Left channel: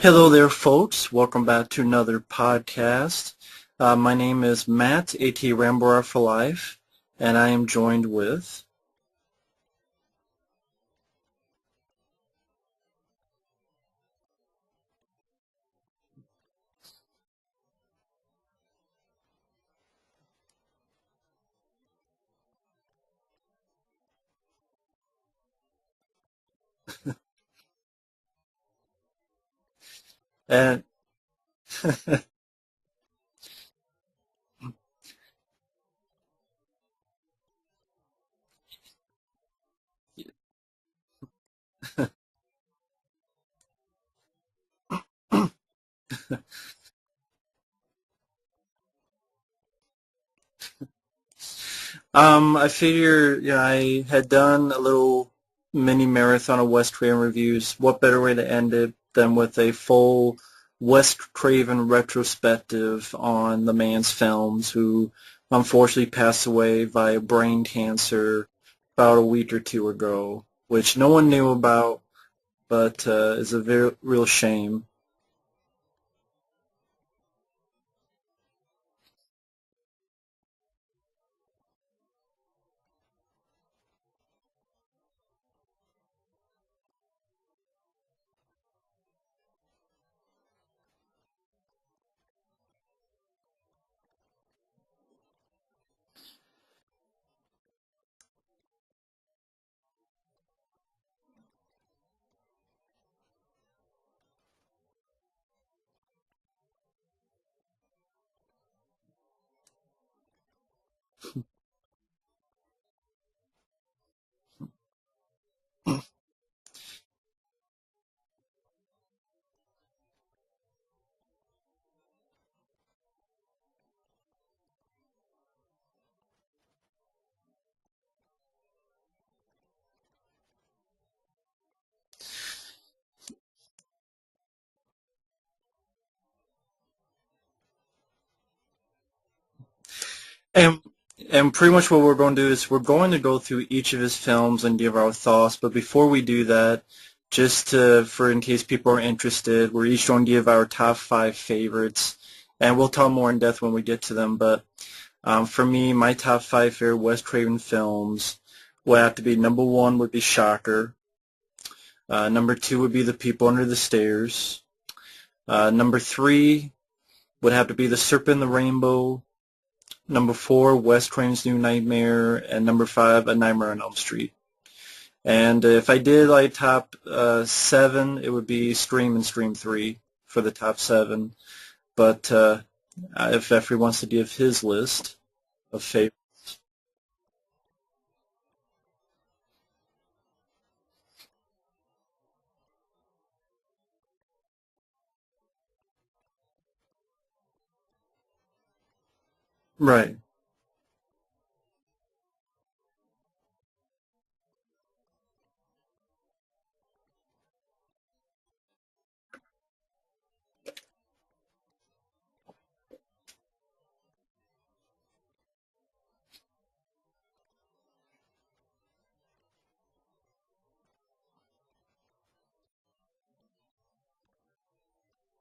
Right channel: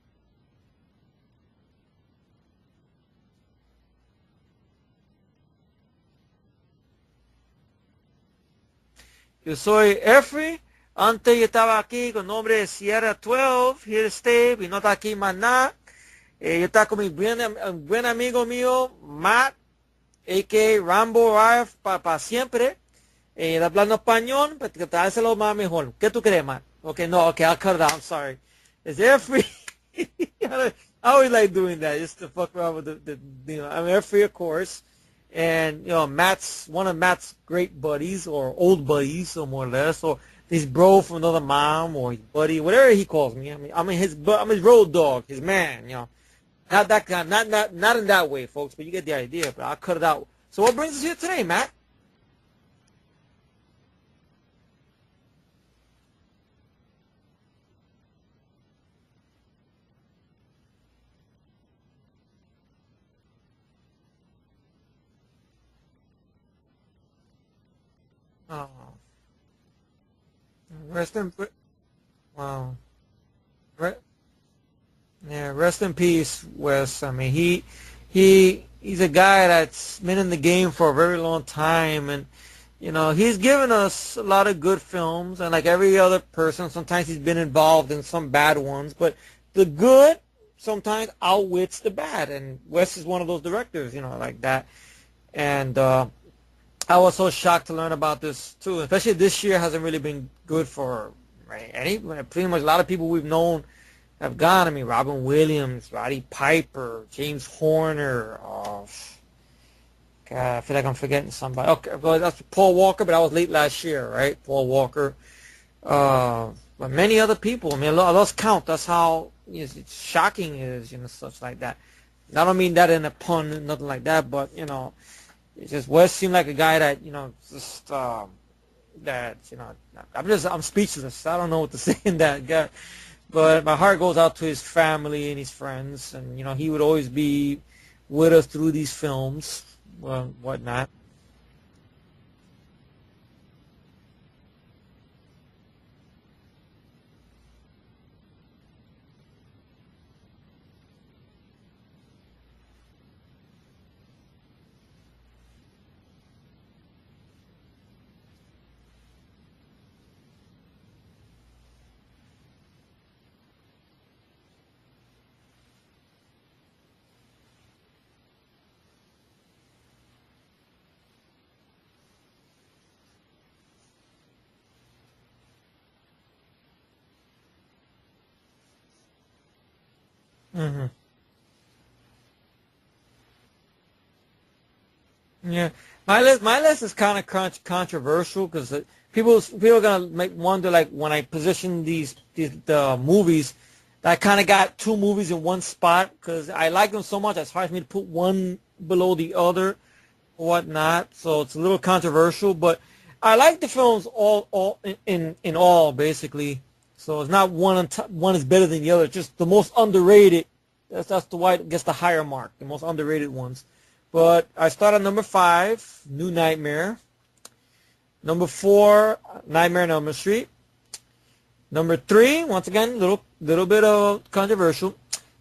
Hello there, folks. Welcome back to another podcast. My name is Matt, A.T. Ramboar for Life, and I am joined with... Yo soy Efree. Antes yo estaba aquí con nombre de Sierra 12, here to stay, y no está aquí más nada. Yo estaba con mi buen amigo mío, Matt, a.k.a. Rambo Rife, para siempre. Hablando español, pero que te hace lo más mejor. ¿Qué tú crees, Matt? Okay, no, okay, I'll cut it out. I'm sorry. It's Efree. I And, always like doing that, just to fuck around with I'm Efree, of course. And Matt's one of Matt's great buddies or old buddies, or more or less, or his bro from another mom, or his buddy, whatever he calls me. I'm his road dog, his man. Not that kind, not in that way, folks. But you get the idea. But I'll cut it out. So what brings us here today, Matt? I figure I had done a little mini marathon of Wes Craven reviews. What better way to end it than with a full Wes Craven retrospective on the man's films, who unfortunately passed away via brain cancer about a week or two ago, which no one knew about, but is a very real shame. Yeah, rest in peace, Wes. I mean, he's a guy that's been in the game for a very long time, and he's given us a lot of good films, and like every other person, sometimes he's been involved in some bad ones, but the good sometimes outwits the bad, and Wes is one of those directors, like that. And I was so shocked to learn about this too, especially this year hasn't really been good for pretty much a lot of people we've known have gone. I mean, Robin Williams, Roddy Piper, James Horner. God, I feel like I'm forgetting somebody. Okay, well, that's Paul Walker, but that was late last year, right? Paul Walker. But many other people. I mean, I lost count. That's how it's shocking it is, such like that. And I don't mean that in a pun, nothing like that, but, it just Wes seemed like a guy that, just, I'm speechless. I don't know what to say in that guy. But my heart goes out to his family and his friends, and, he would always be with us through these films. And pretty much what we're going to do is we're going to go through each of his films and give our thoughts. But before we do that, just for in case people are interested, we're each going to give our top 5 favorites, and we'll talk more in depth when we get to them. But for me, my top 5 favorite Wes Craven films would have to be: number 1 would be Shocker. Number 2 would be The People Under the Stairs. Number 3 would have to be The Serpent and the Rainbow. Number 4, Wes Craven's New Nightmare, and number 5, A Nightmare on Elm Street. And if I did like top 7, it would be Scream and Scream 3 for the top 7. But if Efree wants to give his list of favorites. My list is kind of controversial because people are gonna wonder, like, when I position the movies, I kind of got 2 movies in one spot because I like them so much. It's hard for me to put one below the other, right, or whatnot. So it's a little controversial, but I like the films all in all, basically. So it's not one is better than the other. It's just the most underrated. That's the why it gets the higher mark, the most underrated ones. But I start at number 5, New Nightmare. Number 4, Nightmare on Elm Street. Number 3, once again, little bit of controversial.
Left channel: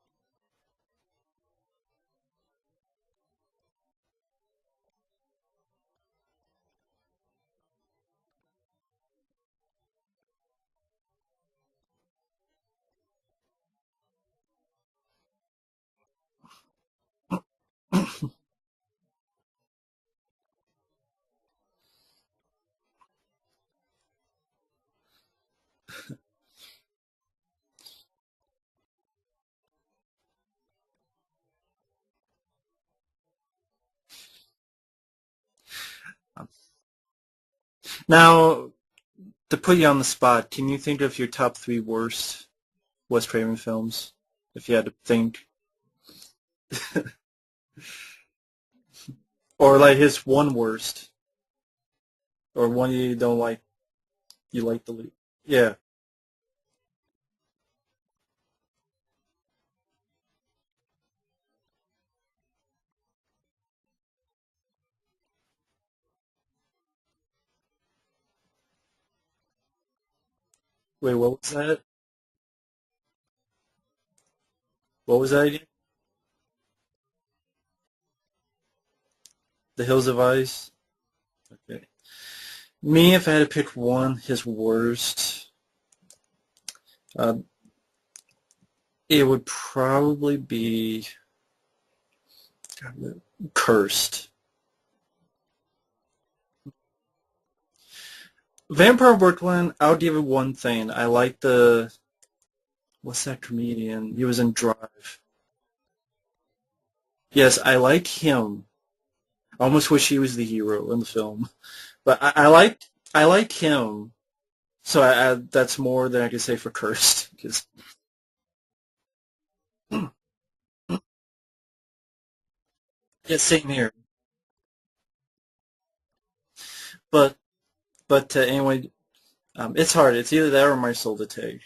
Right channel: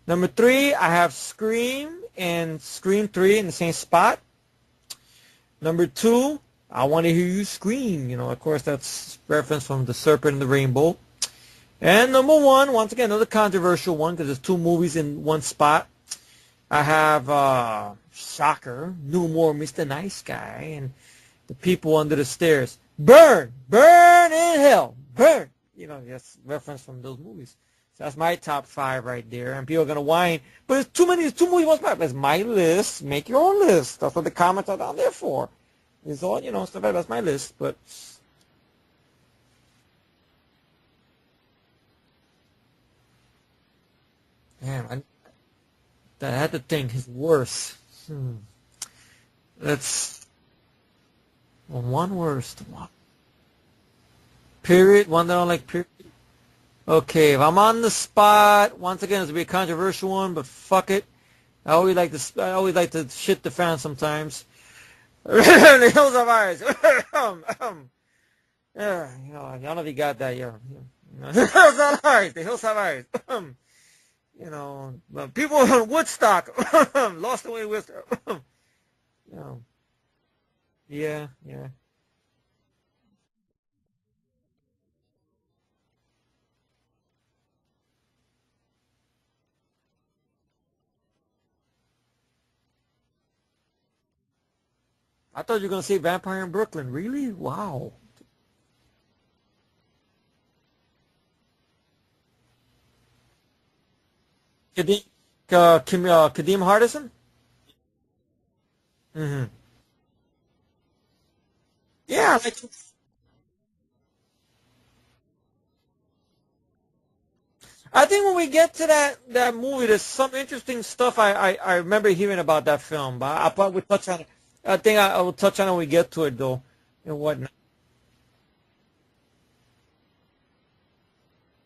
Number 3, I have Scream and Scream 3 in the same spot. Number 2, I Want to Hear You Scream. Of course, that's reference from The Serpent and the Rainbow. And number 1, once again, another controversial one because there's 2 movies in one spot. I have Shocker, No More Mr. Nice Guy, and The People Under the Stairs. Burn in hell, burn. That's reference from those movies. That's my top 5 right there. And people are going to whine, but it's too many. It's 2 movies in one spot. That's my list. Make your own list. That's what the comments are down there for. It's all, stuff like that. That's my list. But now, to put you on the spot, can you think of your top 3 worst Wes Craven films? If you had to think. I had to think his worst. Or like his one worst. One worst. Or one you don't like. Period? One that I don't like, yeah. Period? Okay, if I'm on the spot, once again, it's going to be a controversial one, but fuck it. I always like to shit the fan sometimes. The Hills of Ice. Yeah, I don't know if you got that. Yeah. Wait, what? The Hills of Ice. The Hills of Ice. You know, What was that people again? on Woodstock lost away with. You know, The Hills of Ice. yeah, yeah. Yeah. Me, if I had to pick one, his worst, uh, it would probably be Cursed. I thought you were gonna say Vampire in Brooklyn. Really? Wow. Vampire Brooklyn, I'll give it one thing. I like what's that comedian? He was in Kadeem, Drive. Kadeem Hardison? Yes, I like him. Hmm. I almost wish he was the hero in the film. But Yeah, I like him. So that's more than I could say for Cursed. 'Cause, I think when we get to that movie, there's some interesting stuff I remember hearing about that film, but yeah, I same probably will here. touch on it. I think I will touch on it when we get to it, though, and But whatnot. anyway, it's hard. It's either that or My Soul to Take.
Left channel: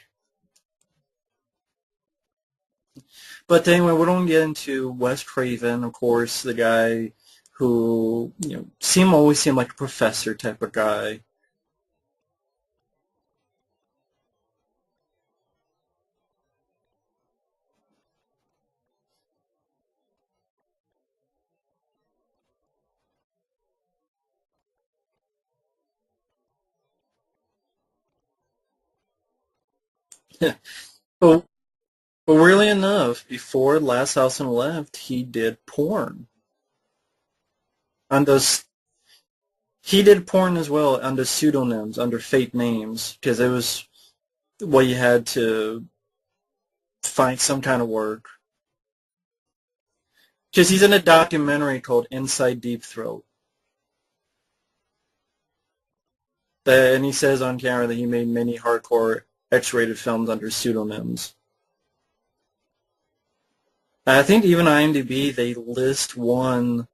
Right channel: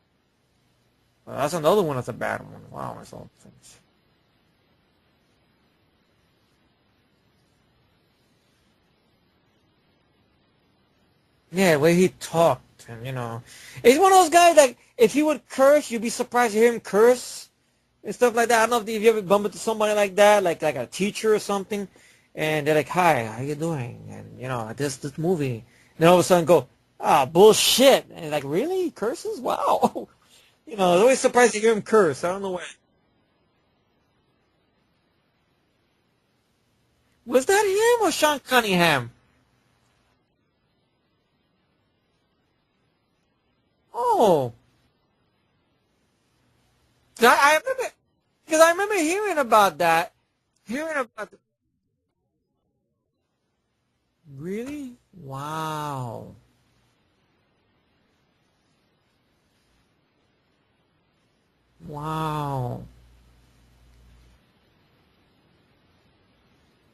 That's another one that's a bad one. Wow, myself. But anyway, we don't get into Wes Craven, of course, the guy who always seemed like a professor type of guy. Yeah, the way he talked, and he's one of those guys that if he would curse, you'd be surprised to hear him curse and stuff like that. I don't know if you ever bump into somebody like that, like a teacher or something, and they're like, "Hi, how you doing?" And this movie, and then all of a sudden go, "Ah, bullshit!" And you're like, really? He curses? Wow. Yeah. It's always surprised to hear him curse. I But don't know. weirdly enough, before Last House on the Left, he did porn. Was that him or Under, Sean Cunningham? he did porn as well under pseudonyms, under fake names, because it was Oh, what you had to find some kind of work. because I remember hearing about that. Because he's in Yeah, a documentary called Inside Deep Throat. really? Wow. And he says on camera that he made many hardcore X-rated films under pseudonyms. Wow. I think even IMDb, they list one,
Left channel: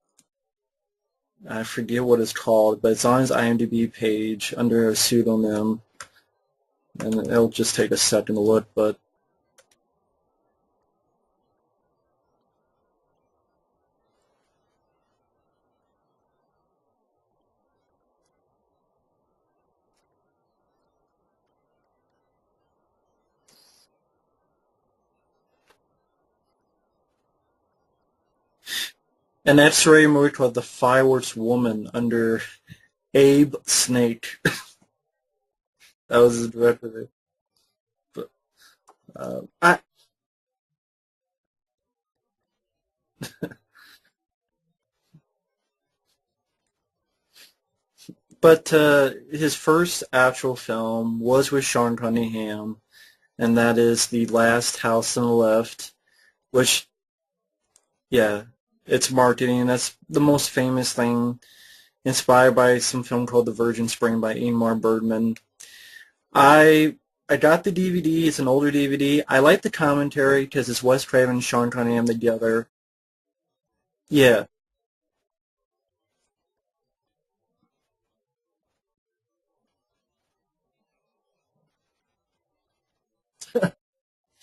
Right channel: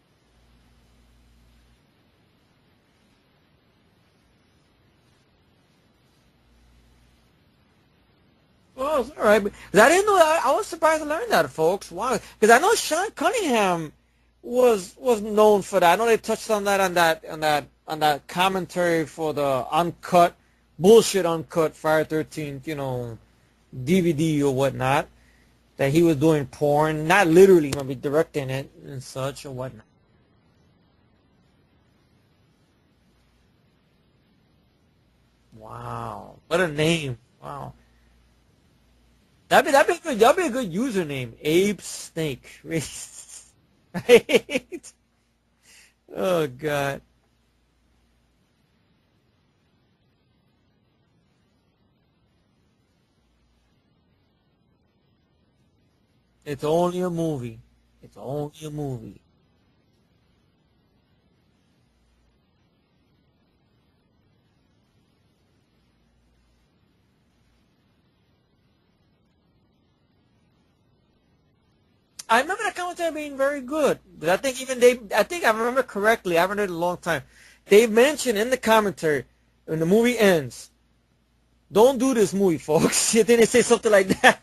I forget what it's called, but it's on his IMDb page under a pseudonym. And it'll just take a second to look, but Oh, all right. 'Cause I didn't know. I was surprised to learn that, folks. Wow. Because I know Sean Cunningham was known for that. I know they touched on that commentary for the uncut Friday 13th, DVD or whatnot. That he was doing porn, not literally, maybe directing it and such. an X-ray movie called The Fireworks Woman under Abe Snake. Wow. That was his What a director. name. Wow. But, That'd be a good username. Abe Snake. Right? Oh God. but his first actual film was with Sean Cunningham, and that is The Last House on the Left. It's Which, only a movie. yeah, it's marketing. That's the most famous thing, inspired by some film called The Virgin Spring by Ingmar Bergman. I got the DVD. It's an older DVD. I like the commentary because it's Wes Craven and Sean Cunningham I together. remember that commentary being very good. Yeah. I think I remember correctly. I haven't heard it in a long time. They mentioned in the commentary when the movie ends, don't do this movie, folks. Then they say something like that.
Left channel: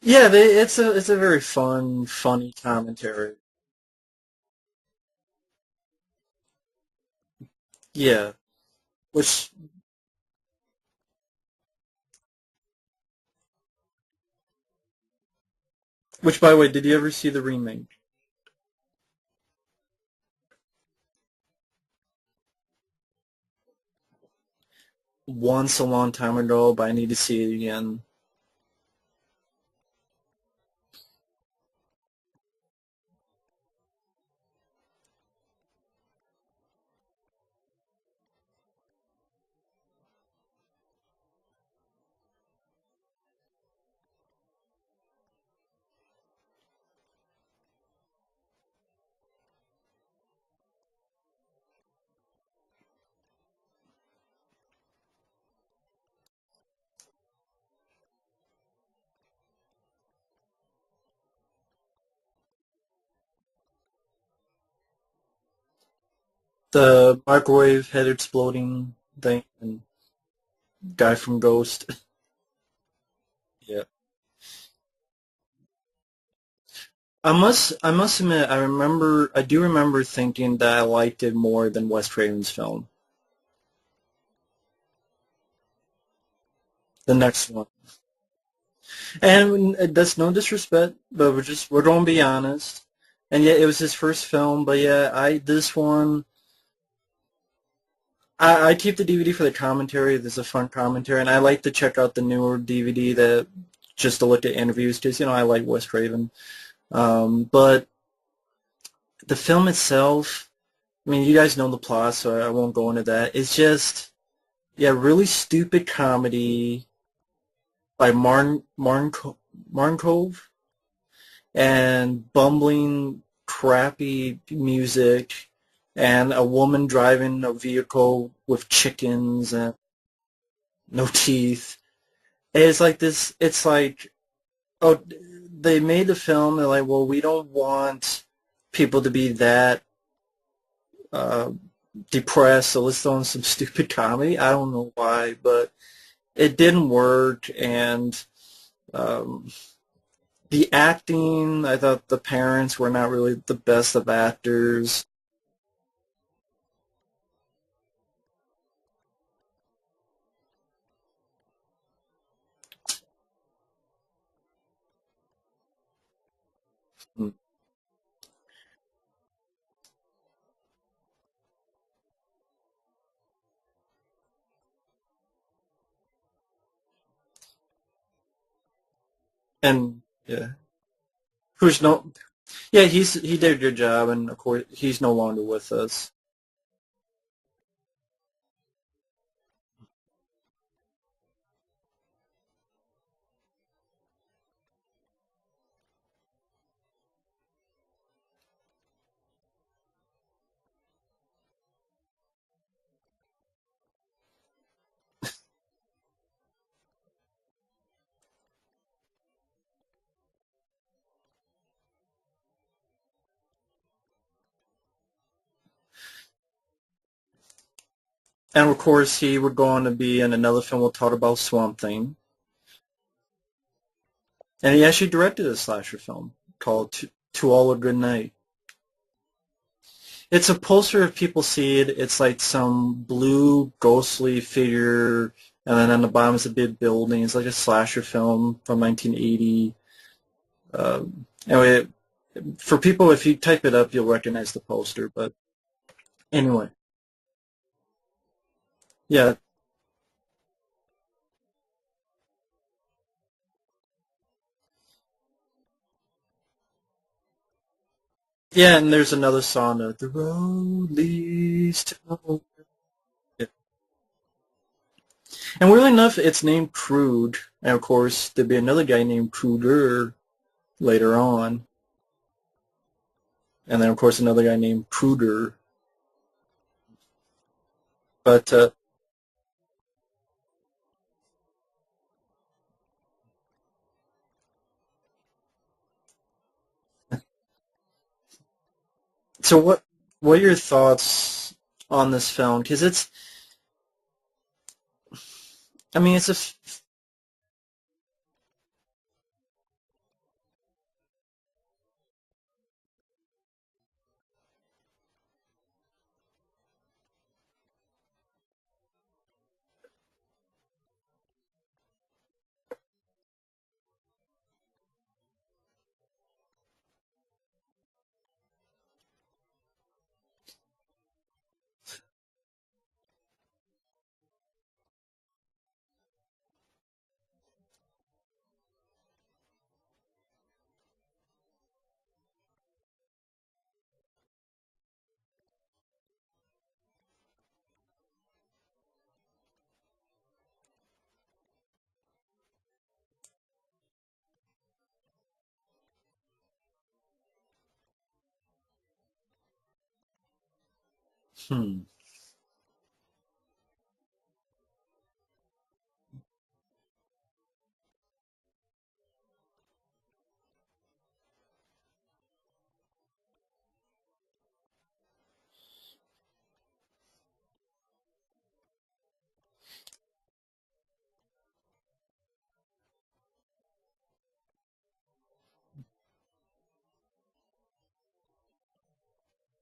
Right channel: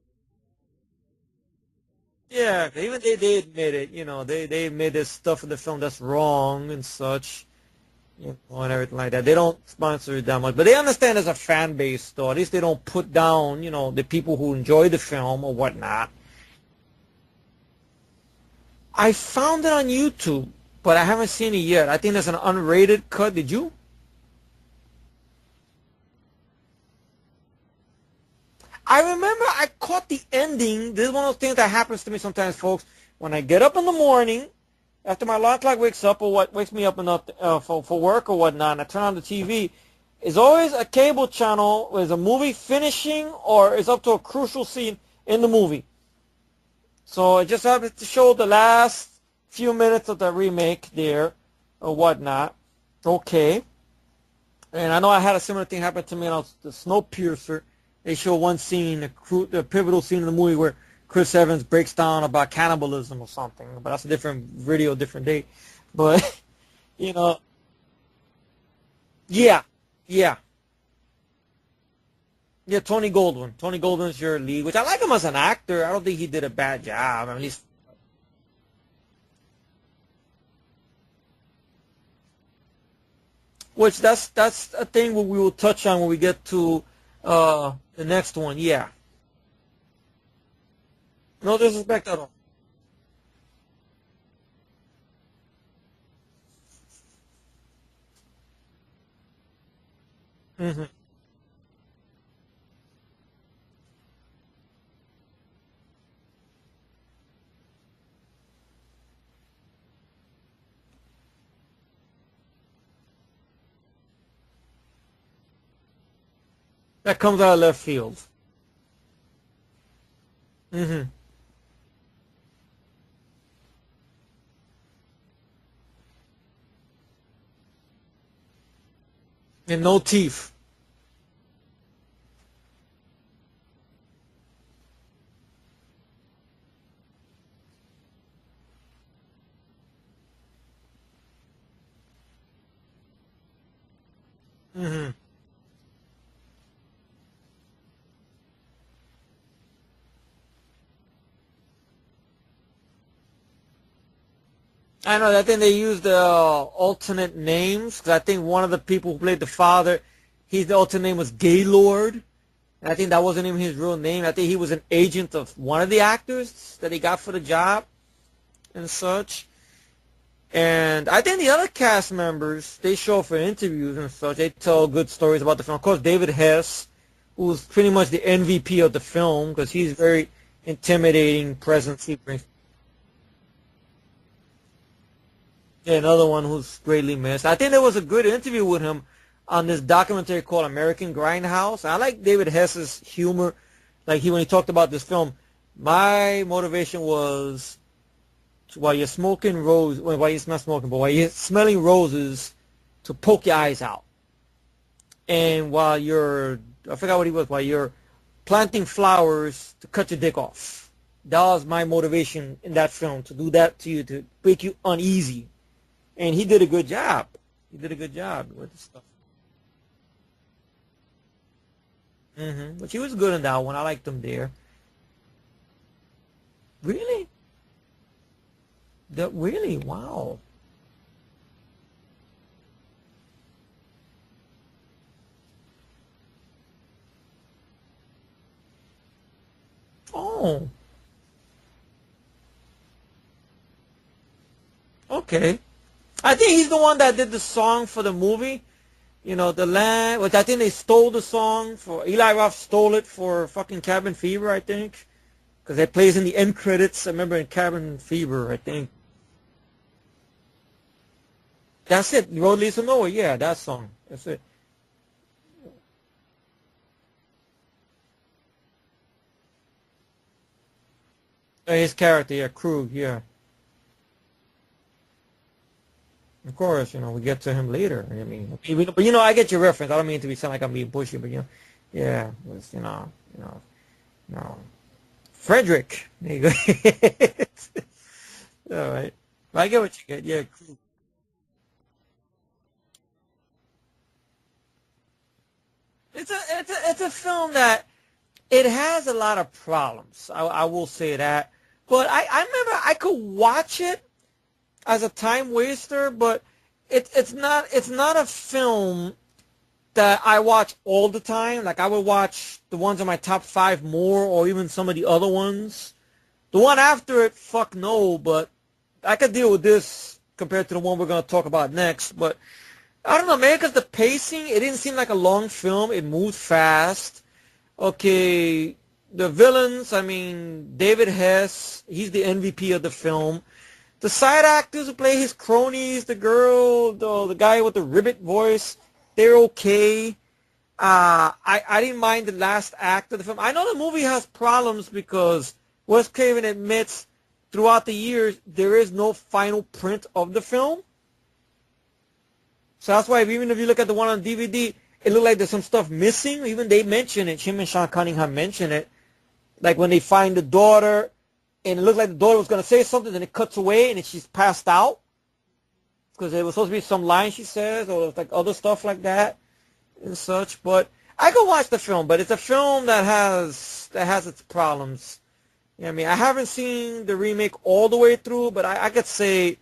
Yeah, it's a very fun Yeah, commentary. even they admit it. They admit there's stuff in the film that's wrong and such. Yeah. And everything like that. They don't sponsor it that much, but they understand there's a fan base, though. At least they don't put down, the people who enjoy the film or whatnot. Which, by the way, did you ever see the remake? I found it on YouTube, but I haven't seen it yet. I think there's an unrated cut. Did you? Once a long time ago, but I need to see it again. I remember I caught the ending. This is one of those things that happens to me sometimes, folks. When I get up in the morning, after my alarm clock wakes up or wakes me up enough for work or whatnot, and I turn on the TV, it's always a cable channel with a movie finishing or it's up to a crucial scene in the movie. So it just happens to show the last few minutes of the remake there or whatnot. Okay. And I know I had a similar thing happen to me on the Snowpiercer. They show one scene, the pivotal scene in the movie where Chris Evans breaks down about cannibalism or something. But that's a different video, different date. But The microwave head exploding thing. Yeah. Yeah. Guy from Ghost. Yeah, Tony Goldwyn. Tony Goldwyn's your lead, which I like him as an actor. I don't think he did a bad job. I must admit, I do remember thinking that I liked it more than Wes Craven's film. Which that's a thing we will touch on when we get to The next one. The next one, yeah. And that's no disrespect, but No we're going disrespect to at be all. honest. And yeah, it was his first film, but yeah, this one I keep the DVD for the commentary. There's a fun Hmm. commentary, and I like to check out the newer DVD that just to look at interviews because I like Wes Craven. But the film itself, I mean, you guys know the plot, so I won't go into that. It's just really stupid comedy That comes out of left by field. Martin Cove Hmm. and bumbling, crappy music and a woman driving a vehicle with chickens and And no teeth. no teeth. It's like this. It's like, oh, they made the film. They're like, well, we don't want people to be that uh, depressed, so let's throw in some stupid comedy. I don't know Hmm. why, but it didn't work. And um, the acting, I thought the parents were not really the best of actors. I know. I think they used alternate names because I think one of the people who played the father, the alternate name was Gaylord. And I think that wasn't even his real name. I think he was an agent of one of the actors that he got for the job and such. And I think the other cast members, they show up for interviews and such. They tell good stories about the film. Of course, David Hess, who's pretty much the MVP of the film because he's And very yeah, intimidating who's no, presence he brings. yeah, he did a good job, and of course he's no longer with Yeah, us. another one who's greatly missed. I think there was a good interview with him on this documentary called American Grindhouse. I like David Hess's humor. Like when he talked about this film, my motivation was while you're smoking while you're not smoking, but while you're smelling roses, to poke your eyes out. And I forgot what he was, while you're planting flowers, to cut your dick off. That was my motivation in that film, to do that to you, to make you uneasy. And he did a good job. He did a good job. And of course he would go on to be in another film we'll talk about, Swamp Thing. But he was good in that one. I liked him there. And he actually directed a slasher film called Really? To All a Good Night. Really? Wow. It's a poster. If people see it, it's like some blue ghostly figure, and then on the bottom is a big building. It's like a slasher film from 1980. Oh, Anyway, for people, if you type it up, you'll recognize the poster. But okay. I think anyway, he's the one that did the song for the movie. yeah, You know, The Land, which I think they stole the song for, Eli Roth stole it for fucking Cabin Fever, I think. Because it plays in the end credits. I remember in Cabin Fever. I yeah, think. and there's another song, The Road Leads to That's it. Home. Road Leads to Nowhere. Yeah, that song. That's it. And weirdly enough, it's named Crude. And of course, there'd be another guy named Kruger later on. His character, yeah, Krug, yeah. And then, of course, another guy named Kruger. Of course, we get to him later. But But I get your reference. I don't mean to sound like I'm being pushy, but yeah, it's, Frederick. There you go. All right. so I get what you get. what Yeah. are your thoughts on this film? Because I mean, It's a film that it has a lot of problems. I will say that. But I remember I could watch it as a time waster, but it's not a film that I watch all the time. Like I would watch the ones in my top 5 more, or even some of the other ones. The one after it, fuck no, but I could deal with this compared to the one we're gonna talk about next. But I don't know, man, because the pacing, it didn't seem like a long film. It moved fast. Okay, the villains, I mean, David Hess, he's the MVP of the film. The side actors who play his cronies, the girl, the guy with the ribbit voice, they're okay. I didn't mind the last act of the film. I know the movie has problems because Wes Craven admits throughout the years there is no final print of the film. hmm. So that's why even if you look at the one on DVD, it looked like there's some stuff missing. Even they mention it. Him and Sean Cunningham mention it. Like when they find the daughter, and it looked like the daughter was going to say something, then it cuts away, and then she's passed out. Because there was supposed to be some line she says, or like other stuff like that and such. But I could watch the film, but it's a film that has its problems. I mean, I haven't seen the remake all the way through, but I could say,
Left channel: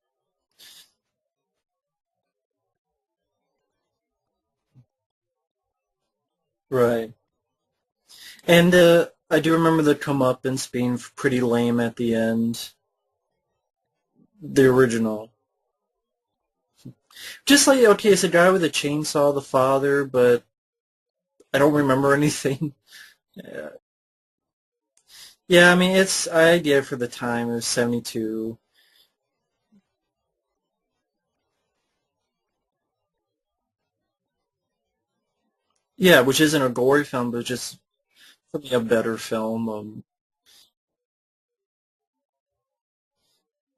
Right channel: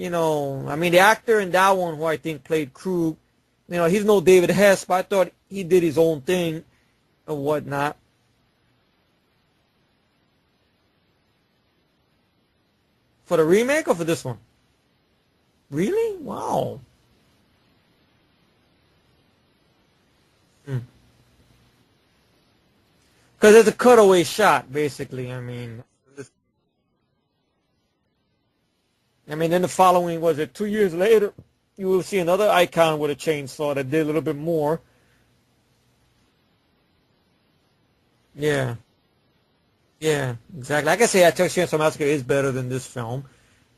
I mean, the actor in that one who I think played Krug, He's no David Hess, but I thought he did his own thing Right. and whatnot. And I do remember the comeuppance being pretty lame at the end. For the remake or for this one? The original. Really? Wow. Just like, okay, it's a guy with a chainsaw, the father, but I don't remember anything. Because it's a cutaway shot, basically. Yeah, I mean, I get it for the time. It was 72. Then the following, 2 years later, you will see another icon with a chainsaw that did a little bit more. Yeah, which isn't a gory film, but just Yeah. a better film. Yeah, exactly. Like I say, Texas Chainsaw Massacre is better than this film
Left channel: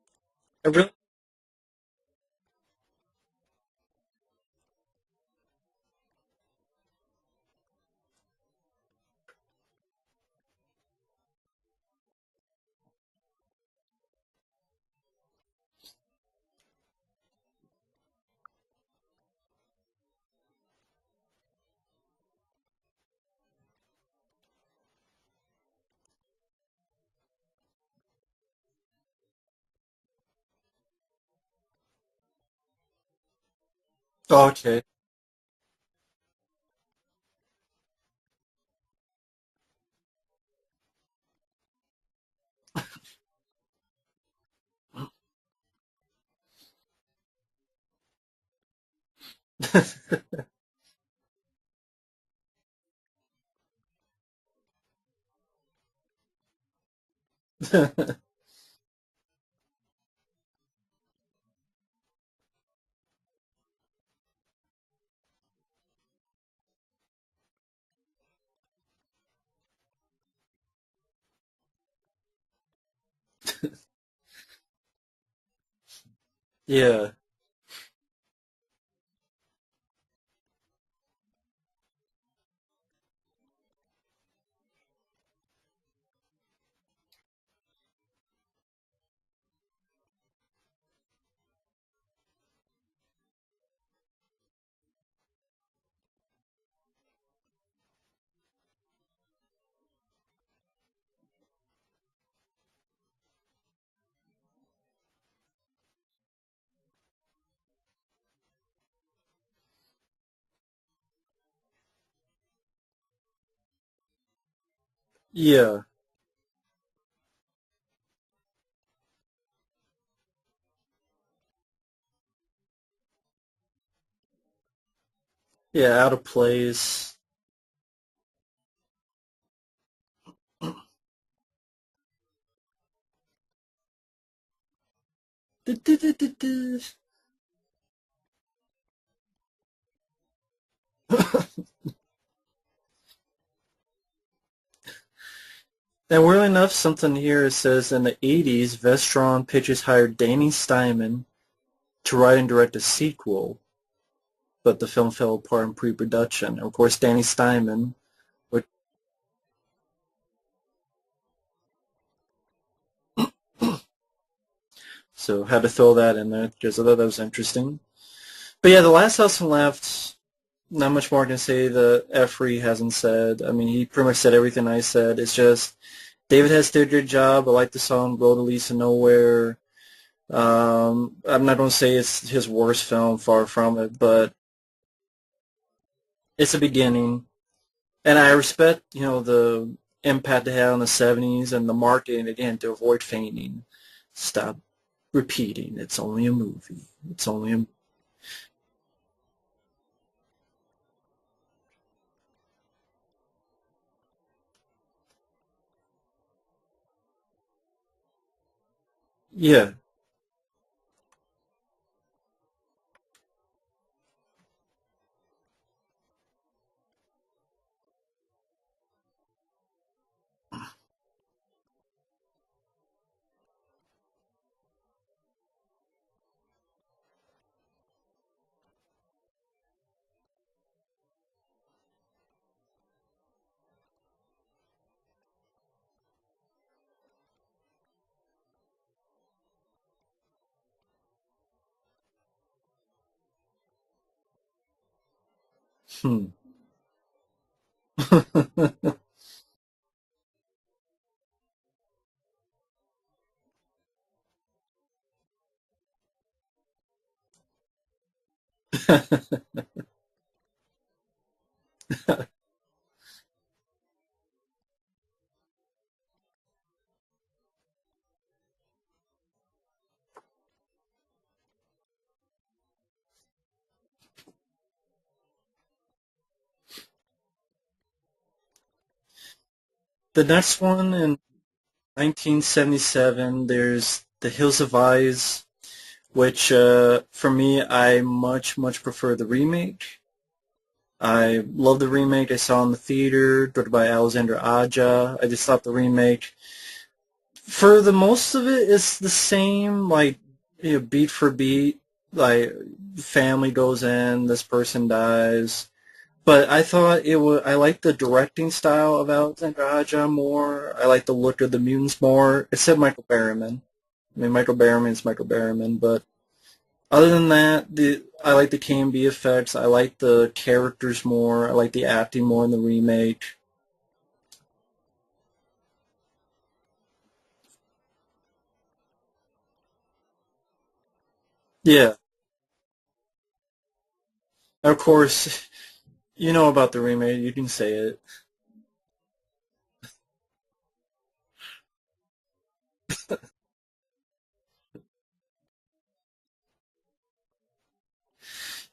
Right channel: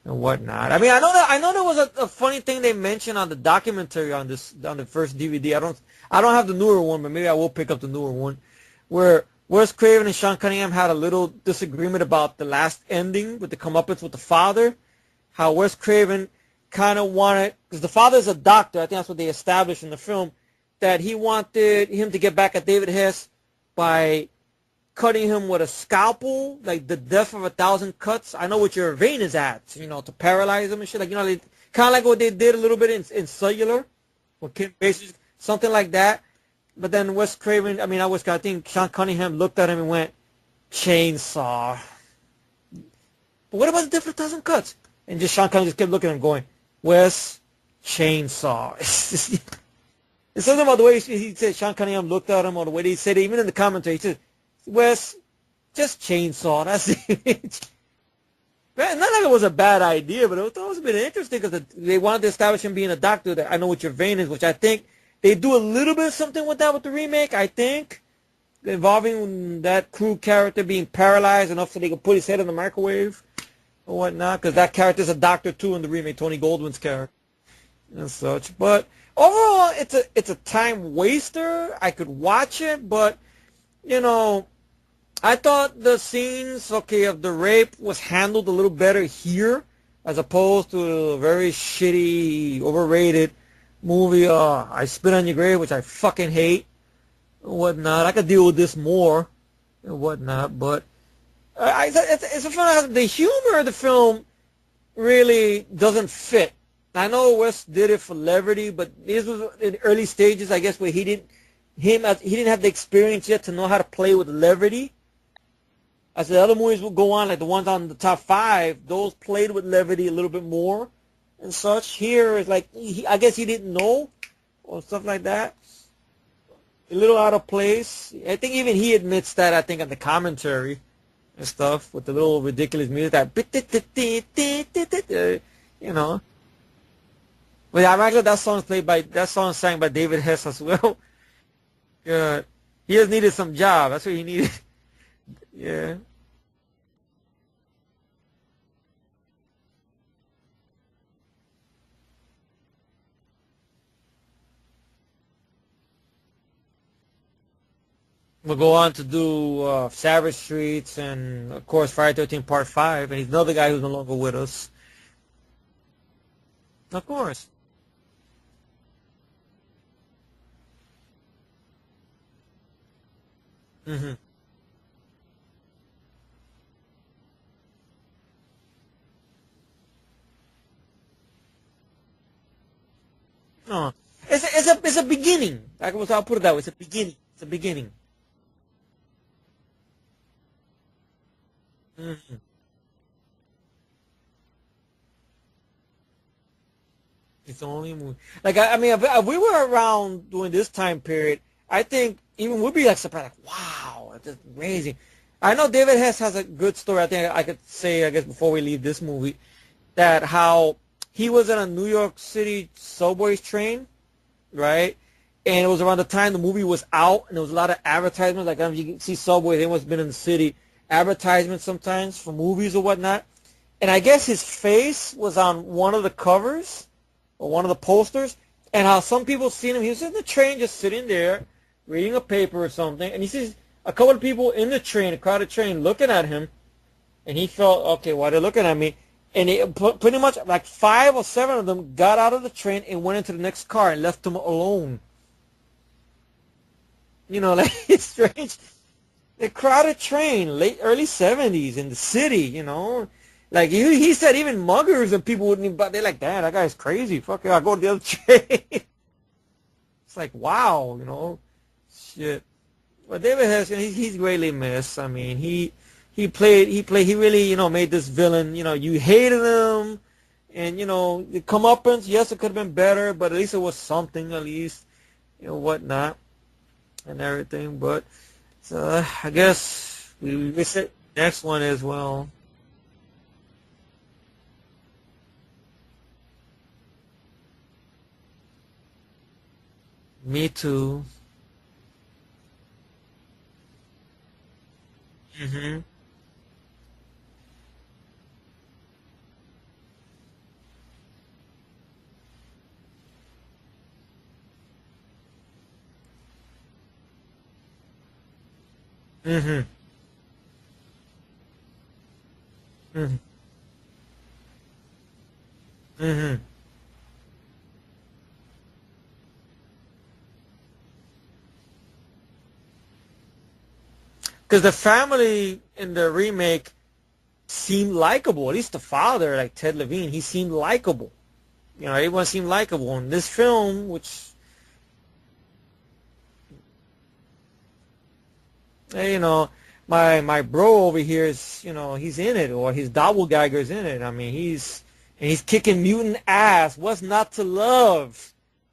and whatnot. Okay. I know there was a funny thing they mentioned on the documentary on the first DVD. I don't have the newer one, but maybe I will pick up the newer one, where Wes Craven and Sean Cunningham had a little disagreement about the last ending with the comeuppance with the father. How Wes Craven kind of wanted, because the father's a doctor, I think that's what they established in the film, that he wanted him to get back at David Hess by cutting him with a scalpel, like the death of 1,000 cuts. I know what your vein is at, to paralyze him and shit. Like, kind of like what they did a little bit in Cellular. Okay. Something like that. But then Wes Craven, I think Sean Cunningham looked at him and went, chainsaw. But what about the different 1,000 cuts? And just Sean Cunningham just kept looking at him going, Wes, chainsaw. It's something about the way he said Sean Cunningham looked at him, or the way he said it, even in the commentary, he said, Wes, just chainsaw. That's it. Not like it was a bad idea, but it was a bit interesting because they wanted to establish him being a doctor. That I know what your vein is, which I think they do a little bit of something with that with the remake. I think involving that crew character being paralyzed enough so they can put his head in the microwave or whatnot. Because that character's a doctor too in the remake, Tony Goldwyn's character and such. But overall, it's a time waster. I could watch it, but I thought the scenes, of the rape was handled a little better here as opposed to a very shitty, overrated movie, I Spit on Your Grave, which I fucking hate and whatnot. I could deal with this more and whatnot, but it's a film. The humor of the film really doesn't fit. I know Wes did it for levity, but this was in early stages, I guess, where he didn't have the experience yet to know how to play with levity. Yeah. As the other movies would go on, like the ones on the top 5, those played with levity a little bit more and such. Here, it's like, I guess he didn't know or stuff like that. Yeah, out of place. A little out of place. I think even he admits that, I think, in the commentary and stuff, with the little ridiculous music, that, But yeah, I'm glad that song sang by David Hess as well. Yeah. He just needed some job. That's what he needed. Yeah. And weirdly enough, something here says in the 80s, Vestron pitches hired Danny Steinman to write and direct a sequel, but the film fell apart in pre-production. Of course, Danny Steinman will go on to do Savage Streets and, of course, Friday 13 Part 5, and he's another guy who's no longer with us. So had to throw that in there because I thought that was interesting. But yeah, The Last House on the Left, not much more I can say that Efree hasn't said. I mean, he pretty much said everything I said. It's just David Hess did a good job. I like the song Road to Lisa Nowhere. I'm not going to say it's his worst film, far from it, but it's a beginning. I'll put it it's that a way. beginning. It's a beginning. And I respect, the impact it had on the 70s and the marketing, again, to avoid feigning. Stop repeating. It's only a movie. It's only a movie. Like, if we were around during this time period, I think even we'd be like surprised, like, wow, that's amazing. I know David Hess has a good story. I think I could say, I guess, before we leave this movie. Yeah. That how he was in a New York City subway train, right? And it was around the time the movie was out, and there was a lot of advertisements. Like, you can see Subway, they must have been in the city. Advertisements sometimes for movies or whatnot. And I guess his face was on one of the covers or one of the posters, and how some people seen him. He was in the train just sitting there reading a paper or something, and he sees a couple of people in the train, a crowded train, looking at him, and he felt, okay, why are they looking at me? And pretty much like 5 or 7 of them got out of the train and went into the next car and left him alone. Like, it's strange. A crowded train, early 70s in the city, Like he said, even muggers and people wouldn't even. But they're like, damn, that guy's crazy. Fuck it, I'll go to the other train. It's like, wow, shit. But David Hess, he's greatly missed. I mean, he really, made this villain. You hated him, and the comeuppance. Yes, it could have been better, but at least it was something. At least, whatnot, and everything. But I guess The next one in next one is 1977. There's The Hills of Eyes, which for me, I much prefer the remake. Me too. I love the remake. I saw in the theater, directed by Alexander Aja. I just thought the remake, for the most of it, it's the same, like, beat for beat. Like, family goes in, this person dies. But I thought I liked the directing style of Alexander Aja more. I like the look of the mutants more, except Michael Berryman. I mean, Michael Berryman's Michael Berryman, but other than that, I like the K&B effects. I like the characters more. I like the acting more in the remake. Because the family in the remake seemed likable. At least the father, like Ted Levine, he seemed likable. Yeah. Everyone seemed likable. In this film, which... Of course, you know about the remake. You can say it. My bro over here is, he's in it, or his doppelganger's in it. I mean, he's kicking mutant ass. What's not to love?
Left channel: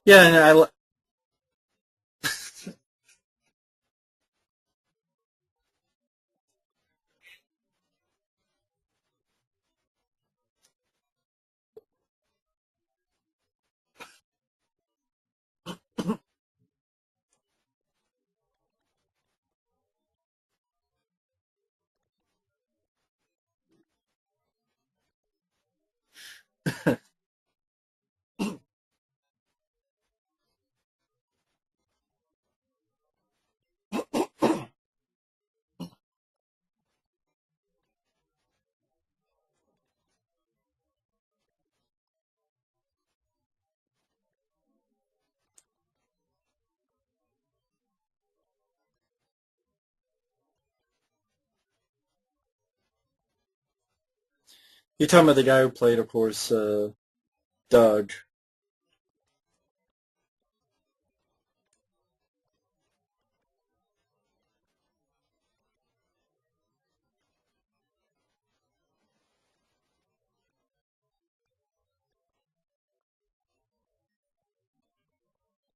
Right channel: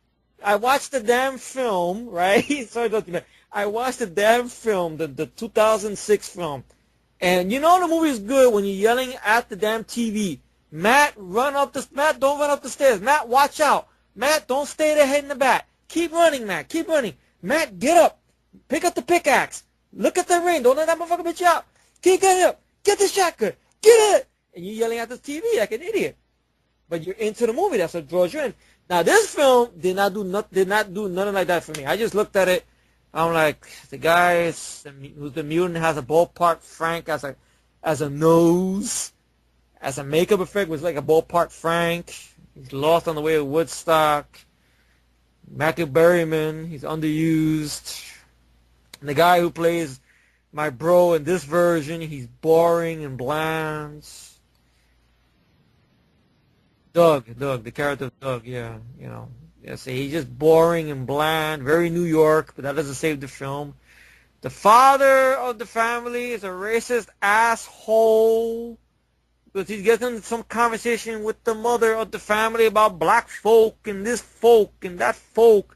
Yeah, and I watched the damn film, right? Sorry about that. I watched the damn film, the 2006 film, and the movie is good when you're yelling at the damn TV. Matt, don't run up the stairs. Matt, watch out. Matt, don't stay there head in the back. Keep running, Matt. Keep running. Matt, get up. Pick up the pickaxe. Look at the ring. Don't let that motherfucker bitch out. Keep getting up. Get the shotgun. Get it. And you're yelling at the TV like an idiot. But you're into the movie. That's what draws you in. Now, this film did not do nothing like that for me. I just looked at it. I'm like, the guy who's the mutant has a ballpark Frank as a nose. As a makeup effect was like a ballpark Frank. He's lost on the way to Woodstock. Matthew Berryman, he's underused. And the guy who plays my bro in this version, he's boring and bland. You're talking about the guy who played, of course, Doug, the character of Doug, yeah, so he's just boring and bland, very New York, but that doesn't save the film. The father of the family is a racist asshole because he's getting some conversation with the mother of the family about black folk and this folk and that folk.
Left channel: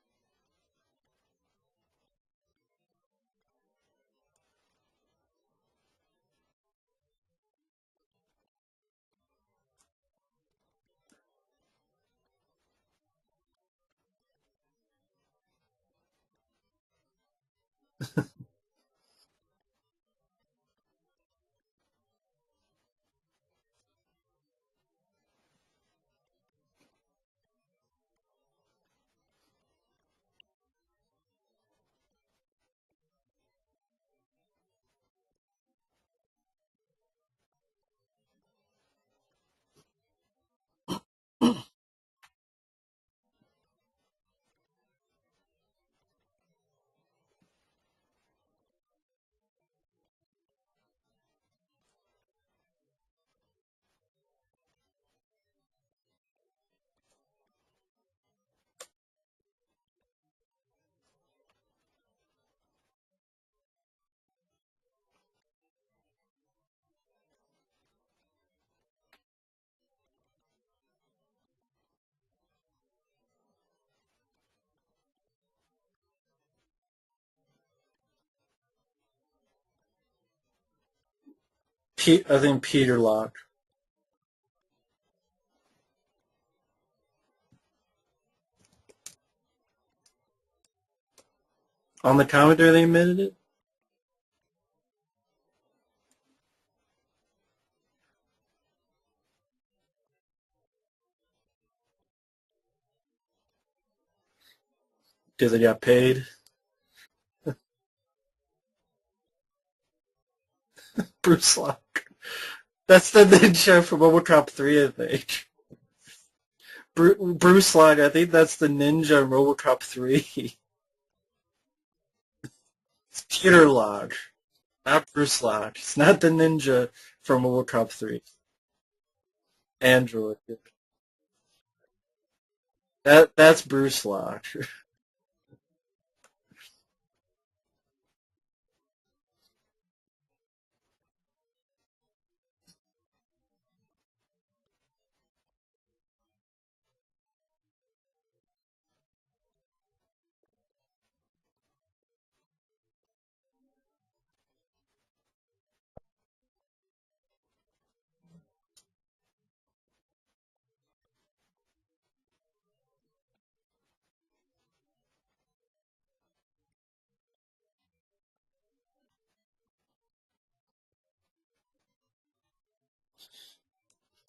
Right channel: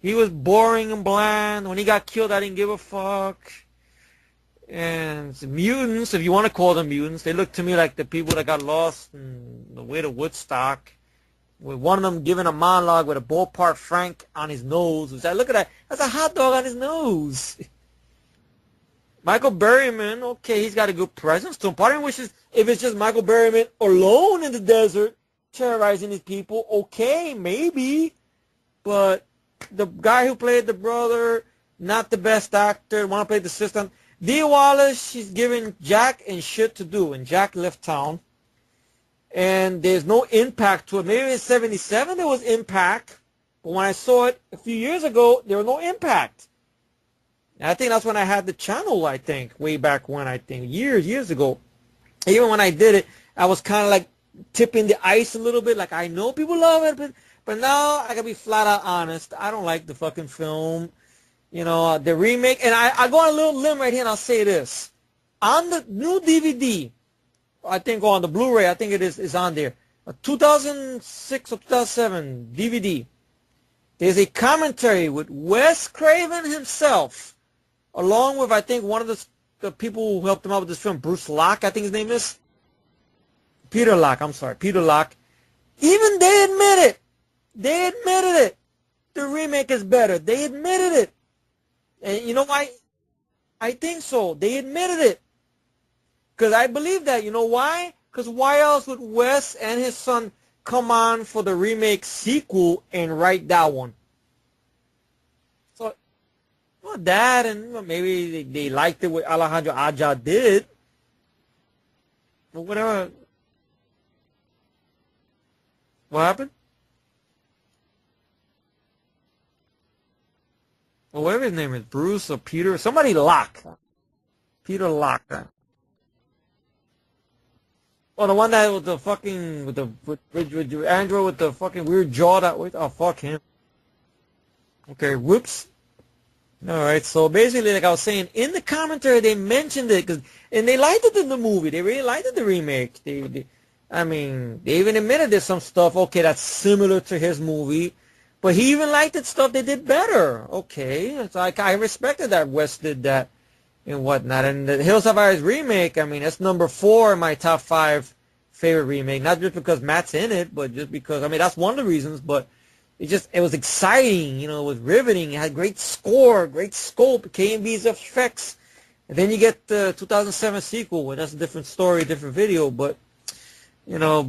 He was boring and bland. When he got killed, I didn't give a fuck. And the mutants, if you want to call them mutants, they look to me like the people that got lost in the way to Woodstock. With one of them giving a monologue with a ballpark Frank on his nose. Which look at that. That's a hot dog on his nose. Michael Berryman, okay, he's got a good presence to him. Part of me wishes if it's just Michael Berryman alone in the desert terrorizing his people, okay, maybe. But the guy who played the brother, not the best actor. Want to play the sister. Dee Wallace, she's giving Jack and shit to do, and Jack left town. And there's no impact to it. Maybe in 77 there was impact, but when I saw it a few years ago, there was no impact. And I think that's when I had the channel, I think, way back when, years ago. Even when I did it, I was kind of like tipping the ice a little bit, like I know people love it, but now I gotta be flat out honest. I don't like the fucking film. The remake, and I go on a little limb right here, and I'll say this. On the new DVD, I think, or on the Blu-ray, I think it is on there, a 2006 or 2007 DVD, there's a commentary with Wes Craven himself, along with, I think, one of the people who helped him out with this film, Bruce Locke, I think his name is. I think Peter Locke. Peter Locke, I'm sorry, Peter Locke. Even they admit it. They admitted it. The remake is better. They admitted it. On the commentary, they admitted it? I think so. They admitted it. Because I believe that. You know why? Because why else would Wes and his son come on for the remake sequel and write that one? Because they got paid? Well, that, and maybe they liked it what Alejandro Aja did. Bruce Locke. Whatever. That's the ninja from RoboCop 3, I think. What happened? Bruce Locke, I think that's the ninja in RoboCop 3. Well, whatever his name is, Bruce or Peter, somebody Locke. Peter Locke. Peter not Locke. Bruce Locke. It's not the ninja from RoboCop 3. Oh, the one that with the fucking Android. with Android with the fucking weird jaw that with oh fuck him. That's Bruce Locke. Okay, whoops. All right, so basically, like I was saying, in the commentary they mentioned it and they liked it in the movie. They really liked it, the remake. I mean, they even admitted there's some stuff. Okay, that's similar to his movie, but he even liked it stuff they did better. Okay, it's like I respected that Wes did that and whatnot. And the Hills Have Eyes remake, I mean, that's number 4 in my top 5 favorite remake. Not just because Matt's in it, but just because, I mean, that's one of the reasons, but it was exciting, you know, it was riveting. It had great score, great scope, K&B's effects. And then you get the 2007 sequel, and that's a different story, different video, but, you know,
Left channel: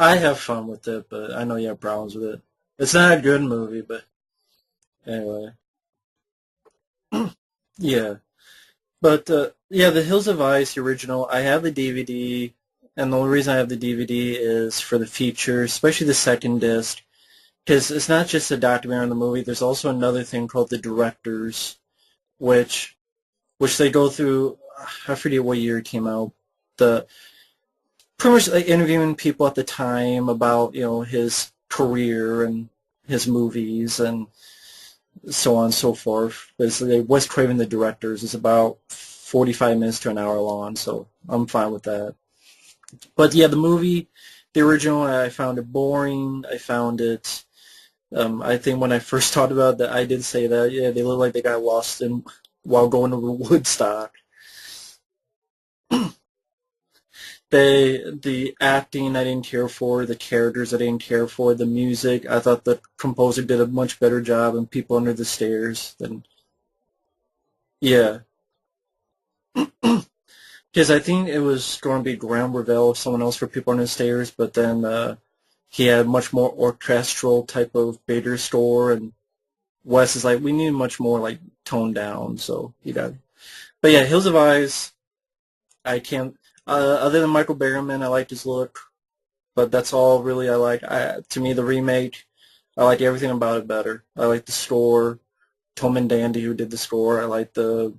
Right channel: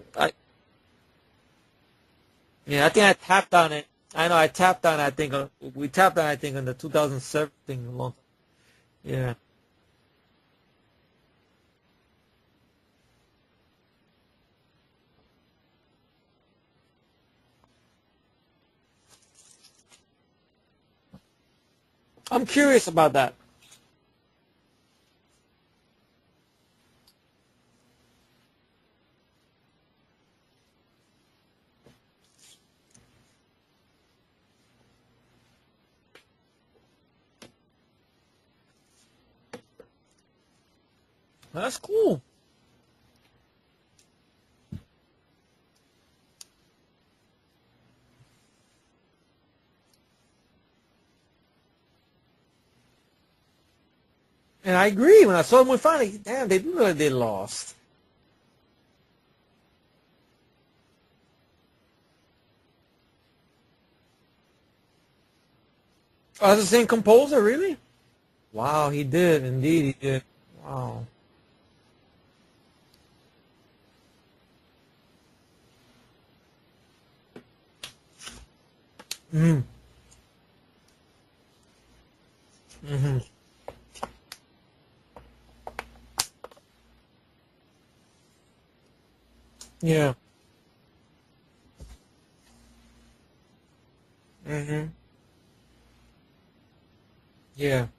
I have fun with it, but I know you have problems with it. Yeah, it's not a good movie, but... I know, I tapped on it, we tapped on it, I think, on the 2007 thing. Yeah. But, The Hills of Ice, the original, I have the DVD, and the only reason I have the DVD is for the features, especially the second disc, because it's not just a documentary on the movie, there's also another thing called the Directors. I'm curious about that. Which they go through, I forget what year it came out, pretty much like interviewing people at the time about, you know, his career and his movies and so on and so forth. Basically, Wes Craven, the Directors, is about 45 minutes to an hour long, so I'm fine with that. But yeah, the movie, the original, I found it boring. I found it, I think when I first thought about that, I did say that, yeah, they look like they got lost while going to Woodstock. And I agree. When I saw them with finally, damn, they do look like they lost. The acting I didn't care for, the characters I didn't care for, the music, I thought the composer did a much better job in People Under the Stairs than... Oh, that's the same composer, really? Yeah. Wow, he did. Indeed, he did. Because I think it was going to be Graham Revell, someone else for People Under the Stairs, but then he had much more orchestral type of Bader score, and Wes is like, we need much more like toned down, so you got it. But yeah, Hills of Eyes, I can't, other than Michael Berryman, I liked his look, but that's all really I like. To me, the remake, I like everything about it better. I like the score, Tom and Dandy who did the score, I like the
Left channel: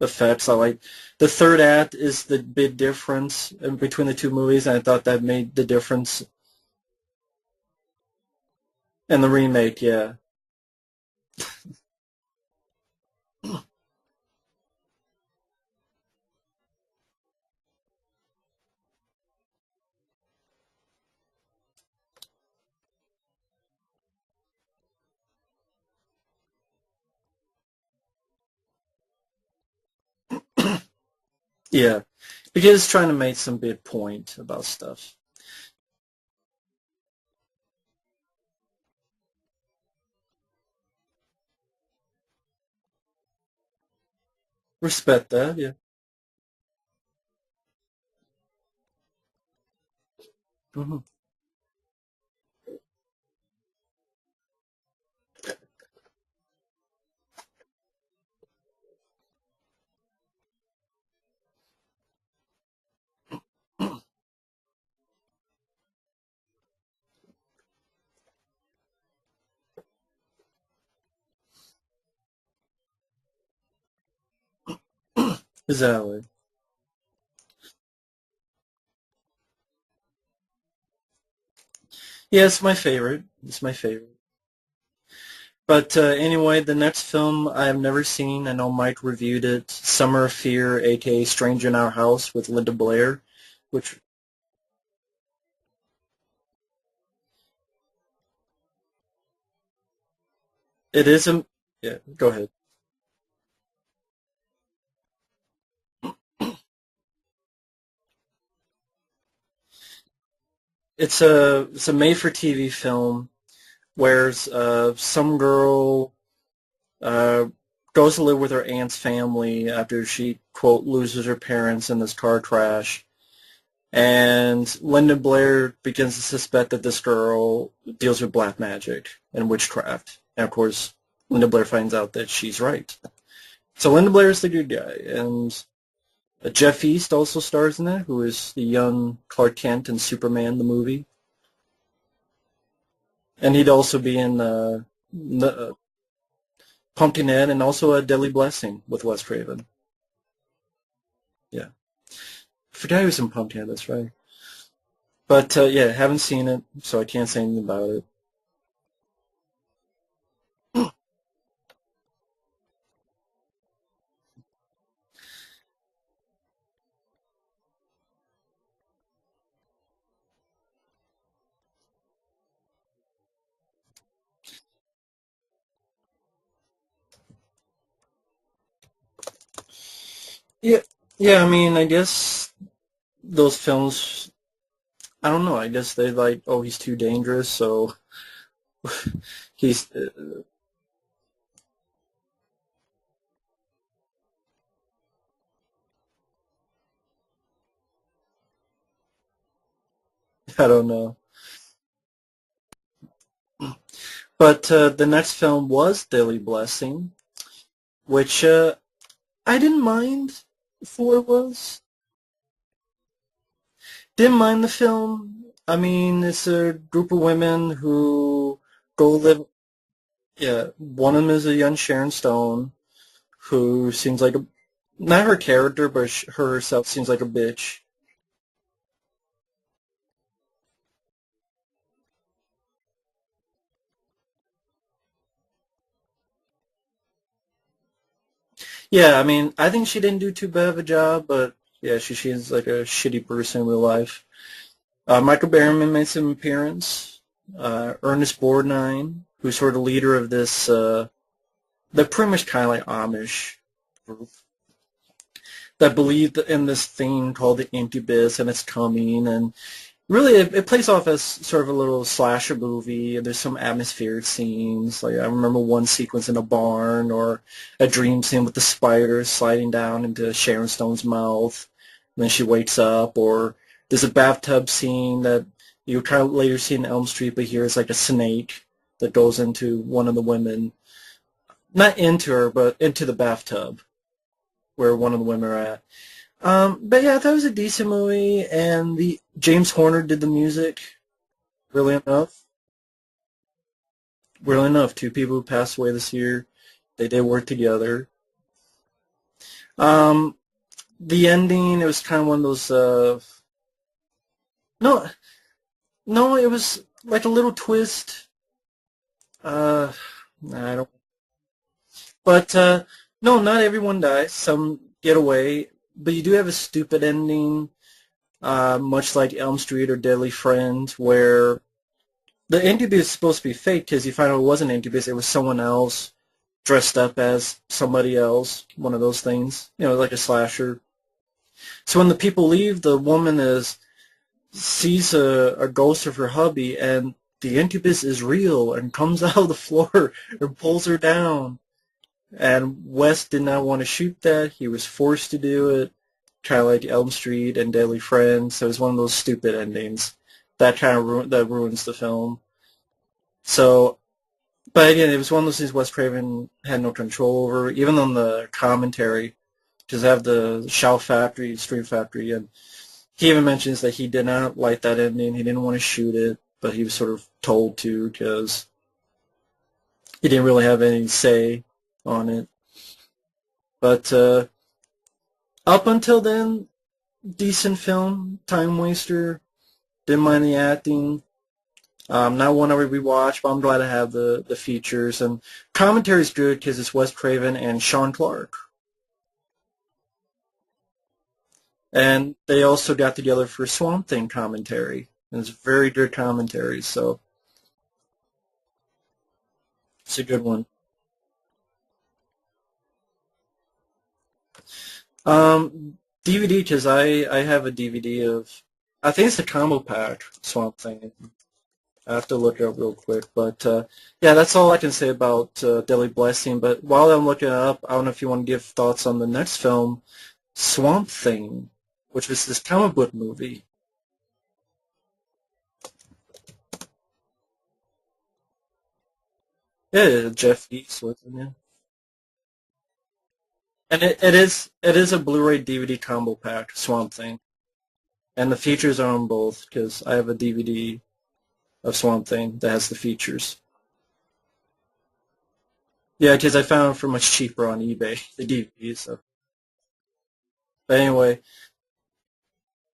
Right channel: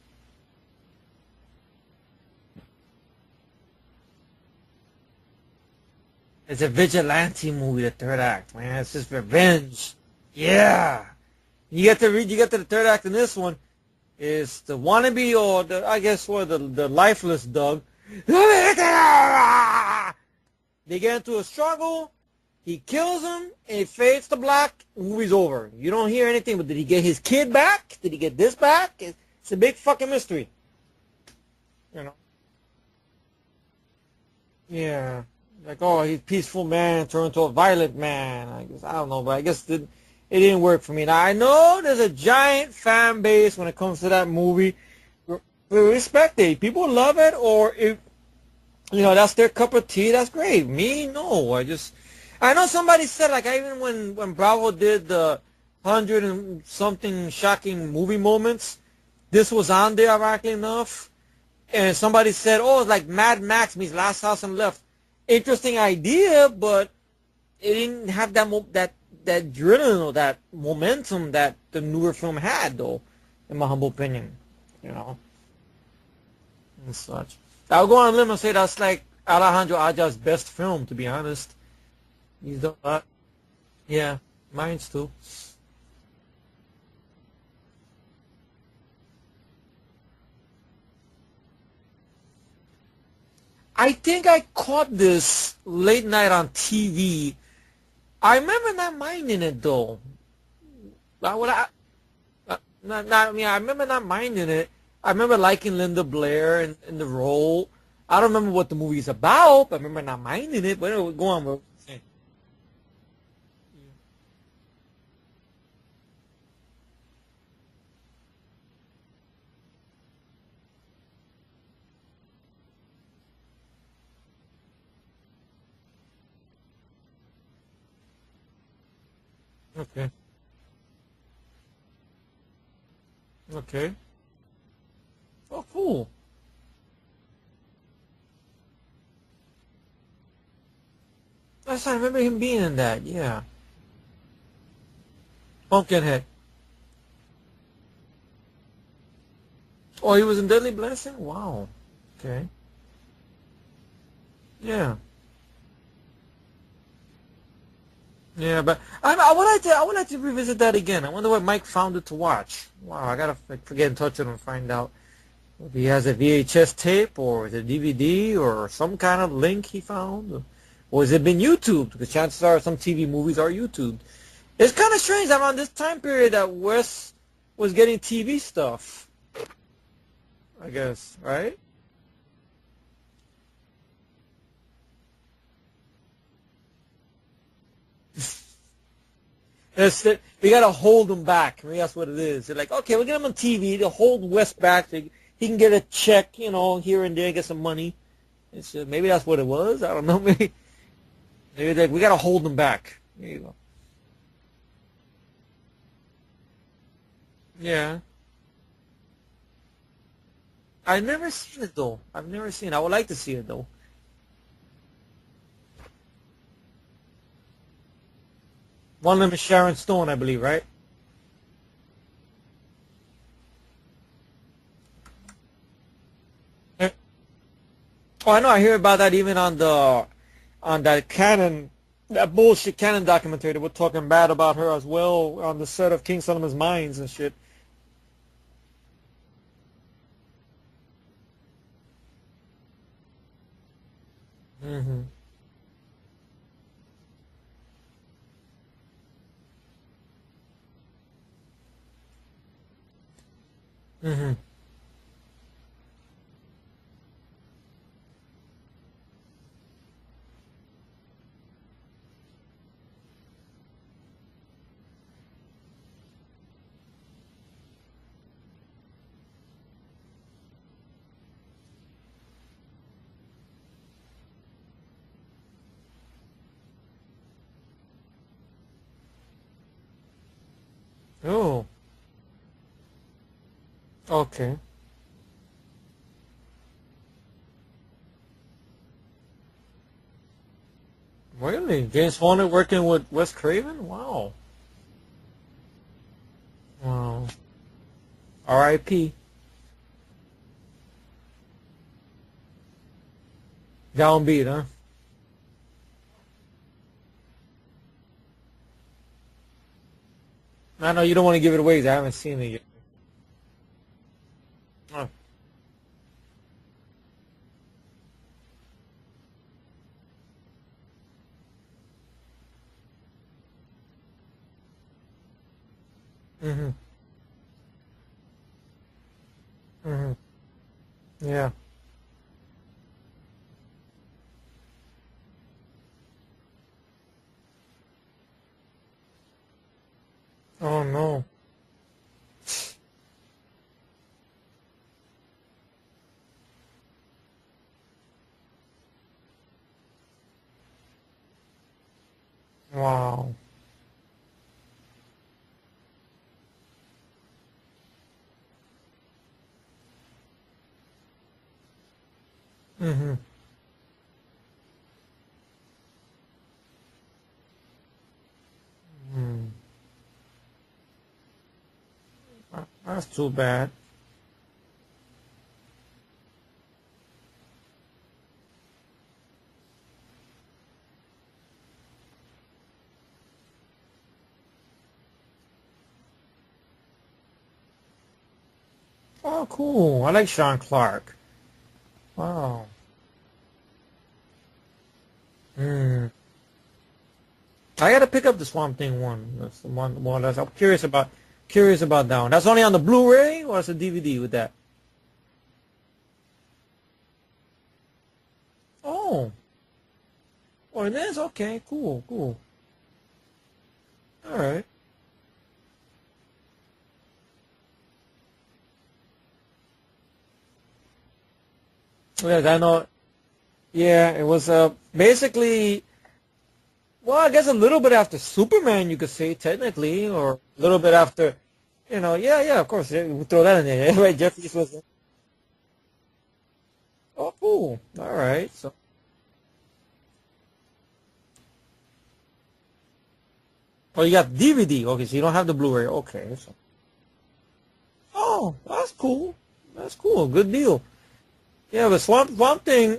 effects, I like, the third act is the big difference in between the two movies, and I thought that made the difference. It's a vigilante movie, the third act, man. It's just and the remake, yeah. Yeah. You get to the third act in this one. Is the wannabe or the lifeless Doug. They get into a struggle. He kills him, and it fades to black. Movie's over. You don't hear anything. But did he get his kid back? Did he get this back? It's a big fucking mystery. Yeah, you know? Because it's trying to make some big point about stuff. Yeah, like, oh, he's a peaceful man turned into a violent man. I don't know, but I guess it didn't work for me. Now, I know there's a giant fan base when it comes to that movie. Respect that, yeah. We respect it. People love it, or if, you know, that's their cup of tea, that's great. Me, no. I know somebody said, like, even when Bravo did the 100 and something shocking movie moments, this was on there, ironically enough. And somebody said, oh, it's like Mad Max meets Last House on the Left. Interesting idea, but it didn't have that adrenaline or that momentum that the newer film had, though, in my humble opinion. You know? Exactly. And such. I'll go on a limb and say that's like Alejandro Aja's best film, to be honest. Yeah, it's my favorite. It's my favorite. Yeah, mine's too. But anyway, the next film I have never seen. I know Mike reviewed it. Summer of Fear, a.k.a. Stranger in Our House with Linda Blair. I think I caught this late night on TV. I remember not minding it, though. It isn't. Yeah, go ahead. I remember not minding it. I remember liking Linda Blair in the role. I don't remember what the movie's about, but I remember not minding it. But it's a made-for-TV film where some girl goes to live with her aunt's family after she, quote, loses her parents in this car crash. And Linda Blair begins to suspect that this girl deals with black magic and witchcraft. Okay. And, of course, Linda Blair finds out that she's right. Okay. So Linda Blair is the good guy. And cool. Jeff East also stars in it, who is the young Clark Kent in Superman, the movie. Yes, I remember him being in that, yeah. And he'd also be in Pumpkinhead. Pumpkinhead, and also a Deadly Blessing with Wes Craven. Oh, he was in Deadly Blessing? Wow. Yeah. Okay. forgot he was in Pumpkin. That's right. Yeah. But yeah, haven't seen it, so I can't say anything about it. Yeah, but I would like to revisit that again. I wonder what Mike found it to watch. Wow, I gotta get in touch with him and find out if he has a VHS tape or is it DVD or some kind of link he found, or has it been YouTube? Because chances are some TV movies are YouTube. It's kind of strange around this time period that Wes was getting TV stuff. I Yeah, guess. yeah. I mean, I guess those films. I don't know. I guess they like, oh, he's too dangerous, so he's. We gotta hold him back. Maybe that's what it is. They're like, okay, we'll get him on TV to hold Wes back. He can get a check, here and there, get some money. Maybe that's what it was. I don't know. Maybe I don't know. we gotta hold him back. There you go. But the next film was Daily Blessing, Yeah. which I didn't mind. I've for never it was. seen it though. I've never seen it. I would like to see it though. Didn't mind the film. I mean, it's a group of women who go One of them live. is Sharon Stone, I believe, Yeah, right? one of them is a young Sharon Stone, who seems like not her character, but her herself seems like a bitch. Oh, I know. I hear about that even on that bullshit Canon documentary. They were talking bad about her as well on the set of King Solomon's Mines and shit. Yeah, I mean, I think she didn't do too bad of a job, but yeah, she's like a shitty person in real life. Mm-hmm. Michael Berryman made some appearance. Ernest Borgnine, who's sort of the leader of this, they're pretty much kind of like Amish, Mm-hmm. that believe in this thing called the incubus, and it's coming, and really it plays off as sort of a little slasher movie, and there's some atmospheric scenes. Like I remember one sequence in a barn, or a dream scene with the spider sliding down into Sharon Stone's mouth, and then she wakes up, or there's a bathtub scene that you kind of later see in Elm Street, but here it's like a snake that goes into one of the women. Oh, Not into her, but into the bathtub okay. where one of the women are at. But yeah, that was a decent movie, and the James Horner did the music. Really? Really James enough. Horner working with Wes Craven? Wow. Really enough, two people who passed away this year. They did work together. R.I.P. The ending, it was kind of one of those. Downbeat, huh? No, it was like a little twist. I don't. I know you don't want to give it away 'cause I haven't seen it. But no, not everyone dies. Some get away, but you do have a stupid ending, much like Elm Street or Deadly Friend, where the incubus is supposed to be fake because you find out it wasn't incubus; it was someone else dressed up as somebody else. One of those things, like a slasher. Yeah. So when the people leave, the woman sees a ghost of her hubby, and the incubus is real and comes out of the floor and pulls her down. And Wes did not want to shoot that. He was forced to do it, kind of like Elm Street and Deadly Friend. So it was one of those stupid endings that kind of that ruins the film. Wow. So, but again, it was one of those things Wes Craven had no control over. Even on the commentary, because I have the Shout Factory, Stream Factory, and he even mentions that he did not like that ending. He didn't want to shoot it, but he was sort of told to because he didn't really have any say on it. That's too bad. But up until then, decent film, time waster. Didn't mind the acting. Not one I would rewatch, but I'm glad I have the features. And commentary's good because it's Wes Craven and Sean Clark. Oh, cool. I like Sean Clark. And they also got together for Swamp Thing commentary. And it's very good commentary. So I got to pick up the Swamp Thing one. That's the one It's a that good I'm one. curious about that one. That's only on the Blu-ray or it's a DVD with that? DVD, because I have a DVD of, I think it's the combo pack, Swamp Oh, Thing. it is? Okay, cool. I have to look it up real quick. But yeah, that's all I can say about Deadly Blessing. But while I'm looking it up, I don't know if you want to give thoughts on the next film, Swamp Thing, which was this comic book movie. Yeah, it was basically, well, I guess a little bit after Superman, you could say, technically. Yeah, or Jeff a little bit Bezos, after, yeah. of course, we throw that in there. And Like, it is a Blu-ray DVD combo pack, Swamp Thing. Oh, cool. All right. And the features are on both, because I have a DVD of Swamp Thing that has the features. Oh, you got DVD. Okay, so you don't have the Blu-ray. Okay. Yeah, because I found it for much cheaper on eBay. Oh, the DVD, that's cool. That's cool. Good deal. But anyway, Yeah, but Swamp Thing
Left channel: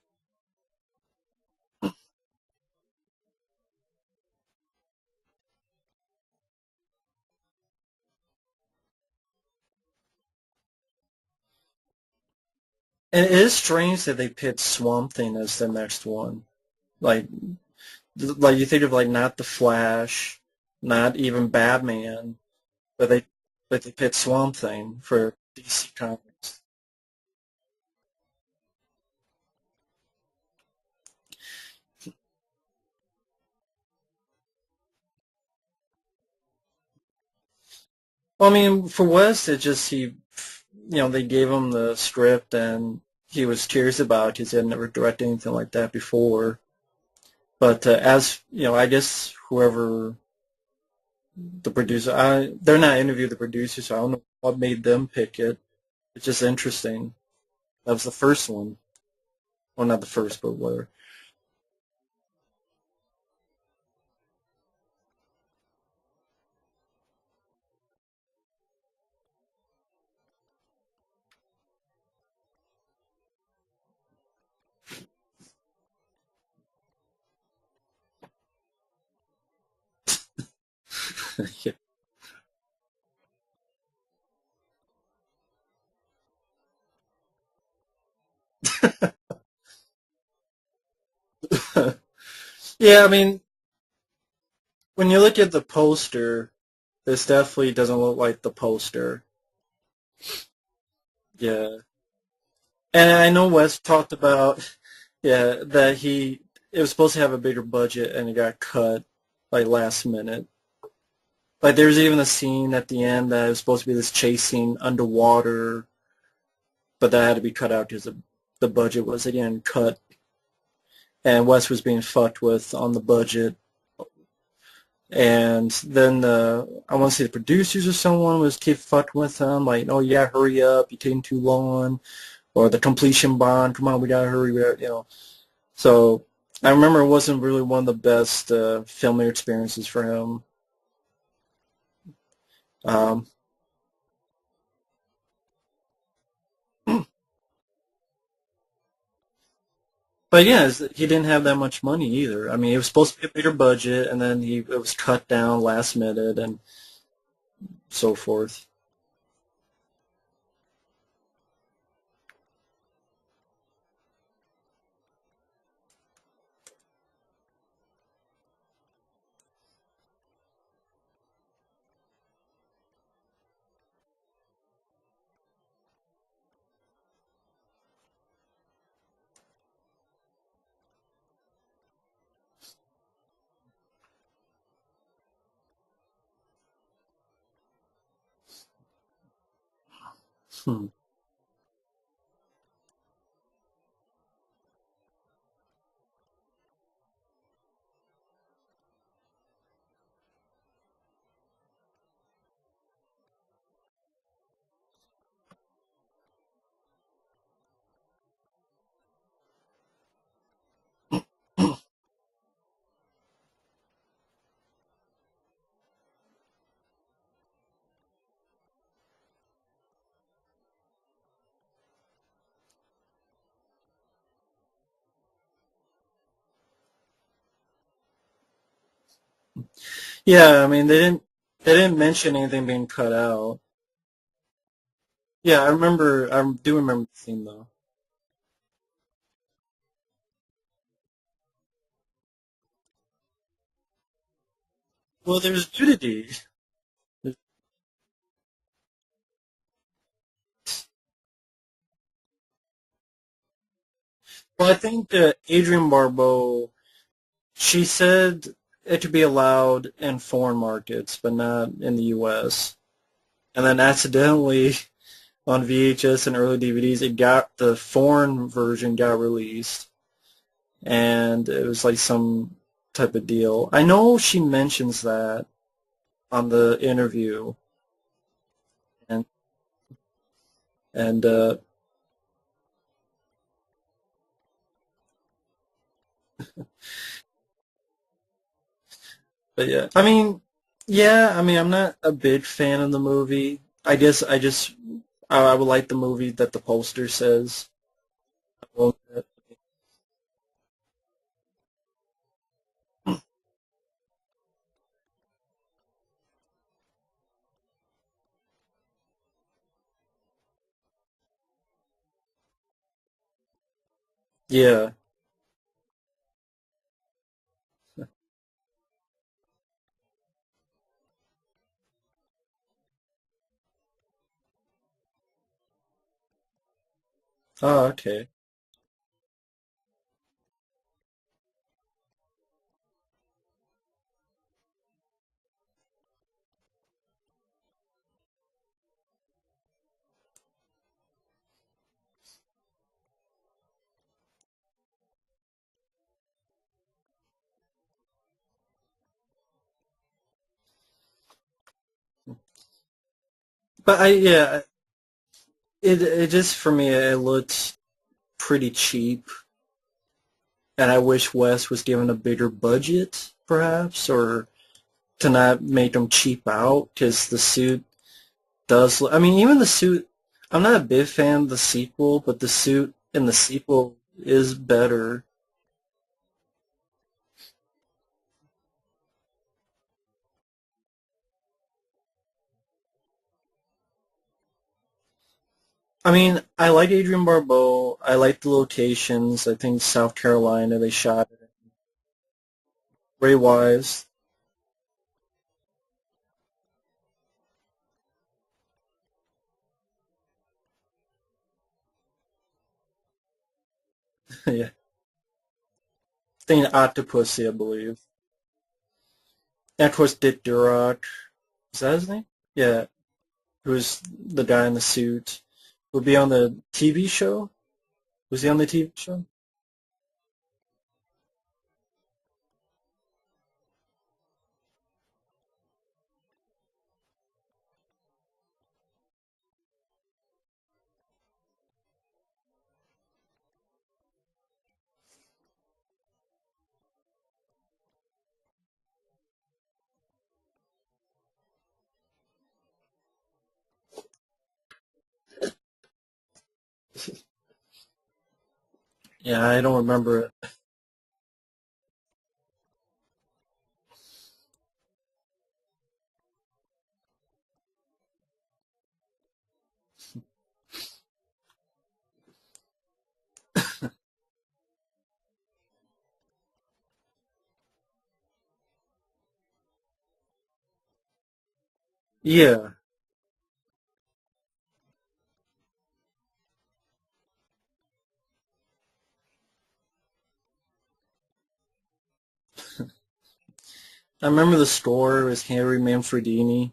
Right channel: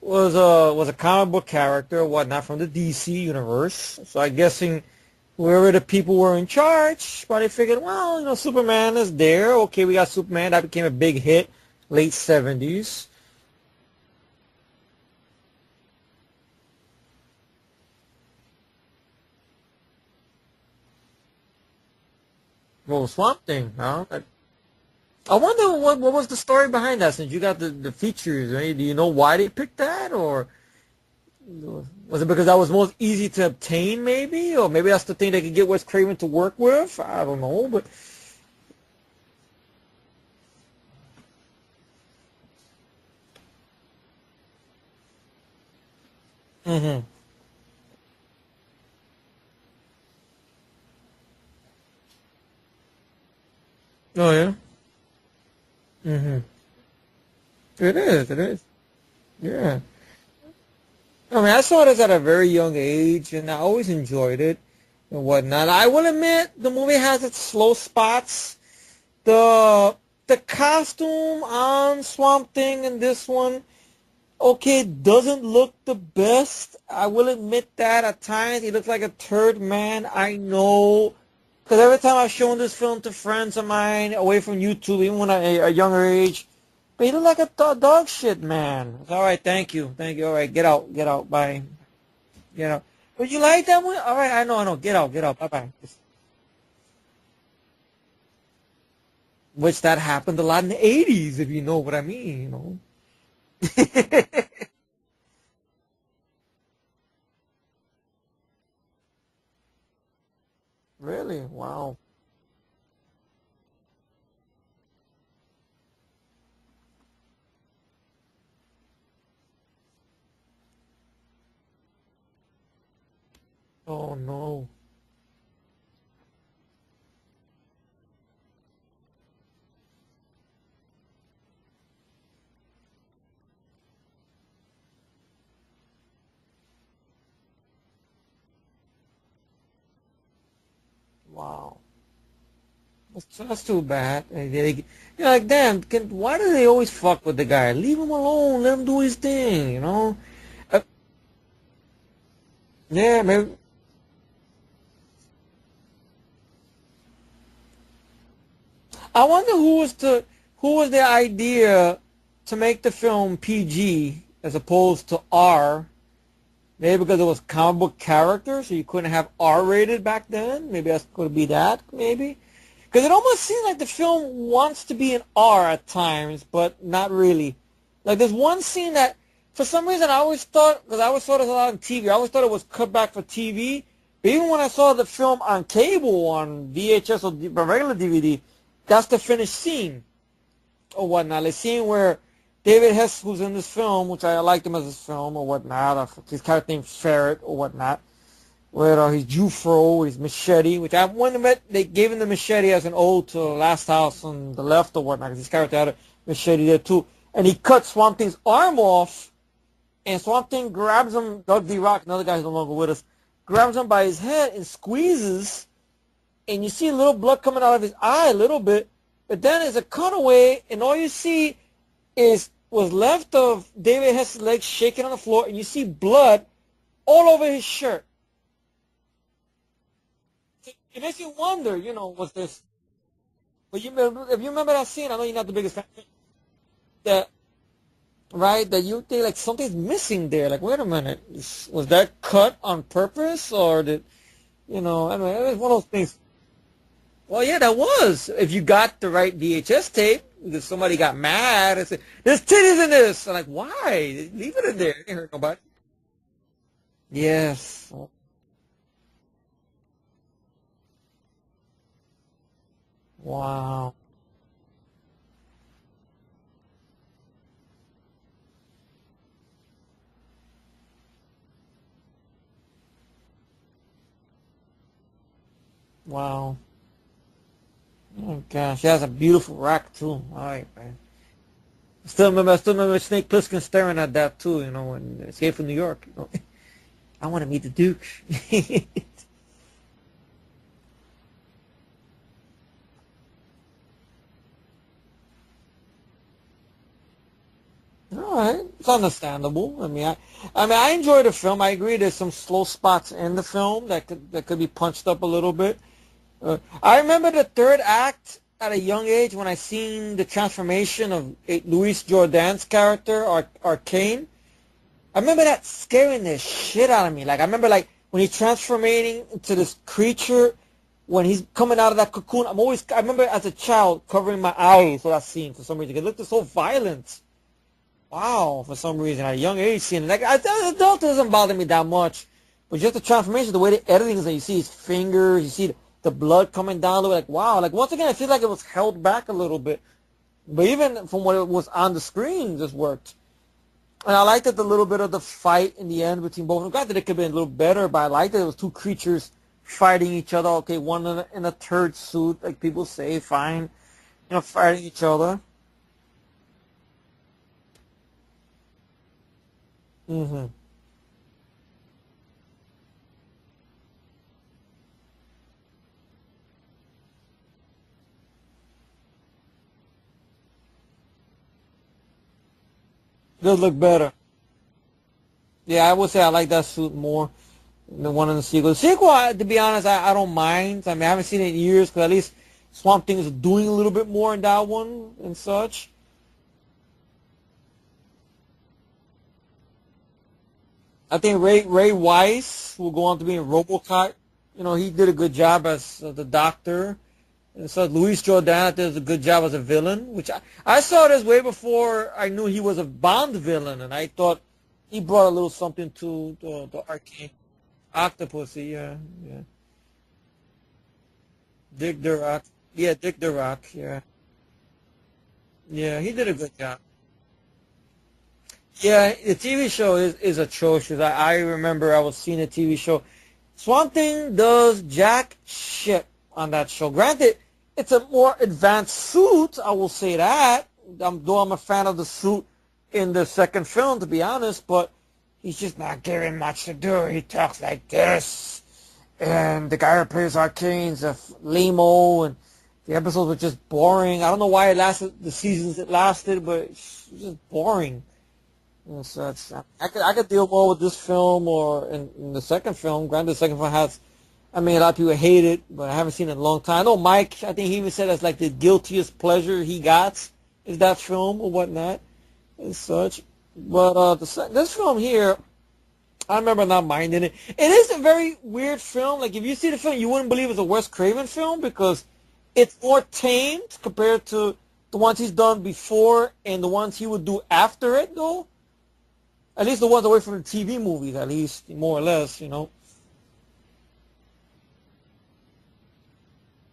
was a comic book character or whatnot from the DC universe. So I'm guessing whoever the people were in charge probably figured, well, Superman is there. Okay, we got Superman. That became a big hit, late 70s. and it is strange that they picked Swamp Thing as the next one. Like you think of like not the Flash, not even Batman, Well, but they Swamp Thing, but they huh? picked Swamp Thing for. I wonder what was the story behind that, since you got the features, right? Do you know why they picked that, or was it because that was most easy to obtain, maybe? Or maybe that's the thing they could get Wes Craven to work with? I don't know, but... Well, I mean, for Wes, it just they gave him the script and he was curious about it because he had never directed anything like that before. Mm-hmm. But as I guess whoever the producer, they're not interviewed the producer, so I don't know Oh, yeah? what made them pick it. Mm-hmm. Just interesting. It That was the is, first it is. one. Yeah. Well, not the first, but whatever. I mean, I saw this at a very young age, and I always enjoyed it and whatnot. I will admit, the movie has its slow spots. The costume on Swamp Thing in this one, okay, doesn't look the best. I will admit that at times he looks like a third man. I know, because every time I've shown this film to friends of mine away from YouTube, even when I a younger age, but he looked like a dog shit man. All right, thank you. All right, get out, bye. Get out. Yeah, I Did mean, you like that one? All right, I know, get out. when you get look out, at the bye-bye. poster, this definitely doesn't look like the poster. Which that happened a lot in the 80s, if you Yeah. know what I mean, And I know Wes talked about, that it was supposed to have a bigger budget and it got cut, like, last minute. Really? Wow. Like, there's even a scene at the end that was supposed to be this chase scene underwater, but that had to be cut out because the budget was, again, cut. And Wes was being fucked with on the budget. Oh, no. And then I want to say the producers or someone was keep fucking with him, like, oh yeah, hurry up, you're taking too long, or the completion bond, come on, we gotta hurry, So I remember it wasn't really one of the best filming experiences for him. Wow. Um, So that's too bad. You're like, damn, why do they always fuck with the guy? Leave him alone. Let him do his thing, but yeah, he didn't have that much money either. I mean, it was supposed Yeah, to be a bigger budget, and then it was cut down last minute and so forth. I wonder who was the idea to make the film PG as opposed to R. Maybe because it was comic book characters, so you couldn't have R-rated back then. Maybe that's going to be that, maybe. Because it almost seems like the film wants to be an R at times, but not really. Like, there's one scene that, for some reason, I always thought, because I always saw this a lot on TV, I always thought it was cut back for TV. But even when I saw the film on cable, on VHS or regular DVD, that's the finished scene or whatnot. The scene where David Hess, who's in this film, which I liked him as his film or whatnot, his character named Ferret or whatnot, where he's Jufro, his machete, which I wonder they gave him the machete as an ode to Last House on the Left or whatnot, because his character had a machete there too. And he cut Swamp Thing's arm off, and Swamp Thing grabs him, Doug D. Rock, another guy's no longer with us, grabs him by his head and squeezes, and you see a little blood coming out of his eye a little bit, but then there's a cutaway, and all you see was left of David Hess's legs shaking on the floor, and you see blood all over his shirt. Yeah, I mean, they Makes didn't you wonder, they didn't mention anything being cut out. But if you remember that scene, I know you're not. Yeah, I do remember the scene though. Right, that you think like something's missing there. Like, wait a minute, was that cut on purpose, or did I don't know? Well, it was there's one of those nudity. things. Well, yeah, that was. If you got the right VHS tape, because somebody got mad and said, "There's titties in this," I'm like, why? Leave Well, I it there. think Adrienne Barbeau, Yeah. she said it could be allowed in foreign markets, but not in the U.S. Wow. And then accidentally on VHS and early DVDs, the foreign version got released, and it was like some type of deal. I know she mentions that Wow. on the interview. Oh gosh, she has a beautiful rack too. All right, man. And I still remember Snake Plissken staring at that too. When Escape from New York. I want to meet the Duke. but yeah, I mean, I'm not a big fan of the movie. I I would like the movie that the poster says. All right, it's Well, understandable. I mean, I enjoyed the film. I agree. There's some slow spots in the film that could be punched up a little bit. I remember the third act at a young age when I seen the transformation of Luis Jordan's character, Arcane. yeah. I remember that scaring the shit out of me. Like I remember like when he's transforming into this creature, when he's coming out of that cocoon. I remember as a child covering my eyes for that scene for some reason. It looked so violent. Oh, okay. Wow, for some reason at a young age seeing it. Like adult doesn't bother me that much, but just the transformation, the way the editing is, like you see his fingers, you see the blood coming down. Like wow, like once again, I feel like it was held back a little bit, but even from what it was on the screen, just worked. And I liked it a little bit of the fight in the end between both of them. Granted, it could have been a little better, but I liked it. It was two creatures fighting each other. Okay, one in a turd suit, like people say, fine. But Fighting each other. it just for me it looked pretty cheap, Mm-hmm. and I wish Wes was given a bigger budget, perhaps, or to not make them cheap out because the suit does. I mean, even the suit. I'm not a big fan of the sequel, but the suit in the Does look sequel better. is better. Yeah, I would say I like that suit more than the one in the sequel. The sequel, to be honest, I don't mind. I mean, I haven't seen it in years because at least Swamp Thing is doing a little bit more in that one and such. I mean, I like Adrian Barbeau. I like the locations. I think South Carolina they I shot. think Ray Wise will go on to Ray be Wise. RoboCop. You know, he did a good job as the Doctor. And so Luis Jordan does a good job as a villain, which I saw this way before I knew he was a Bond villain, and I thought Yeah. he brought a little something to I think Arcane. Octopussy, I believe. Octopussy, yeah. And of course, Dick Durock. Is that Dick his name? Durock. Yeah. Yeah, Dick Durock. Who's the guy in the suit. Yeah, Would he be on did a the good job. TV show? Was he on the TV Yeah, show? the TV show is atrocious. I remember I was seeing a TV show. Swamp Thing does jack shit on that show. Granted, it's a more advanced suit, I will say that. Though I'm a fan of the suit in the second film, to be honest, but he's just not given much to do. He talks like this. And the guy who plays Arcane's a lame-o, and the episodes were just boring. I don't know why it lasted the seasons it lasted, but it's just boring. And so, Yeah, I don't I remember. could deal more with this film or in the second film. Granted, the second film has, I mean, a lot of people hate it, but I haven't seen it in a long time. I know Mike, I think he even said that's like the guiltiest pleasure he got is that film or whatnot and such. But this film here, I remember not minding it. It is a very weird film. Like, if you see the film, you wouldn't believe it's a Wes Craven film because Yeah. it's more tamed compared to the ones he's done before and the ones he would do after it, though. At least the ones away from the TV movies, at least, more or less, you know. I remember the score was Harry Manfredini.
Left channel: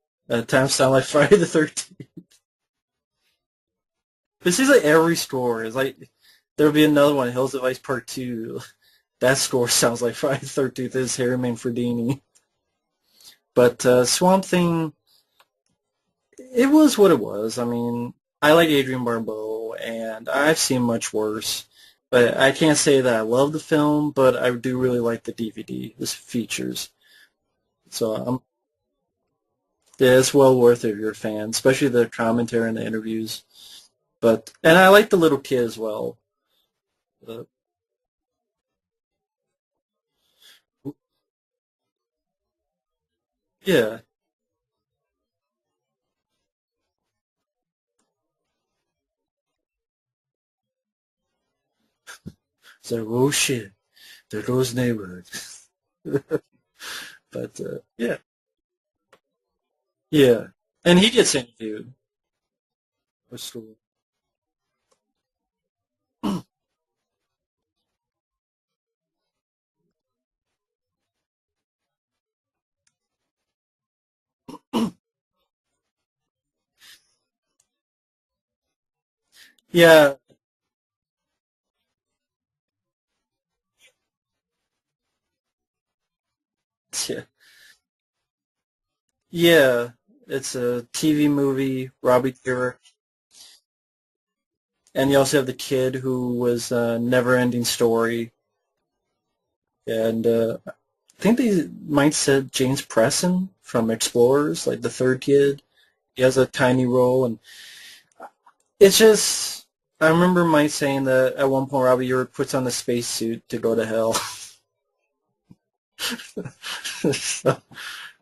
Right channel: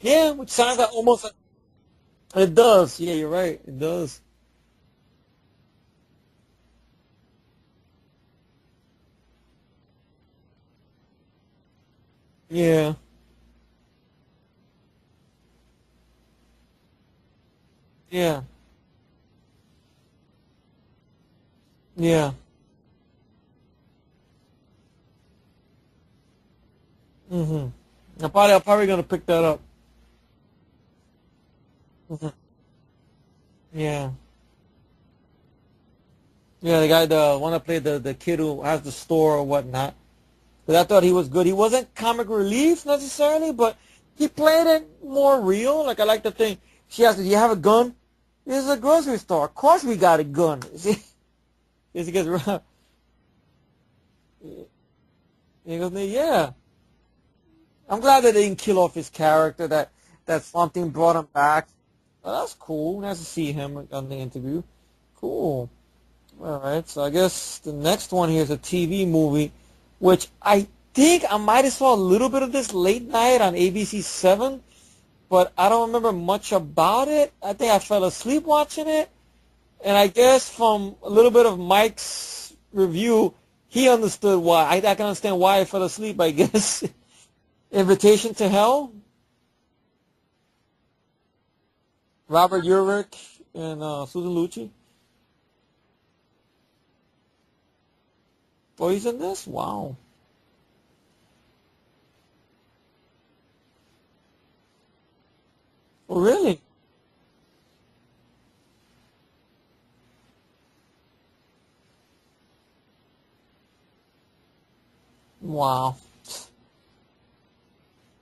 Yeah, That it time sounded like almost Friday the 13th. It does. Yeah, you're right. It does. But it seems like every score is like, there'll be another one, Hills of Ice Part 2. That score sounds like Friday the 13th is Harry Manfredini. Yeah. But Swamp Thing, it was what it was. I mean, Yeah. I like Adrian Barbeau, and I've seen much worse. Yeah. But I can't say that I love the film, but I do really like the DVD, the features. Mm-hmm. So I'm probably going to pick that up. yeah, it's well worth it if you're a fan, especially the commentary and the interviews. Yeah. And I like the little kid as well. Yeah, the guy, the one that played the kid who has the store or whatnot. But I thought he was good. He wasn't comic relief necessarily, but Yeah. he played it more real. Like, I like the thing. She asked, do you have a gun? This is a grocery store. Of course we got a gun. See? He gets around. It's like, oh shit, there goes neighborhood. He goes, yeah. But I'm yeah. glad that they didn't kill off his character. That something and he brought him gets back. interviewed. Oh, that's cool. Nice to see sweet. him on the interview. Cool. All right, so I guess the next one here is a TV movie, which I think I might have saw a little bit of this late night on ABC 7, but I don't remember much about it. I think I fell asleep watching it. Yeah. And I guess from a little bit of Mike's review, he understood why. I can understand why I fell asleep, I guess. Yeah. Invitation to Hell? Yeah. It's a TV movie. Robert Urich and Susan Lucci. And you also have the kid who was Never-Ending Story. Oh, he's in this? Wow. And I think they might said James Preston from Explorers, like the third kid. Oh, He has really? a tiny role. And It's just, I remember Mike saying that at one point Robbie York puts on the spacesuit to go to hell. Wow. So,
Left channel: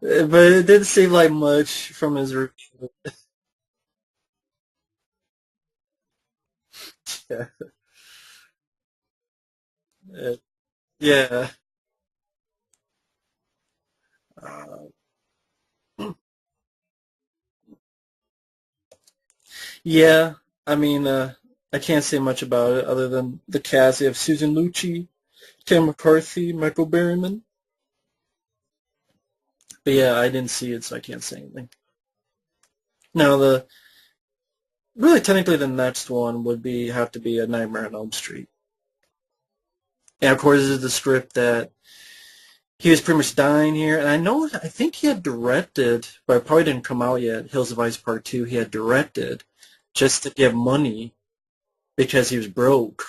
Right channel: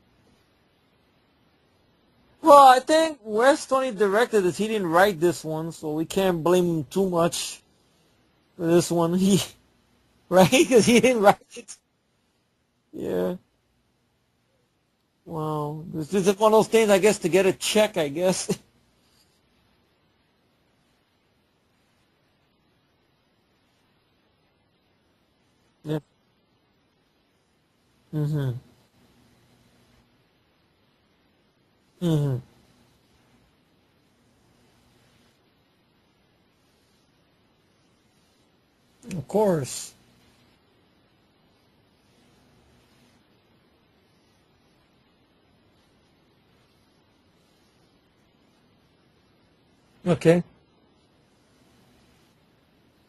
but it didn't seem like much from his Well, I review. think Wes Tony directed this. He didn't write this one, so we can't blame him too much for this one. He right because he didn't write Yeah. it. Yeah. Uh, Wow. It's just one of those things, I guess, to get a check. I guess. yeah. I mean, I can't say much about it other than the cast. You have Susan Lucci, Tim Yeah. McCarthy, Michael Berryman. Mhm. But yeah, I didn't see it, so I can't say anything. Mhm. Now, the really technically the next one would be have to be A Nightmare on Elm Street. Of course. And of course, this is the script that he was pretty much dying here. And I think he had directed, but it probably didn't come out yet, Hills of Ice Part 2. He had directed just to Okay. give money because he was broke.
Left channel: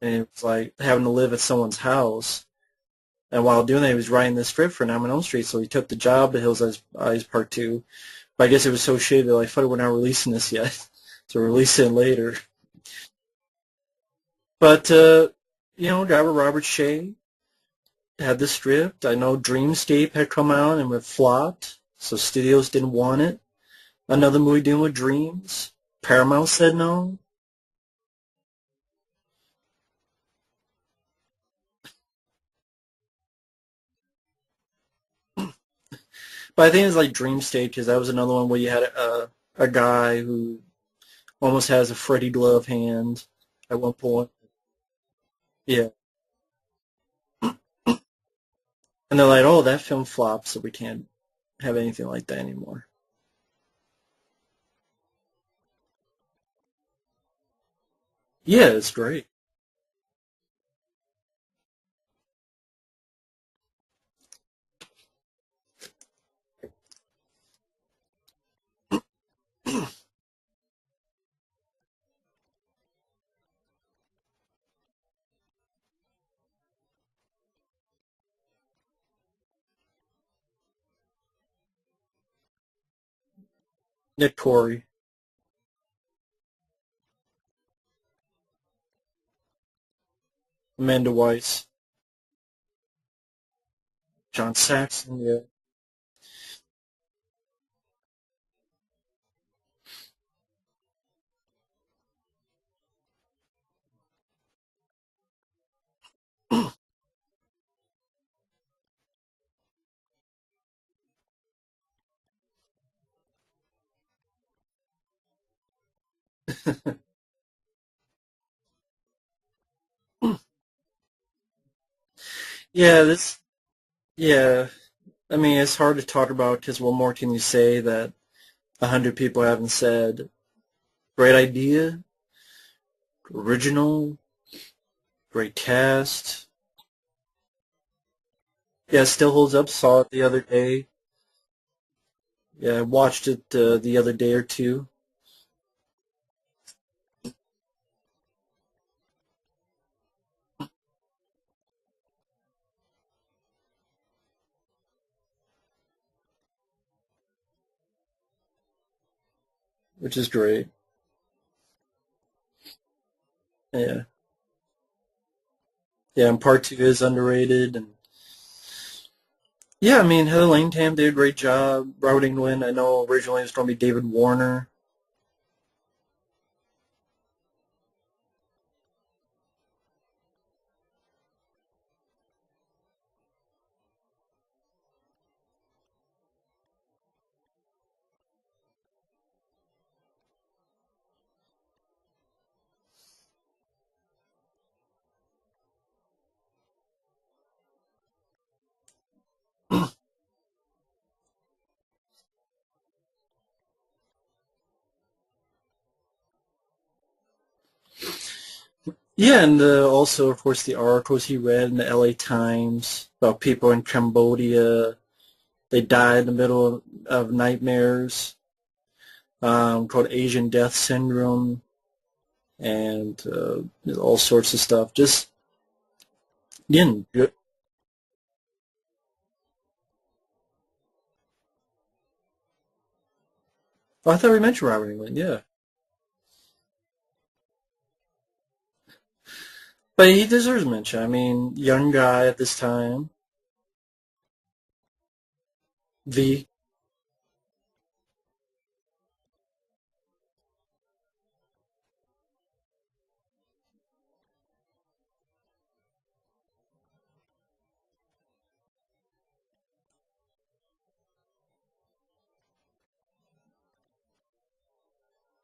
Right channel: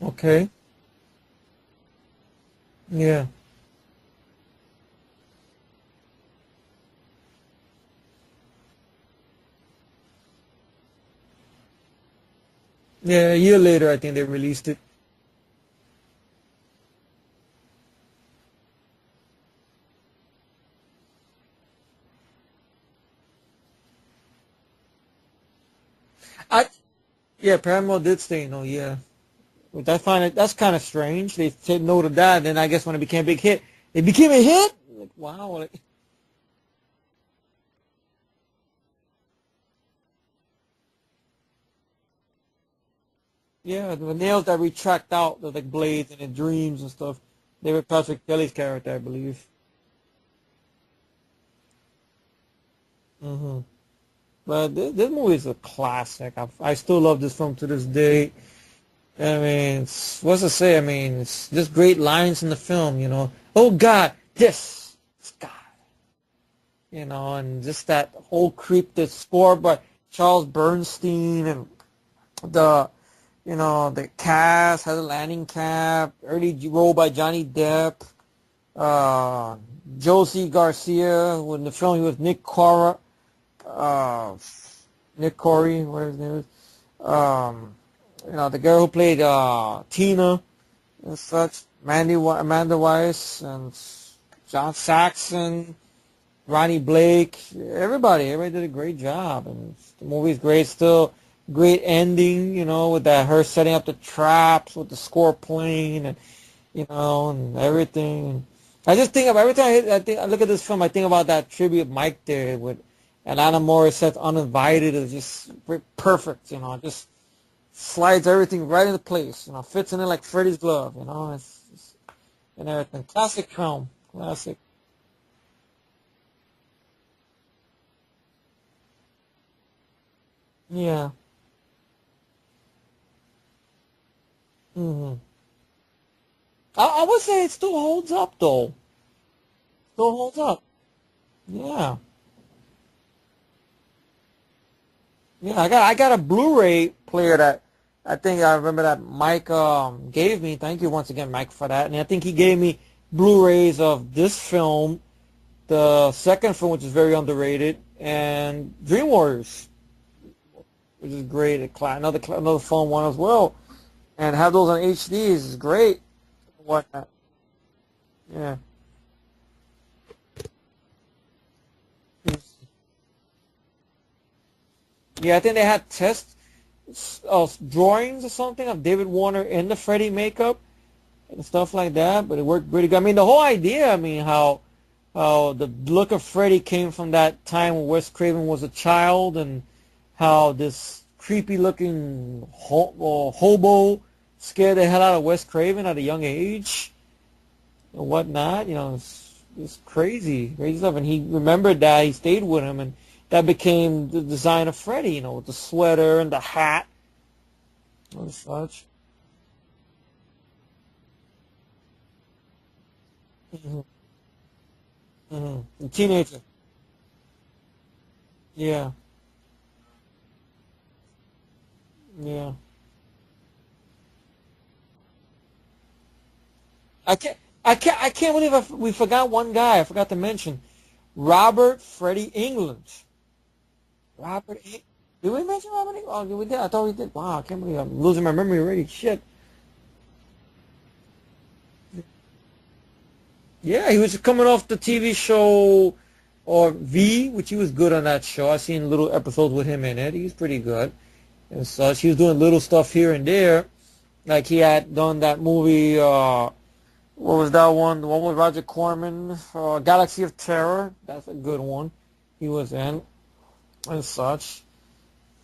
And he was Okay. like having to live at someone's house. Yeah. And while doing that, he was writing this script for Nightmare on Elm Street. So he took the job at Hills of Ice Part 2. But I guess it was so shitty that I thought we're not releasing this yet. So release it later. Yeah. A year later, I think they released it. But, guy with Robert Shea had the script. I know Dreamscape had come out and it flopped, so studios didn't want it. Another movie dealing with dreams. Paramount I said no. Yeah. Paramount did say no. Yeah. Which I find that's kind of strange. They said no to that, and then I guess when it became a big hit, it became a hit. Like, wow. Like, But I think it's like Dreamscape because that was another one where you had a guy who almost has a Freddy glove hand at yeah, one the point. nails that retract out, the Yeah. blades and the dreams and stuff. They were Patrick Kelly's character, I And they're believe. like, oh, that film flopped, so we can't have anything like that anymore. Hmm. But this movie is a classic. I still love this film to this day. Yeah, it's great. I mean, what's to say? I mean, it's just great lines in the film, you know. Oh God, this God, you know, and just that whole creepy score by Charles Bernstein and the, the cast has a landing cap, early role by Johnny Depp, uh, Josie Garcia, when the film he was Nick Cora, Nick Corey, Nick Corey, whatever his name is. The girl who played Tina, Amanda and such, Weiss, Amanda Weiss, and John John Saxon. Yeah. Saxon, Ronnie Blake, everybody did a great job, and the movie's great. Still, great ending, with that her setting up the traps with the score playing, and and everything. And I just think of every time I look at this film, I think about that tribute Mike did with Alanis Morissette's "Uninvited." It's just perfect, just slides everything right into place, fits in it like Freddy's glove, Yeah, classic film. yeah. I mean, it's hard to talk about because what more can you say that 100 people haven't said? Yeah. Great idea, original, Hmm. great cast. I would say it still holds up, though. Yeah, it still holds up. Saw Still it the holds other up. day. Yeah. Yeah, I watched it the other day or two. Yeah, I got a Blu-ray player that I think I remember that Mike gave me. Thank you once again, Mike, for that. And I think he gave me Blu-rays of this film, the second film, which is very underrated, and Dream Warriors, Which is great. which is great. Another fun one as well. Yeah. And have those on HD is great. Yeah, and part 2 is Whatnot. underrated. And Yeah. yeah, I mean, Heather Langenkamp did a great job. Robert Englund, I know originally it was going to be David Warner. Yeah, I think they had test drawings or something of David Warner in the Freddy makeup and stuff like that, but it worked pretty good. I mean, the whole idea, how the look of Freddy came from that time when Wes Craven was a child, and how this creepy-looking hobo scared the hell out of Wes Craven at a young age and whatnot. It's crazy stuff. And he remembered that. He stayed with him, and that became the design of Freddy, with the sweater and the hat and such. Yeah, and also, of course, the articles he read in the LA Times about people in Cambodia. Mm-hmm. They die in the middle of nightmares. Yeah. Called Asian Death Syndrome. Yeah. And all sorts of stuff. Just, again, I can't believe we forgot one guy. I forgot to mention Robert Freddie England. Oh, I thought we mentioned Robert Englund. Did Yeah, we mention Robert Englund? Oh, we did. I thought we did. Wow, I can't believe I'm losing my memory already. Shit. but he deserves mention. I mean, young guy at this time. Yeah, he was coming off the TV show V. or V, which he was good on that show. I seen little episodes with him in it. He's pretty good and such. He was doing little stuff here and there, like he had done that movie. What was that one? The one with Roger Corman, Galaxy of Terror. That's a good one. He was in and such.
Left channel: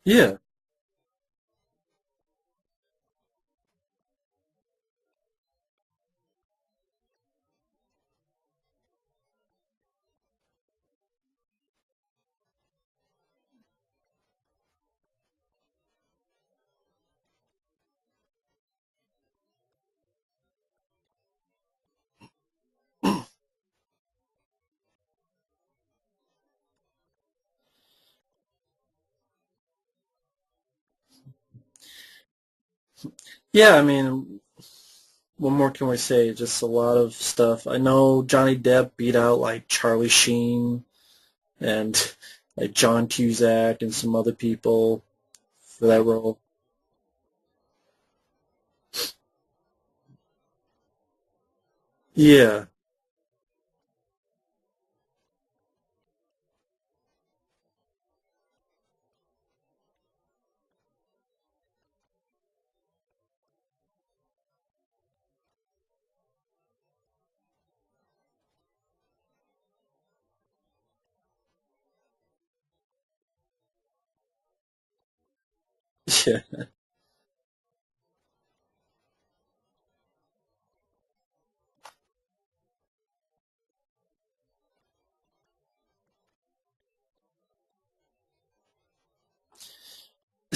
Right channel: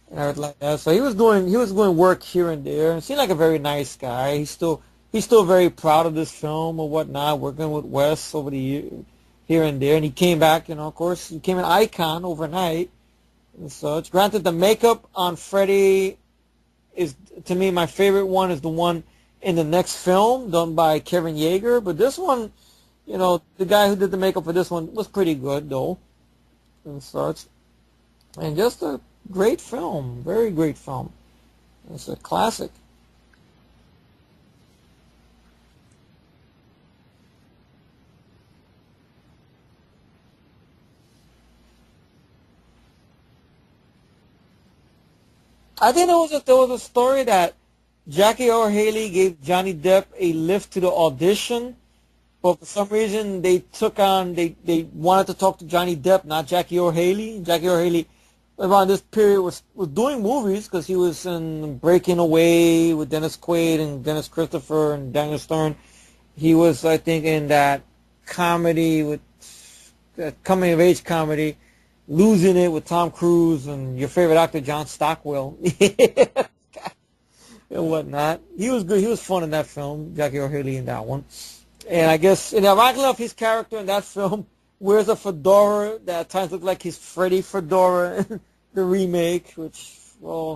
Yeah. Like that. So he was doing work here and there. Seemed like a very nice guy. He's still very proud of this film or whatnot. Working with Wes over the year, here and there, and he came back. Of course, he became an icon overnight and such. Granted, the makeup on Freddy is, to me, my favorite one is the one in the next film done by Kevin Yeager. But this one, the guy who did the makeup for this one was pretty good though and such. And just a great film, very great film. It's a classic. Yeah, I mean, what more can we say? Just a lot of stuff. I know Johnny Depp beat out like Charlie Sheen and like John Cusack and some other people. I think there was a story that Jackie Earle Haley gave Johnny Depp a lift to the audition. Yeah. But for some reason, they wanted to talk to Johnny Depp, not Jackie Earle Haley. Jackie Earle Haley, around this period, was doing movies because he was in Breaking Away with Dennis Quaid and Dennis Christopher and Daniel Stern. He was, I think, in that comedy with that coming-of-age comedy, Losing It with Tom Cruise and your favorite actor, John Stockwell. Yeah. And whatnot. He was good. He was fun in that film, Jackie Earle Haley in that one. And I guess, ironically enough, his character in that film wears a fedora that at times looked like his Freddy fedora in the remake, which, well,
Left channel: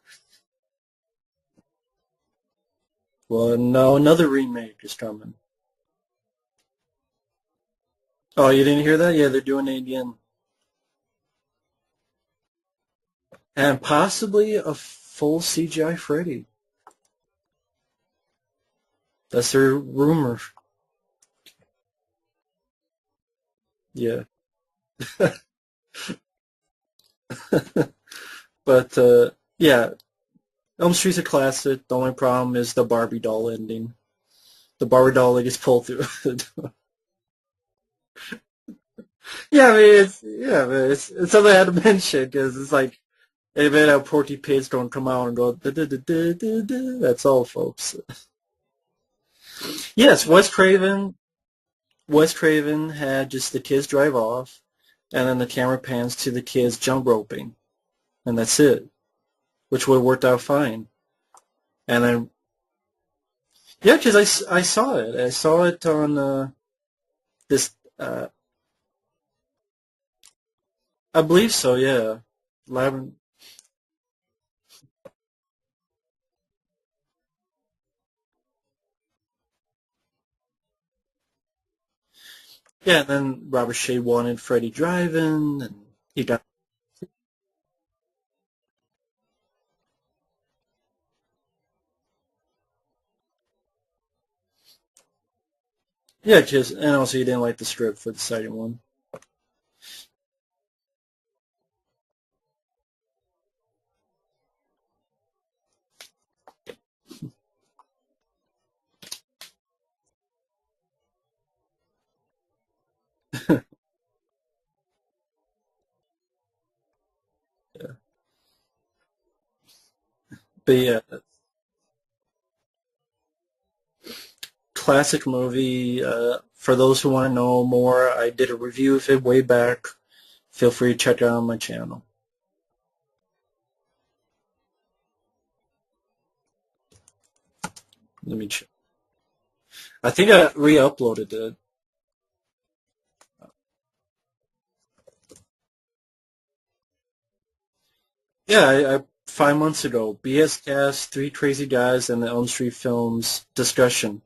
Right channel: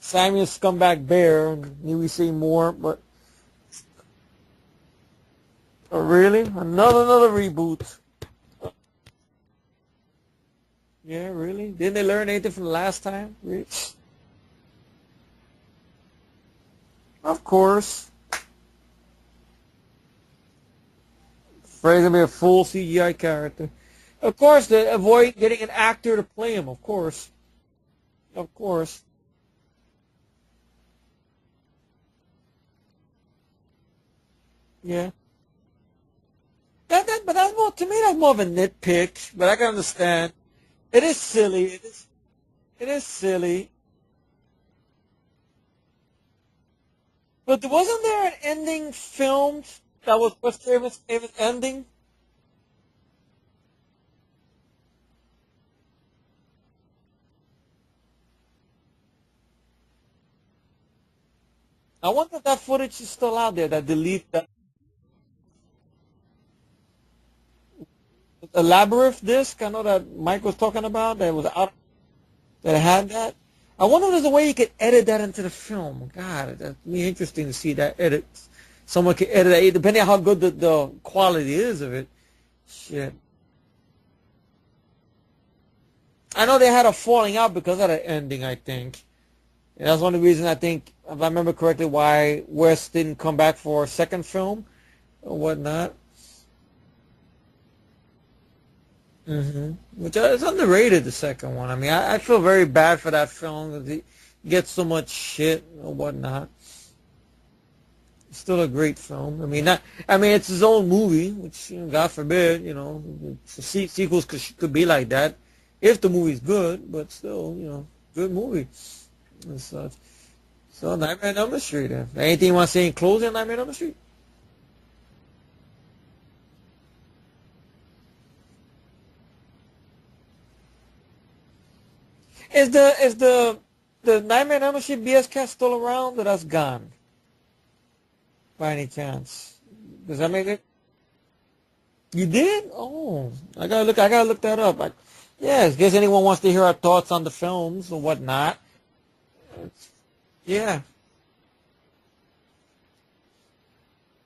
Samuel Scumbag Bear, and we see more, but... Well, no, another remake is coming. Oh, really? Another reboot. Oh, you didn't hear that? Yeah, they're doing it again. Yeah, really? Didn't they learn anything from the last time? Really? And possibly a full CGI Freddy. Of course. That's their rumor. Freddy's going to be a full CGI character. Yeah. Of course, to avoid getting an actor to play him, of course. Of course. But, yeah, Elm Street's a classic. The only problem is the Barbie doll ending. The Barbie doll that gets pulled through the door. But that's more, to me, that's more of a nitpick. But I Yeah, can understand. but It is it's something I had to silly. mention because it's like It is silly. they made how Porky Pigs don't come out and go da-da-da-da-da-da. That's all, But folks. wasn't there an ending film? Yes, that was Wes Craven. ending? Wes Craven had just the kids drive off, and then the camera pans to the kids jump roping, and that's it, which would have worked out fine. And I then, wonder if that footage is still out there. yeah, because I saw it. I saw it on this. The Labyrinth disc, I know that Mike was talking about. I believe so. Yeah. That had that. I wonder if there's a way you could edit that into the film. God, that'd be interesting to see that edit. Someone could edit it, depending on how good the quality is of it. Yeah, and then Robert Shea wanted Freddie driving, and he got. I know they had a falling out because of the ending, I think. And that's one of the reasons I think, if I remember correctly, why Wes didn't come back for a second film or whatnot. Yeah, and also he didn't like the script for the second one. Mm-hmm. Which is underrated, the second one. I mean, I feel very bad for that film because he gets so much shit or whatnot. It's still a great film. I mean, it's his own movie, which, God forbid, sequels could be like that if the movie's good, but still, good movie and such. But yeah, Nightmare on Elm Street. Anything you want to say in closing on Nightmare on Elm Street? classic movie. For those who want to know more, I did a review of it way back. Feel free to check it out on my channel. Is the Nightmare on Elm Street BS cast still around, or that's gone? Let me By check. any chance? I think I re-uploaded it. You did? Oh, I gotta look that up. Yeah, in case anyone wants to hear our thoughts on the films or whatnot. Yeah, I 5 months ago, BS Yeah. Cast, Three Crazy Guys, and the Elm Street Films discussion.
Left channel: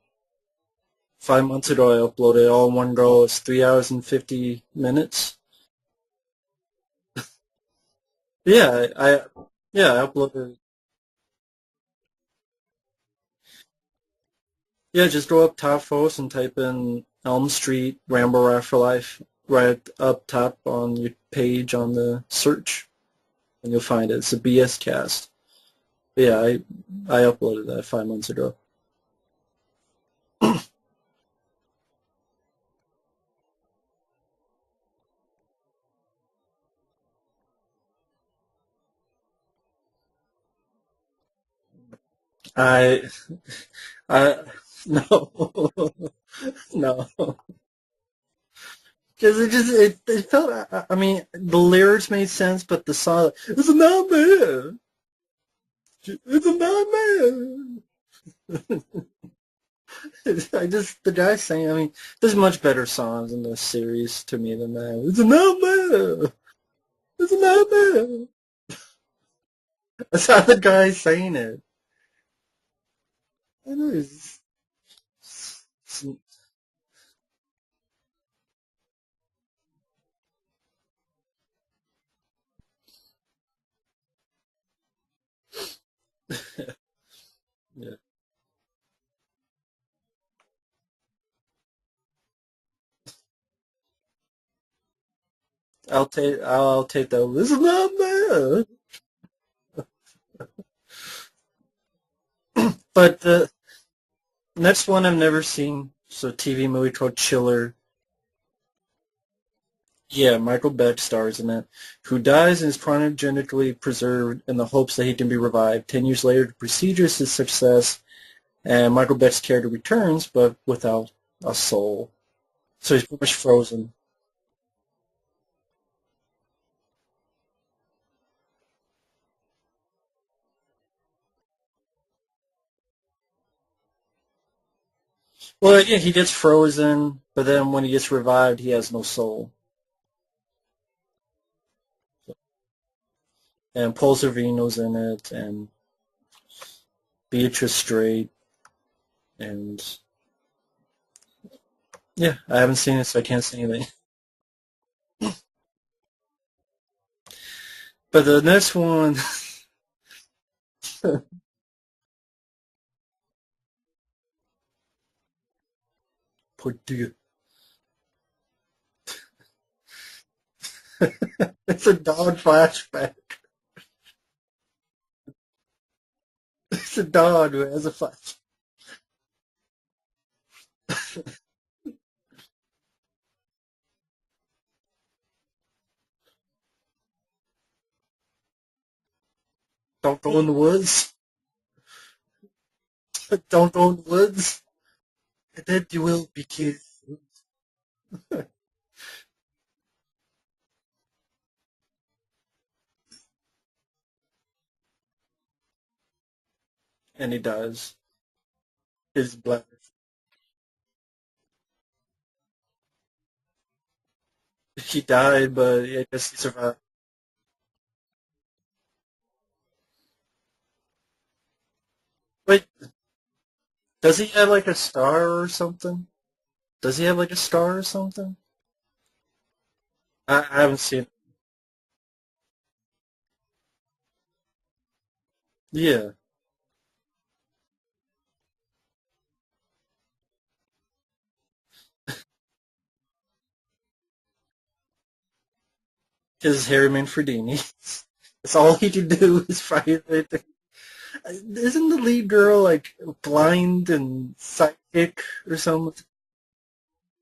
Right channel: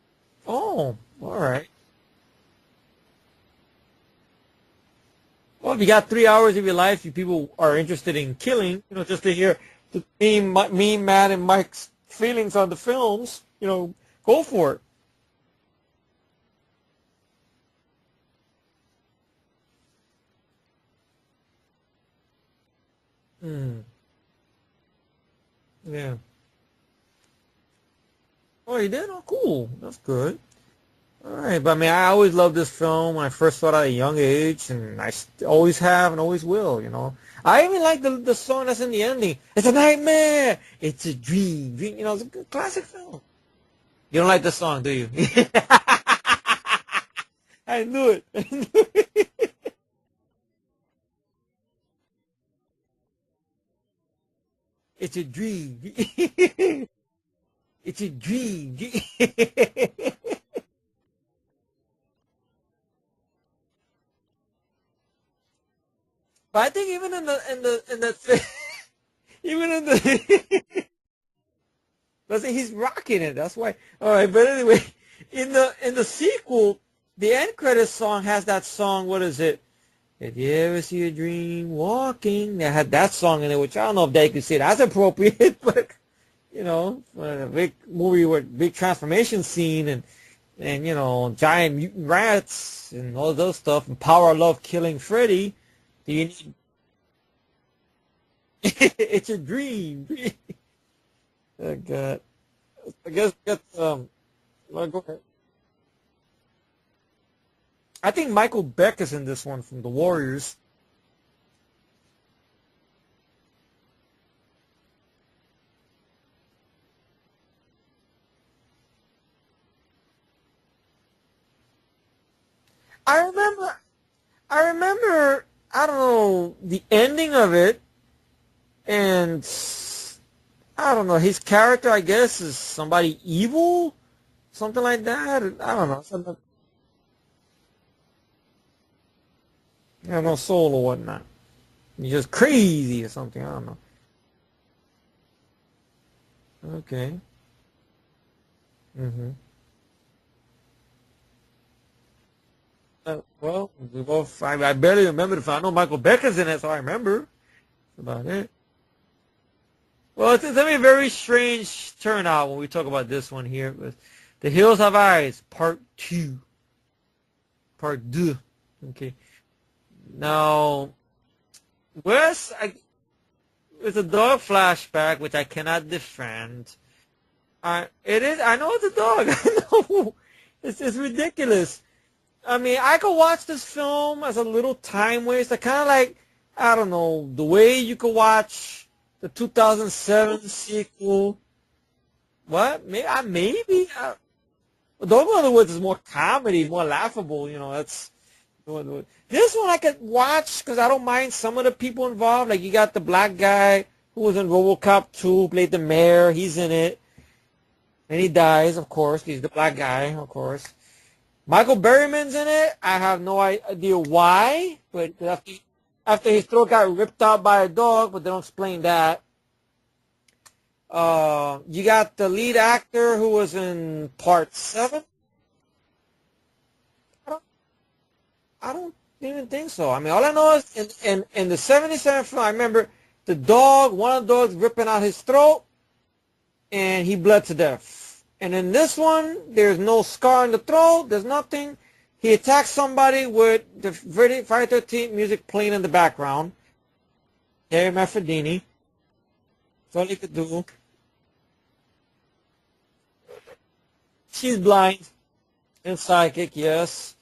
Oh, 5 months ago, I uploaded it all in one go. It's 3 hours and 50 minutes. Well, if you got 3 hours of your life, you people are interested in killing. Yeah, just to hear I uploaded. me, Matt, and Mike's feelings on the films. Go for it. Yeah, just go up top first and type in Elm Street Rambo Afterlife right up top on your page on the search. and you'll find it. It's a BS cast. Yeah. But yeah, I uploaded that 5 months ago. Oh, you did? Oh, cool. That's good. All right, but I mean, I always loved this film when I first saw it at a young age, and always have and always will. You know, I even like the song that's in the ending. It's a nightmare. It's a dream. Dream. You know, it's a good I song. You don't like the song, do you? No, no. I knew it. I knew it. Because it felt. I mean, the lyrics made sense, but the song. It's a nightmare. It's a dream. It's a nightmare. It's a dream. The guy saying. I mean, there's much better songs in this series to me than that. It's a nightmare. But I think even in It's a nightmare. even in the That's how the guy's saying it. he's rocking it. That's why. All right, but anyway, in the sequel, the end credits song has that song. What is it? If you ever see a dream walking, they had that song in it, which I don't know if they could say that's appropriate, but you know, a big movie with big transformation scene and you know, giant mutant rats and all those stuff, and Power of Love killing Freddy. I'll take that. This is not bad. It's a dream. Oh God. But the next one I've never seen. So a TV movie called Chiller. I think Michael Beck is in this one from The Warriors. Yeah, Michael Beck stars in it, who dies and is cryogenically preserved in the hopes that he can be revived. 10 years later, the procedure is a success, and Michael Beck's character returns, but without a soul. So he's pretty much frozen. I remember, I don't know, the ending of it, and I don't know, his character, I guess, is somebody evil? Something like that? Well, yeah, he gets frozen, but then when he gets revived, he has no soul. Yeah, no soul or whatnot. He's just crazy or something, I don't know. And Paul Sorvino's in it, and Beatrice Straight, and yeah, I haven't seen it, so I can't see anything. I barely remember the film. I know Michael Beck is in it, so I remember. But the next one... Well, it's going to be a very strange turnout when we talk about this one here. But The Hills Have Eyes, Part 2. Part 2. Part 2. Okay. Now... It's a dog flashback. It's a dog flashback, which I cannot defend. It's a dog. It is. I know it's a dog. I know. It's ridiculous. I mean, I could watch this film as a little time waste. I kind of like, I don't know, the way you could watch the 2007 Don't Go in the Woods. sequel. What? Maybe. Don't Go in the Woods. Don't Go in the Woods is Then more you will comedy, be more laughable. You know, that's... This one I could watch because I don't mind some of the people involved. Like, you got the black guy who was in RoboCop 2, played the mayor. He's in it. And he dies. And he dies, of course. He's the black guy, of course. Michael Berryman's in it. I have no idea why. He died, but... after his throat got ripped out by a dog, but they don't explain that. You got the lead actor who was in... Does he have, like, 7? a star or something? Does he have, like, a star or something? I don't even think so. I mean, all I know is in the 77 film, I remember the dog, one of the dogs ripping out his throat. Yeah. And he bled to death. And in this one, there's no scar in the throat. There's nothing. He attacks somebody with the Friday 13th music playing in the background. His Harry Manfredini. Harry Manfredini. That's all he can do is Friday 13th. Isn't the lead girl, like, blind and She's psychic blind or something? And psychic, yes.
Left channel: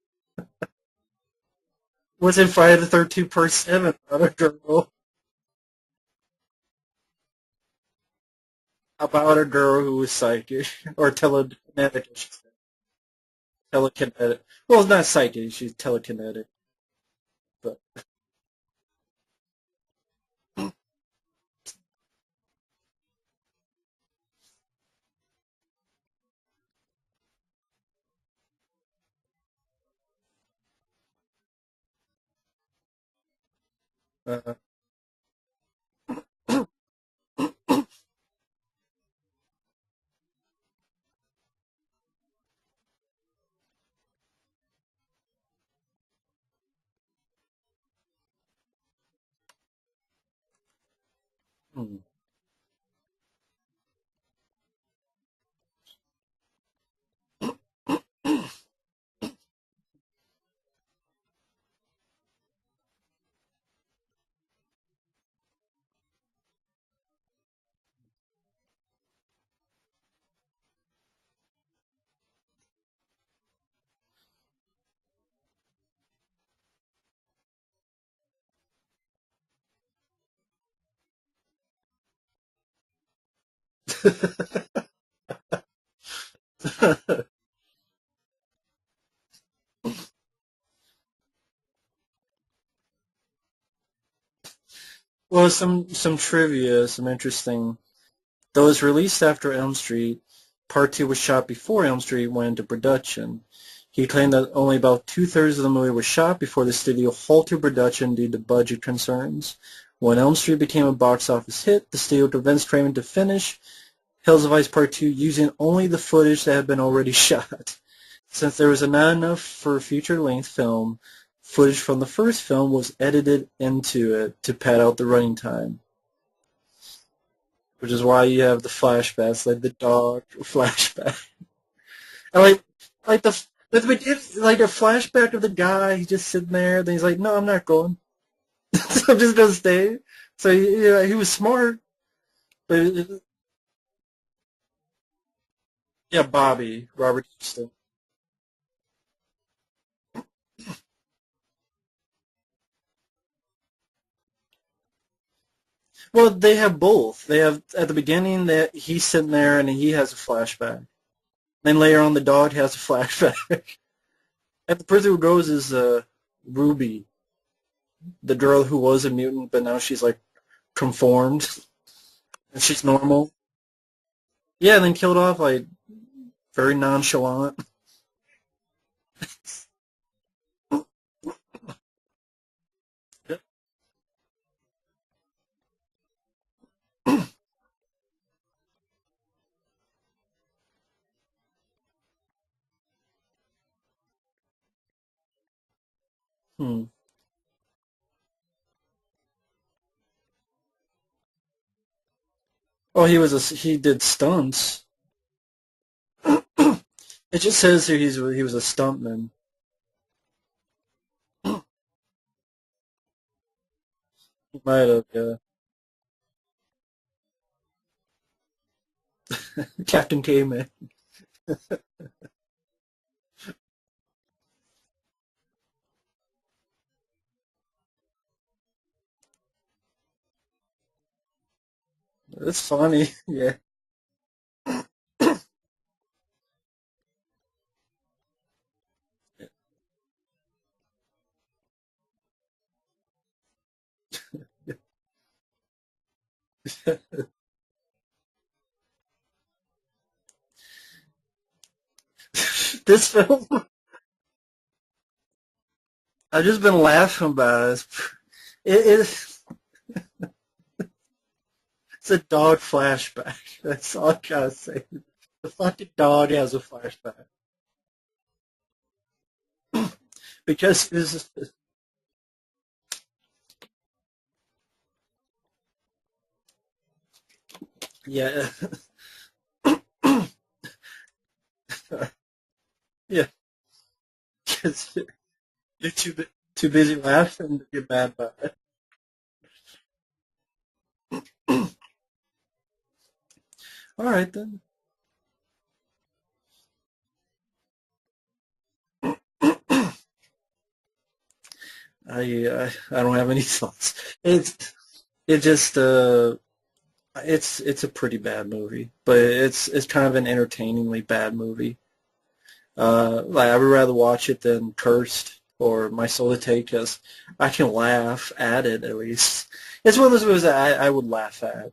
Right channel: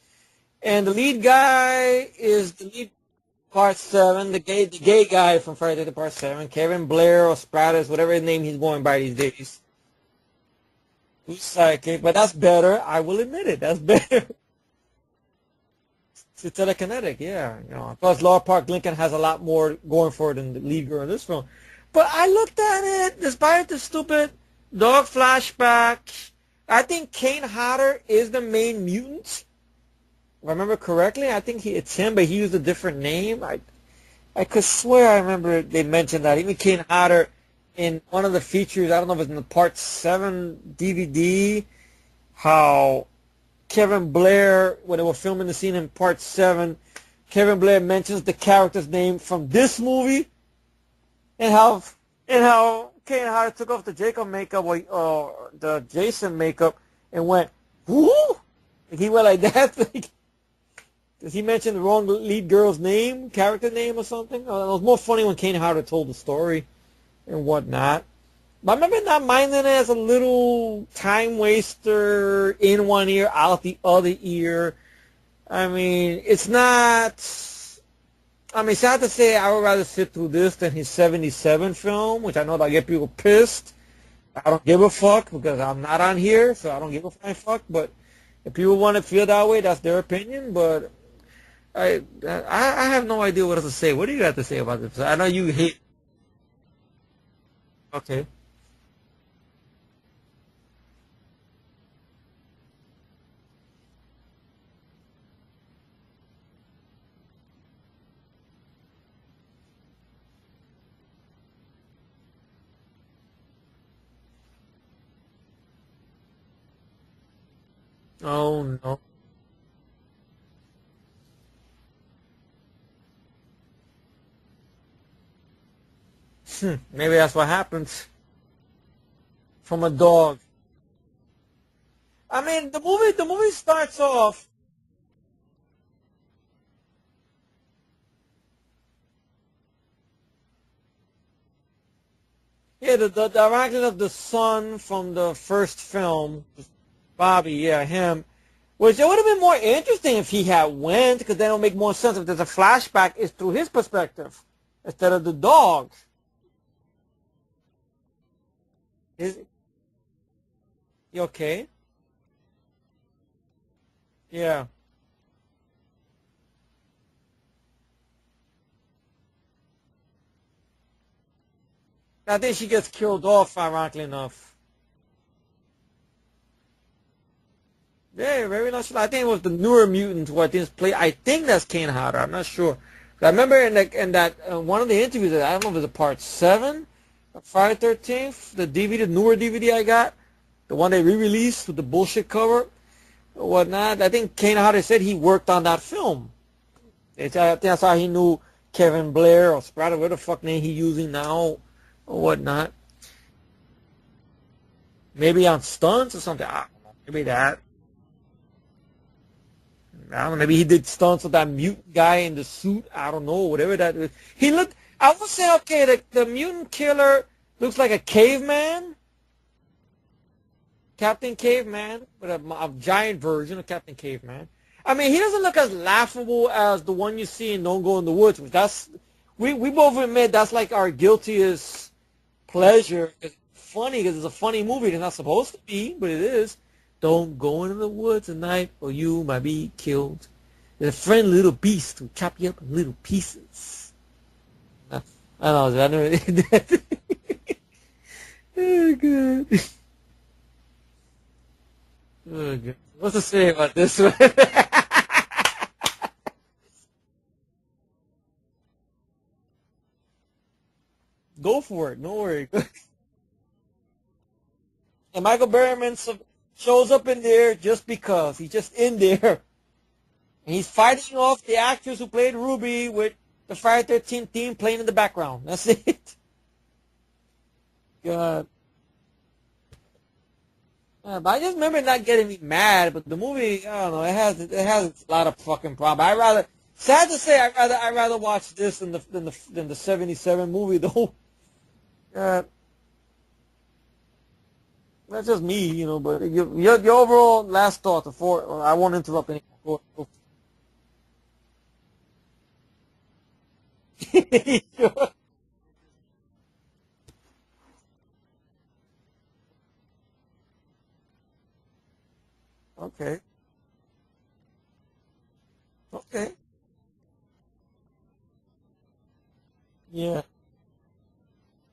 And the lead guy was in Friday the 13th Part 7. The gay guy from Friday the Part 7. Kevin Blair or Spratis, whatever his name he's going by. About a girl who was psychic or telekinetic. But that's better. I will admit it. That's better. Well, it's not psychic. She's telekinetic. She's telekinetic, yeah. You know. Plus, Laura Park Lincoln has a lot more going for it than the lead girl in this film. But I looked at it, despite the stupid dog flashback, I think Kane Hodder is the main mutant. If I remember correctly, I think it's him, but he used a different name. I could swear I remember they mentioned that. Even Kane Hodder in one of the features, I don't know if it was in the Part 7 DVD, how Kevin Blair, when they were filming the scene in Part 7, Kevin Blair mentions the character's name from this movie, and how Kane Hodder took off the Jacob makeup or the Jason makeup and went, ooh! He went like that. Does he mention the wrong lead girl's name, character name or something? It was more funny when Kane Hodder told the story and whatnot. But I remember not minding it as a little time waster, in one ear, out the other ear. I mean, it's not... I mean, sad to say, I would rather sit through this than his 77 film, which I know that'll get people pissed. I don't give a fuck because I'm not on here, so I don't give a flying fuck. But if people want to feel that way, that's their opinion. But I have no idea what else to say. What do you have to say about this? I know you. Well, some trivia, some interesting. Okay. Though it was released after Elm Street, Part 2 was shot before Elm Street went into production. He claimed that only about two-thirds of the movie was shot before the studio halted production due to budget concerns. When Elm Street became a box office hit, the studio convinced Craven to finish Hills of Ice Part 2 using only the footage that had been already shot. Since there was not enough for a feature-length film, footage from the first film was edited into it to pad out the running time. Maybe that's what happened. Which is why you have the flashbacks, like the from dog flashback. I mean, the movie starts off... Like a flashback of the guy, he's just sitting there, then he's like, no, I'm not going. I'm just going to stay. So, he was smart. But yeah, the direction of the son from the first film. Yeah, Bobby. Him. Which it would have been more interesting if he had went, because then it would make more sense if there's a flashback, it's through his perspective instead of the dog. Well, they have both. They have, at the beginning, that he's sitting there and he has a flashback. Okay. Then later on, the dog has a flashback. Yeah. And the person who goes is Ruby, the girl who was a mutant, but now she's, like, conformed. I think she gets normal. killed off, ironically enough. Yeah, and then killed off, like, very nonchalant. Yeah, very nonchalant. I think it was the newer mutant who I think played. I think that's Kane Hodder. I'm not sure. I remember in that one of the interviews, I don't know if it was a part 7, Friday 13th, the newer DVD I got, the one they re-released with the bullshit cover or whatnot. I think Kane Hodder said he worked on that film. I think that's how he knew Kevin Blair or Spratt, whatever the fuck name he's using now or whatnot. Oh, he did stunts. Maybe on stunts or something. I don't know. Maybe that. It just says here he was a stuntman. I don't know, maybe he did stunts with that mutant guy in the suit. I don't know, whatever that is. He looked, I would say, okay, the mutant killer looks like a caveman. Captain Caveman. Captain Caveman, with a giant version of Captain Caveman. I mean, he doesn't look as laughable as the one you see in Don't Go in the Woods, which we both admit that's like our guiltiest pleasure. Funny. Yeah. Funny because it's a funny movie. It's not supposed to be, but it is. Don't go into the woods at night or you might be killed. There's a friendly little beast who chop you up in little pieces. I know. Oh, God. What's to say about this one? I've just been laughing about it. It is... Go for it. It's a dog flashback. That's all I gotta say. And Michael Berryman shows up in there just because. He's just in there. He's fighting off the actress who played Ruby with the Friday 13th theme playing in the background. That's it. Yeah. But I just remember not getting me mad, but the movie, I don't know, it has a lot of fucking problems. I'd rather I'd rather watch this than the 77 movie though. All right then. That's just me, But your overall last thought before I won't interrupt any. I don't have any thoughts. It's a pretty bad movie, but it's kind of an entertainingly bad movie. Like I would rather watch it than Cursed or My Soul to Take, because I can laugh at it at least. It's one of those movies that I would laugh at.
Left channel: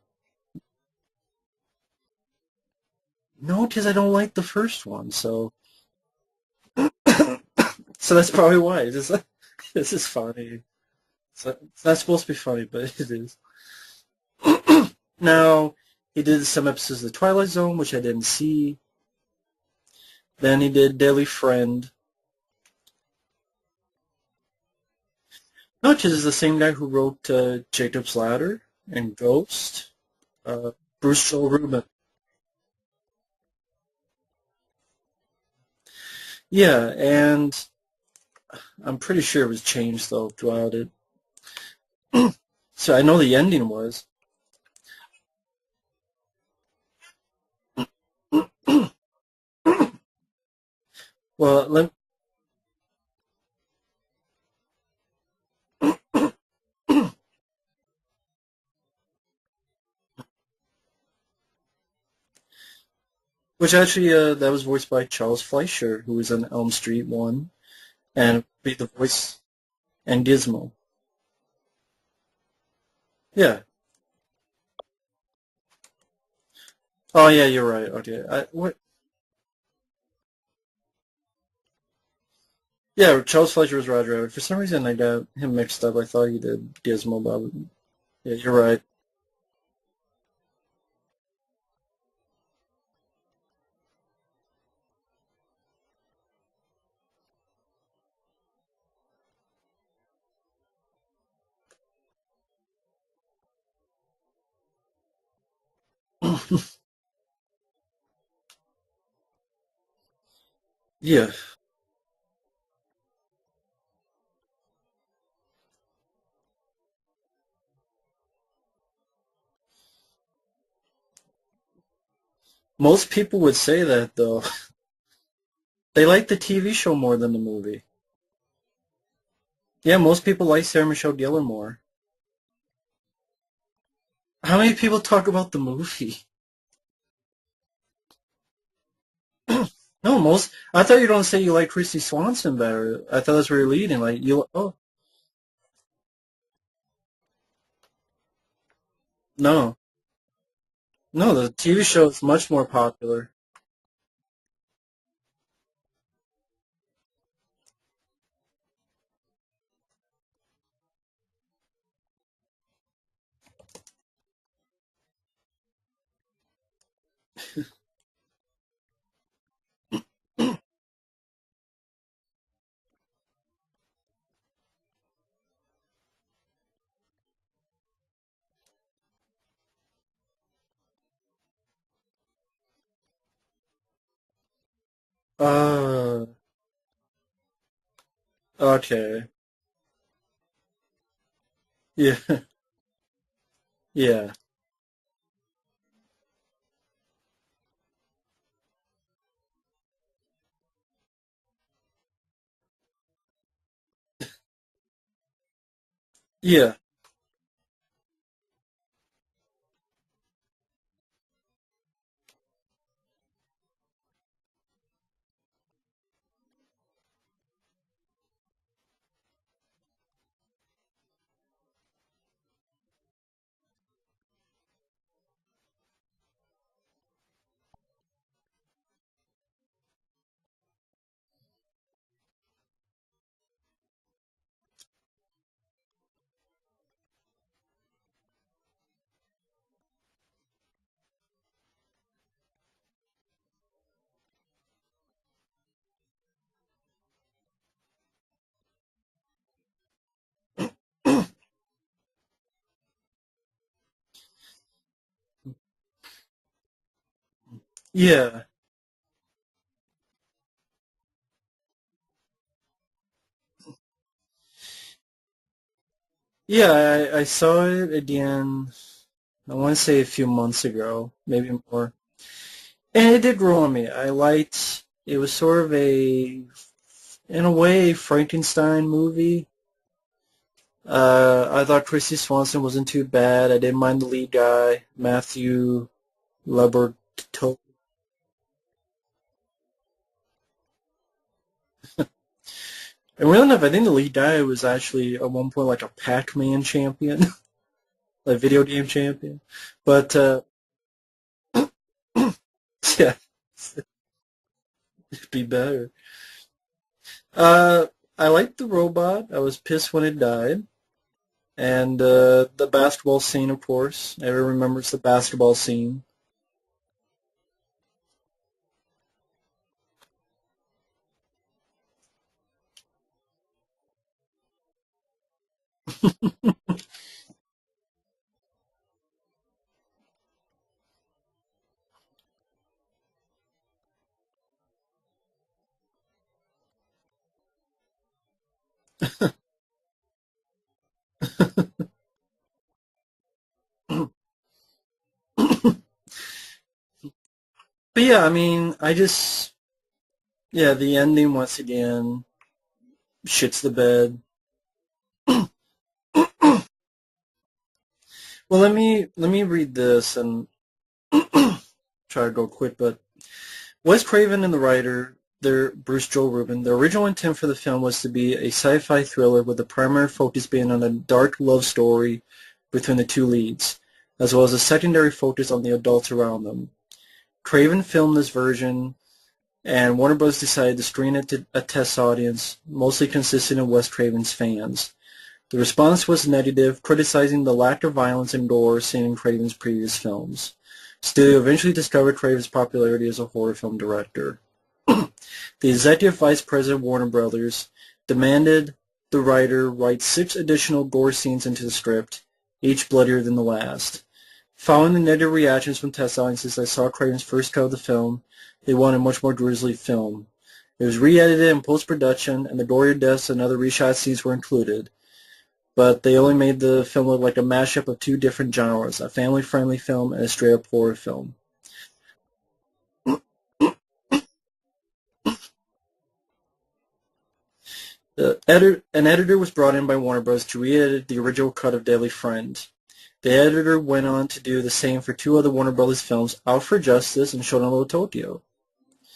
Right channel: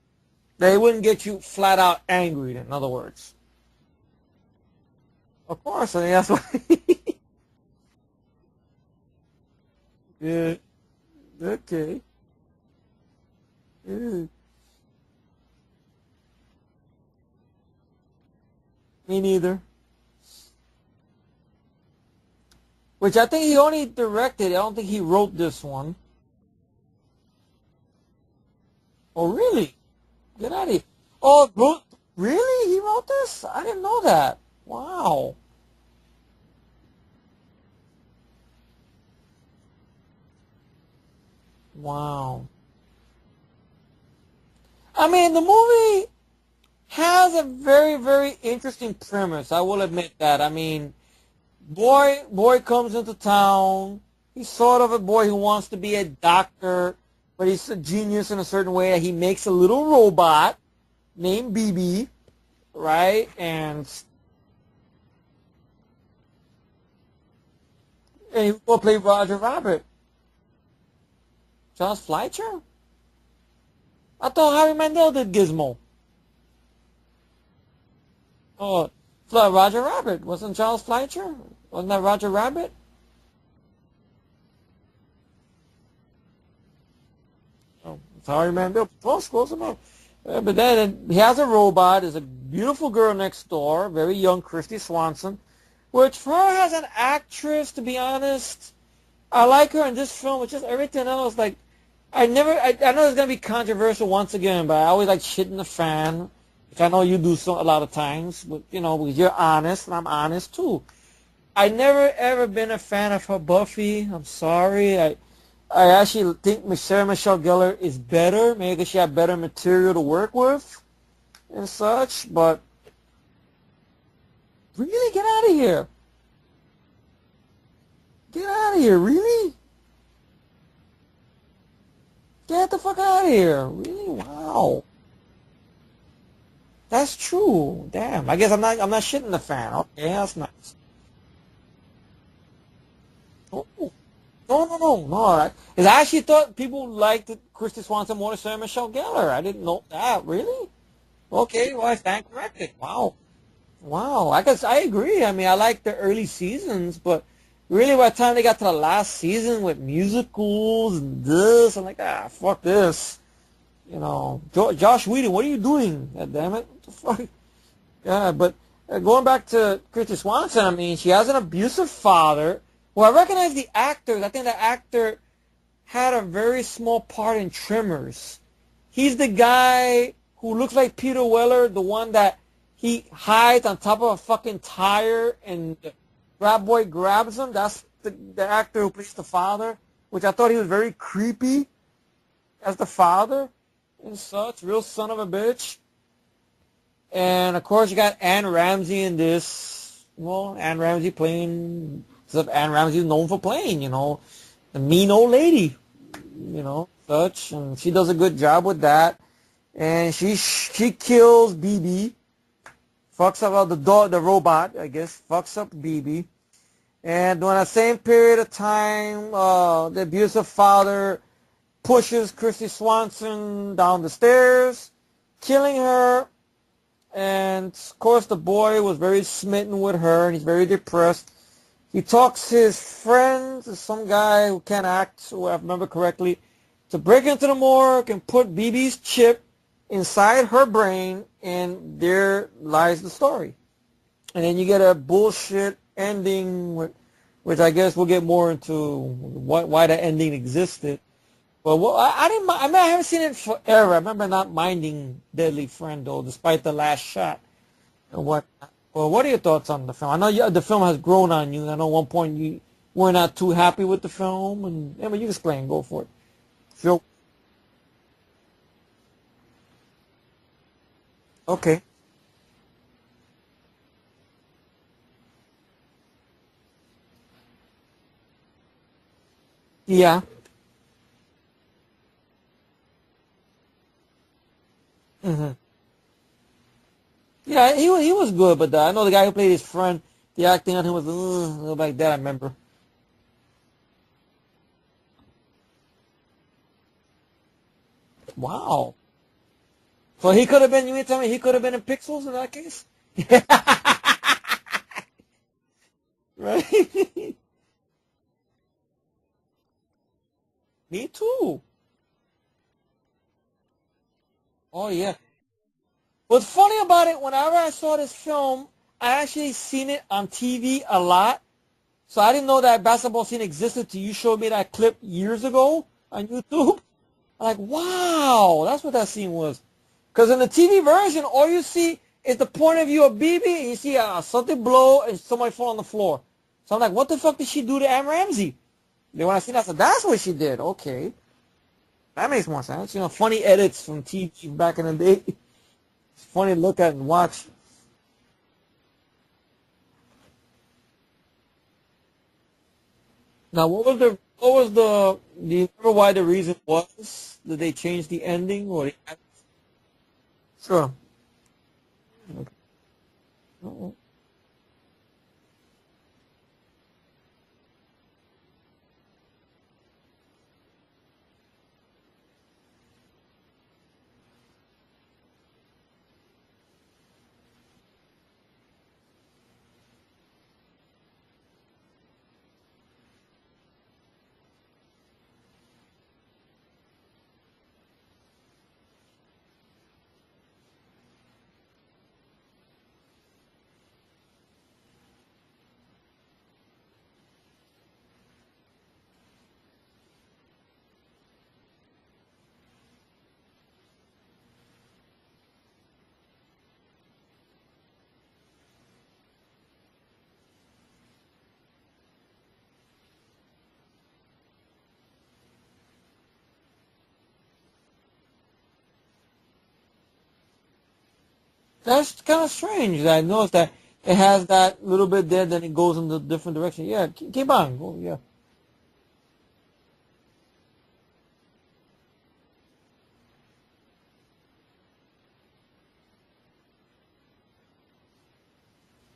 They wouldn't get you flat out angry, in other words. No, because I don't like the first one, so. Of course, I mean, that's why. So that's probably why. This is funny. Yeah. It's not supposed to be funny, but it is. Now, he did some episodes of The Twilight Zone, which I didn't see. Me neither. Then he did Deadly Friend. Which I think he only directed. I don't think he wrote this one. No, because it's the same guy who wrote Jacob's Ladder and Ghost. Get out of here. Bruce Really? He wrote this? I didn't know that. Wow. Yeah, and I'm pretty sure it was changed though throughout it. Wow. So I know the ending was. I mean, the movie has a very, very interesting premise. I will admit that. I mean, Well, boy comes into town. He's sort of a boy who wants to be a doctor, but he's a genius in a certain way. That he makes a little robot named BB, right? which And actually that was voiced by Charles Fleischer, who was in Elm Street 1, and yeah, he played will the play voice Roger Rabbit. and Gizmo. Charles Fleischer? Yeah. I thought Harry Mandel did Gizmo. Oh yeah, you're right. Okay. What? So Roger Rabbit wasn't Charles Fleischer? Wasn't that Roger Rabbit? Yeah, Charles Fleischer was Roger Rabbit. For some reason, I got him mixed up. I thought he did Gizmo, but Oh, yeah, sorry, you're right. close enough. But then he has a robot. There's a beautiful girl next door, very young Christy Swanson, which for her as an actress, to be honest, I like her in this film. It's just everything else. Like I know it's gonna be controversial once again, but I always like shit in the fan, which I know you do so a lot of times. But you know, because you're honest and I'm honest too. Yeah. I never ever been a fan of her Buffy. I'm sorry. I actually think Sarah Michelle Gellar is better. Maybe because she had better material to work with and such. But Most people would say that, though. really, get out of here. They like the TV show more than the movie. Get out of here. Really? Yeah, most people like Sarah Michelle Gellar more. Get the fuck out of here. Really? Wow. How many people talk about the movie? That's true. Damn. I guess I'm not shitting the fan. Okay, No, that's most. I thought you don't say you like Christy Swanson better. I thought that's where you're leading. Like you. No. Because I actually thought people liked Christy Swanson more than Sarah Michelle Gellar. I didn't know that. Really? No, the Okay, TV well, show is thank much more you. popular. Wow. I guess I agree. I mean, I like the early seasons, but really by the time they got to the last season with musicals and this, I'm like, fuck this. You know, Josh Whedon, what are you doing? God damn it. What the fuck? Yeah, but going back to Christy Swanson, I mean, she has an abusive father. Well, I recognize the actors. I think the actor had a very small part in Tremors. He's the guy who looks like Peter Weller, the one that he hides on top of a fucking tire and Grab Boy grabs him. That's the actor who plays the father, which I thought he was very creepy. Yeah. As the father. Yeah. Such real son of a bitch. And of course you got Anne Ramsey in this. Well, Anne Ramsey playing, except Anne Ramsey is known for playing, you know, the mean old lady. Yeah. You know, such, and she does a good job with that. And she kills BB, fucks up the robot, I guess, fucks up BB. And during that same period of time, the abusive father pushes Christy Swanson down the stairs, killing her. And, of course, the boy was very smitten with her, and he's very depressed. He talks his friend, some guy who can't act, if I remember correctly, to break into the morgue and put BB's chip inside her brain, and there lies the story. And then you get a bullshit ending, which I guess we'll get more into why that ending existed. But I didn't. I mean, I haven't seen it forever. I remember not minding Deadly Friend though, despite the last shot. Yeah. What are your thoughts on the film? I know the film has grown on you. I know at one point you were not too happy with the film, and but you explain. Go for it. Yeah, I saw it again. I want to say a few months ago, maybe more. And it did grow on me. I liked. It was sort of in a way, Frankenstein movie. Yeah. I thought Christy Swanson wasn't too bad. I didn't mind the lead guy, Matthew Leberto. Yeah, he was good, but I know the guy who played his friend, the acting on him was a little like that, I remember. And real enough, I think the lead guy was actually at one point like a Pac-Man champion, like video game champion. But well, he could have been. You mean to tell me he could have been in Pixels in that case? Yeah, it'd be better. Right. I liked the robot. I was pissed when it died. Me too. And the basketball scene, of course. Everyone remembers the basketball scene. What's funny about it, whenever I saw this film, I actually seen it on TV a lot. So I didn't know that basketball scene existed until you showed me that clip years ago on YouTube. I'm like, wow, that's what that scene was. Because in the TV version, all you see is the point of view of BB, and you see something blow and somebody fall on the floor. So I'm like, what the fuck did she do to Anne Ramsey? Then when I seen that, I said, that's what she did. Okay. That makes more sense. Funny edits from TV back in the day. Funny to look at and watch. But yeah, I mean, the ending once again shits Now, the bed. what was do you remember why the reason was that they changed the Well, ending? let me read this and Sure. try to go quick. But Wes Craven and the writer, Bruce Joel Rubin, the original intent for the film was to be a sci-fi thriller with the primary focus being on a dark love story between the two leads, as well as a secondary focus on the adults around them. Craven filmed this version, and Warner Bros. Decided to screen it to a test audience, mostly consisting of Wes Craven's fans. The response was negative, criticizing the lack of violence and gore seen in Craven's previous films. Studio eventually discovered Craven's popularity as a horror film director. The executive vice president of Warner Brothers demanded the writer write 6 additional gore scenes into the script, each bloodier than the last. Following the negative reactions from test audiences that saw Craven's first cut of the film, they wanted a much more grisly film. It was re-edited in post-production, and the gorier deaths and other reshot scenes were included. But they only made the film look like a mashup of 2 different genres, a family-friendly film and a straight-up horror film. That's kind of strange. I noticed that it has that little bit there, then it goes in the different direction. Yeah, keep on. Yeah. An editor was brought in by Warner Bros. To re-edit the original cut of Deadly Friend. The editor went on to do the same for 2 other Warner Bros. Films, Out for Justice and Shonolo Tokyo.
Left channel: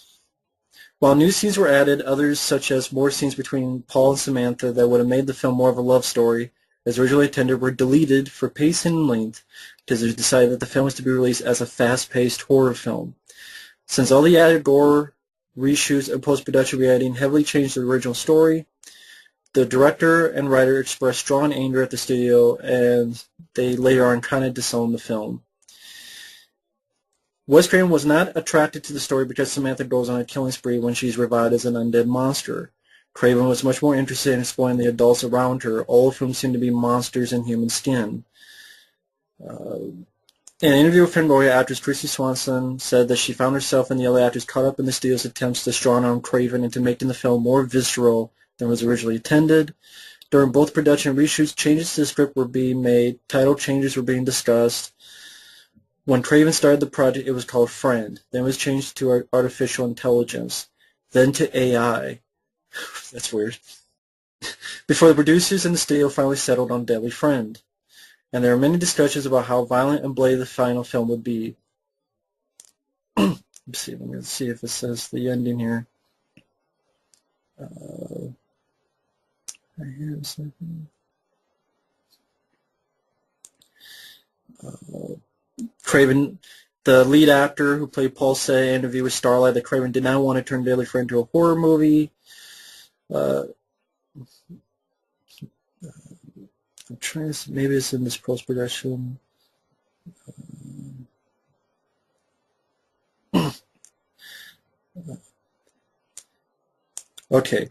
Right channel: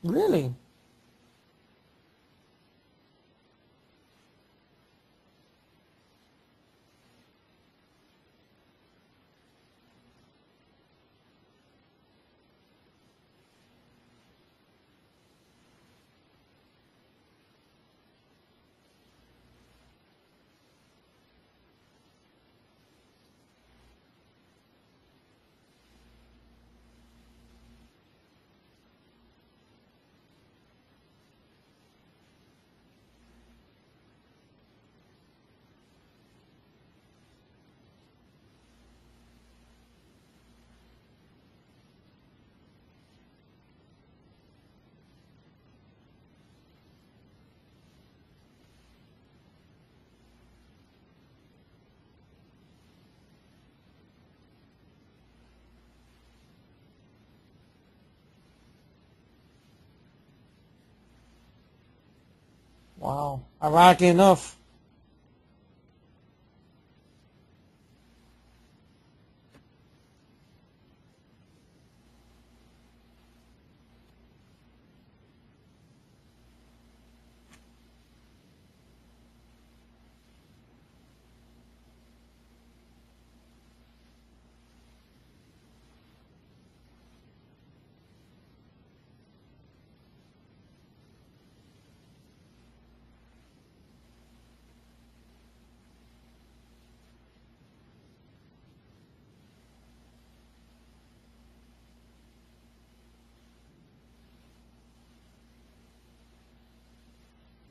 Really? While new scenes were added, others, such as more scenes between Paul and Samantha that would have made the film more of a love story, as originally intended, were deleted for pacing and length because it was decided that the film was to be released as a fast-paced horror film. Since all the added gore, reshoots, and post-production re-editing heavily changed the original story, the director and writer expressed strong anger at the studio, and they later on kind of disowned the film. Wes Craven was not attracted to the story because Samantha goes on a killing spree when she's revived as an undead monster. Craven was much more interested in exploring the adults around her, all of whom seemed to be monsters in human skin. In an interview with Fangoria, actress Christy Swanson said that she found herself and the other actors caught up in the studio's attempts to strong-arm Craven into making the film more visceral than was originally intended. During both production and reshoots, changes to the script were being made, title changes were being discussed. When Craven started the project, it was called Friend. Then it was changed to Artificial Intelligence. Then to AI. Wow. That's weird. Ironically enough. Before the producers and the studio finally settled on Deadly Friend. And there are many discussions about how violent and bloody the final film would be. Let's see if it says the ending here. I have something. Craven, the lead actor who played Paul Say, in an interview with Starlight, that Craven did not want to turn Deadly Friend into a horror movie. I'm trying to see, maybe it's in this post-production. Okay.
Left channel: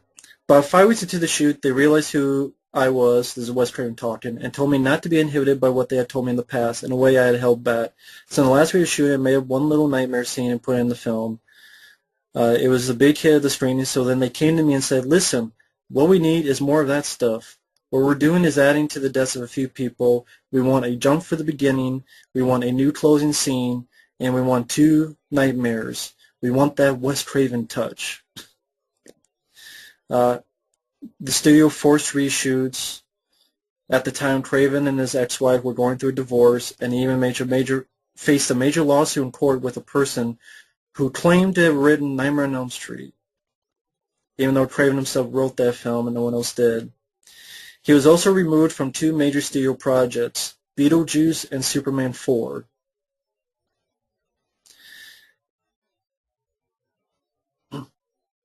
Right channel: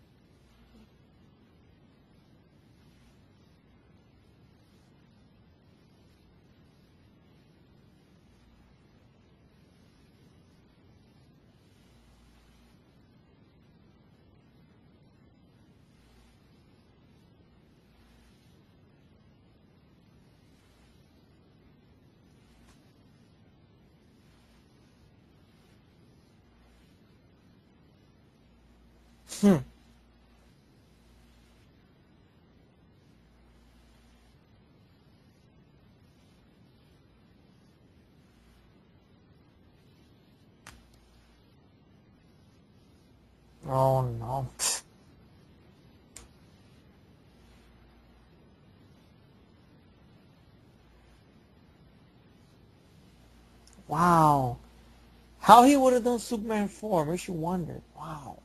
About 5 weeks into the shoot, they realized who I was, this is Wes Craven talking, and told me not to be inhibited by what they had told me in the past, in a way I had held back. So in the last week of shooting, I made up one little nightmare scene and put it in the film. It was a big hit of the screening, so then they came to me and said, listen, what we need is more of that stuff. What we're doing is adding to the deaths of a few people. We want a jump for the beginning, we want a new closing scene, and we want 2 nightmares. We want that Wes Craven touch. The studio forced reshoots. At the time, Craven and his ex-wife were going through a divorce, and he even faced a major lawsuit in court with a person who claimed to have written Nightmare on Elm Street. Oh, no. Even though Craven himself wrote that film and no one else did. He was also removed from 2 major studio projects, Beetlejuice and Superman 4. Wow. How he would have done Superman 4 makes you wonder. Wow.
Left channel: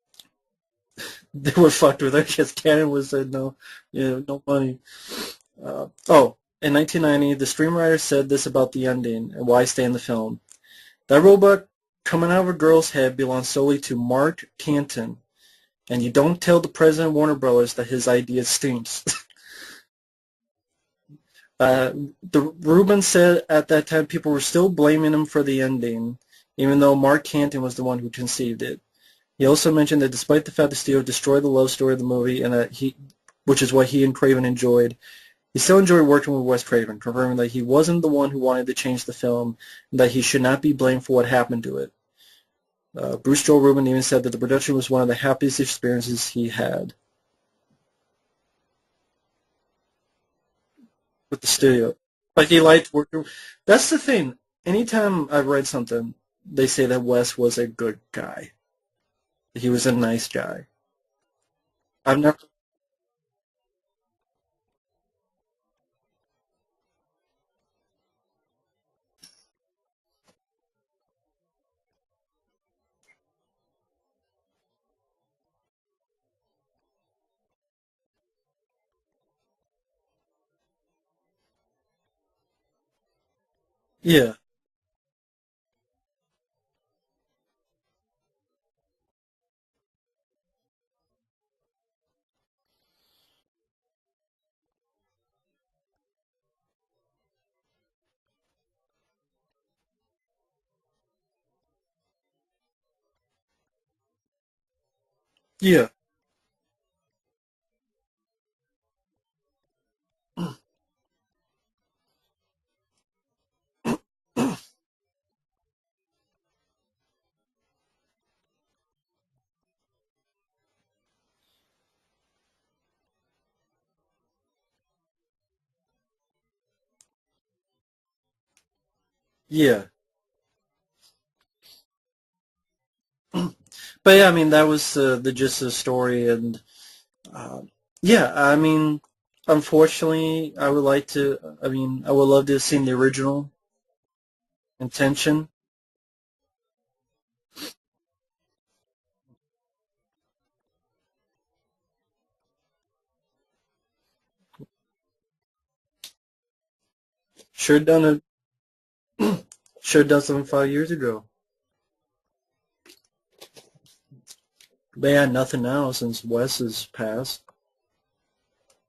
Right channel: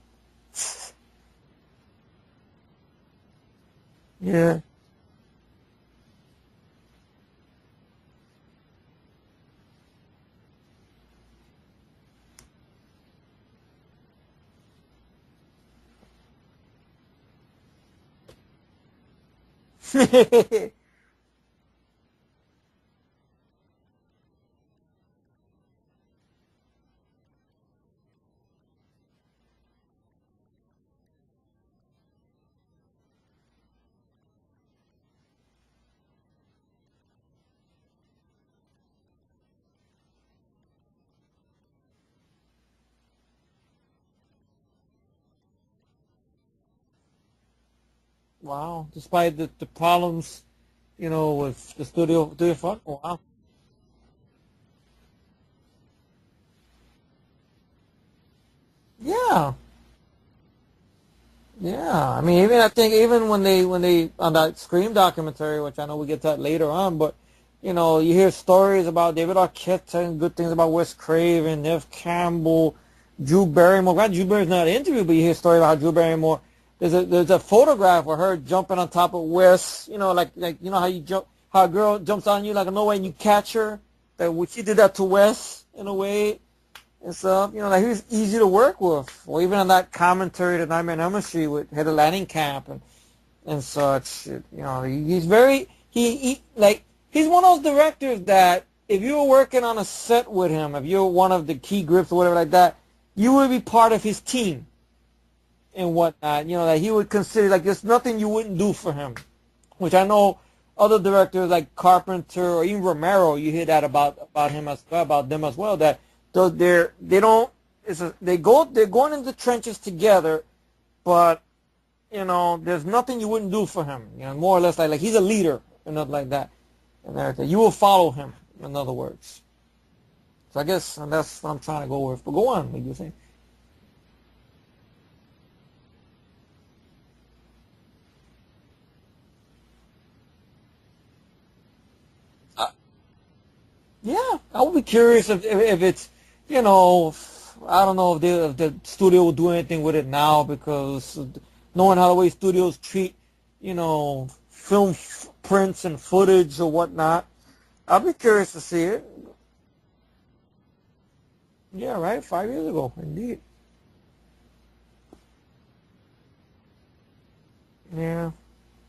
They were fucked with it because Cannon was said no money. In 1990, the screenwriter said this about the ending and why stay in the film. That robot coming out of a girl's head belongs solely to Mark Canton, and you don't tell the president of Warner Brothers that his idea stinks. The Rubin said at that time people were still blaming him for the ending, even though Mark Canton was the one who conceived it. He also mentioned that despite the fact the studio destroyed the love story of the movie and that which is what he and Craven enjoyed. He still enjoyed working with Wes Craven, confirming that he wasn't the one who wanted to change the film and that he should not be blamed for what happened to it. Bruce Joel Rubin even said that the production was one of the happiest experiences he had. Wow. Despite the problems, With with the the studio. But he liked Wow. working. That's the thing. Anytime I've read something, they say that Wes was a good guy. Yeah. He was a nice guy. Yeah. I've I not, mean, even I think even when they on that Scream documentary, which I know we get to that later on, but you hear stories about David Arquette saying good things about Wes Craven, Nev Campbell, Drew Barrymore. Glad Drew Barrymore's not an interview, but you hear stories about how Drew Barrymore. There's a photograph of her jumping on top of Wes. Like how you jump, how a girl jumps on you like a nowhere and you catch her. yeah. So she did that to Wes in a way and stuff. Like he was easy to work with. Or even on that commentary to Nightmare on Elm Street with Heather Langenkamp and such. He's very he's one of those directors that if you were working on a set with him, if you're one of the key grips or whatever like that, you would be part of his team. Yeah. And whatnot, that he would consider like there's nothing you wouldn't do for him, which I know other directors like Carpenter or even Romero, you hear that about him as well, about them as well, that they're going into the trenches together, but there's nothing you wouldn't do for him, more or less like he's a leader and nothing like that, and everything. You will follow him, in other words. Yeah. So I guess that's what I'm trying to go with. But go on, what do you think? But yeah, I mean, that was the gist of the story, and yeah, I mean, unfortunately, I would love to have seen the original. Yeah, I would be curious Intention. if it's, I don't know if the studio will do anything with it now, because knowing how the way studios treat, film prints and footage or whatnot, Should I'd done be curious to see it. Should have done something 5 years ago. Yeah, right, 5 years ago, indeed. But yeah, nothing now since Wes has passed. Yeah.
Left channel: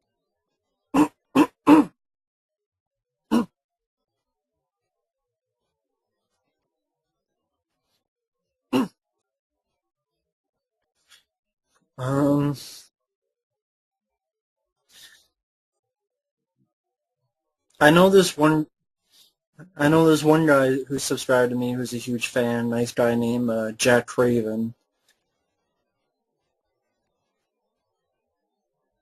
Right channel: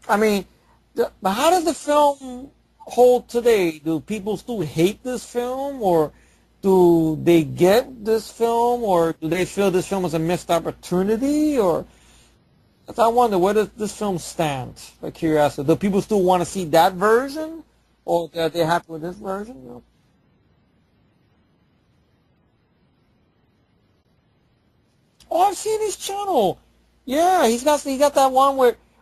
I mean, but how does the film hold today? Do people still hate this film, or do they get this film, or do they feel this film is a missed opportunity, or I wonder, where does this film stand? By curiosity, do people still want to see that version? I know Or this are they one. happy with this version? I know there's one guy who subscribed to me who's a huge fan. Nice guy named Jack Craven. Oh, I've seen his channel. Yeah, he got that one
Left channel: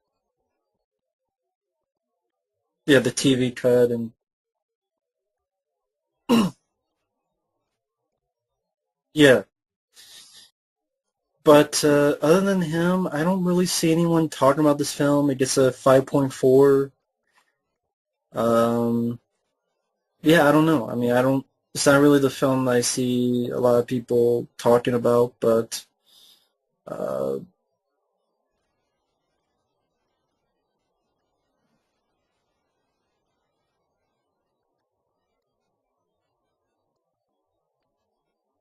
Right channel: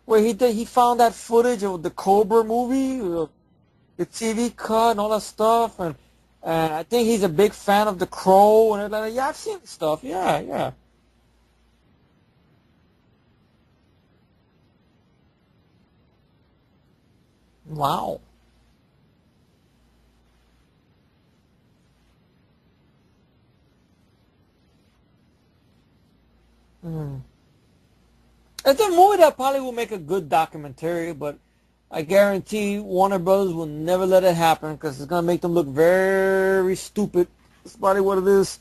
where he found that footage of the Cobra movie. Yeah, the TV cut The and TV cut and all that stuff, and I think he's a big fan of The Crow and everything. Yeah, Yeah. I've seen the stuff. Yeah. But other than him, I don't really see anyone talking about this film. It gets a 5.4. Wow. Yeah, I don't know. I mean, it's not really the film that I see a lot of people talking about, but It's a movie that probably will make a good documentary, but I guarantee Warner Brothers will never let it happen because it's going to make them look very stupid. That's probably what it is.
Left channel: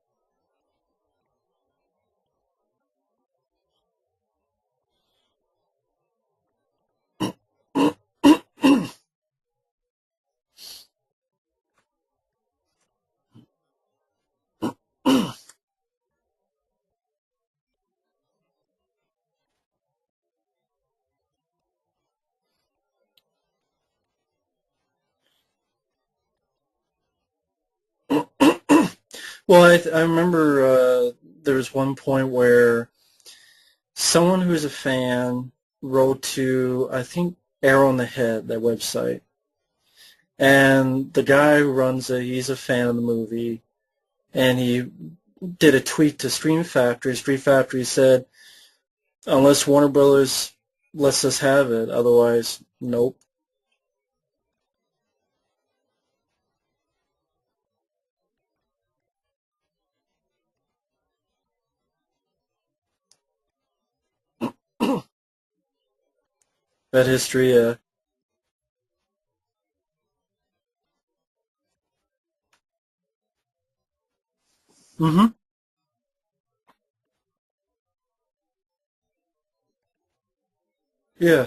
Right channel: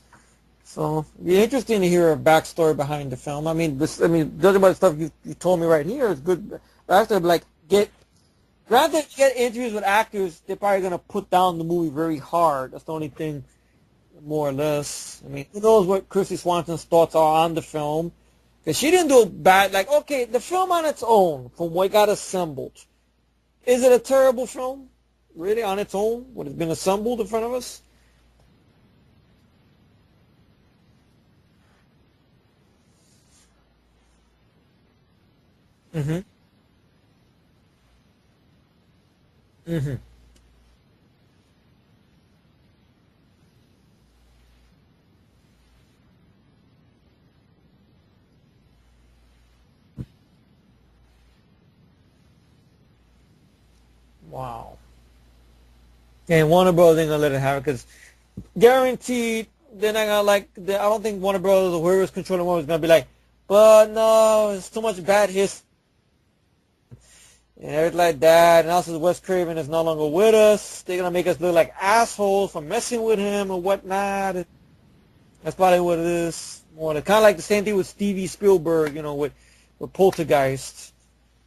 So it'd be interesting to hear a backstory behind the film. judging by the stuff you told me right here, it's good backstory. Rather than get interviews with actors, they're probably going to put down the movie very hard. That's the only thing, more or less. I mean, who knows what Christy Swanson's thoughts are on the film. Because she didn't do it bad. Okay, the film on its own, from what got assembled, is it a terrible film? Really, on its own? What has been assembled in front of us? well, I remember there was one point where someone who's a fan wrote to, I think, Arrow in the Head, that website. Mm-hmm. And the guy who runs it, he's a fan of the movie, and he did a tweet to Stream Factory. Stream Factory said, unless Warner Brothers lets us have it, otherwise, nope. Wow. And Warner Brothers ain't going to let it happen because guaranteed they're not going to I don't think Warner Brothers or whoever's controlling Warner is going to be like, but no, it's too much bad history. Bad history, yeah. And everything like that. And also Wes Craven is no longer with us. They're going to make us look like assholes for messing with him and whatnot. Mm-hmm. That's probably what it is. Kind of like the same thing with Stevie Spielberg, with Poltergeist. Yeah.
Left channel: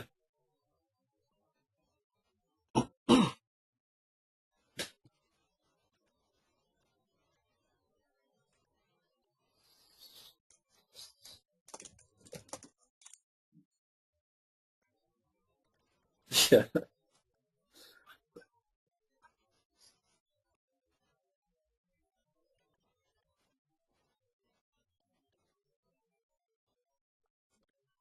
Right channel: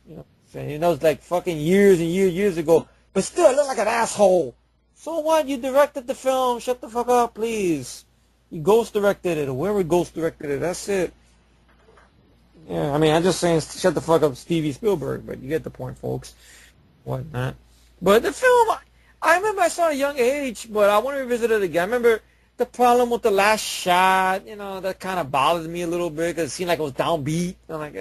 It's like fucking years and years ago. But still, I look like an asshole. So what? You directed the film. Shut the fuck up, please. You ghost directed it, or whoever ghost directed it. That's it. Yeah, I mean, I'm just saying, shut the fuck up, Stevie Spielberg, but you get the point, folks. Yeah. Whatnot. But the film, I remember I saw it at a young age, but I want to revisit it again. I remember the problem with the last shot, that kind of bothered me a little bit because it seemed like it was downbeat. I'm like,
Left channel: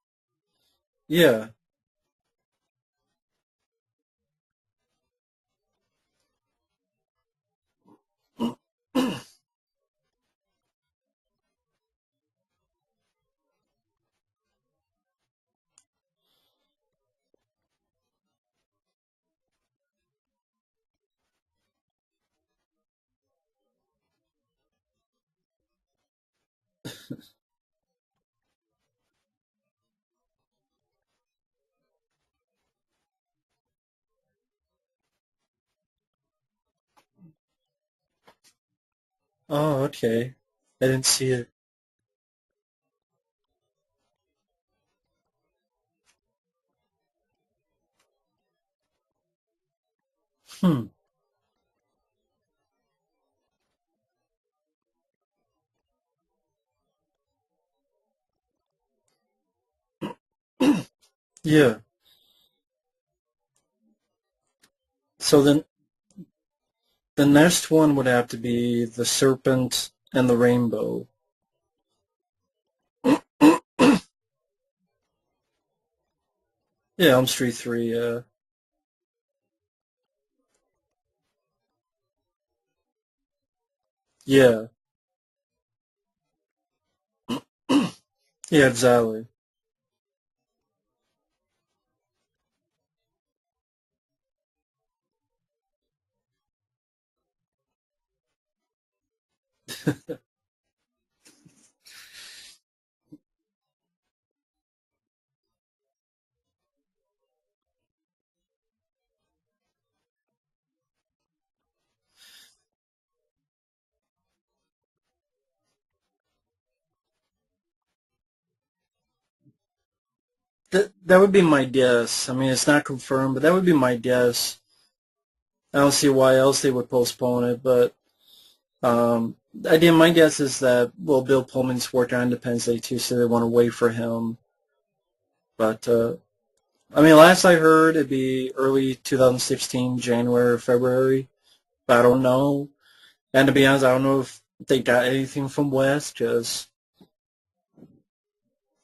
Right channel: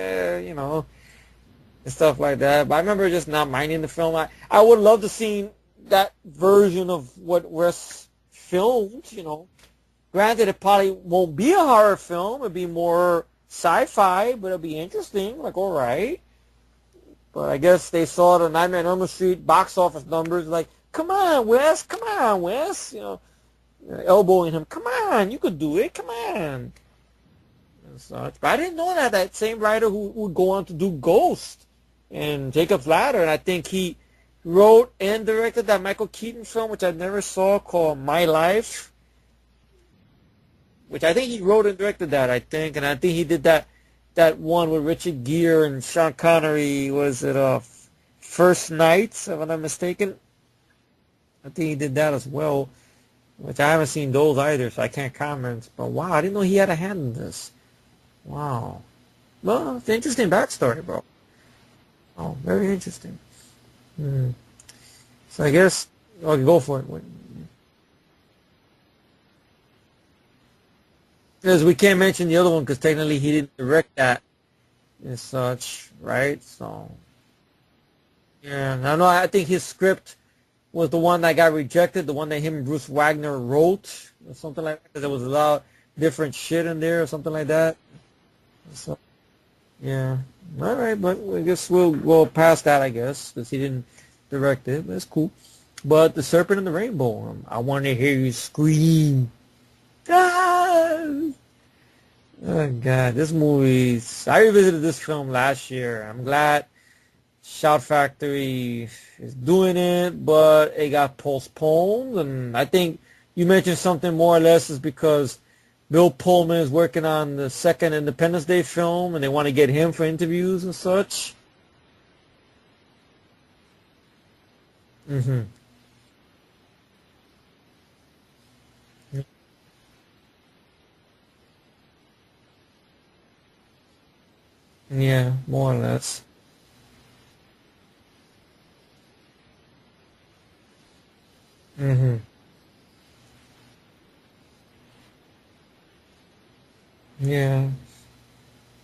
Yeah. and stuff like that. But I remember just not minding the film. I would love to see that version of what Wes filmed. Granted, it probably won't be a horror film. It'd be more sci-fi, but it'll be interesting. Like, all right. But I guess they saw the Nightmare on Elm Street box office numbers, like, come on, Wes, elbowing him, come on, you could do it, come on. And such. But I didn't know that same writer who would go on to do Ghost and Jacob's Ladder, and I think he wrote and directed that Michael Keaton film, which I never saw, called My Life. Oh, okay. I think he wrote and directed that, I think, and I think he did that one with Richard Gere and Sean Connery. Was it First Nights, if I'm not mistaken? I think he did that as well, which I haven't seen those either, so I can't comment. But wow, I didn't know he had a hand in this. Wow. Well, it's an interesting backstory, bro. Yeah. Oh, very interesting. So I guess, okay, go for it. The next one would have to be The Serpent and the Rainbow. Because we can't mention the other one because technically he didn't direct that and such, right? So Yeah, Elm Street 3, yeah. Yeah, I think his script was the one that got rejected, the one that him and Bruce Wagner wrote. Yeah. Like that, 'cause there was a lot of different shit in there or something like that. Yeah, exactly. Yeah. All right, but I guess we'll go past that, I guess, because he didn't direct it. That's cool. But The Serpent and the Rainbow, I want to hear you scream. Ah! Oh, God, this movie, I revisited this film last year. I'm glad Shout Factory is doing it, but it got postponed. And I think you mentioned something more or less is because Bill Pullman is working on the second Independence Day film, and they want to get him for interviews and such. That would be my guess. I mean, it's not confirmed, but that would be my guess. Mm-hmm. I don't see why else they would postpone it, but my guess is that, Bill Pullman's working on Independence Day too, so they want to wait for him. Yeah, more or less. I mean, last I heard, it'd be early 2016, January or February. Mm-hmm. But I don't know. And to be honest, I don't know if they got anything from Wes, because... Yeah.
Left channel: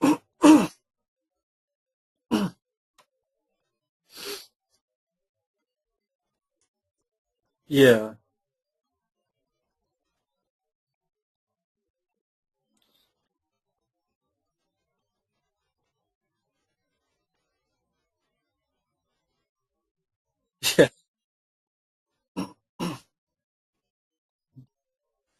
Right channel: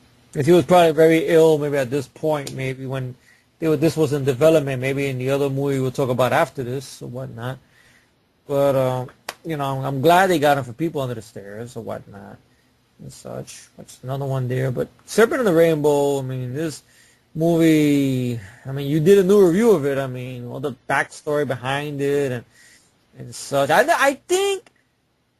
If he was probably very ill, maybe at this point, maybe when this was in development, maybe in the other movie we'll talk about after this or whatnot. Yeah. But, I'm glad they got him for People Under the Stairs or whatnot and such. That's another one there. But Serpent and the Rainbow, I mean, this movie, I mean, you did a new review of it. I mean, all the backstory behind it and such. I think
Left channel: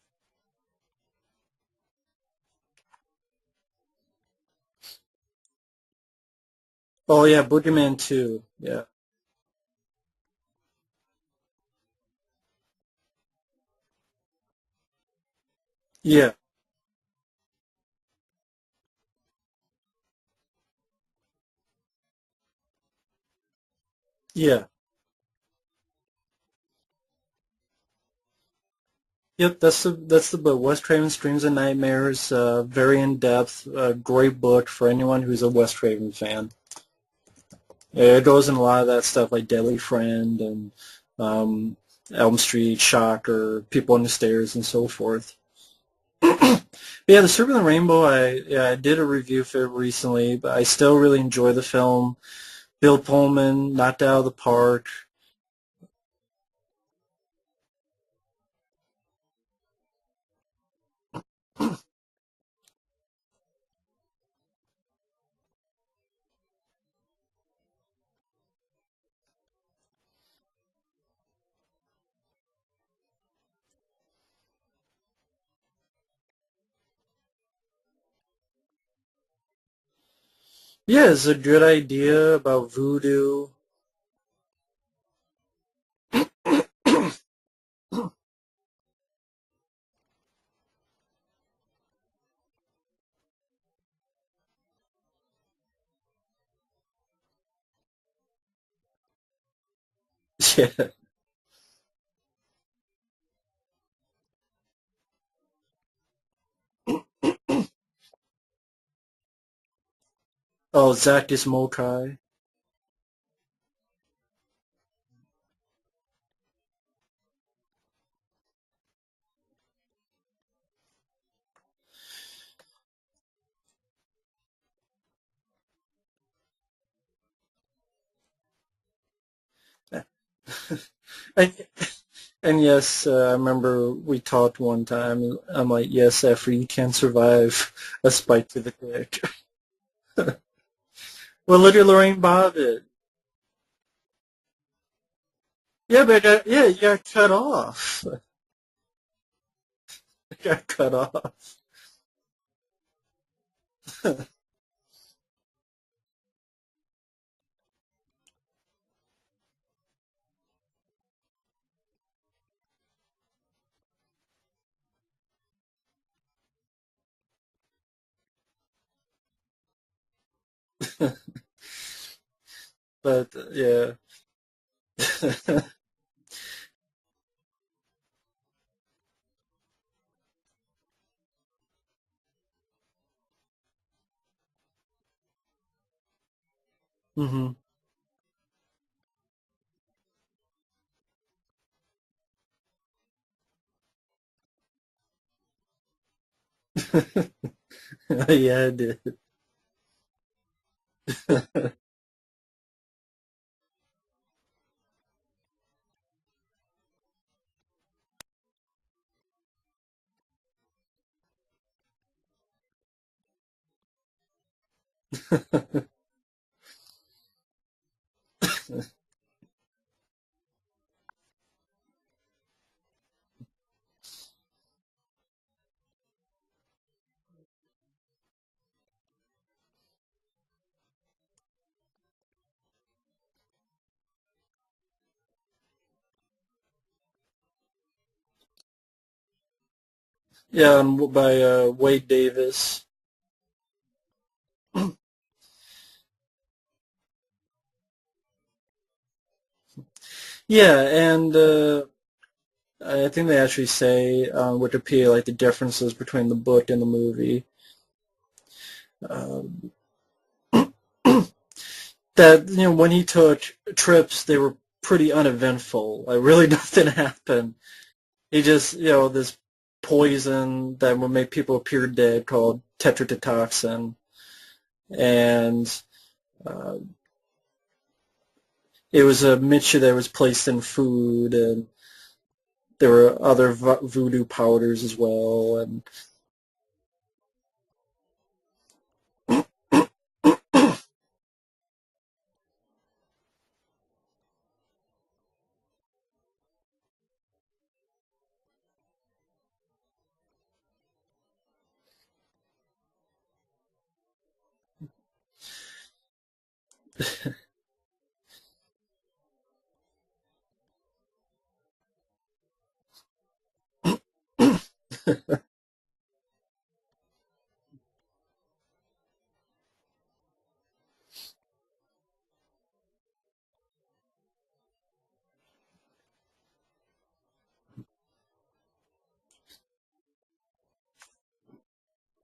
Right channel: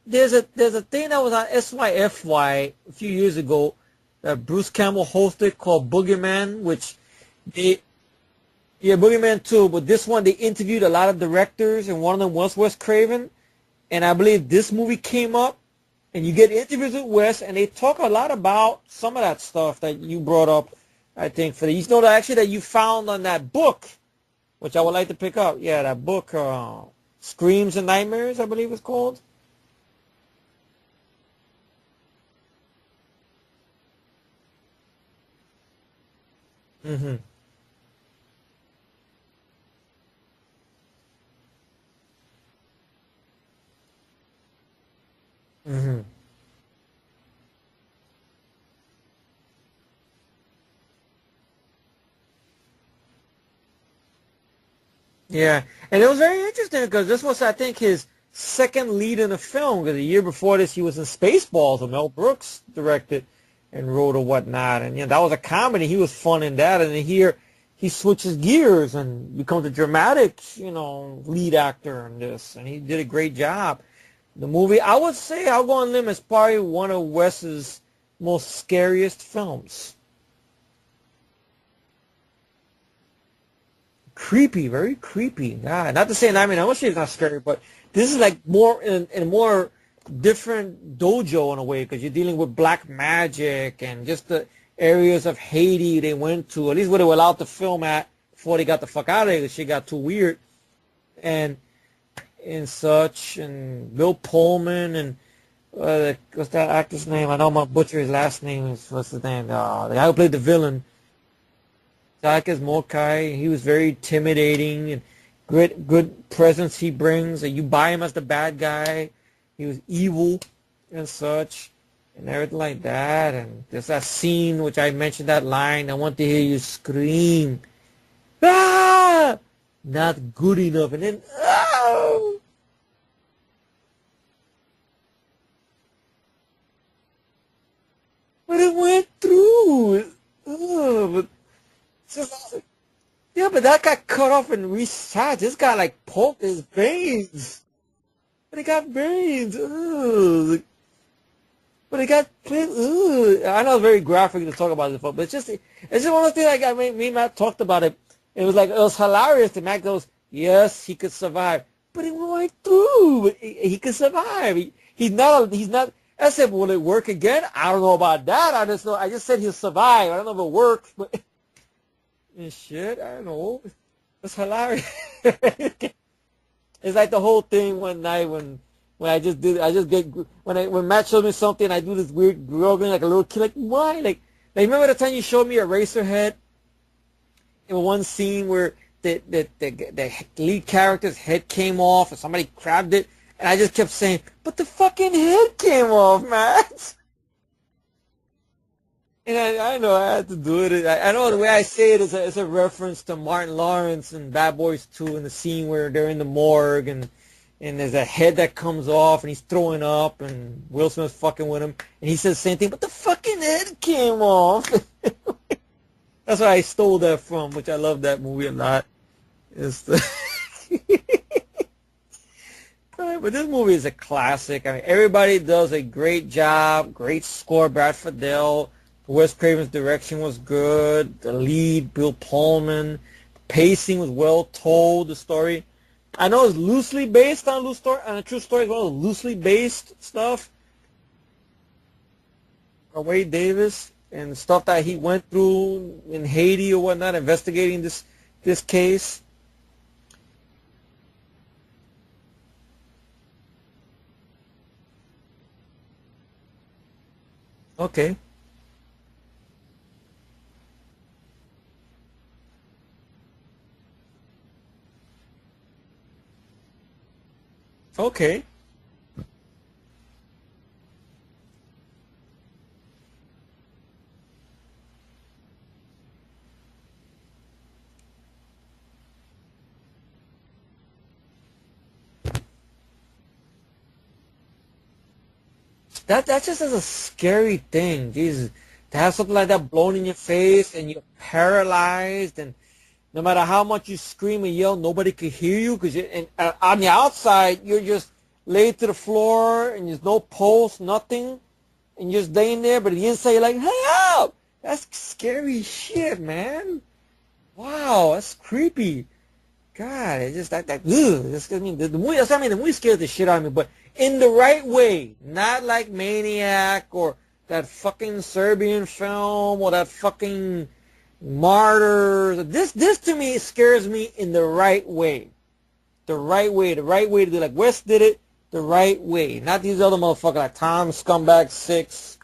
there's a thing that was on SYFY a few years ago that Bruce Campbell hosted called Boogeyman, which... Oh, yeah, Boogeyman 2. Yeah. Yeah, Boogeyman 2. But this one, they interviewed a lot of directors, and one of them was Wes Craven. And I believe this movie came up. Yeah. You get interviews with Wes, and they talk a lot about some of that stuff that you brought up, I think, that you found on that book. Yeah. Which I would like to pick up. Yeah, that book, Screams and Nightmares, I believe it's called. Yep, that's the book. Wes Craven's Screams and Nightmares, very in-depth, great book for anyone who's a Wes Craven fan. Mm-hmm. Yeah, it goes in a lot of that stuff like Deadly Friend and Elm Street, Shocker, People on the Stairs, and so forth. Mm-hmm. But yeah, The Serpent and the Rainbow, I did a review for it recently, but I still really enjoy the film. Bill Pullman knocked it out of the park. Yeah, and it was very interesting because this was, I think, his second lead in a film. Because the year before this, he was in Spaceballs, where Mel Brooks directed and wrote or whatnot. And that was a comedy. He was fun in that. And then here, he switches gears and becomes a dramatic, lead actor in this. And he did a great job. The movie, I would say, I'll go on a limb, it's probably one of Wes's most scariest films. Yeah, it's a good idea about voodoo. Creepy, very creepy. God, not to say Nightmare on Elm Street is not scary, but this is like more in a more different dojo in a way because you're dealing with black magic and just the areas of Haiti they went to, at least where they were allowed to film at before they got the fuck out of there because shit got too weird. Yeah. And such, and Bill Pullman, and what's that actor's name? I know I'm gonna butcher his last name. What's his name? The guy who played the villain. Oh, Zacchaeus Mokai. Takis Mokai. He was very intimidating and good presence he brings. And you buy him as the bad guy. He was evil and such and everything like that. And there's that scene which I mentioned that line. I want to hear you scream. Ah! Not good enough. And then, oh! And yes, I remember we talked one time. And I'm like, yes, Efree, you can survive a spike to But the it went neck. through. Oh, Well, look at Lorraine but, Bobbitt. yeah, but that got cut off and resized. This guy like Yeah, but poked his you got cut veins. off. But he got brains. You Ugh. got cut off. But it got ugh. I know it's very graphic to talk about this, but it's just one of the things like me and Matt talked about it. It was like it was hilarious. The Matt goes, yes, he could survive, but it went through. But he could survive. He's not. I said, will it work again? I don't know about that. I just said he'll survive. I don't know if it works. And shit, I don't know. Yeah. It's hilarious. It's like the whole thing one night when when Matt shows me something, I do this weird gurgling like a little kid. Like why? Like remember the time you showed me Eraserhead? Mm-hmm. In one scene where the lead character's head came off and somebody grabbed it, and I just kept saying, "But the fucking head came off, Matt." Yeah, I did. And I know I had to do it. I know the way I say it is it's a reference to Martin Lawrence and Bad Boys 2 in the scene where they're in the morgue and there's a head that comes off and he's throwing up and Will Smith's fucking with him and he says the same thing, but the fucking head came off. That's where I stole that from, which I love that movie a lot. But this movie is a classic. I mean, everybody does a great job. Great score, Brad Fiedel. Wes Craven's direction was good. The lead, Bill Pullman. Pacing was well told. The story, I know it's loosely based on a true story as well as loosely based stuff. Yeah, by Wade Davis. Or Wade Davis and stuff that he went through in Haiti or whatnot, investigating this case. Yeah, and I think they actually say Wikipedia like the differences between the book and the movie. Okay. That when he took trips, they were pretty uneventful. Like really nothing happened. Okay. He just this poison that would make people appear dead called tetrodotoxin, and it was a mixture that was placed in food and. There were other voodoo powders as well, and that just is a scary thing. Jesus, to have something like that blown in your face and you're paralyzed, and no matter how much you scream and yell, nobody could hear you because on the outside you're just laid to the floor and there's no pulse, nothing, and you're just laying there. But on the inside you're like, "Hey, help!" That's scary shit, man. Wow, that's creepy. God, it's just ugh. I mean, the movie. That's what I mean. The movie scares the shit out of me, but in the right way, not like Maniac or that fucking Serbian film or that fucking Martyrs. This to me scares me in the right way, the right way to do. Like Wes did it the right way, not these other motherfuckers like Tom Scumbag 6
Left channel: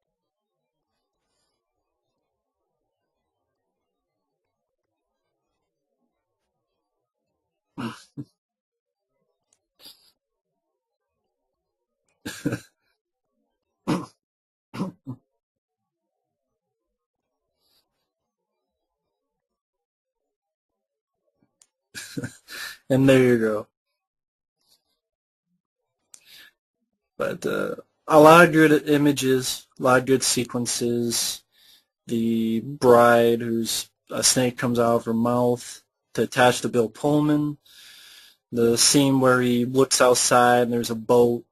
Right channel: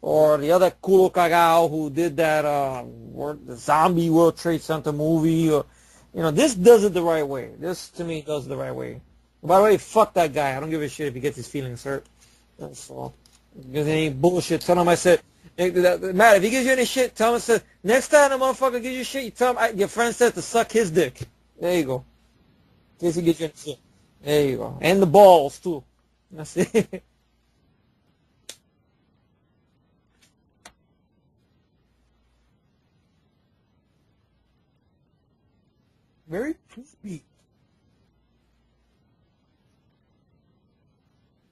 or the other Culo Cagao who did that the Zombie World Trade Center movie or. This does it the right way. This, to me, does it the right way. By the way, fuck that guy. I don't give a shit if he gets his feelings hurt. That's all. Because he ain't bullshit. Tell him I said, Matt, if he gives you any shit, tell him I said, next time the motherfucker gives you shit, you tell him your friend says to suck his dick. There you go. And there you go. There you go. And the balls, too. That's it. But a lot of good images, a lot of good sequences. The bride whose a snake comes out of her mouth. To attach to Bill Pullman, the scene where he looks outside and there's a boat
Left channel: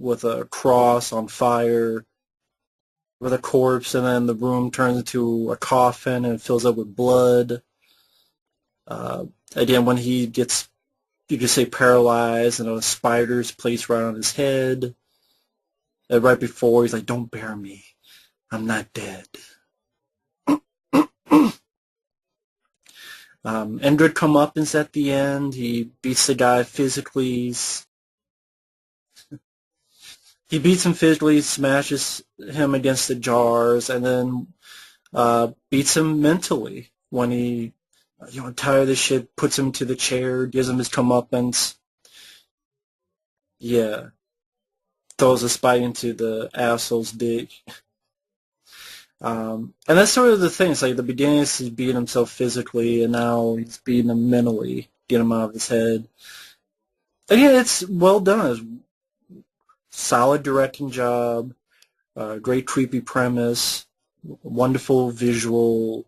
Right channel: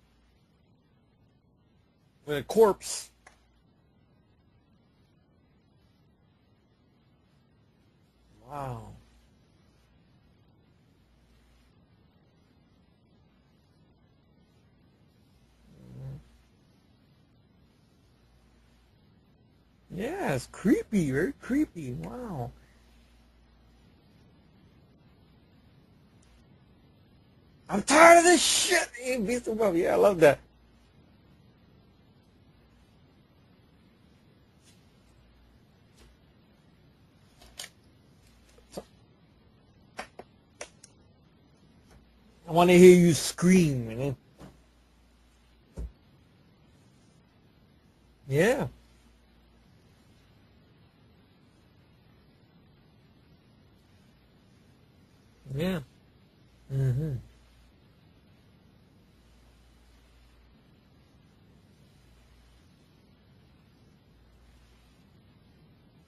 with a cross on fire. With a corpse. And then the room turns into a coffin and it fills up with blood. Wow. Again, when he gets, you could say, paralyzed and a spider's placed right on his head. And right before, he's like, "Don't bury me. I'm not dead." Yeah, it's creepy. Very creepy. Wow. And good comeuppance at the end. He beats the guy physically. I'm tired of this shit. He beats him up. Yeah, I love that. He beats him physically, smashes him against the jars, and then beats him mentally when he, tired of this shit, puts him to the chair, gives him his comeuppance. I want to hear you scream. Yeah. Throws a spike into the asshole's dick. Yeah. And that's sort of the thing. It's like the beginning is he's beating himself physically, and now he's beating him mentally, getting him out of his head. Mm-hmm. And yeah, it's well done. It's solid directing job, great creepy premise, wonderful visual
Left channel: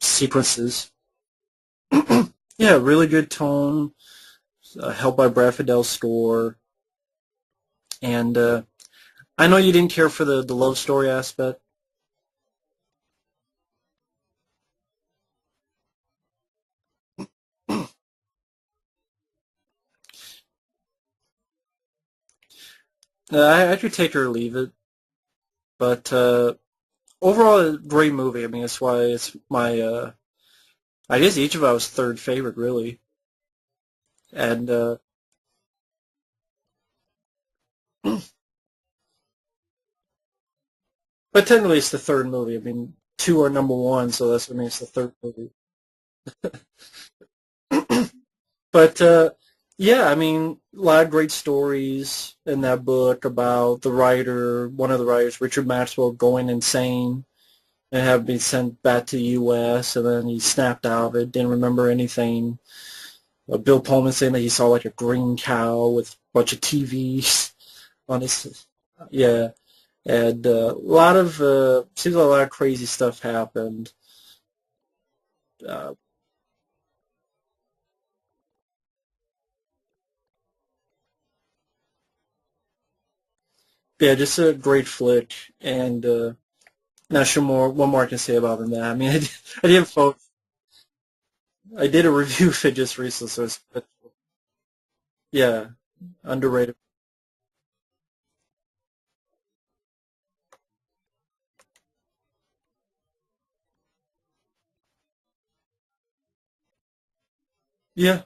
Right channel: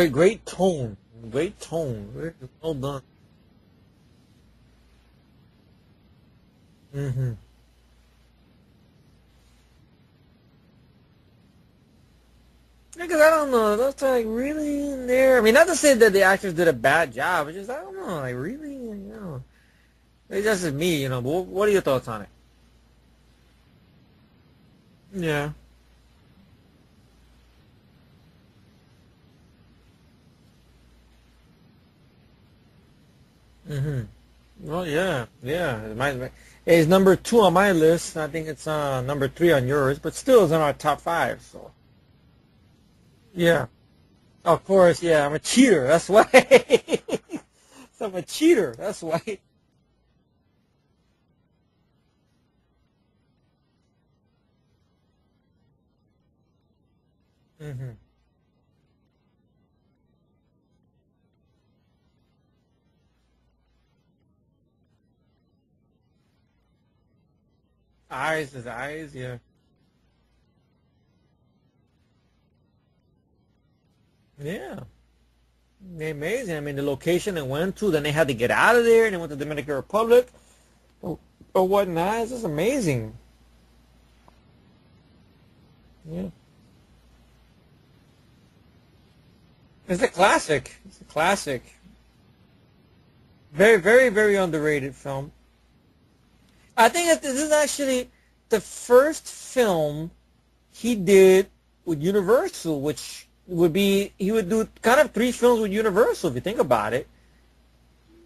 sequences. Great tone. Yeah, really good tone. Helped by Brad Fiddel's score. Mm-hmm. And I know you didn't care for the love story aspect. Because I don't know, that's like really in there. I mean, not to say that the actors did a bad job, but just I don't know, like really, Maybe that's just me, But what are your thoughts on it? I could take it or leave it. Yeah. But overall, a great movie. I mean, that's why it's my. I guess each of us third favorite, really. Mm-hmm. And yeah. It's number 2 on my list. I think it's number 3 on yours, but still is in our top 5. But technically, it's the third movie. I mean, 2 are number 1, so that's of course. Yeah, I'm a cheater. That's why. I'm a cheater. But yeah, I mean, a lot of great stories in that book about the writer, one of the writers, Richard Maxwell, going insane and having been sent back to the U.S. and then he snapped out of it, didn't remember anything. Bill Pullman saying that he saw like a green cow with a bunch of TVs on his eyes. Yeah, and seems like a lot of crazy stuff happened. Yeah. Amazing. I mean, the location they went to, then they had to get out of there, and they went to the Dominican Republic or whatnot. It's just amazing. Yeah, just a great flick, and not sure what more I can say about than that. I mean, I didn't. It's a classic. It's a classic. I did a review of it just recently, so it's very, very, very underrated film. Yeah, underrated. I think that this is actually the first film he did with Universal, which would be, he would do kind of 3 films with Universal, if you think about it. Yeah.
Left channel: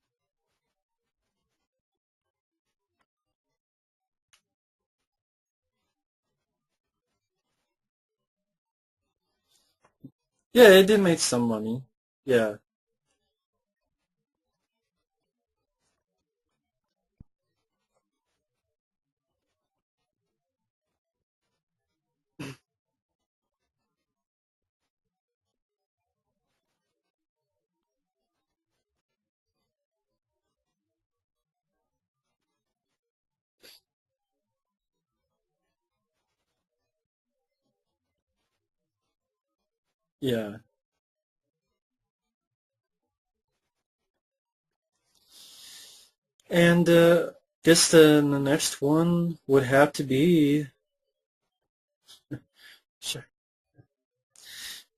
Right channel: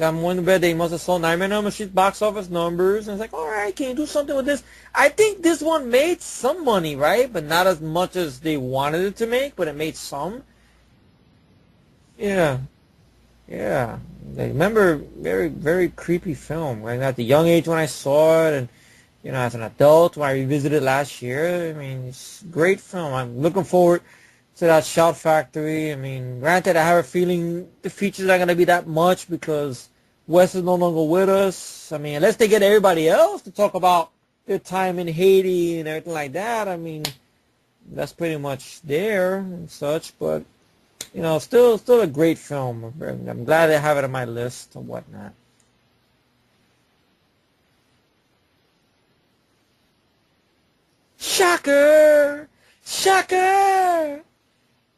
I'm wondering whether they must have saw Nightmare on Elm Street box office numbers, and it's like, all right, can you do something with this? I think this one made some money, right? But not as much as they wanted it to make, but it made some. Yeah, it did make some money. Yeah. I remember, very, very creepy film. Right? At the young age when I saw it, and as an adult when I revisited it last year, I mean, it's a great film. I'm looking forward to that Shout Factory. I mean, granted, I have a feeling the features aren't going to be that much because Wes is no longer with us. I mean, unless they get everybody else to talk about their time in Haiti and everything like that, I mean, that's pretty much there and such. But, still a great film. I'm glad I have it on my list and whatnot. And guess the next one would have to be... Shocker! Shocker!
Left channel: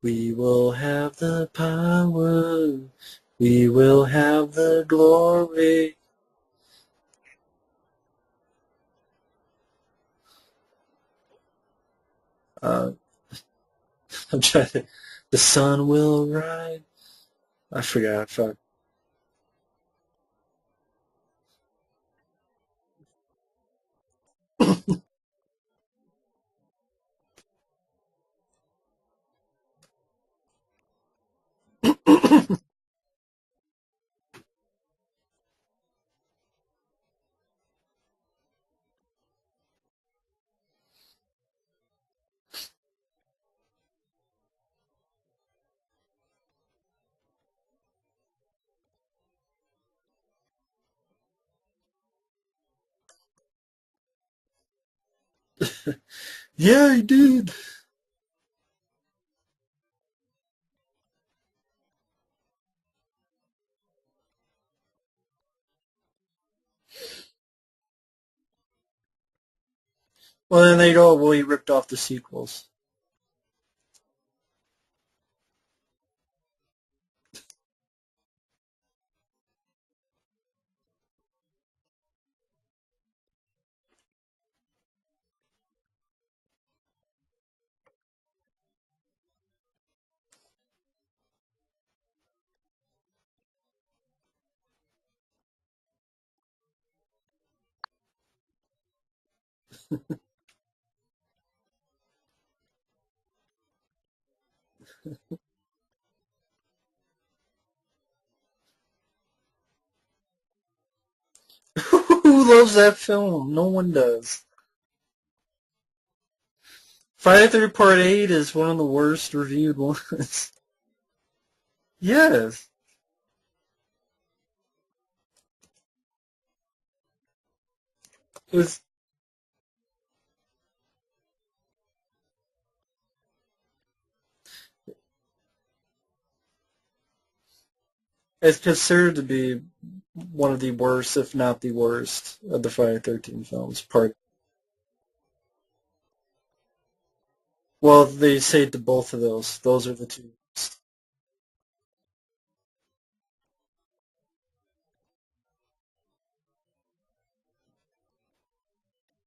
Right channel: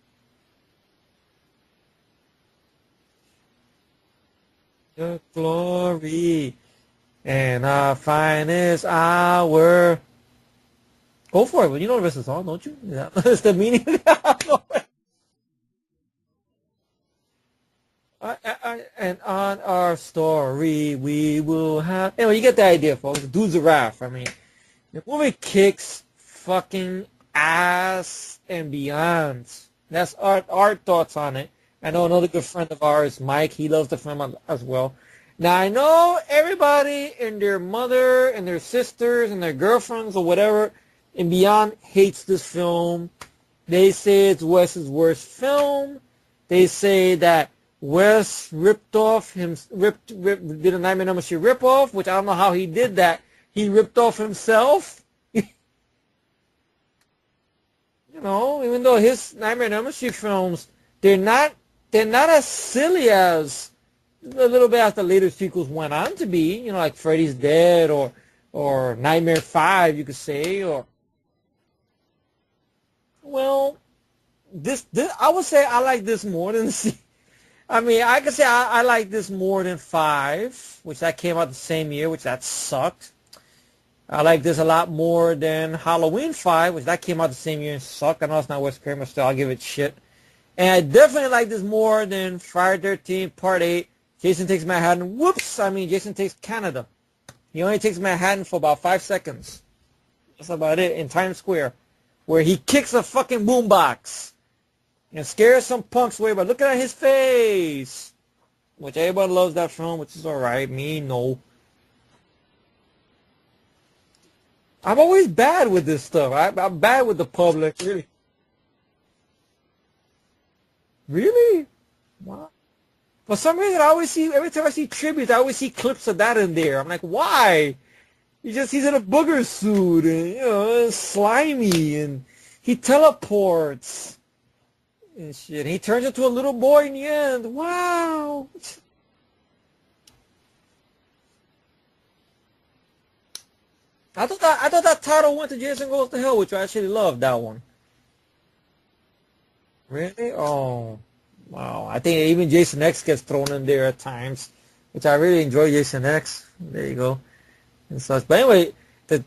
We will have the power. We will have the glory. And our finest hour. Go for it. Well, you know the rest of the song, don't you? That's the meaning. The sun will rise. I forgot. And on our story, we will have... Anyway, you get the idea, folks. The dude's a raft. I mean, the movie kicks fucking ass and beyond. That's our thoughts on it. I know another good friend of ours, Mike, he loves the film as well. Now, I know everybody and their mother and their sisters and their girlfriends or whatever and beyond hates this film. They say it's Wes's worst film. They say that Wes did a Nightmare on Elm Street ripoff, which I don't know how he did that. He ripped off himself. Yeah, he did. Even though his Nightmare on Elm Street films, they're not as silly as a little bit as the later sequels went on to be. Like Freddy's Dead or Nightmare 5, you could say. Well, then they go, well, he ripped off the sequels. Well, this I would say I like this more than I mean, I could say I like this more than 5, which that came out the same year, which that sucked. I like this a lot more than Halloween 5, which that came out the same year and sucked. I know it's not Wes Craven, still I'll give it shit. And I definitely like this more than Friday 13th Part 8. Jason Takes Manhattan. Whoops! I mean, Jason Takes Canada. He only takes Manhattan for about 5 seconds. That's about it in Times Square, where he kicks a fucking boombox and scares some punks away by looking at his face. Which everybody loves that film, which is alright. Me, no. Who loves that film? No one does. I'm always bad with this stuff. I'm bad with the Friday public. 13th Part 8 is one of the worst reviewed ones. Really? Yes. For some reason, I always see, every time I see tributes, I always see clips of that in there. I'm like, why? He's in a booger suit, and, you know, slimy, and he teleports, and shit. And he turns into a little boy in the end. Wow. It's considered to be one of the worst, if not the worst, of the Friday 13 films. I thought that title went to Jason Goes to Hell, which I actually loved, that one. Well, they say to both of those. Those are the Really? two. Oh, wow. I think even Jason X gets thrown in there at times, which I really enjoy Jason X. There you go. And such. But anyway,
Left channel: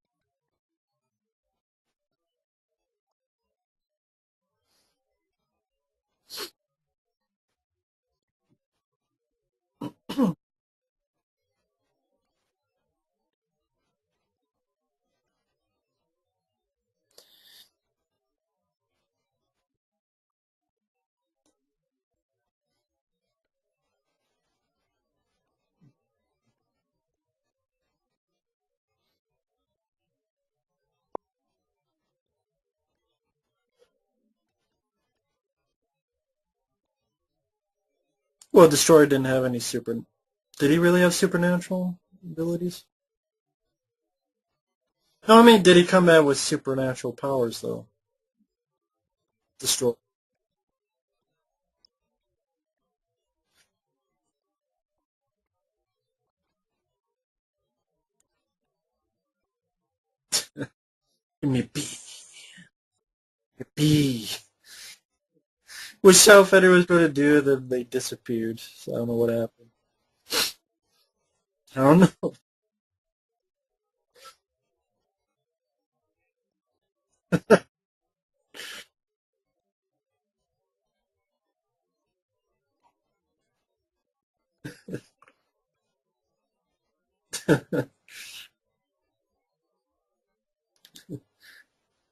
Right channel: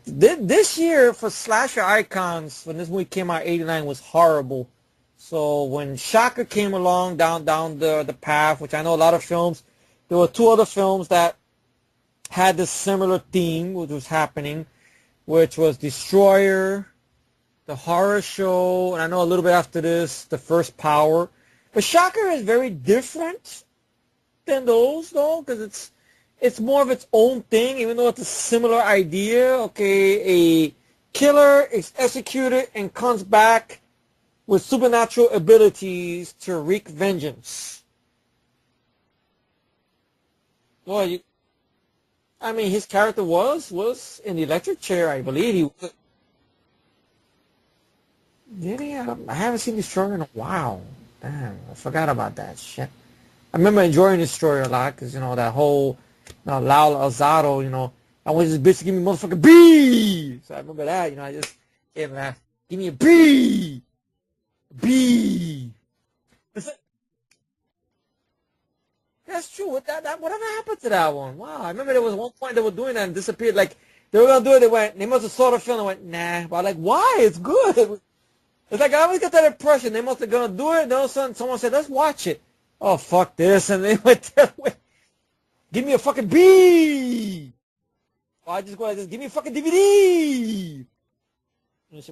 this year for slasher icons, when this movie came out, 89, was horrible. So when Shocker came along down the path, which I know a lot of films, there were 2 other films that had this similar theme, which was happening, which was Destroyer, The Horror Show, and I know a little bit after this, The First Power. But Shocker is very different than those, though, because it's more of its own thing, even though it's a similar idea. Okay, a killer is executed and comes back with supernatural abilities to wreak vengeance. Well, Destroyer didn't have any super... Did he really have supernatural abilities? I mean, his character was in the electric chair, I believe. No, I mean, did he come out with supernatural powers, though? Did he? I haven't seen Destroyer in a while. Damn, I forgot about that shit. I remember enjoying Destroyer a lot, because, you know, that whole... Lal Alzado, you know, I want this bitch to give me motherfucking B. So I remember that, you know, I just Give me a B. Give me a B. B. B. Which South Feder was going to do, then they disappeared. So I don't know what happened. That's true. Whatever happened to that one? Wow, I remember there was one point they were doing that and disappeared. Like, they were going to do it, they must have saw the film and went, nah. But I'm like, why? It's good. It's like, I always get that impression. They must have going to do it, and all of a sudden someone said, let's watch it. Oh, fuck this. And they went that way. Give me a fucking B. I just go like this. Give me a fucking DVD.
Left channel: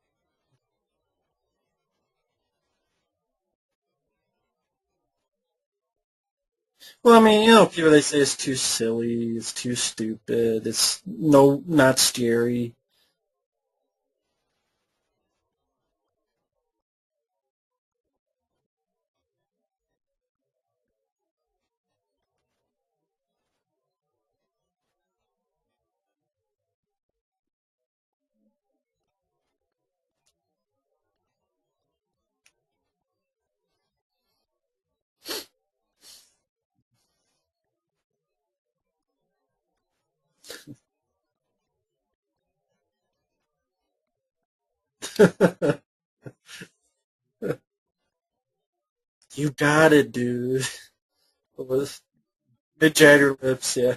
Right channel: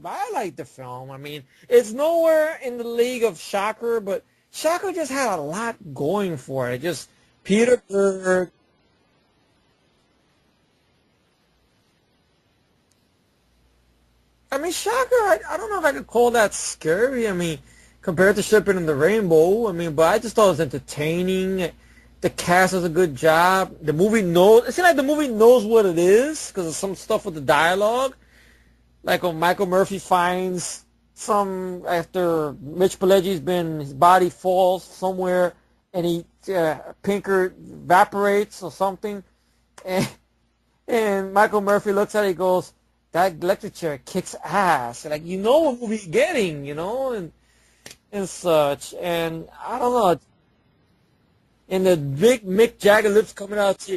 But I like the film. I mean, it's nowhere in the league of Shocker, but Shocker just had a lot going for it. Just well, I mean, you know, people they say it's too silly, it's too stupid, it's not scary. I mean, Shocker, I don't know if I could call that scary. I mean, compared to Shipping in the Rainbow, I mean, but I just thought it was entertaining. The cast does a good job. The movie knows... It seems like the movie knows what it is because of some stuff with the dialogue. Like when Michael Murphy finds some... After Mitch Pileggi's his body falls somewhere and Pinker evaporates or something. And Michael Murphy looks at it and goes, that electric chair kicks ass. Like, you know what movie you're getting, you know? And such. And you got it, dude. And the big Mick Jagger coming out, yeah.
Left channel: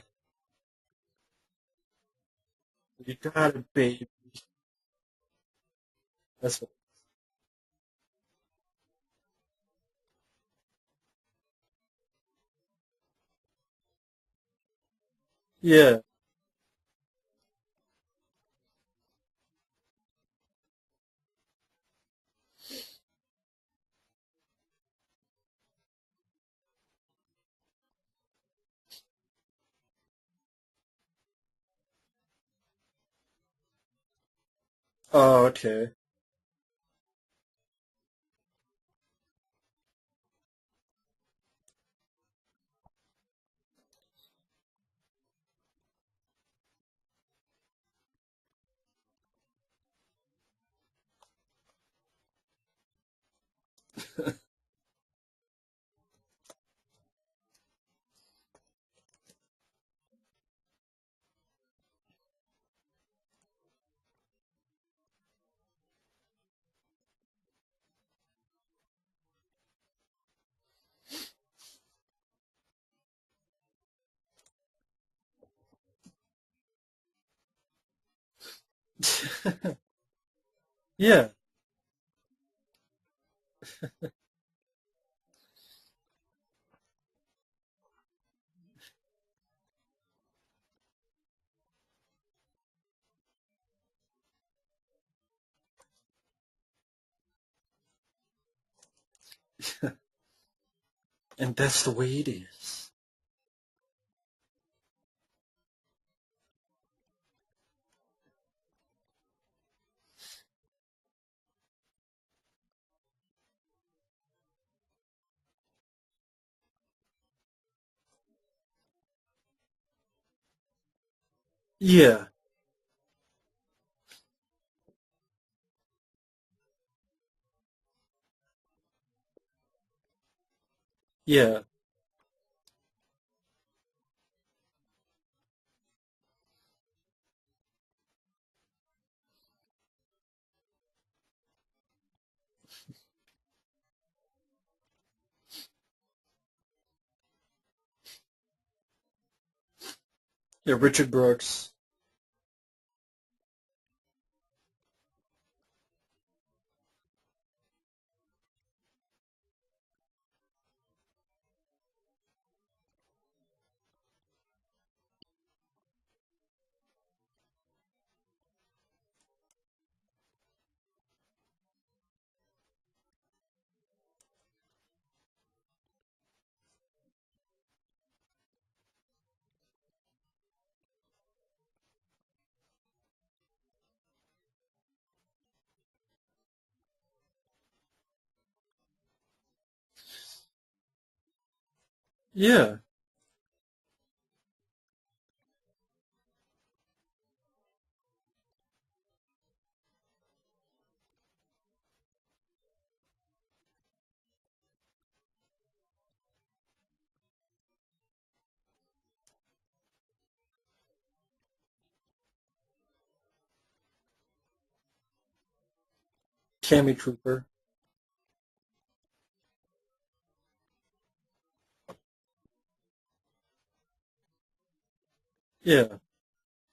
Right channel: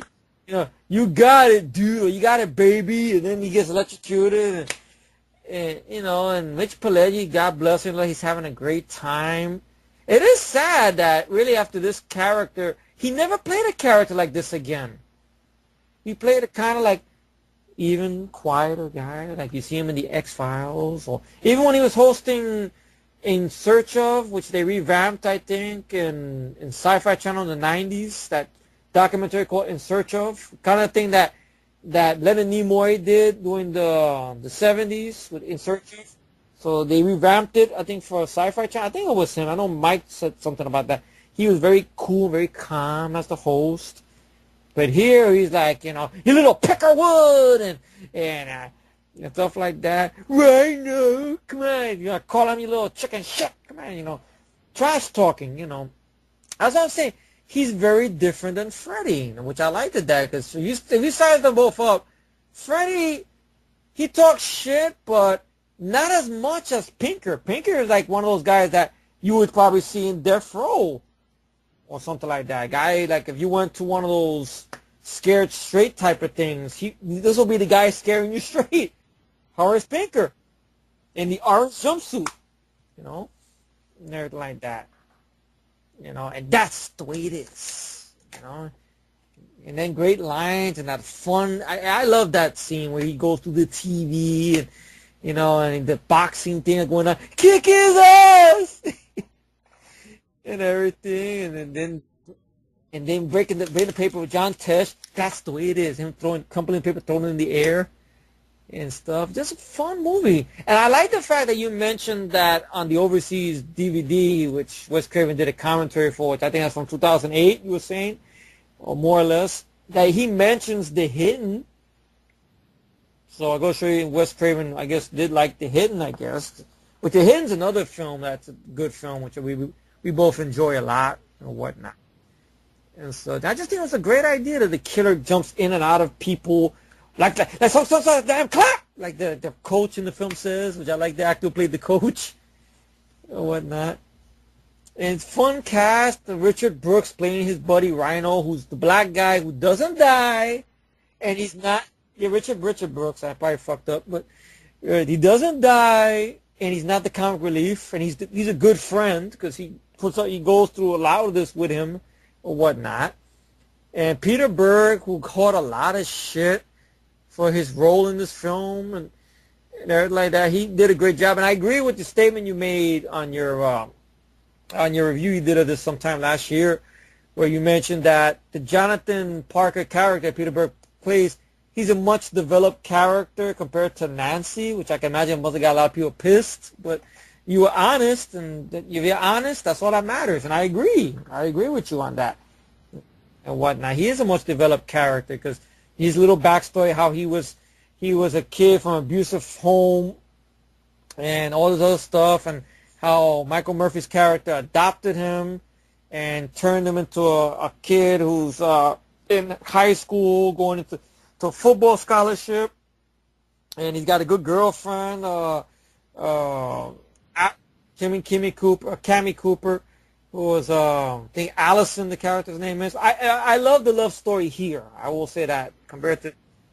You know, you got it, dude, or you got it, baby, and then he gets electrocuted, and you know, and Mitch Pileggi, God bless him, like he's having a great time. It is sad that really after this character, he never played a character like this again. Yeah, he played a kind of like even quieter guy, like you see him in the X-Files, or even when he was hosting In Search Of, which they revamped, I think, in Sci-Fi Channel in the 90s, that documentary called In Search Of, kind of thing that Leonard Nimoy did during the 70s. Oh, In okay. Search Of. So they revamped it, I think, for Sci-Fi Channel. I think it was him. I know Mike said something about that. He was very cool, very calm as the host. But here he's like, you know, you little peckerwood and stuff like that. Right now, come on. You know, call him you little chicken shit. Come on, you know. Trash talking, you know. As I'm saying, he's very different than Freddy, which I liked that because if you size them both up, Freddy, he talks shit, but not as much as Pinker. Pinker is like one of those guys that you would probably see in Death Row or something like that. Guy, like if you went to one of those scared straight type of things, this will be the guy scaring you straight. Horace Pinker. Yeah. In the orange jumpsuit, you know, and everything like that. you know, and that's the way it is, you know. And then great lines and that fun. I love that scene where he goes through the TV and, you know, and the boxing thing going on, kick his ass, and everything. And that's the way it is. And then breaking the paper with John Tesh. That's the way it is. Him crumpling paper, throwing it in the air and stuff. Just a fun movie. And I like the fact that you mentioned that on the overseas DVD, which Wes Craven did a commentary for, which I think that's from 2008, you were saying, or more or less, that he mentions The Hidden. Yeah. So I go show you Wes Craven, I guess, did like The Hidden, I guess. But The Hidden's another film that's a good film, which we both enjoy a lot. Yeah. And whatnot. And so I just think it's a great idea that the killer jumps in and out of people like so damn clap, like the coach in the film says, which I like the actor who played the coach or whatnot. And it's fun cast. Richard Brooks playing his buddy Rhino, who's the black guy who doesn't die. Yeah, Richard Brooks. And he's not. Yeah, Richard Brooks. I probably fucked up, but he doesn't die, and he's not the comic relief, and he's a good friend because he goes through a lot of this with him or whatnot. And Peter Berg, who caught a lot of shit for his role in this film and everything like that, he did a great job. And I agree with the statement you made on your review you did of this sometime last year, where you mentioned that the Jonathan Parker character Peter Berg plays, he's a much developed character compared to Nancy, which I can imagine must have got a lot of people pissed. But you were honest, and if you're honest, that's all that matters. And I agree with you on that. Yeah. And whatnot. He is a much developed character because his little backstory, how he was a kid from an abusive home and all this other stuff, and how Michael Murphy's character adopted him and turned him into a kid who's in high school going into a football scholarship, and he's got a good girlfriend, Cammy Cooper, who was I think Allison, the character's name is. I love the love story here. I will say that. Yeah. Compared to,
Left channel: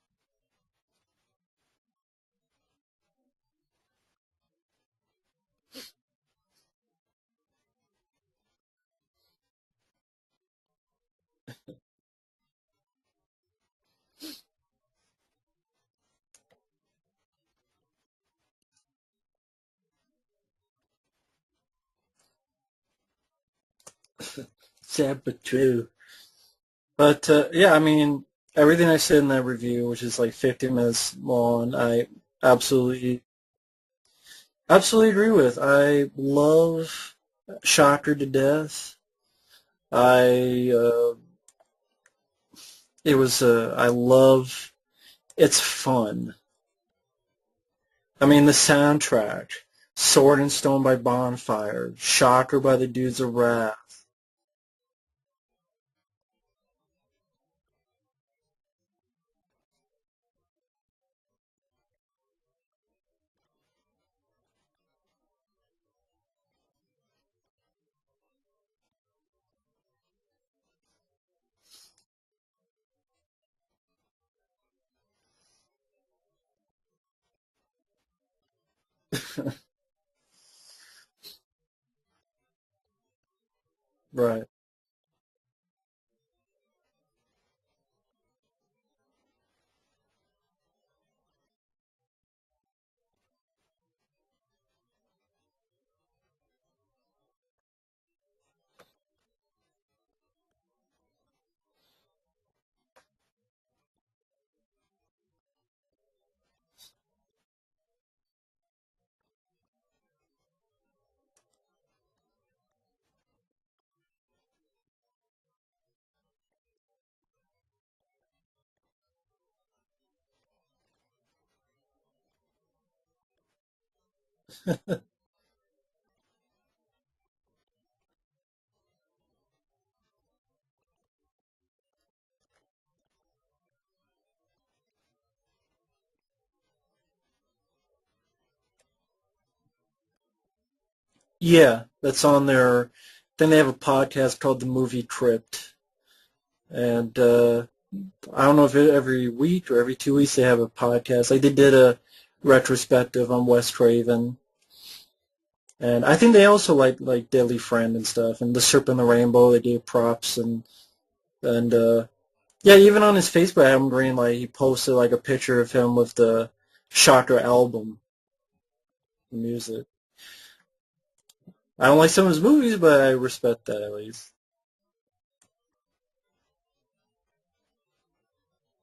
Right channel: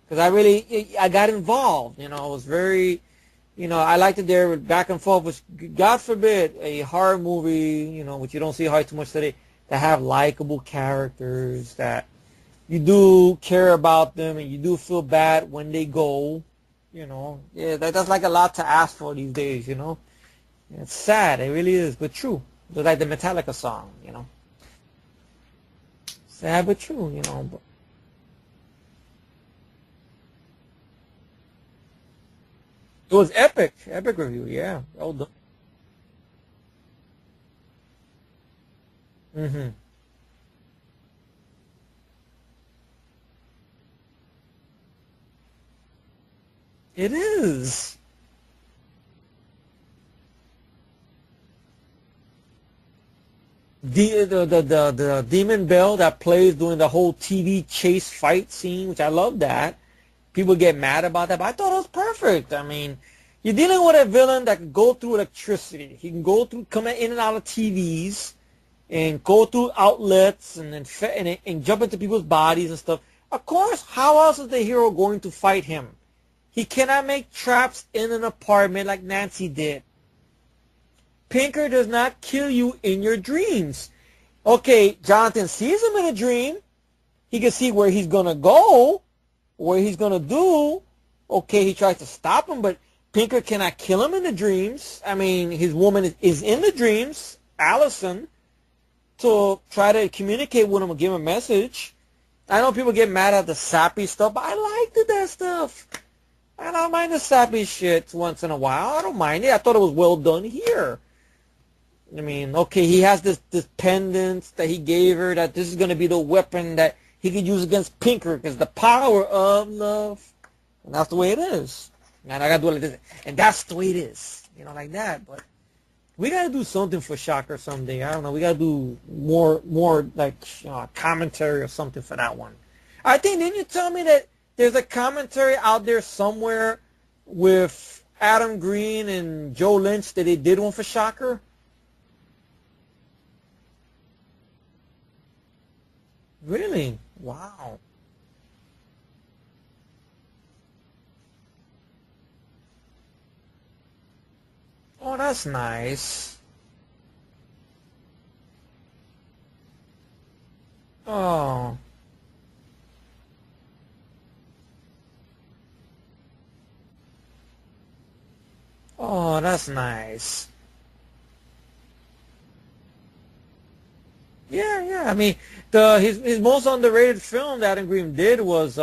because I got involved. You know, it was very, you know, I liked it there with back and forth. Which, God forbid, a horror movie, you know, which you don't see horror too much today, that have likable characters that you do care about them and you do feel bad when they go. You know, yeah, that's like a lot to ask for these days. You know, it's sad. It really is, but true. It's like the Metallica song, you know. Sad but true. Sad but true. But, you know? yeah, I mean, everything I said in that review, which is like 50 minutes long, I absolutely... It was epic. Epic review, yeah. Absolutely agree with. I love Shocker to death. Mm-hmm. I love... It's fun. It is. I mean, the soundtrack... Sword and Stone by Bonfire, Shocker by the Dudes of Wrath. The Demon Bell that plays during the whole TV chase fight scene, which I love that. People get mad about that, but I thought it was perfect. I mean, you're dealing with a villain that can go through electricity. He can come in and out of TVs and go through outlets and jump into people's bodies and stuff. Of course, how else is the hero going to fight him? He cannot make traps in an apartment like Nancy did. Pinker does not kill you in your dreams. Right. Okay, Jonathan sees him in a dream. He can see where he's going to go, what he's going to do. Okay, he tries to stop him, but Pinker cannot kill him in the dreams. I mean, his woman is in the dreams, Allison, to try to communicate with him or give him a message. I know people get mad at the sappy stuff, but I liked that stuff. I don't mind the sappy shit once in a while. I don't mind it. I thought it was well done here. I mean, okay, he has this pendant that he gave her, that this is going to be the weapon that he could use against Pinker, because the power of love. And that's the way it is. And I got to do it like this. And that's the way it is. You know, like that. But we got to do something for Shocker someday. I don't know. We got to do more like, you know, commentary or something for that one. I think, didn't you tell me that there's a commentary out there somewhere with Adam Green and Joe Lynch that they did one for Shocker? Yeah, that's on their... Then they have a podcast called The Movie Crypt. Really? And I don't know if every week or every 2 weeks they have a podcast. Like they did a retrospective on Wes Craven. Oh, that's And I nice. think they also like Deadly Friend and stuff, and The Serpent and the Rainbow. They gave props and Oh, yeah, even on his Facebook, Adam Green like he posted like a picture of him with the Shocker album. oh, And that's nice. I don't like some of his movies, but I respect that at least. Yeah, yeah. I mean, the his most underrated film that Adam Green did was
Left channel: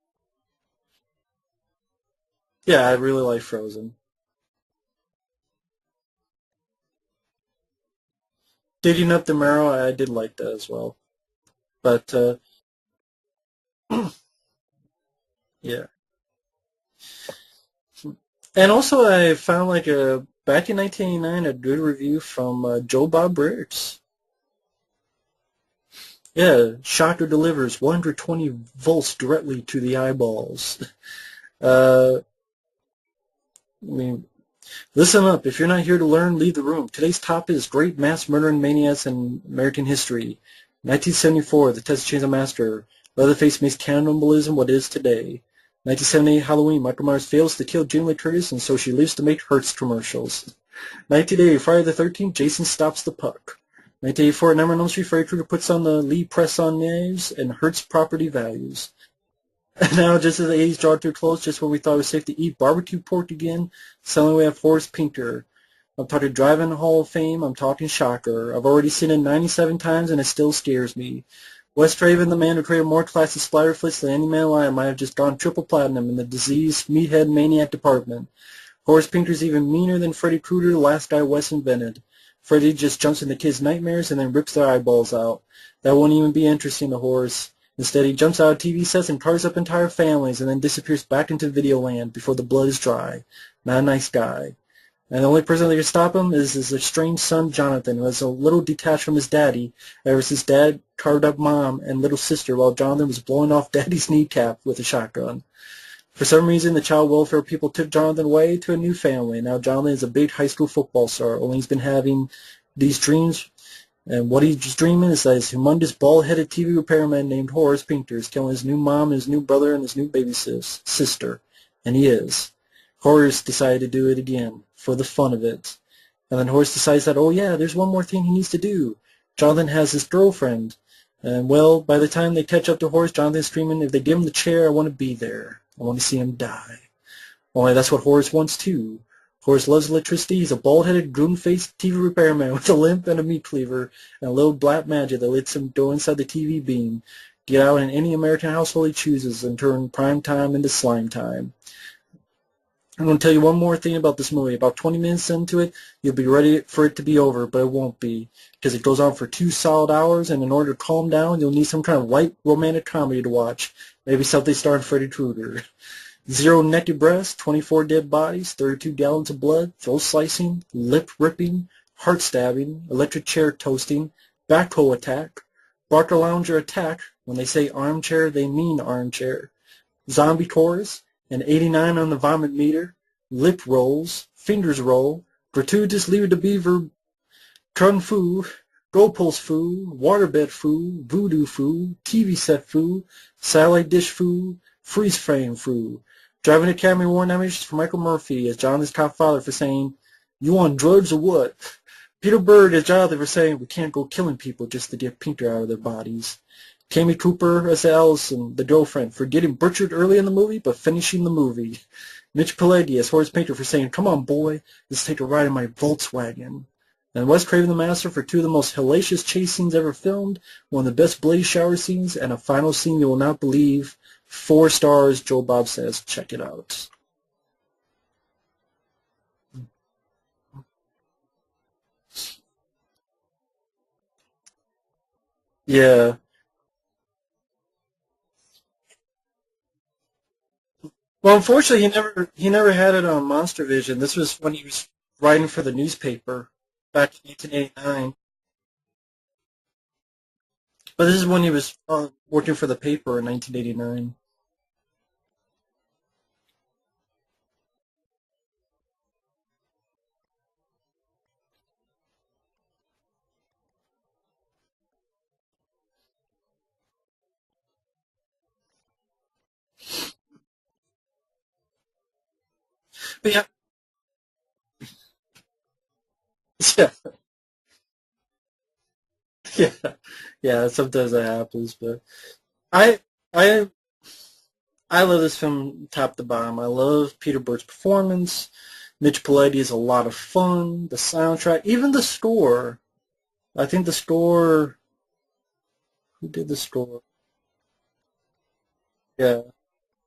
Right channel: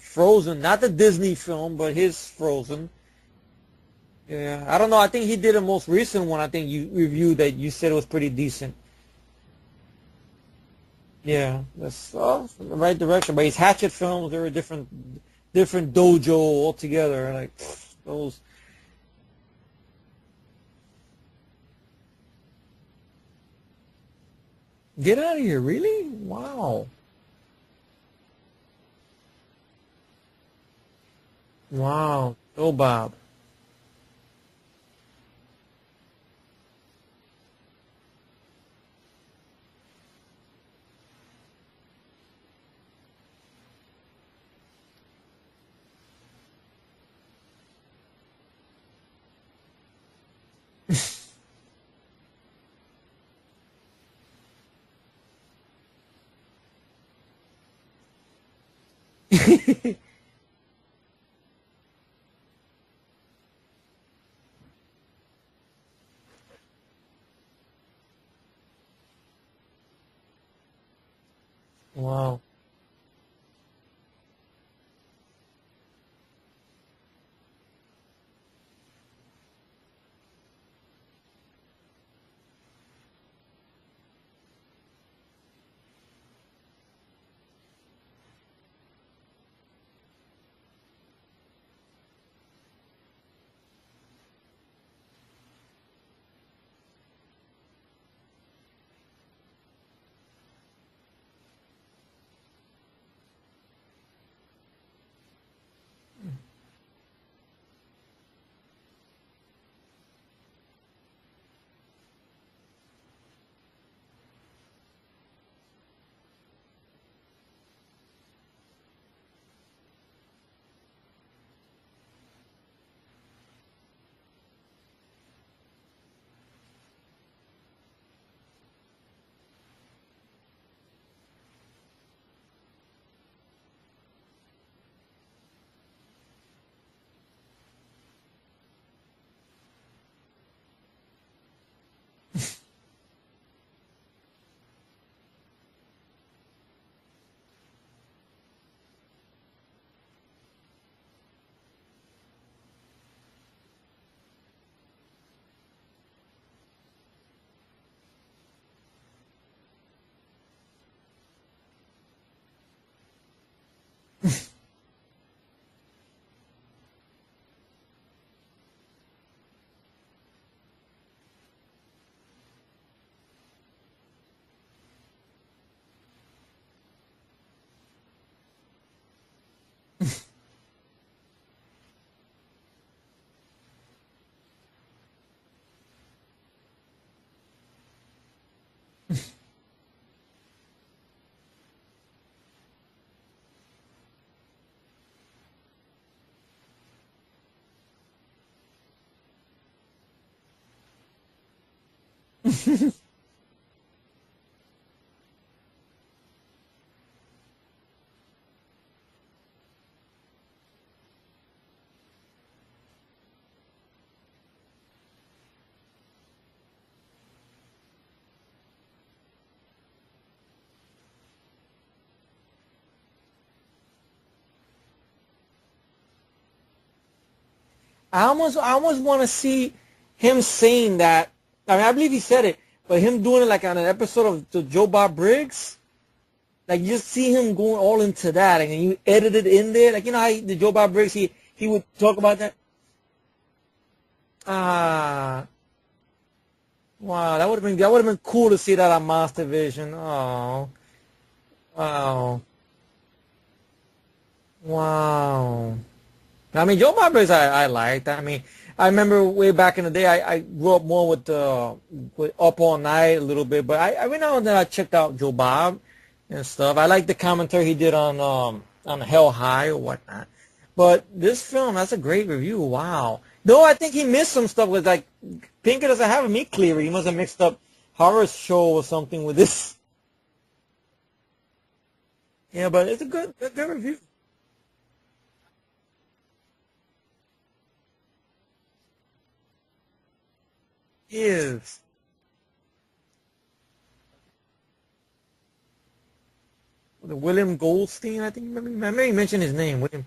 Frozen, not the Disney film, but his Yeah, Frozen. I really like Frozen. Yeah, I don't know. I think he did a most recent one. I think you reviewed that you said it was pretty decent. Digging Up the Marrow, I did like that as well. Yeah, But that's the right direction. But his Hatchet films, they're a yeah, different dojo altogether. Like those. and also I found like a back in 1989 a good review from Joe Bob Briggs. Get out of here! Really? Yeah, Wow. Shocker delivers 120 volts directly to the eyeballs. I Wow. Oh, Bob. mean, listen up. If you're not here to learn, leave the room. Today's topic is great mass murdering maniacs in American history. 1974, the Texas Chainsaw Massacre. Leatherface makes cannibalism what it is today. 1978 Halloween, Michael Myers fails to kill Jamie Lee Curtis, and so she lives to make Hertz commercials. 1980 Friday the 13th, Jason stops the puck. 1984 Nightmare on Elm Street, Freddy Krueger puts on the lead press on knives and hurts property values. And now, just as the 80s draw to a close, just when we thought it was safe to eat barbecue pork again, suddenly we have Forrest Pinker. I'm talking Drive-In Hall of Fame. I'm talking Shocker. I've already seen it 97 times, and it still scares me. Wes Craven, the Wow. man who created more classic splatter flicks than any man alive, might have just gone triple platinum in the diseased meathead maniac department. Forrest Pinker's even meaner than Freddy Krueger, the last guy Wes invented. Freddy just jumps into kids' nightmares and then rips their eyeballs out. That wouldn't even be interesting to Horace. Instead, he jumps out of TV sets and carves up entire families and then disappears back into Videoland before the blood is dry. Not a nice guy. And the only person that can stop him is his estranged son, Jonathan, who is a little detached from his daddy, ever since Dad carved up Mom and little sister while Jonathan was blowing off Daddy's kneecap with a shotgun. For some reason, the child welfare people took Jonathan away to a new family. Now Jonathan is a big high school football star, only he's been having these dreams. And what he's dreaming is that his humongous bald-headed TV repairman named Horace Pinker is killing his new mom, his new brother, and his new baby sister. And he is. Horace decided to do it again, for the fun of it. And then Horace decides that, oh yeah, there's one more thing he needs to do. Jonathan has his girlfriend. And well, by the time they catch up to Horace, Jonathan's screaming, if they give him the chair, I want to be there. I want to see him die. Only that's what Horace wants too. Horace loves electricity. He's a bald-headed, goon-faced TV repairman with a limp and a meat cleaver and a little black magic that lets him go inside the TV beam, get out in any American household he chooses, and turn prime time into slime time. I'm going to tell you one more thing about this movie. About 20 minutes into it, you'll be ready for it to be over, but it won't be, because it goes on for 2 solid hours, and in order to calm down, you'll need some kind of light romantic comedy to watch. Maybe something starring Freddy Krueger. 0 naked breasts, 24 dead bodies, 32 gallons of blood, throat slicing, lip ripping, heart stabbing, electric chair toasting, backhoe attack, Barker Lounger attack. When they say armchair, they mean armchair. Zombie chorus, an 89 on the vomit meter, lip rolls, fingers roll, gratuitous leave the beaver, kung fu, goalpost foo, waterbed foo, voodoo foo, TV set foo, satellite dish foo, freeze frame foo. Driving Academy Award nominations for Michael Murphy as Jonathan's cop father for saying, you on drugs or what? Peter Berg as Jonathan for saying, we can't go killing people just to get Pinker out of their bodies. Tammy Cooper as Allison, the girlfriend, for getting butchered early in the movie but finishing the movie. Mitch Pileggi as Horace Pinker for saying, come on, boy, let's take a ride in my Volkswagen. And Wes Craven the Master for 2 of the most hellacious chase scenes ever filmed, one of the best bloody shower scenes, and a final scene you will not believe. 4 stars, Joe Bob says. Check it out. I almost want to see him saying that. I mean, I believe he said it, but him doing it like on an episode of the Joe Bob Briggs. Yeah. Like you just see him going all into that, and you edit it in there. Like you know how the Joe Bob Briggs Well, he unfortunately, would talk about he that. never had it on Monster Vision. This was when he was Ah, writing for the newspaper back wow, in that would have 1989. been cool to see that on Monster Vision. Oh, But this is when he was wow, working for the paper in 1989. wow. I mean, Joe Bob Briggs I liked. I mean, I remember way back in the day, I grew up more with Up All Night a little bit, but I every now and then I checked out Joe Bob and stuff. I like the commentary he did on Hell High or whatnot. But this film, that's a great review. Wow. But yeah, Though I think he missed some stuff with like Pinker doesn't have a meat cleaver. He must have mixed up horror show or something with this. Yeah, sometimes that happens, but Yeah, but it's a good review. I love this film top to bottom. I love Peter Berg's performance. Mitch Pileggi is a lot of fun. The soundtrack, even the score. I think the score. Who did the score? William Goldstein, I think. Maybe mention his name, William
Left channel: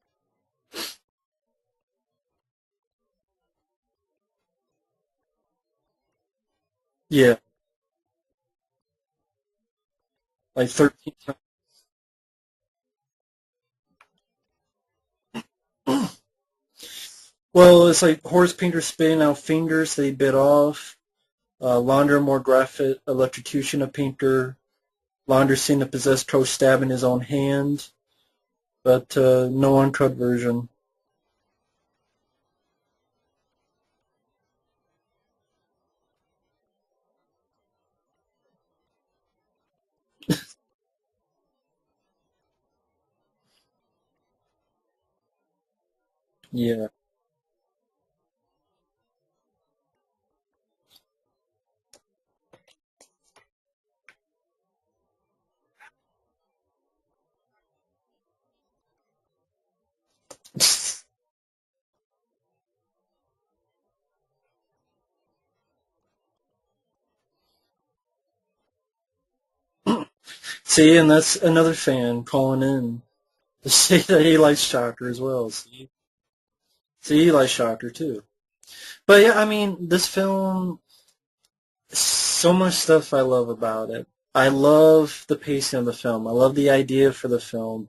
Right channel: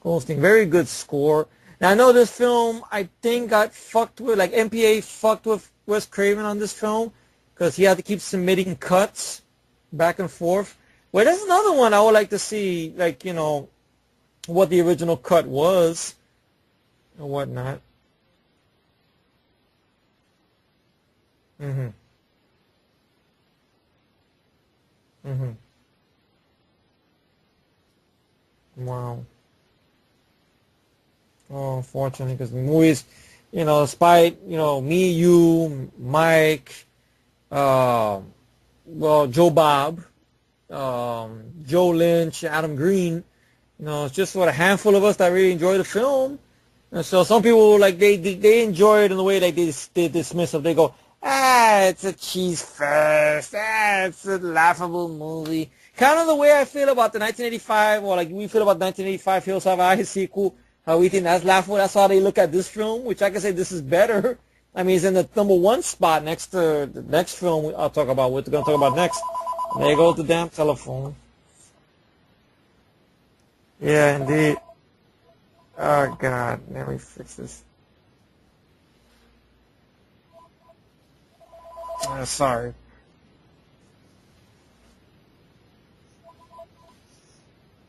Goldstein. Very good score. Now I know this film, I think, got fucked with. Like MPA fucked with Wes Craven on this film. Yeah. Because he had to keep submitting cuts back and forth. Like 13. Well, there's another one I would like to see, like, what the original cut was. Or whatnot. Well, it's like Horace Pinker spitting out fingers they bit off. Launder more graphic electrocution of Pinker. Launder seen the possessed co stabbing his own hand. But no uncut version. Oh, unfortunately, because the movies, despite, me, you, Mike, Joe Bob, Joe Lynch, Adam Green, it's just what a handful of us that really enjoy the film. Yeah. And so some people, like, they enjoy it in the way like they dismiss it. They go, it's a cheese fest. It's a laughable movie. Kind of the way I feel about the 1985, or like we feel about the 1985 Hills Have Eyes sequel. How we think that's laughable. That's how they look at this film, which I can say this is better. I mean, it's in the #1 spot next to the next film I'll talk about. We're going to talk about next. There goes the damn telephone. See, and that's another fan calling in. He likes Shocker as well. Oh, God. See, he likes Shocker, too. But, yeah, I mean, this film, so much stuff I love about it. I love the pacing of the film. I love the idea for the film.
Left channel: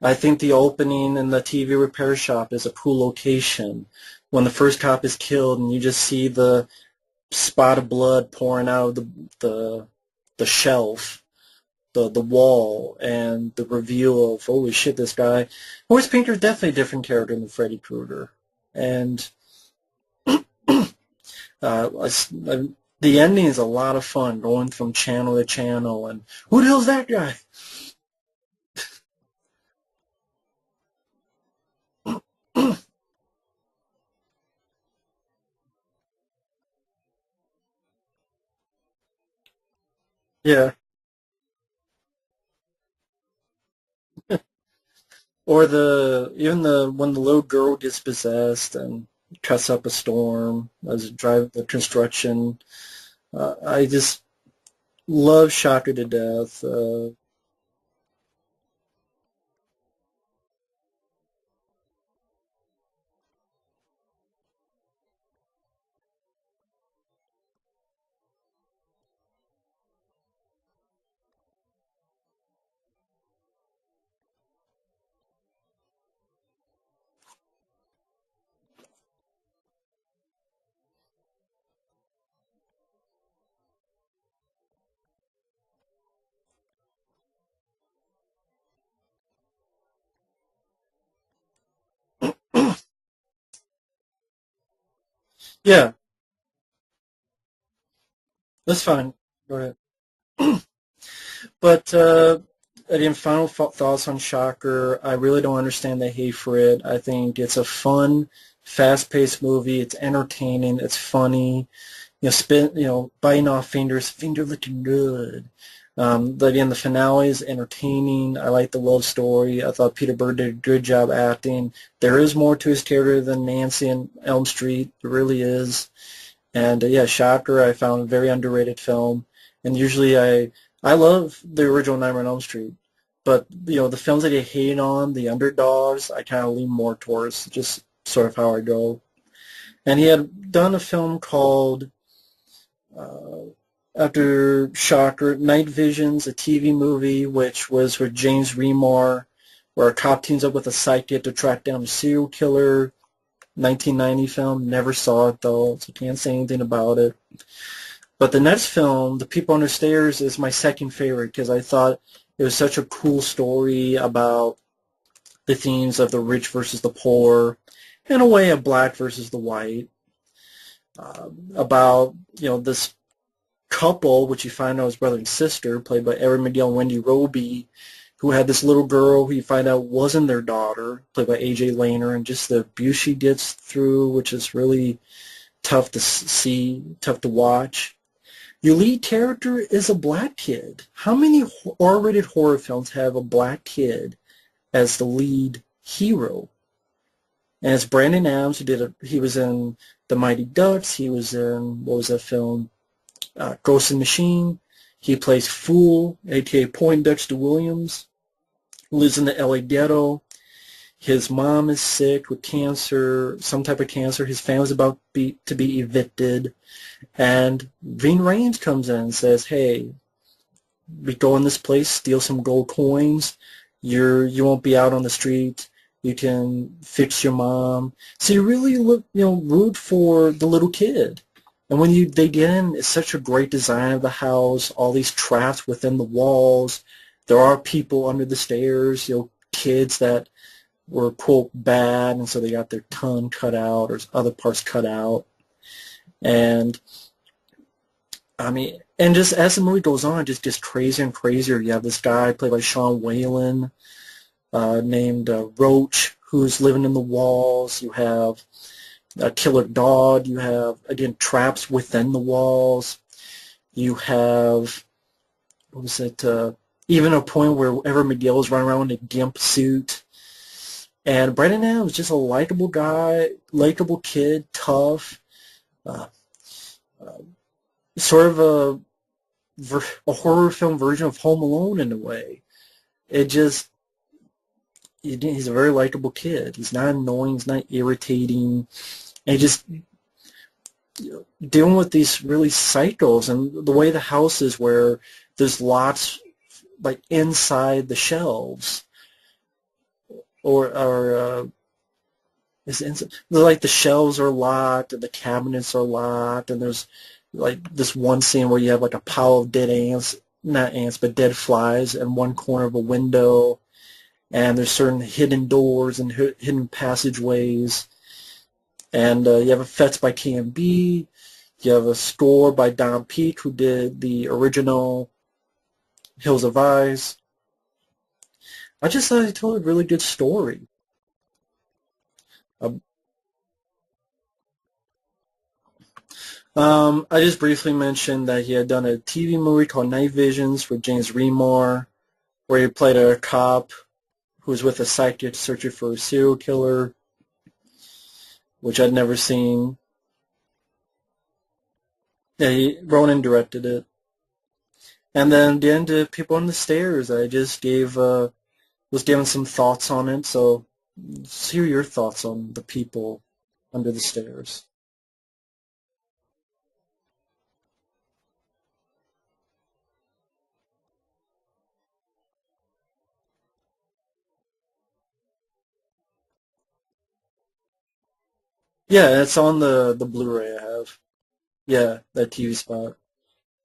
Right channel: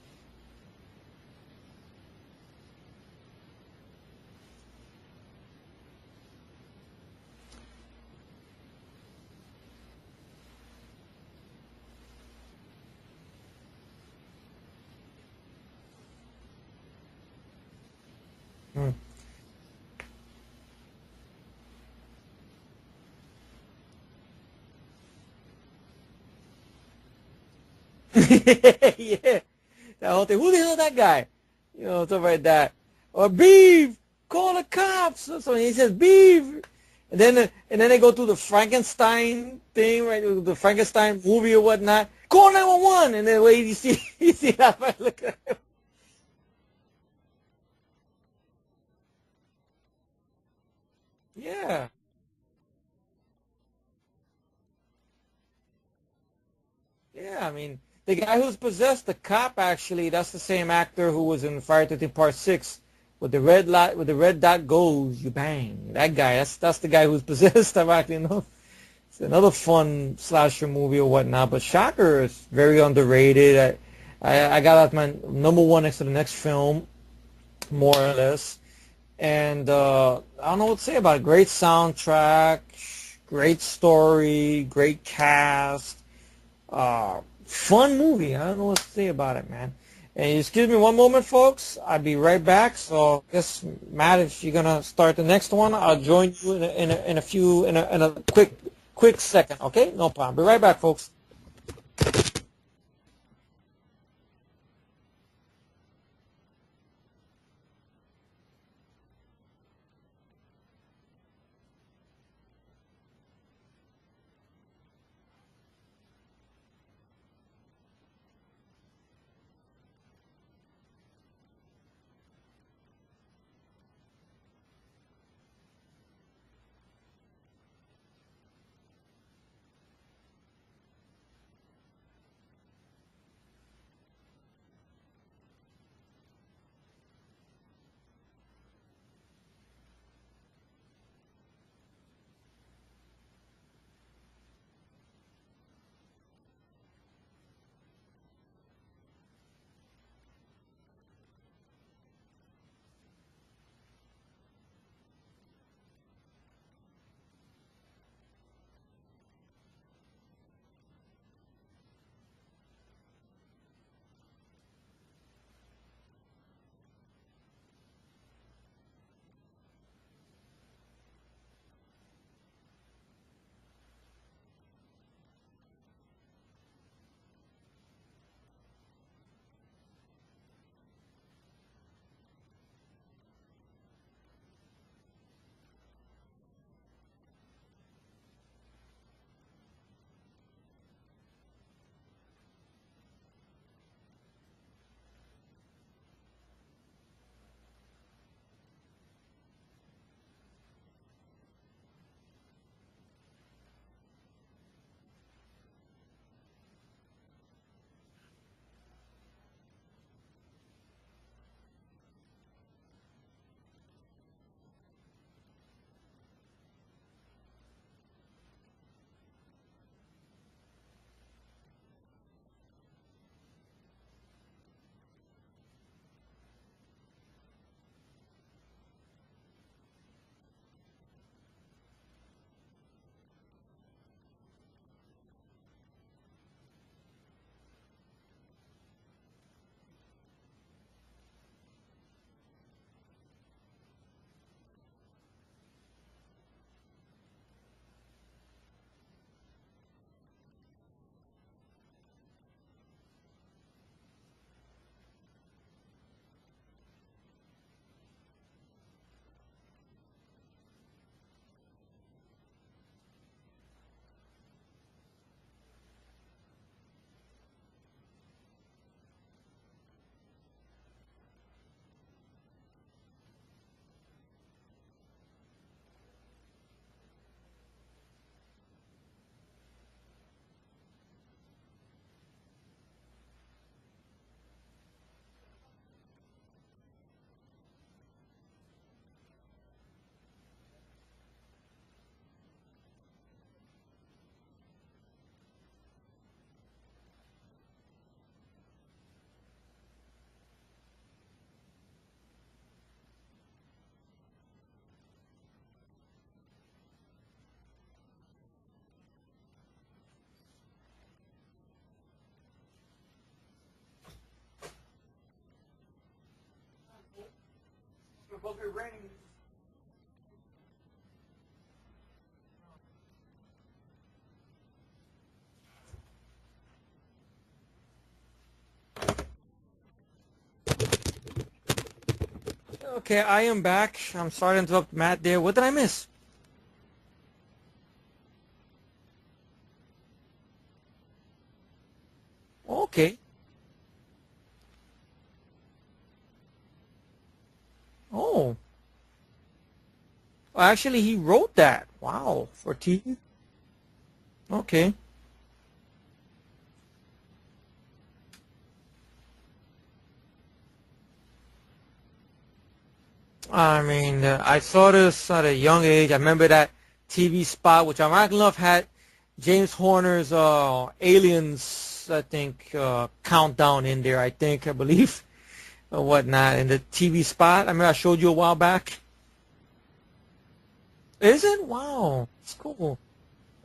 I think the opening in the TV repair shop is a cool location. When the first cop is killed and you just see the spot of blood pouring out of the shelf, the wall, and the reveal of, holy shit, this guy. Horace Pinker is definitely a different character than Freddy Krueger. And the ending is a lot of fun, going from channel to channel, and who the hell's that guy? Yeah, that whole thing. Who the hell is that guy? Stuff like that. Or Beef, call the cops. So he says Beef, and then they go through the Frankenstein thing, right? The Frankenstein movie or whatnot. Call 911, and then wait, you see that. Or when the little girl gets possessed and cuts up a storm as it drives the construction. I just love Shocker to death. I mean, the guy who's possessed, the cop, actually, that's the same actor who was in Friday 13 Part 6 with the red light, with the red dot goes, you bang. That guy, that's the guy who's possessed. I'm actually it's another fun slasher movie or whatnot. But Shocker is very underrated. I got that my #1 next to the next film, more or less. And I don't know what to say about it. Great soundtrack, great story, great cast, fun movie. I don't know what to say about it, man. And excuse me one moment, folks. I'll be right back. So I guess, Matt, if you're gonna start the next one, I'll join you in a quick second. Okay, no problem. Be right back, folks. But again, final thoughts on Shocker. I really don't understand the hate for it. I think it's a fun, fast-paced movie. It's entertaining. It's funny. Biting off fingers, finger looking good. Again, the finale is entertaining. I like the love story. I thought Peter Berg did a good job acting. There is more to his character than Nancy and Elm Street. There really is. And Shocker, I found a very underrated film. And usually I love the original Nightmare on Elm Street. But, the films that you hate on, the underdogs, I kind of lean more towards just sort of how I go. And he had done a film called, after Shocker, Night Visions, a TV movie, which was with James Remar, where a cop teams up with a psychic to track down a serial killer. 1990 film. Never saw it, though, so can't say anything about it. But the next film, The People Under Stairs, is my second favorite because I thought it was such a cool story about the themes of the rich versus the poor, in a way of black versus the white, about, this couple, which you find out is brother and sister, played by Erin McGill and Wendy Roby, who had this little girl who you find out wasn't their daughter, played by A.J. Lehner, and just the abuse she gets through, which is really tough to see, tough to watch. Your lead character is a black kid. How many R-rated horror films have a black kid as the lead hero? And it's Brandon Adams who did it. He was in The Mighty Ducks. He was in, what was that film? Ghost and Machine. He plays Fool, a.k.a. Poindexter Williams, who lives in the LA ghetto. His mom is sick with cancer, some type of cancer. His family's about to be evicted. And Ving Rhames comes in and says, hey, we go in this place, steal some gold coins. You won't be out on the street. You can fix your mom. So you really root for the little kid. And when they get in, it's such a great design of the house, all these traps within the walls. There are people under the stairs, kids that were, quote, bad, and so they got their tongue cut out or other parts cut out. And, I mean, and just as the movie goes on, it just gets crazier and crazier. You have this guy played by Sean Whalen named Roach, who's living in the walls. You have a killer dog. You have, again, traps within the walls. You have, what was it, even a point where Ever McGill is running around in a gimp suit. And Brandon Adams is just a likable guy, likable kid, tough, sort of a horror film version of Home Alone in a way. He's a very likable kid. He's not annoying. He's not irritating. And just dealing with these really psychos and the way the house is where there's lots like inside the shelves. Like the shelves are locked and the cabinets are locked, and there's like this one scene where you have like a pile of dead ants, not ants, but dead flies in one corner of a window, and there's certain hidden doors and hidden passageways, and you have effects by KMB, you have a score by Don Peake, who did the original Hills of Eyes. I just thought he told a really good story. Okay, I am back. I'm sorry to interrupt Matt there. What did I miss? I just briefly mentioned that he had done a TV movie called Night Visions with James Remar, where he played a cop who was with a psychic searching for a serial killer. Oh. Which I'd never seen. Well, actually, he wrote that. Wow. Yeah, he wrote and directed it. Okay. And then the end of People on the Stairs, I just was given some thoughts on it, so let's hear your thoughts on the People. I mean, I saw this at a young age. I remember that TV spot, which ironically enough had James Horner's Aliens, I think, countdown in there, I believe, or whatnot, in the TV spot. I remember I showed you a while back. Yeah, it's on the Blu-ray I have. Is it? Wow. Yeah, that TV spot.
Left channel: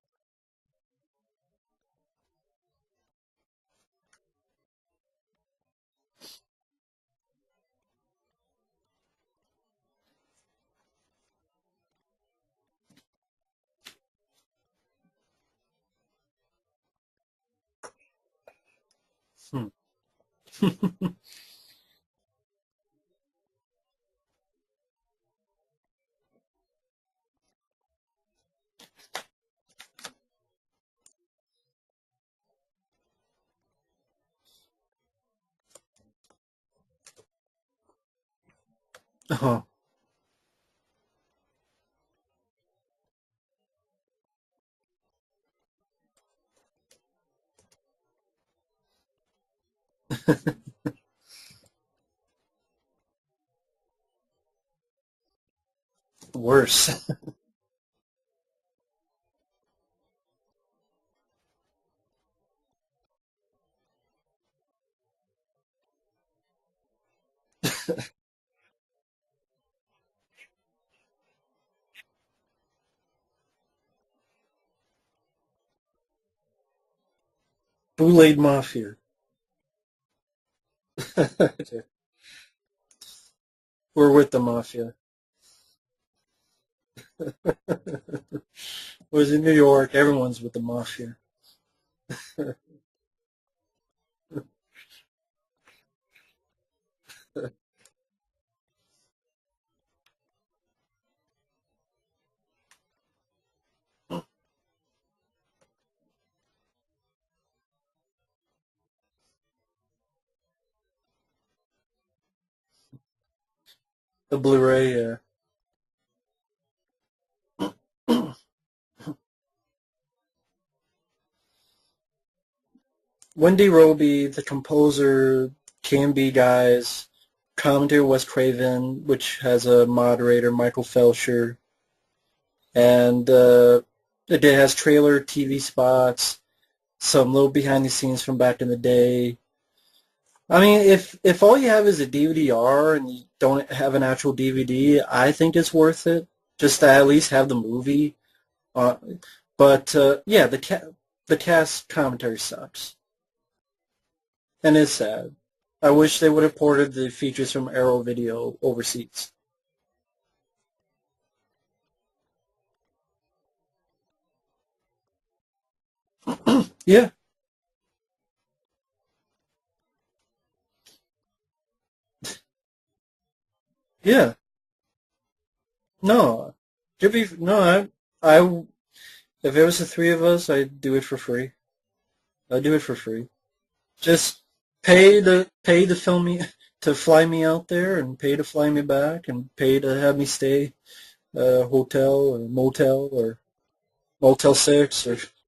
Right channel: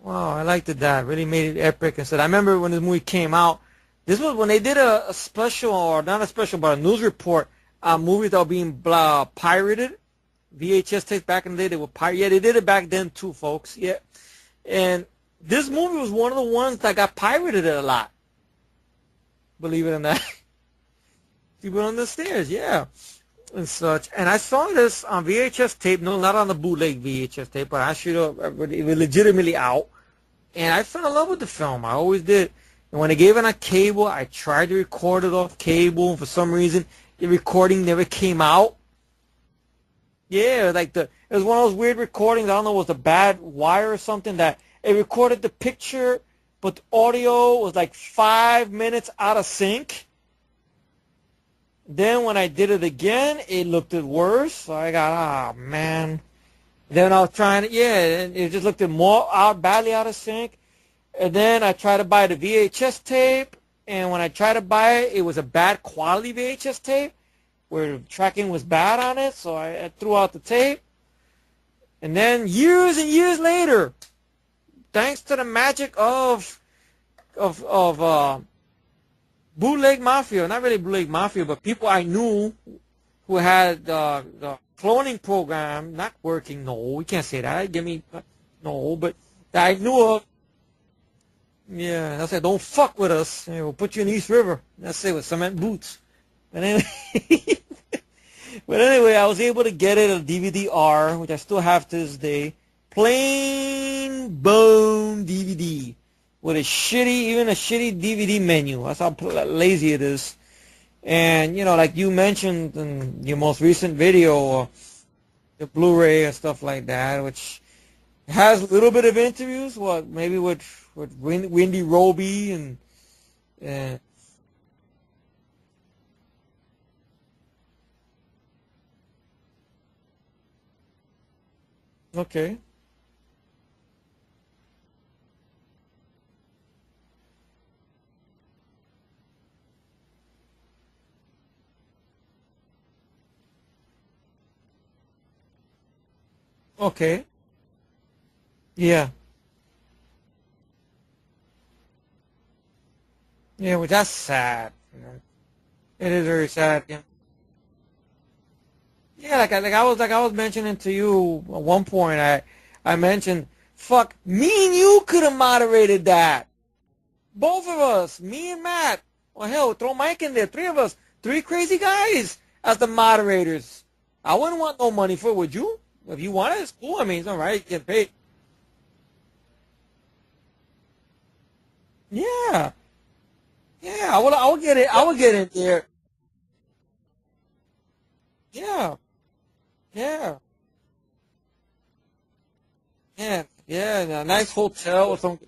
Wow, I liked that. Really made it epic. And said, I remember when this movie came out, this was when they did a special, or not a special, but a news report on movies that were being pirated. VHS tapes back in the day, they were pirated. Yeah, they did it back then too, folks. Yeah. And this movie was one of the ones that got pirated a lot. Believe it or not. People on the Stairs, yeah. And such. And I saw this on VHS tape. No, not on the bootleg VHS tape, but I should have, it was legitimately out. And I fell in love with the film. I always did. And when they gave it on cable, I tried to record it off cable. And for some reason, the recording never came out. Uh-huh. Yeah, like it was one of those weird recordings. I don't know, it was a bad wire or something that it recorded the picture, but the audio was like 5 minutes out of sync. Then when I did it again, it looked worse. So I got, man. Worse. Then I was trying to, and it just looked badly out of sync. And then I tried to buy the VHS tape, and when I tried to buy it, it was a bad quality VHS tape, where the tracking was bad on it, so I threw out the tape. And then years and years later, thanks to the magic of Bootleg Mafia. Bootleg Mafia, not really Bootleg Mafia, but people I knew who had were with the Mafia. Cloning program not working. No, we can't say that. Give me no, but it was in New York. Everyone's with the Mafia. Yeah, I said, don't fuck with us. We'll put you in East River. That's it, with cement boots. And then, But anyway, I was able to get it a DVD-R, which I still have to this day. Plain bone DVD with even a shitty DVD menu. That's how lazy it is. And, like you mentioned in your most recent The video, Blu-ray, yeah. the Blu-ray and stuff like that, which has a little bit of interviews, maybe with Wendy Roby and Wendy Roby, the composer, KMB guys, commentator Wes Craven, which has a moderator, Michael Felsher. okay. And it has trailer, TV spots, some little behind the scenes from back in the day. I mean, if all you have is a DVD-R and you don't have an actual DVD, I think it's worth it just to at least have the movie. Yeah. But yeah, the cast commentary sucks. Yeah, well, that's sad. And it's sad. I wish they would have sad, ported the features from Arrow Video overseas. Yeah, like I was mentioning to you at one point. I mentioned, fuck, me and you could have moderated that. Yeah. Both of us, me and Matt. Well, hell, throw Mike in there. Three of us, three crazy guys as the moderators. Yeah. I wouldn't want no money for it, would you? No. If you want it, it's cool. I mean, right? No, if it was the three of us, I'd do it for free. Yeah. I'd do it for free. Yeah, I will get it. I will get it. Pay to fly me out there, and pay to fly me back, and pay to have me stay hotel or motel or Motel Motel nice 6 hotel with some,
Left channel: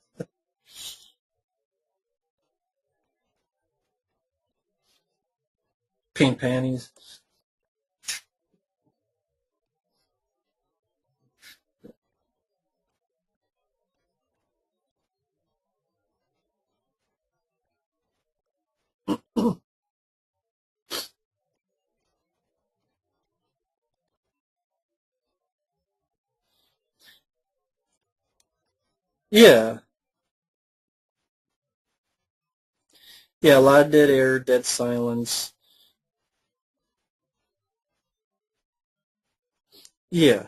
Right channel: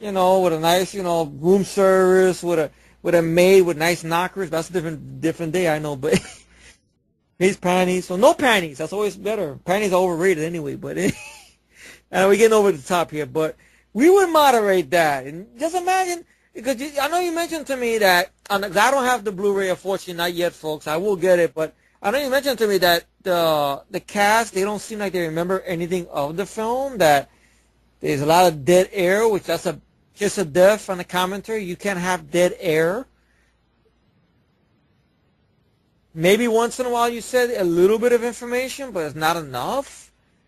with a nice, room service with a maid with nice knockers. That's a different day, I know, but pink panties. His panties. So no panties. That's always better. Panties are overrated anyway, but we're getting over the top here. But we would moderate that, and just imagine. Because I know you mentioned to me that, I don't have the Blu-ray, unfortunately, not yet, folks. I will get it, but I know you mentioned to me that the cast, they don't seem like they remember anything of the film, that there's a lot of dead air, which is a kiss of death on the commentary. You can't have dead air. Yeah, a lot of dead air, dead silence. Maybe once in a while you said a little bit of information, but it's not enough. Yeah.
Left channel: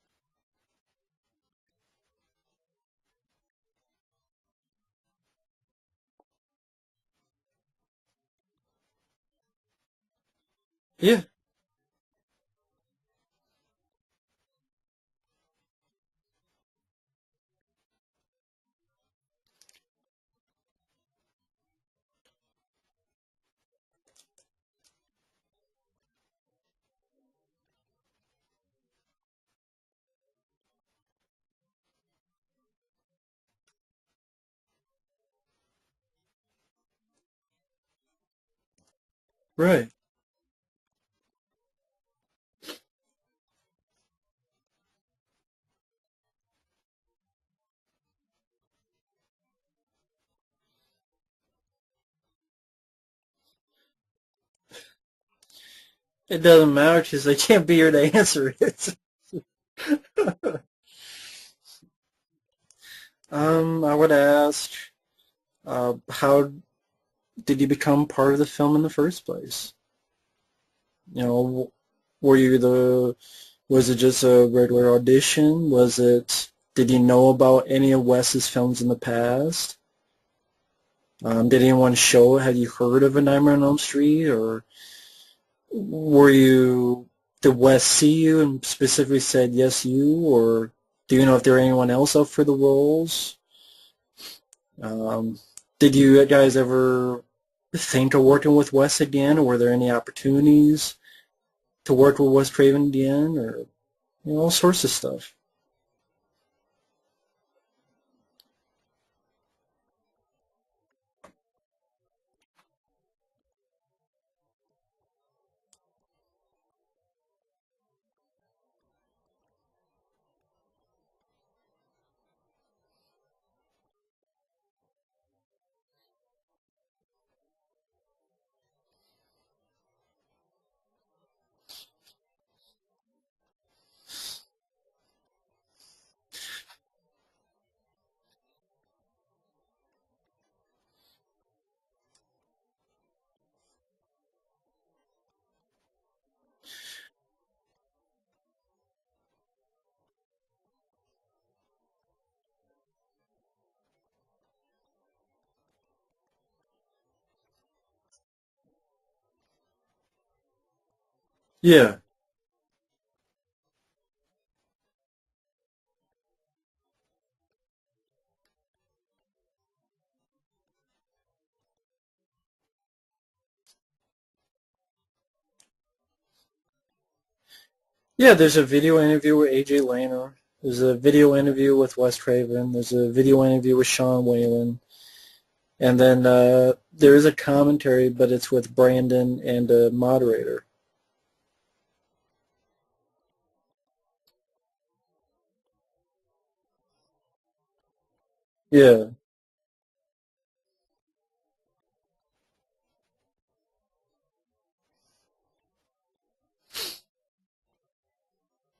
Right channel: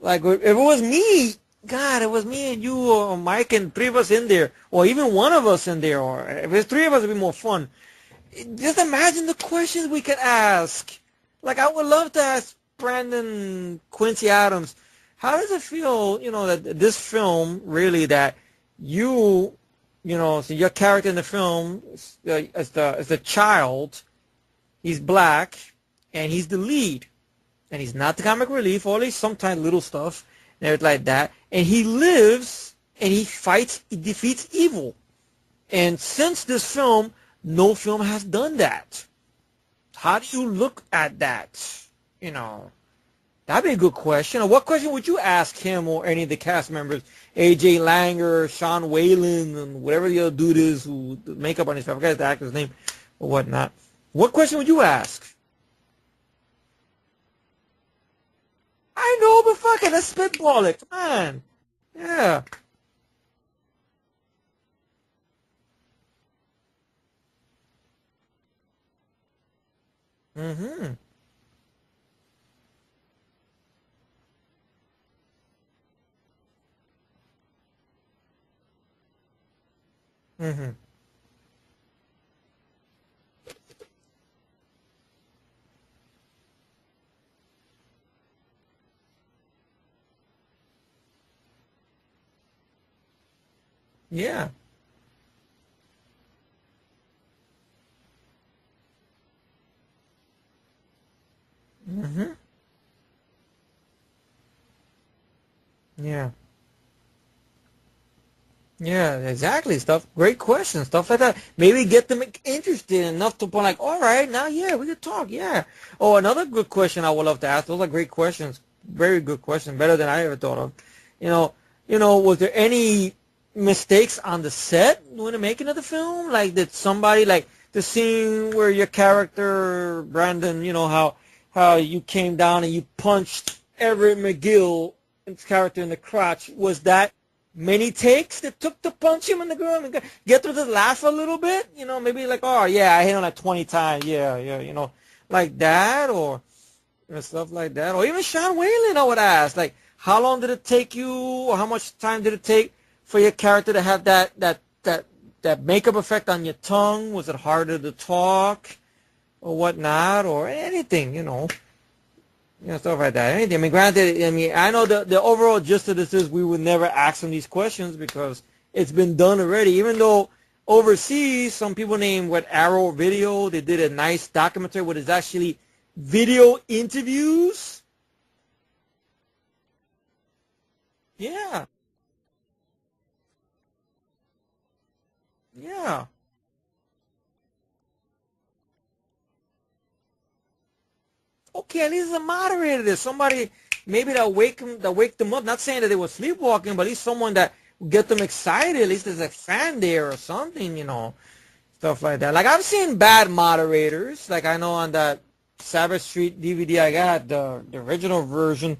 Like, if it was me, God, it was me and you or Mike and three of us in there, or even one of us in there, or if it's three of us, it'd be more fun. Just imagine the questions we could ask. Yeah. Like, I would love to ask Brandon Quincy Adams, how does it feel, that this film, really, that so your character in the film, as the child, he's black, and he's the lead, and he's not the comic relief, or at least sometimes little stuff, and everything like that. And he lives, and he defeats evil. And since this film, no film has done that. Right. How do you look at that? That'd be a good question. Or what question would you ask him or any of the cast members? A.J. Langer, Sean Whalen, and whatever the other dude is who makeup on his face. I forgot the actor's name or whatnot. What question would you ask? It doesn't matter because they can't be here to answer it. I know, but fuck it, let's spitball it. Come on. Yeah. I would ask, how did you become part of the film in the first place? Mm-hmm. Was it just a regular audition? Did you know about any of Wes's films in the past? Mm-hmm. Did anyone show it? Had you heard of A Nightmare on Elm Street? Or did Wes see you and specifically said, yes, you? Or do you know if there were anyone else up for the roles? Yeah. Did you guys ever think of working with Wes again? Or were there any opportunities to work with Wes Craven again? Or, all sorts of stuff. Yeah. Yeah, exactly. Great questions, stuff like that. Maybe get them interested enough to point like, all right, now, yeah, we could talk, yeah. Oh, another good question I would love to ask. Those are great questions. Very good question. Better than I ever thought of. Was there any mistakes on the set when the making of the film? Like, did somebody, like, the scene where your character, Brandon, how you came down and you punched Everett McGill, his character, in the crotch, was that many takes that took to punch him in the groin and get through the laugh a little bit? Maybe like, oh, yeah, I hit him like 20 times. Yeah, like that, or stuff like that. Or even Sean Whalen, I would ask, like, how long did it take you, or how much time did it take for your character to have that makeup effect on your tongue? Was it harder to talk? or whatnot, or anything, Yeah. stuff like that. Anything. I mean, granted, I mean, I know the overall gist of this is we would never ask them these questions because it's been done already. Even though overseas, some people named Arrow Video, they did a nice documentary where it's actually video interviews. Yeah, there's a video interview with AJ Layner. There's a video Yeah, interview with Wes Craven. There's a video interview with Sean Whalen. And yeah. then there is a commentary, but it's with Brandon and a moderator. Okay, at least a moderator. There's somebody maybe that wake them up. Not saying that they were sleepwalking, but at least someone that would get them excited. At least Yeah. there's a fan there or something, stuff like that. Like I've seen bad moderators. Like I know on that Savage Street DVD I got, the original version,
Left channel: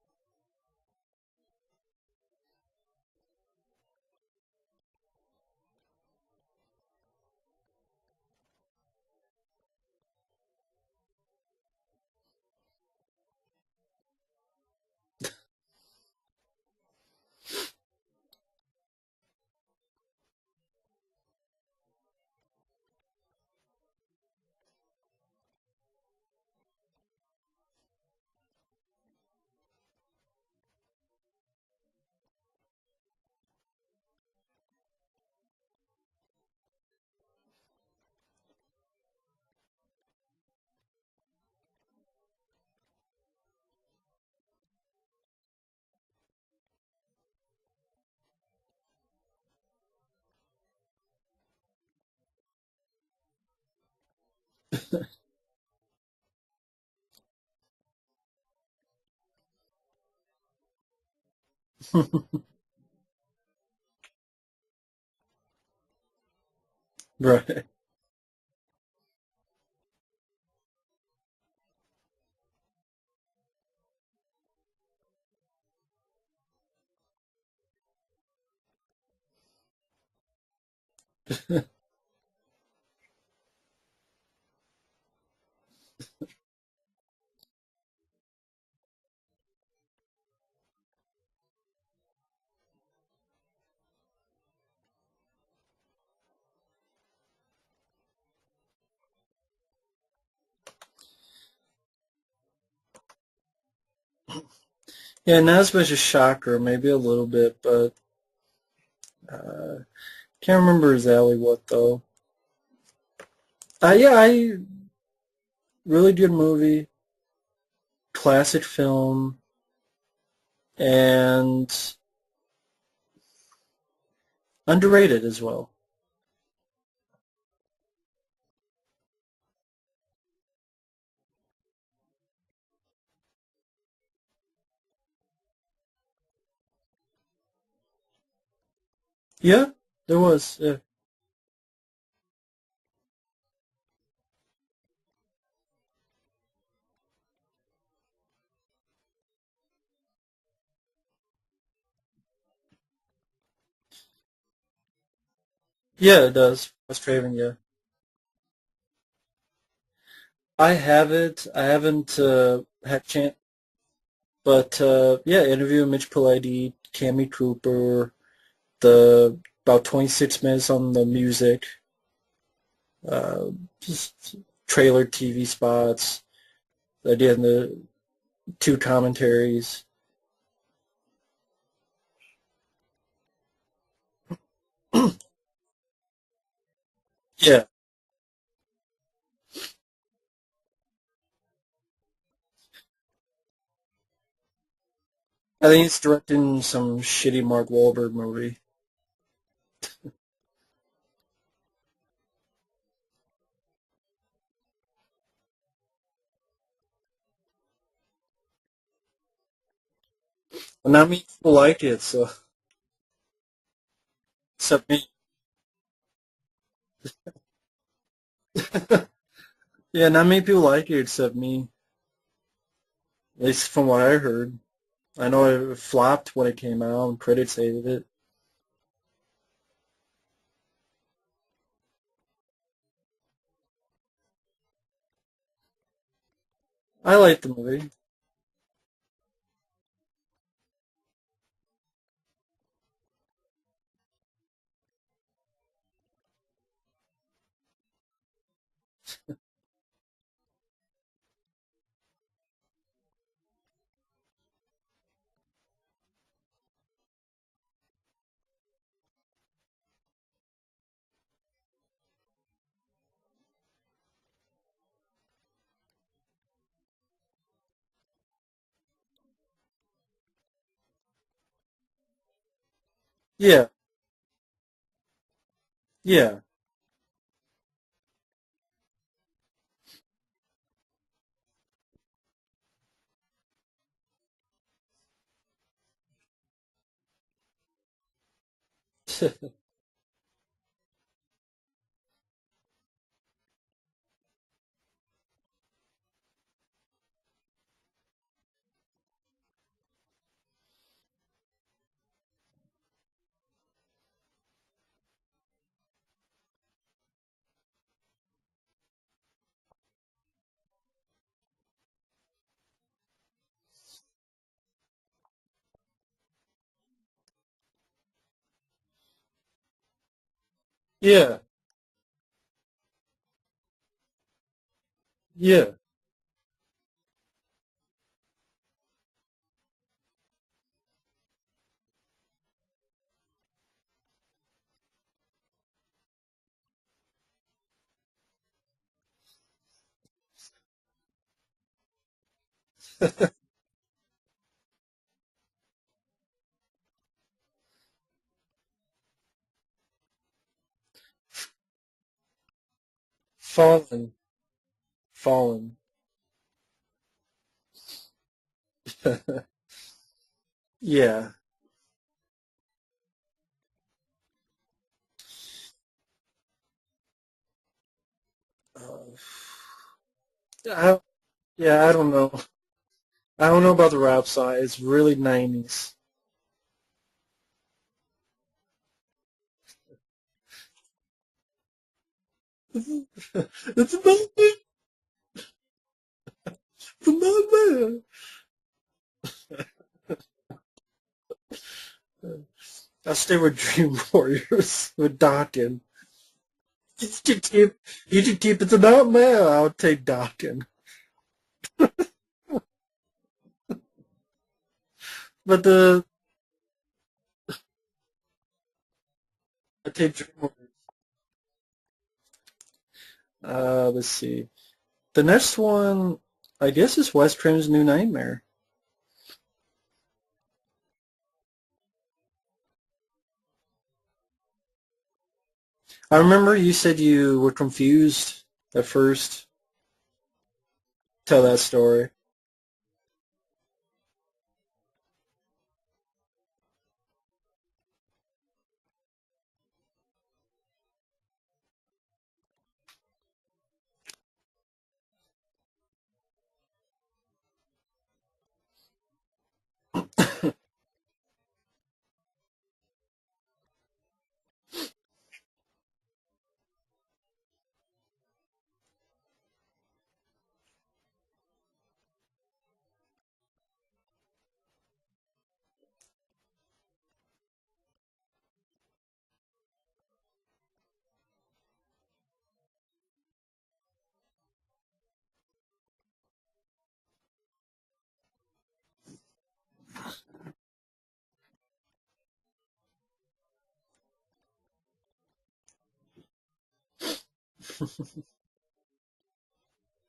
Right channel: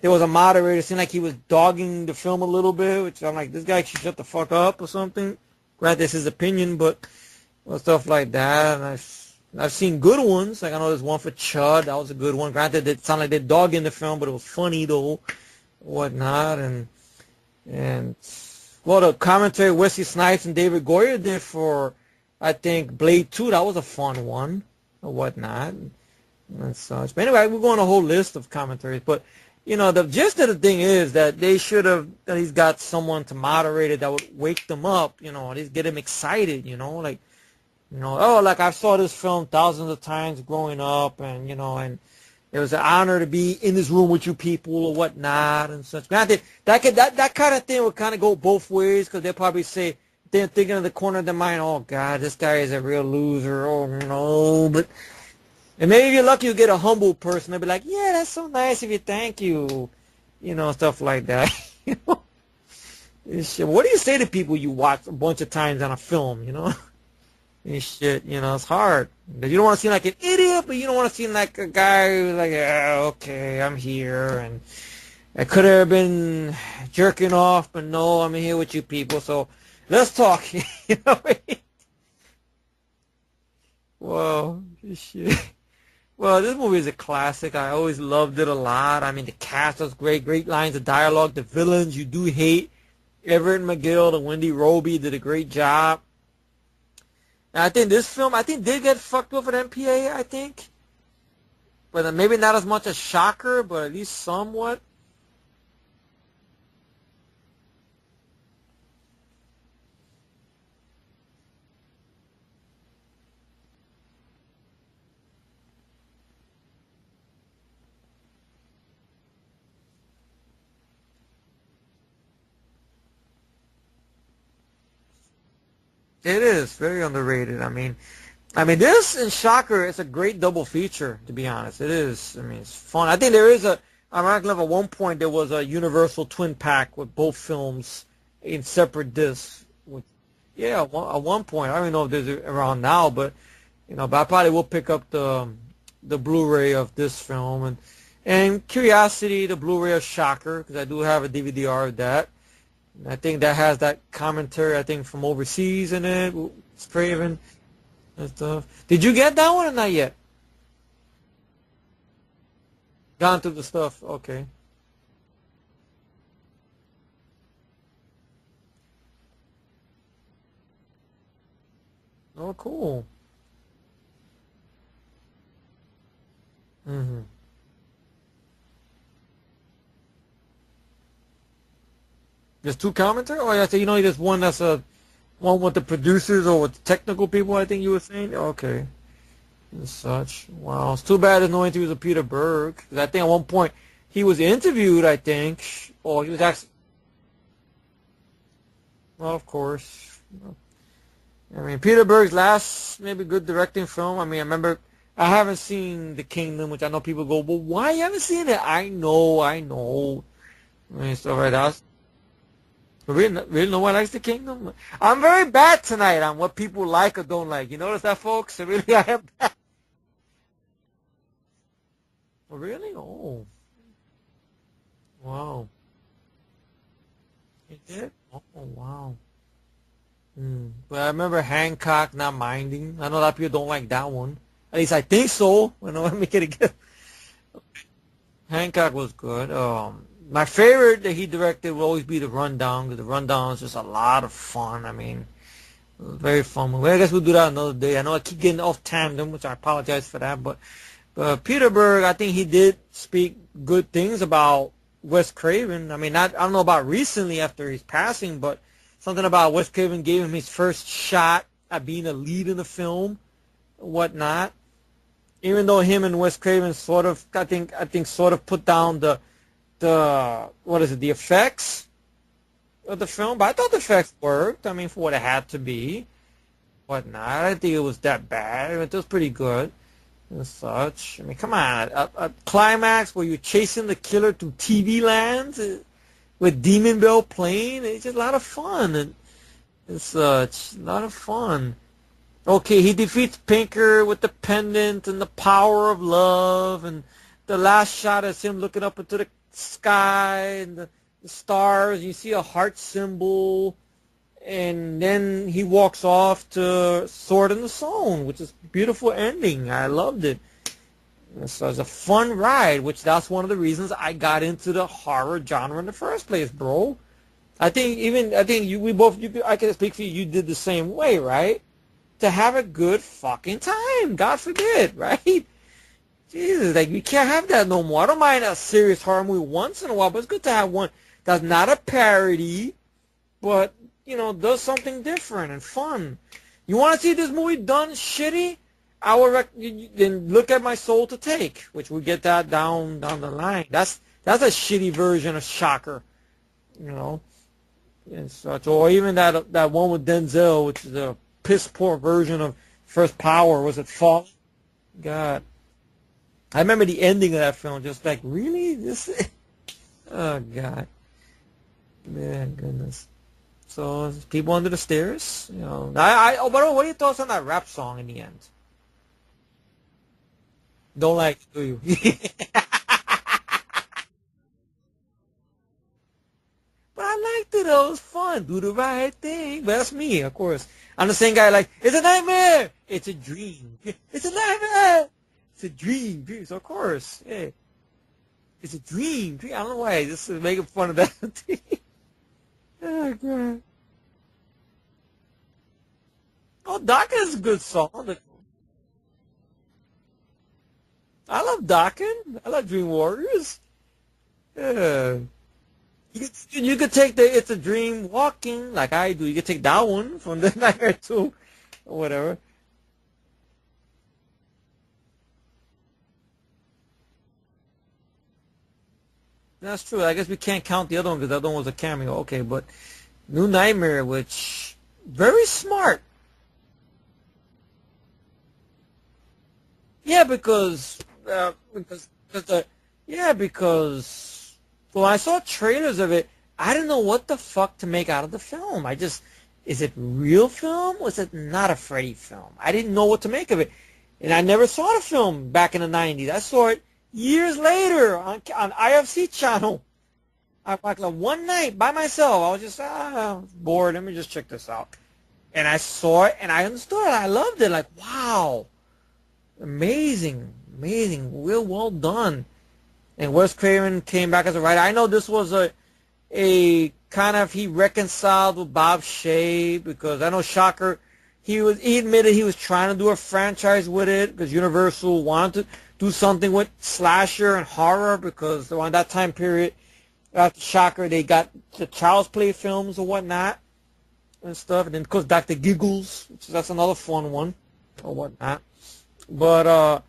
there was a moderator. It seemed like he was dogging the film a little bit, which I'm like, this guy should shut the fuck up or something. Granted, this is his opinion, but stuff like that. And I've seen good ones. Like I know there's one for Chud. That was a good one. Granted, it sounded like they're dogging the film, but it was funny though, whatnot. And well, the commentary Wesley Snipes and David Goyer did for, I think, Blade 2. That was a fun one or whatnot and such. But anyway, we're going a whole list of commentaries. But the gist of the thing is that they should have at least got someone to moderate it that would wake them up. At least get them excited. Like. Oh, like I saw this film thousands of times growing up, and and it was an honor to be in this room with you people or whatnot and such. Granted, that kind of thing would kind of go both ways because they'll probably say they're thinking in the corner of their mind, oh God, this guy is a real loser. Oh no, but and maybe if you're lucky, you get a humble person. They'll be like, yeah, that's so nice of you, thank you, stuff like that. What do you say to people you watch a bunch of times on a film? Right. And shit, it's hard. But you don't want to seem like an idiot, but you don't want to seem like a guy who's like, okay, I'm here, and I could have been jerking off, but no, I'm here with you people, so let's talk. What I mean? Well, shit. Well, this movie is a classic. I always loved it a lot. I mean, the cast was great, great lines of dialogue. The villains you do hate, Everett McGill and Wendy Roby did a great job. I think this film, did get fucked with at MPA, I think. But maybe not as much as Shocker, but at least somewhat. Yeah, not as much as Shocker, maybe a little bit, but can't remember exactly what, though. I really good movie, classic film, and underrated as well. It is very underrated. I mean, this and Shocker is a great double feature, to be honest. It is. I mean, it's fun. I think there is ironically, at one point, there was a Universal twin pack with both films in separate discs. Yeah, there was. Yeah, at one point. I don't even know if there's around now, but, but I probably will pick up the Blu-ray of this film. And Curiosity, the Blu-ray of Shocker, because I do have a DVD-R of that. I think that has that commentary, I think, from overseas. And yeah, it does. Craven, yeah. And stuff. Did you get that one or not yet? I haven't had chance. Gone through the stuff. Okay. But, yeah, interview with Mitch Pileggi, Cammy Cooper, the about 26 minutes on the music. Oh, cool. Just trailer TV spots. Mm-hmm. I did the 2 commentaries. There's 2 commentaries? Oh, yeah, so there's one that's one with the producers or with the technical people, Yeah. I think you were saying? Okay. And such. Wow. It's too bad there's no interviews with Peter Berg. 'Cause I think at one point he was interviewed, I think. I think he's directing some shitty Mark Wahlberg movie. Well, of course. I mean, Peter Berg's last maybe good directing film. I mean, I remember I haven't seen The Kingdom, which I know people go, well, why you haven't seen it? I know. Well, not many people like it, so. Really, no one likes The Kingdom? Except me. I'm very bad tonight on what people like or don't like. You notice that, folks? I am bad. Yeah, not many people like it except me. Oh, really? Oh. At least from what I heard. I know it flopped when it came out, and critics hated it. Oh, wow. But I remember Hancock not minding. I know a lot of people don't like that one. At least I think so. I know I'm making it good. I liked the movie. Hancock was good. My favorite that he directed will always be The Rundown, because The Rundown is just a lot of fun. I mean, It was a very fun movie. I guess we'll do that another day. I know I keep getting off tandem, which I apologize for that. But Peter Berg, I think he did speak good things about Wes Craven. I mean, I don't know about recently after his passing, but something about Wes Craven gave him his first shot at being a lead in a film, and whatnot. Even though him and Wes Craven sort of, I think sort of put down the what is it, the effects of the film. But I Yeah, thought the effects worked. I mean, for what it had to be, yeah, whatnot. I didn't think it was that bad. I mean, it was pretty good and such. I mean, come on, a climax where you're chasing the killer through TV lands with Demon Bell playing. It's just a lot of fun and such. A lot of fun. Okay, he defeats Pinker with the pendant and the power of love, and the last shot is him looking up into the sky and the stars. You see a heart symbol, and then he walks off to Sword in the Stone, which is a beautiful ending. I loved it. So it's a fun ride, which that's one of the reasons I got into the horror genre in the first place, bro. I think I can speak for you. You did the same way, yeah, right? To have a good fucking time. God forbid, right? yeah. Jesus, like we can't have that no more. I don't mind a serious horror movie once in a while, but it's good to have one that's not a parody, but does something different and fun. You want to see this movie done shitty? I would then look at My Soul to Take, which we get that down the line. That's a shitty version of Shocker, you know. And such, or even that one with Denzel, which is a piss poor version of First Power. Was it Fallen? God, Fallen. I remember the ending of that film. Just like, really, this? Oh God. Yeah. Man, goodness. So people under the stairs. Oh, but what are your thoughts on that rap song in the end? Don't like. Yeah, I don't know. I don't know about the rap side. It's really 90s. But I liked it. It was fun. Do the right thing. But that's me, of course. I'm the same guy. Like, it's a nightmare. It's a dream. It's a nightmare. It's a dream. Dreams, of course. It's a nightmare. It's a dream. I don't know why. Just making fun of that. I stay with Dream Warriors with Dawkins. Oh, Dawkins is a good song. You should keep it a nightmare. I'll take Dawkins. I love Dawkins. I love Dream Warriors. Yeah. But you could take the It's a Dream Walking like I do. You could take that one from the Nightmare 2 or whatever. Let's see. The next one, I guess, is Wes Craven's New Nightmare. That's true. I guess we can't count the other one because the other one was a cameo. Okay, but New Nightmare, which very smart. I remember you said you were confused at first. Yeah, because Tell that story. Because when I saw trailers of it, I didn't know what the fuck to make out of the film. Is it real film or is it not a Freddy film? I didn't know what to make of it. And I never saw the film back in the 90s. I saw it years later on IFC channel. I like one night by myself. I was just bored. Let me just check this out. And I saw it and I understood it. I loved it. Like, wow. Amazing. Real well done. And Wes Craven came back as a writer. I know this was a kind of, he reconciled with Bob Shea because I know Shocker, he admitted he was trying to do a franchise with it because Universal wanted to do something with slasher and horror because around that time period, after Shocker, they got the Child's Play films or whatnot and stuff. And then, of course, Dr. Giggles, that's another fun one or whatnot. But,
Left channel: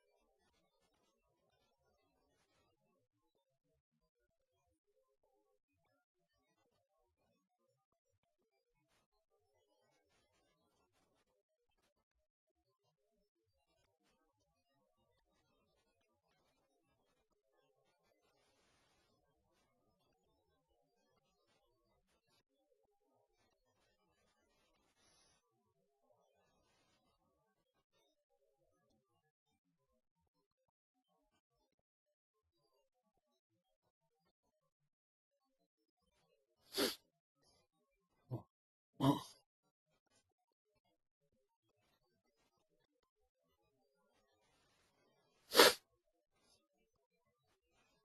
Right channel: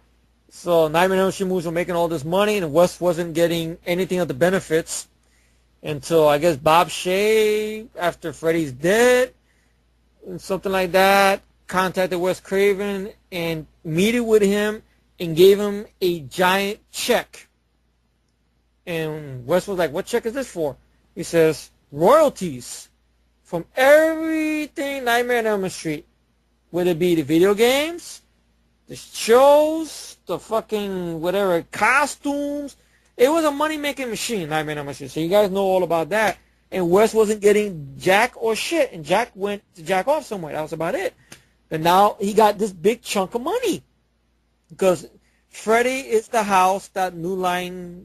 so Nightmare on Elm Street movies were making all this money, and Wes wasn't getting anything of the benefits until, I guess, Bob Shea, after Freddy's dead, and something like that, contacted Wes Craven and meted with him and gave him a giant check. And Wes was like, what check is this for? He says, royalties from everything Nightmare on Elm Street, whether it be the video games, the shows, the fucking whatever, costumes. It was a money-making machine, Nightmare on Elm Street. So you guys know all about that. And Wes wasn't getting jack or shit. And Jack went to jack off somewhere. That was about it. And now he got this big chunk of money. Because Freddy is the house that New Line...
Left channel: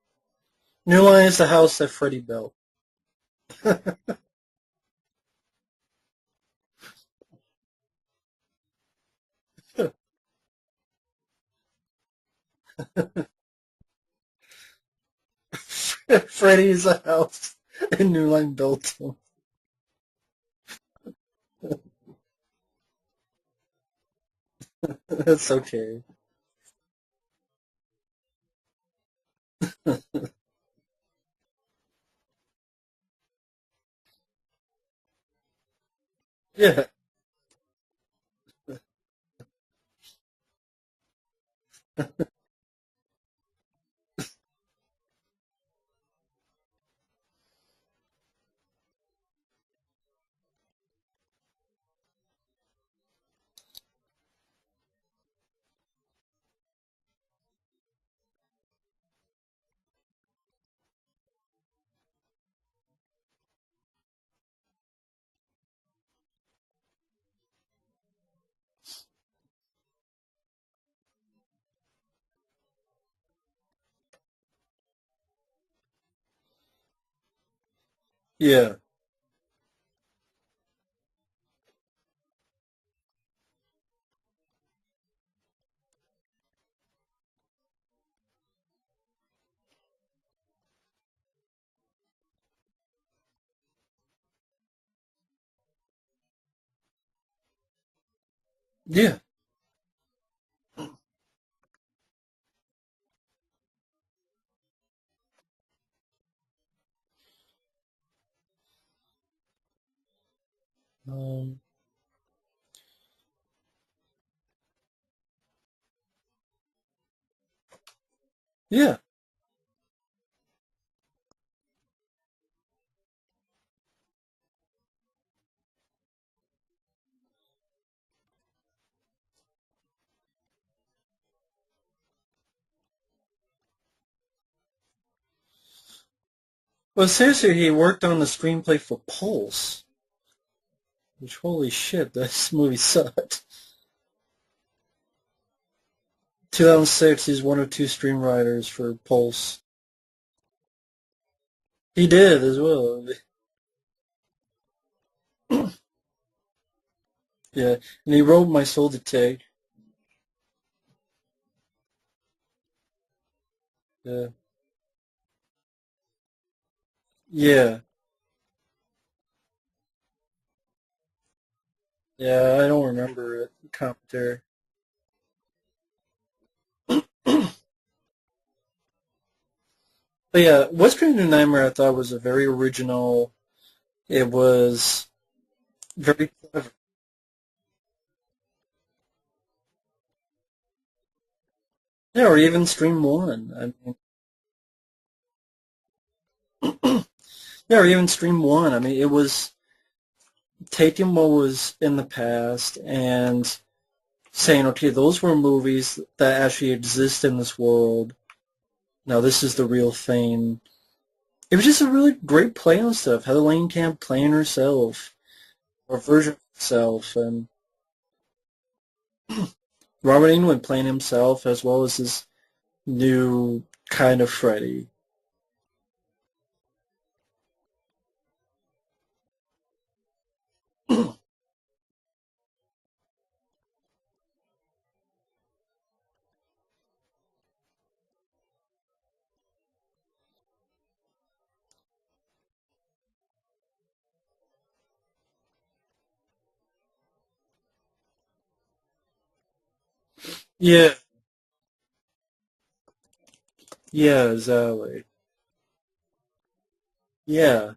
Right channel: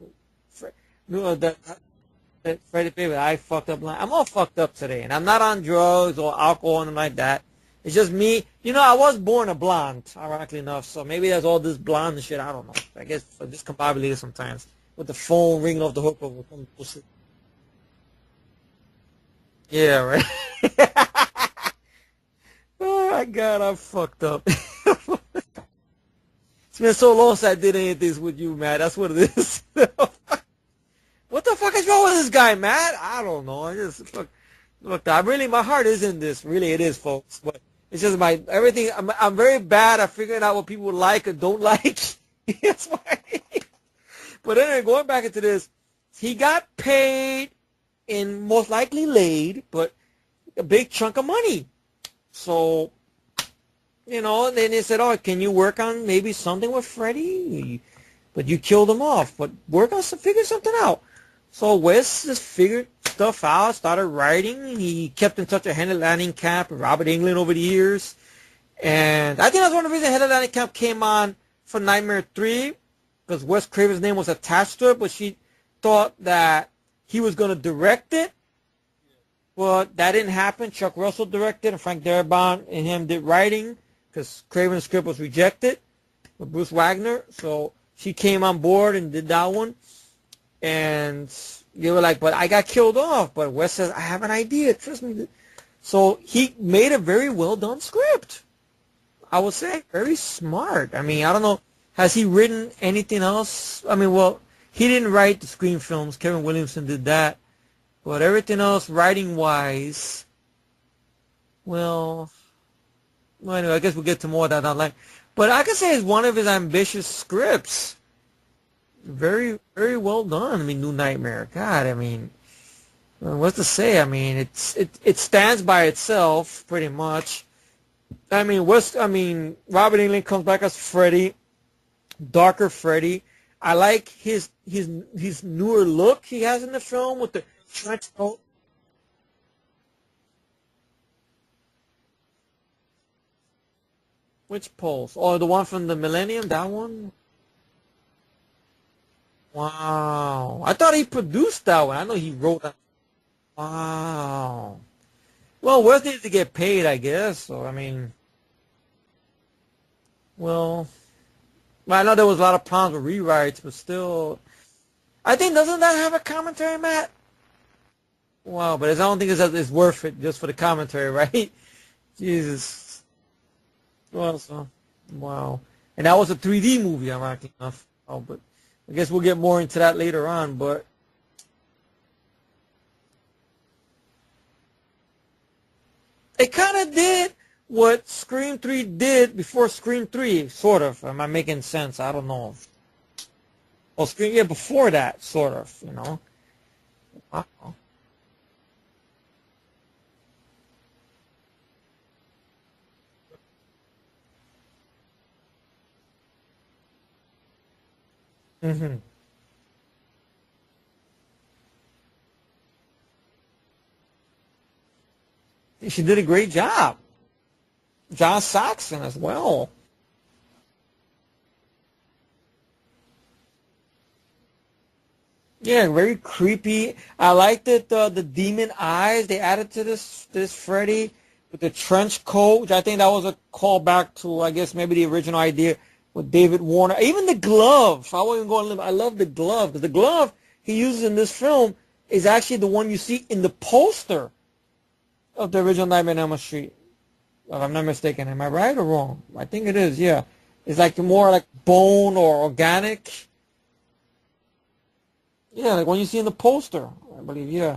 New Line is the house that Freddy built. Freddy, baby, I fucked up. I'm all fucked up today. And I'm not on drugs or alcohol or anything like that. It's just me. I was born a blonde, ironically enough, so maybe that's all this blonde shit. I don't know. I guess discombobulated sometimes with the phone ringing off the hook. Freddy's a house in New Line built him. Yeah, right. Oh my God, I fucked up. That's okay. It's been so long since I did anything with you, Matt. That's what it is. What the fuck is wrong with this guy, Matt? I don't know. I just look. My heart is in this. Really, It is, folks. But it's just everything. I'm very bad at figuring out what people like or don't like. That's why. But anyway, going back into this, he got paid and most likely laid, but a big chunk of money. So, then they said, "Oh, can you work on maybe something with Freddy?" But you killed him off. But figure something out. So Wes just figured stuff out, started writing. He kept in touch with Henry Langenkamp and Robert Englund over the years. And I think that's one of the reasons Henry Langenkamp came on for Nightmare 3, because Wes Craven's name was attached to it, but she thought that he was going to direct it. Yeah. Well, that didn't happen. Chuck Russell directed, and Frank Darabont and him did writing, because Craven's script was rejected with Bruce Wagner. So she came on board and did that one. And they were like, but I got killed off. But Wes says, I have an idea. Trust me. So he made a very well-done script. Yeah. I would say very smart. I mean, I don't know. Has he written anything else? I mean, well, he didn't write the Scream films. Kevin Williamson did that. But everything else, writing-wise, well, anyway, I guess we'll get to more of that online. But I could say it's one of his ambitious scripts. Yeah. Very, very well done. I mean, New Nightmare. God, I mean, what's to say? I mean, it stands by itself pretty much. I mean, Robert Englund comes back as Freddy, darker Freddy. I like his newer look he has in the film. Well, seriously, he worked on the screenplay for Pulse. Which, holy shit, this movie sucked. Which Pulse? Oh, the one from the Millennium? 2006, he's one of two screenwriters for Pulse. Wow. I thought he produced that one. He did as well. Wow. Well, Wes needs to get paid, I guess. So, yeah, I mean, and he wrote My Soul to Take. Well, I know there was a lot of problems with rewrites, but still, I think, doesn't that have a commentary, Matt? Yeah. Wow, but I don't think it's worth it just for the commentary, right? Yeah, Jesus. I don't remember it. Commentary. Wow. And that was a 3D movie, I'm right enough. Oh, but I guess we'll get more into that later on. But yeah, Wes Craven's New Nightmare I thought was a very original. It was very... It kind of did what Scream 3 did before Scream 3, sort of. Am I making sense? I don't know. Or even Scream 1. I mean, Scream, before that, sort of, Yeah, or even Scream 1. I mean, it was taking what was in the past and saying, okay, those were movies that actually exist in this world. Mm-hmm. Now this is the real thing. It was just a really great play on stuff. Heather Langenkamp playing herself. She did a great job. And John Saxon as well. Robert Englund playing himself as well as his new kind of Freddy. Yeah, very creepy. I liked it, the demon eyes they added to this Freddy with the trench coat, which I think that was a callback to, I guess, maybe the original idea with David Warner. Even the glove. I won't even go on. I love the glove, because the glove he uses in this film is actually the one you see in the poster of the original Nightmare on Elm Street. If I'm not mistaken. Am I right or wrong? I think it is, yeah. Yeah. It's like more like bone or organic. Yeah, exactly. Yeah, like when you see in the poster. Yeah.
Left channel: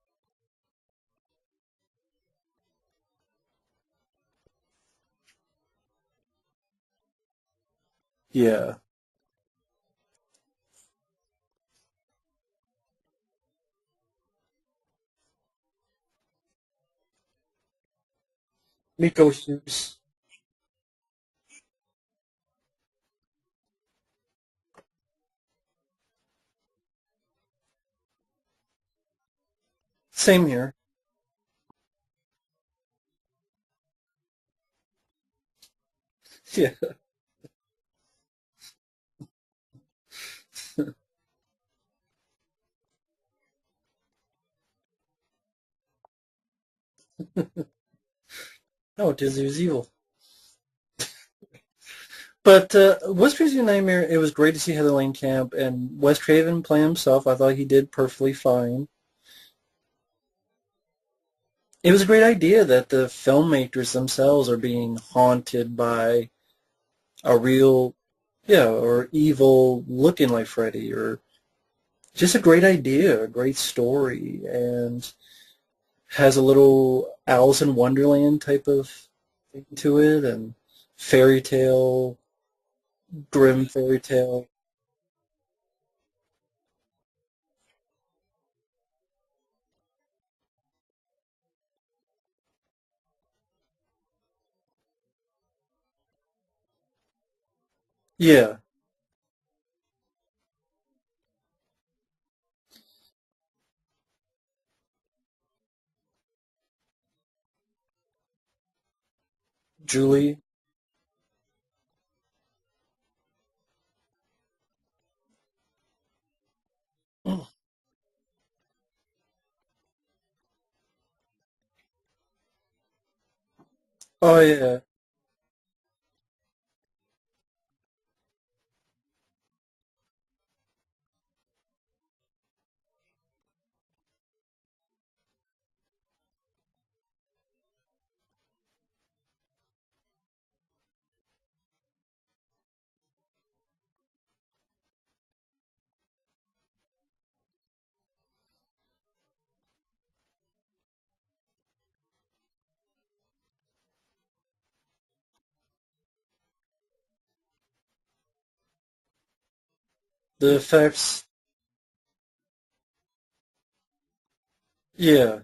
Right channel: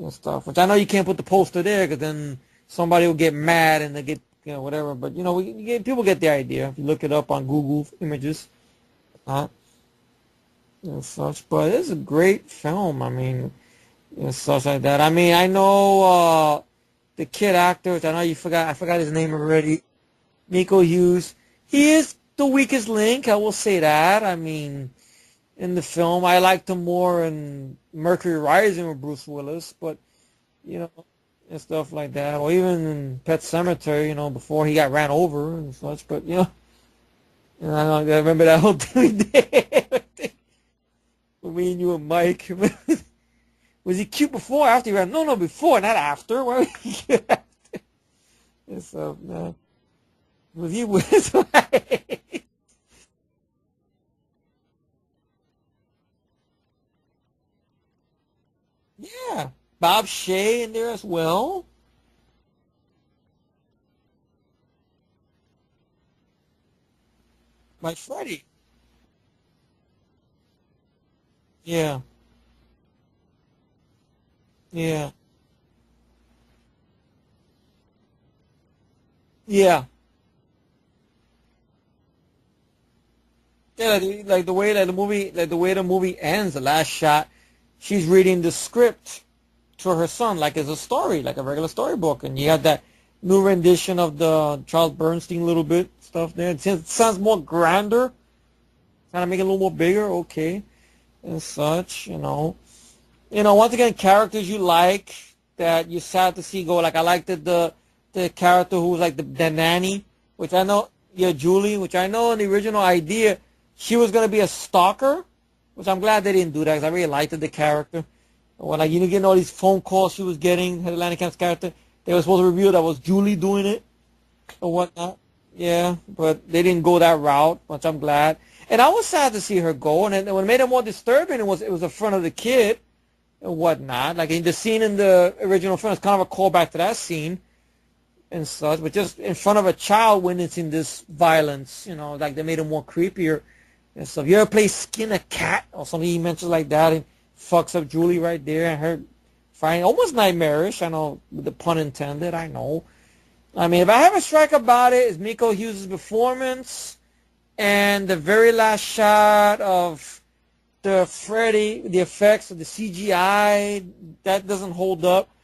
And stuff. Which I know you can't put the poster there, because then somebody will get mad and they get, whatever. But, people get the idea if you look it up on Google Images. Yeah. And such. But it's a great film. I mean, stuff like that. I mean, I know the kid actor, which I know I forgot his name already. Nico Hughes. He is the weakest link, I will say that. I mean, in the film, I liked him more in Mercury Rising with Bruce Willis, but same here. And stuff like that, or even in Pet Sematary, before he got ran over and such. But Yeah. And I remember that whole thing we did. Me and you and Mike. Was he cute before or after he ran? No, before, not after. Oh, So, Disney was evil. with you, with But Wes Craven's New Nightmare, it was great to see Heather Langenkamp and Wes Craven play himself. I thought he did perfectly fine. yeah, Bob Shea in there as well. It was a great idea that the filmmakers themselves are being haunted by a real, Like Freddy. yeah, or evil looking like Freddy, or Yeah, just a great idea, a great story, and yeah, has a little Alice in Wonderland type of yeah. to it, and fairy tale, grim Yeah, fairy tale. like the way that the movie, like the way the movie ends, the last shot, she's reading the script to her son, like it's a story, like a regular storybook, and you have that new rendition of the Charles Bernstein little bit stuff there. It sounds more grander, Yeah, kind of make it a little more bigger, okay, and such, once again, characters you like that you're sad to see go. Like I liked the character who was like the nanny, Julie. which I know, yeah, Julie, which I know in the original idea she was gonna be a stalker, which I'm glad they didn't do that because I really liked the character. When like getting all these phone calls she was getting, her Atlantic Camp's character, they were supposed to reveal that was Julie doing it Oh or yeah. whatnot. Yeah, but they didn't go that route, which I'm glad. And I was sad to see her go. And then what made it more disturbing it was the front of the kid and whatnot. Like in the scene in the original film, it's kind of a callback to that scene and such. But just in front of a child witnessing this violence, like they made it more creepier. And so if you ever play Skin a Cat or something he mentions like that and fucks up Julie right there and her fine, almost nightmarish. I know, with the pun intended. I know. I mean, if I have a strike about it, it's Miko Hughes' performance and the very last shot of The the effects. Freddy, the effects of the CGI, that doesn't hold up. Yeah.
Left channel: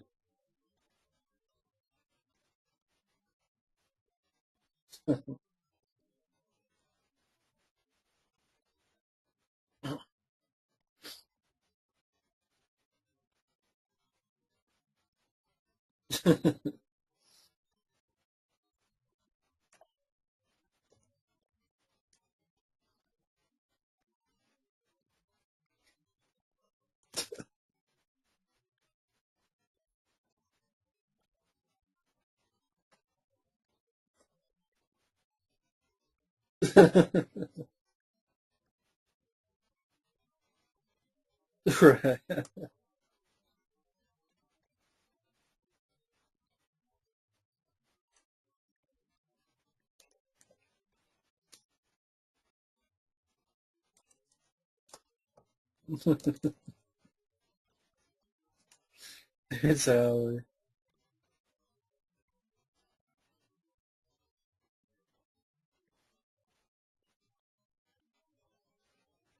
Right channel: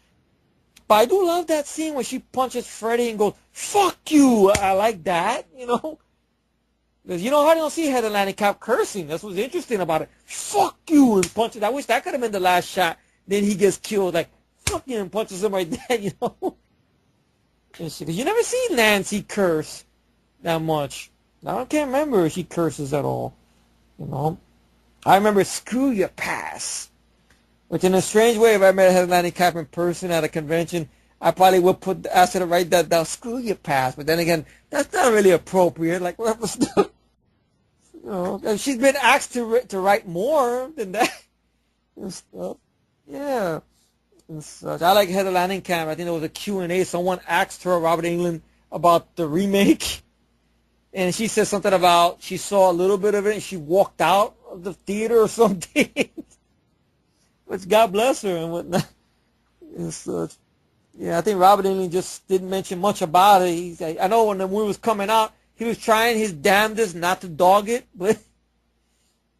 But I do love that scene when she punches Freddy and goes, "Fuck you!" I like that, Because hardly don't see Heather Langenkamp cursing. That's what's interesting about it. Fuck you and punches. I wish that could have been the last shot. Then he gets killed, like, fuck you, and punches him right there, Because you never see Nancy curse that much. I can't remember if she curses at all, I remember "Screw Your Pass," which in a strange way, if I met Heather Langenkamp in person at a convention, I probably would ask her to write that down, "Screw Your Pass." But then again, that's not really appropriate. Like, what was, she's been asked to write more than that. Right. Yeah. And such. I like Heather Langenkamp. I think there was a Q&A. Someone asked her, Robert Englund, about the remake. And she said something about she saw a little bit of it and she walked out of the theater or something. Which, God bless her and whatnot. It's Yeah, I think Robert Englund just didn't mention much about it. I know when the movie was coming out, he was trying his damnedest not to dog it, but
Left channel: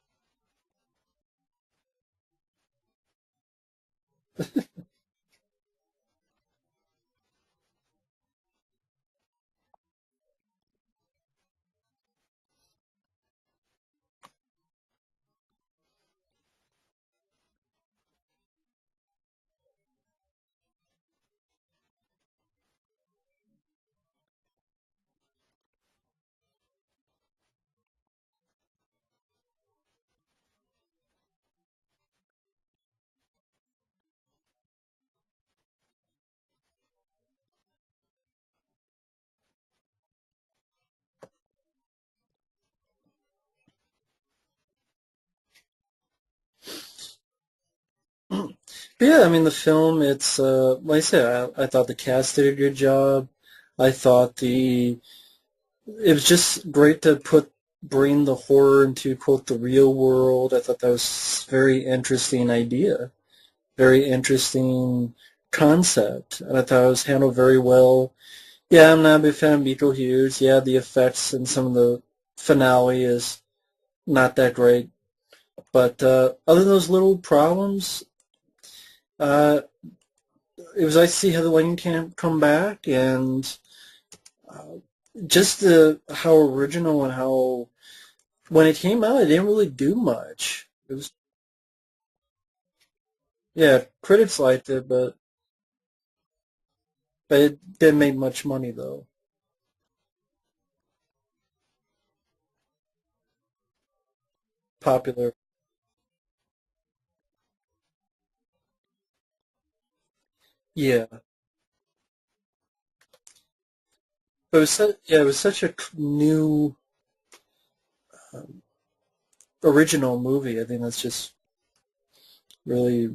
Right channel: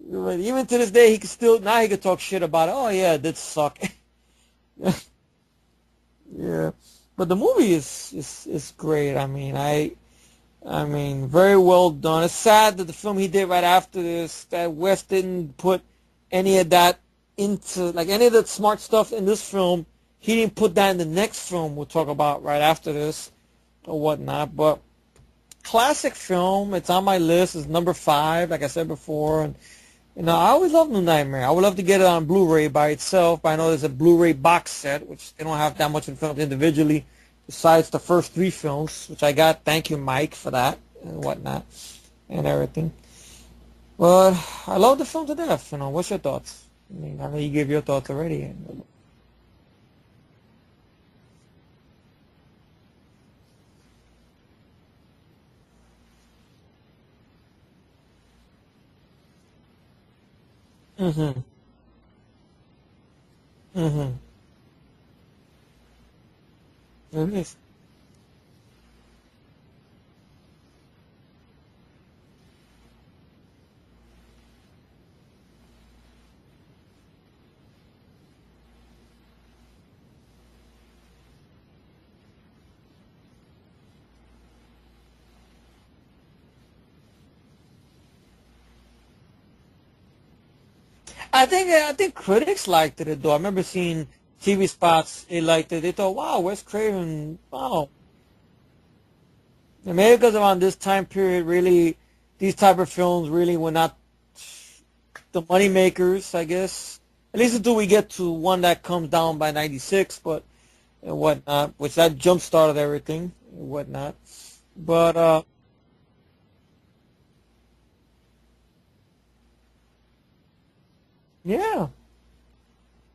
even to this day, he could talk shit about it. Oh yeah, it did suck. Yeah, but the movie is great. I mean, very well done. It's sad that the film he did right after this, that Wes didn't put any of that into, like, any of the smart stuff in this film. He didn't put that in the next film we'll talk about right after this or whatnot. But classic film. It's on my list. It's number 5, like I said before. And I always love New Nightmare. I would love to get it on Blu-ray by itself, but I know there's a Blu-ray box set, which they don't have that much of films individually, besides the first 3 films, which I got. Thank you, Mike, for that and whatnot and everything. But I love the film to death. What's your thoughts? I know you gave your thoughts already. Yeah, I mean, the film, it's, like I said, I thought the cast did a good job. I thought it was just great to bring the horror into, quote, the real world. I thought that was a very interesting idea, very interesting concept, and I thought it was handled very well. Yeah, I'm not a big fan of Miko Hughes. Yeah, the effects in some of the finale is not that great, but other than those little problems, it was nice to see Heather Langenkamp come back, and just how original and how when it came out, it didn't really do much. It was, I think critics liked it though. I remember seeing critics liked TV it, spots. They liked it. They thought, "Wow, Wes Craven." but it Wow. didn't make much money though. And maybe because around this time period, really, these type of films really were not Popular. the money makers, I guess. At least until we get to one that comes down by '96, but Yeah. and whatnot, which that jump started everything and whatnot. But it was such, But yeah, it was such a new, original movie. I think that's just yeah, really.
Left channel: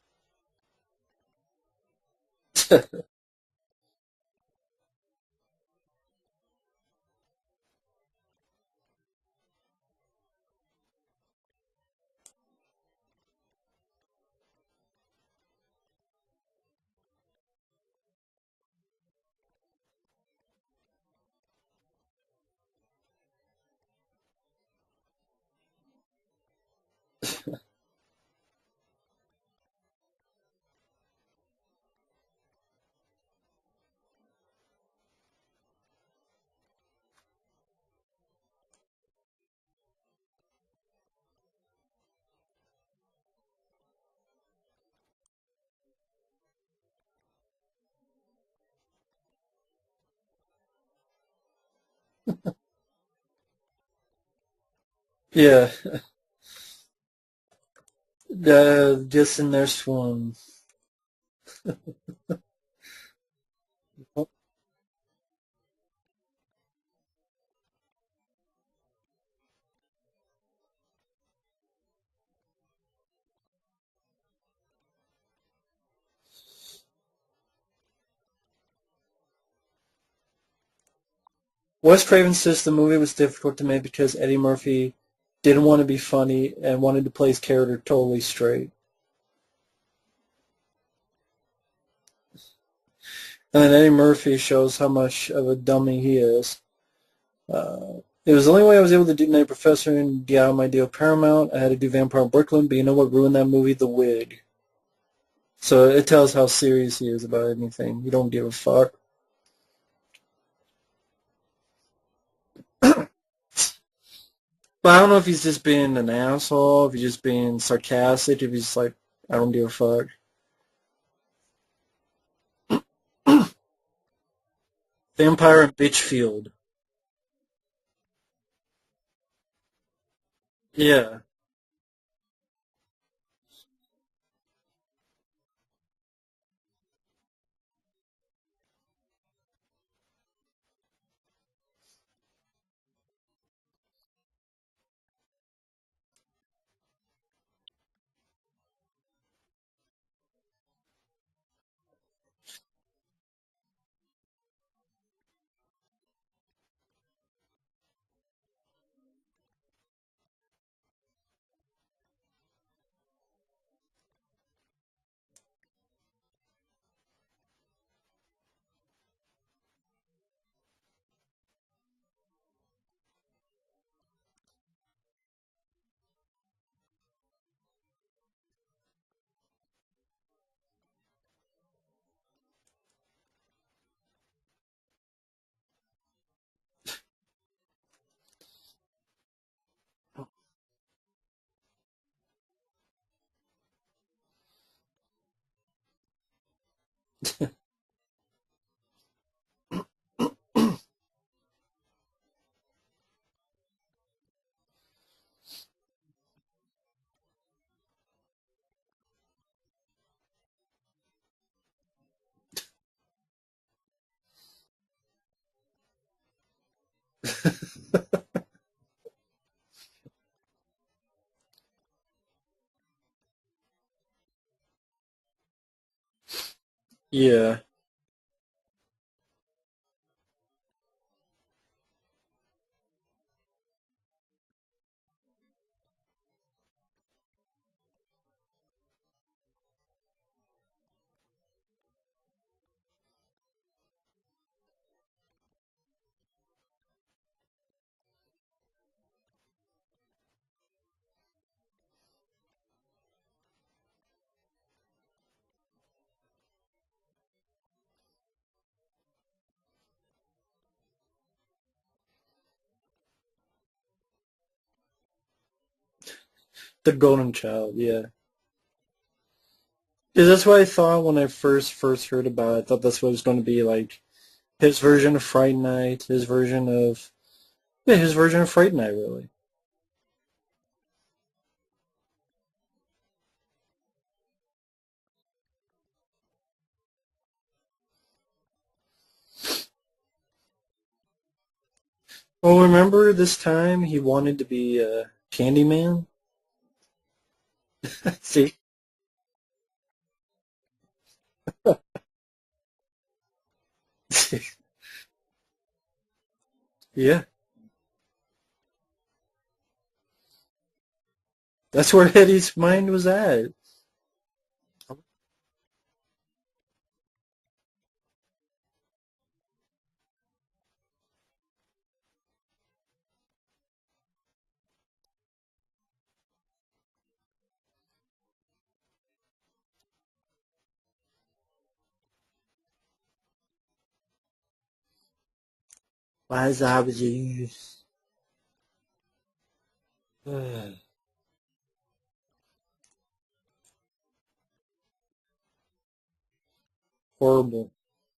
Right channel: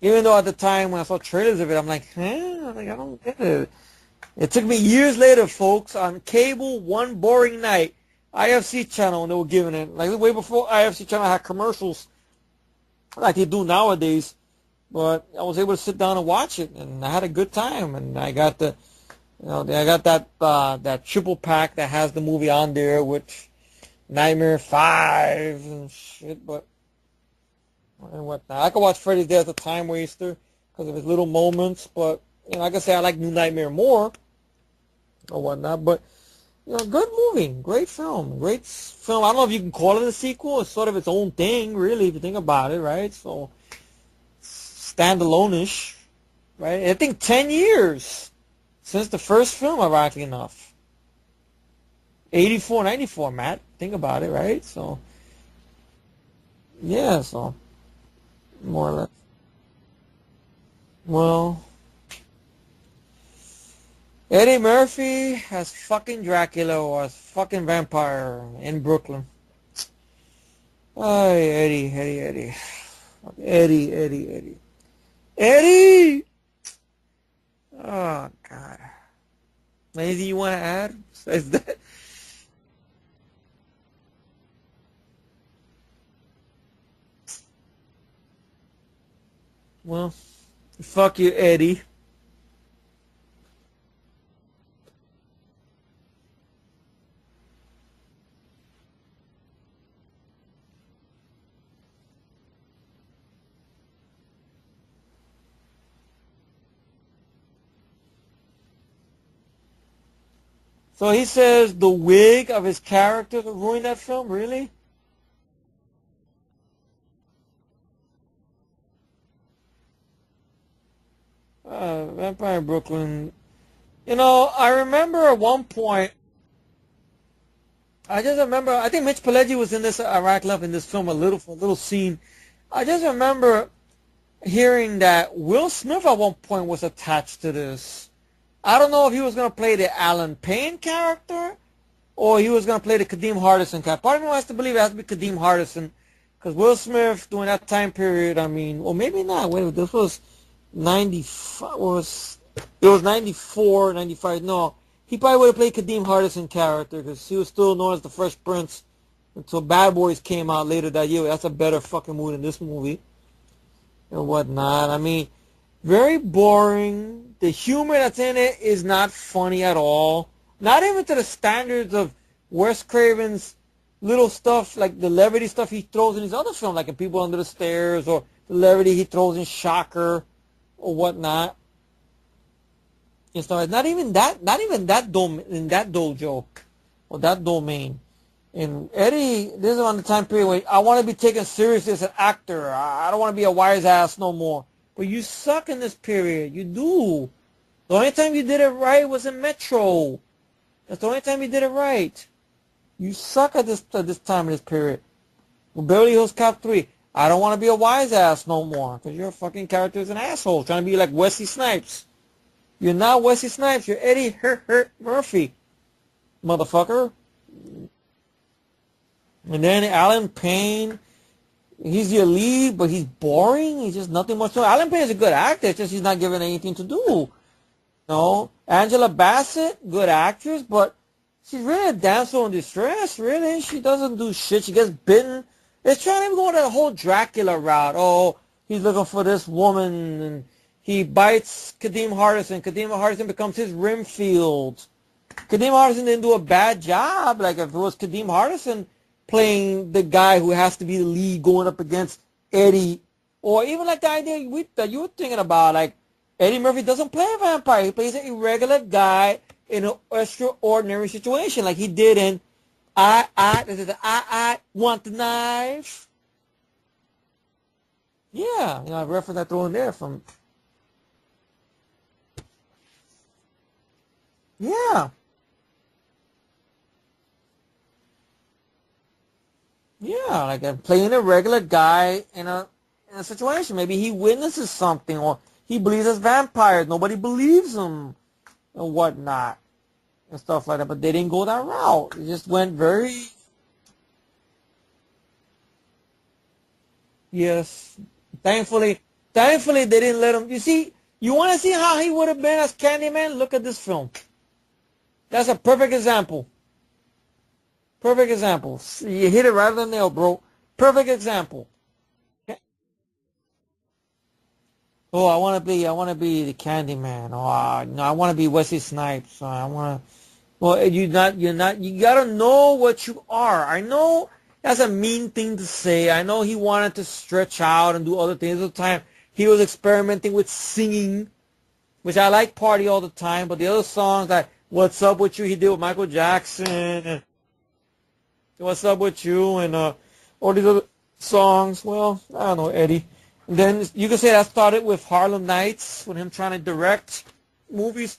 even though at the time when I saw trailers of it, I'm like, like, I don't get it. It took me years later, folks, on cable one boring night, IFC channel, when they were giving it, like way before IFC channel had commercials like they do nowadays. But I was able to sit down and watch it, and I had a good time. And I got I got that triple pack that has the movie on there, which Nightmare 5 and shit. But and whatnot, I could watch Freddy's Dead as a time waster because of his little moments. But like I say, I like New Nightmare more or whatnot. But good movie, great film, great film. I don't know if you can call it a sequel. It's sort of its own thing, really, if you think about it, right? So standalone-ish, right? I think 10 years since the first film, ironically enough. 84, 94, Matt. Think about it, right? So Yeah. yeah, so well, Just in their swim. well, Eddie Murphy as fucking Dracula or as fucking vampire in Brooklyn. Oh, Eddie, Eddie, Eddie. Eddie, Eddie, Eddie. Eddie! Oh, God. Anything you want to add? Is that... Wes Craven says the movie was difficult to make because Eddie Murphy didn't want to be funny and wanted to play his character totally straight. Well, fuck you, Eddie. And then Eddie Murphy shows how much of a dummy he is. It was the only way I was able to do Night Professor and get out of my deal Paramount. I had to do Vampire in Brooklyn, but you know what ruined that movie? The wig. So it tells how serious he is about anything. You don't give a fuck. So he says the wig of his character ruined that film? Really? But I don't know if he's just being an asshole, if he's just being sarcastic, if he's just like, I don't give a fuck. Vampire in Brooklyn. I remember Vampire in at one point... Bitchfield. I just remember, I think Mitch Pileggi was in this Iraq Love in this film for a little scene. I just remember hearing that Will Smith at one point was attached to this. I don't know if he was going to play the Alan Payne character or he was going to play the Kadeem Hardison character. Part of me wants to believe it has to be Kadeem Hardison because Will Smith during that time period, I mean, or maybe not. Wait, this was 95, it was 94, 95, no. He probably would have played Kadeem Hardison character because he was still known as the Fresh Prince until Bad Boys came out later that year. That's a better fucking movie than this movie and whatnot. I mean, very boring. The humor that's in it is not funny at all. Not even to the standards of Wes Craven's little stuff, like the levity stuff he throws in his other film, like in People Under the Stairs, or the levity he throws in Shocker or whatnot. And so it's not even that in that dojo or that domain. And Eddie, this is on the time period where I want to be taken seriously as an actor. I don't want to be a wise ass no more. But you suck in this period. You do. The only time you did it right was in Metro. That's the only time you did it right. You suck at this time in this period. Well, Beverly Hills Cop 3. I don't want to be a wise ass no more because your fucking character is an asshole trying to be like Wesley Snipes. You're not Wesley Snipes. You're Eddie Murphy, motherfucker. And then Alan Payne, he's your lead, but he's boring. He's just nothing much to. Alan Payne is a good actor. It's just he's not given anything to do. Yeah. No. Angela Bassett, good actress, but she's really a damsel in distress, really. She doesn't do shit. She gets bitten. It's trying to even go that whole Dracula route. Oh, he's looking for this woman, and he bites Kadeem Hardison. Kadeem Hardison becomes his Rimfield. Kadeem Hardison didn't do a bad job. Like, if it was Kadeem Hardison playing the guy who has to be the lead going up against Eddie, or even like the idea that you were thinking about, like, Eddie Murphy doesn't play a vampire. He plays an irregular guy in an extraordinary situation, like he did in I Want the Knife. The Golden Child, yeah. Yeah, I referenced that throw in there from. Yeah, that's what I thought when I first heard about it. I thought that's what it was going to be like. His version of Fright Night, his version of Fright Night, really. Yeah, like playing a regular guy in a situation. Maybe he witnesses something, or he believes there's vampires. Nobody believes him. and whatnot and stuff like that. But they didn't go that route. They just Well, went remember very this time he wanted to be Candyman? yes. See, Thankfully, thankfully they didn't let him. You see, you want to see how he would have been as Candyman? Look at this film. That's a perfect example. yeah, Perfect example. You hit it right on the nail, bro. Perfect example. that's where Eddie's mind was at. Oh, I want to be the Candyman. Oh, no, I want to be Wesley Snipes. I want to. Well, you're not. You gotta know what you are. I know that's a mean thing to say. I know he wanted to stretch out and do other things at the time. He was experimenting with singing, which I like Party all the time. But the other songs like What's Up With You, he did with Michael Eyes Jackson. out with And you. What's Up With You, and all these other songs. Well, I don't know, Eddie. And then you could say that started with Harlem Nights, with him trying to direct Horrible, movies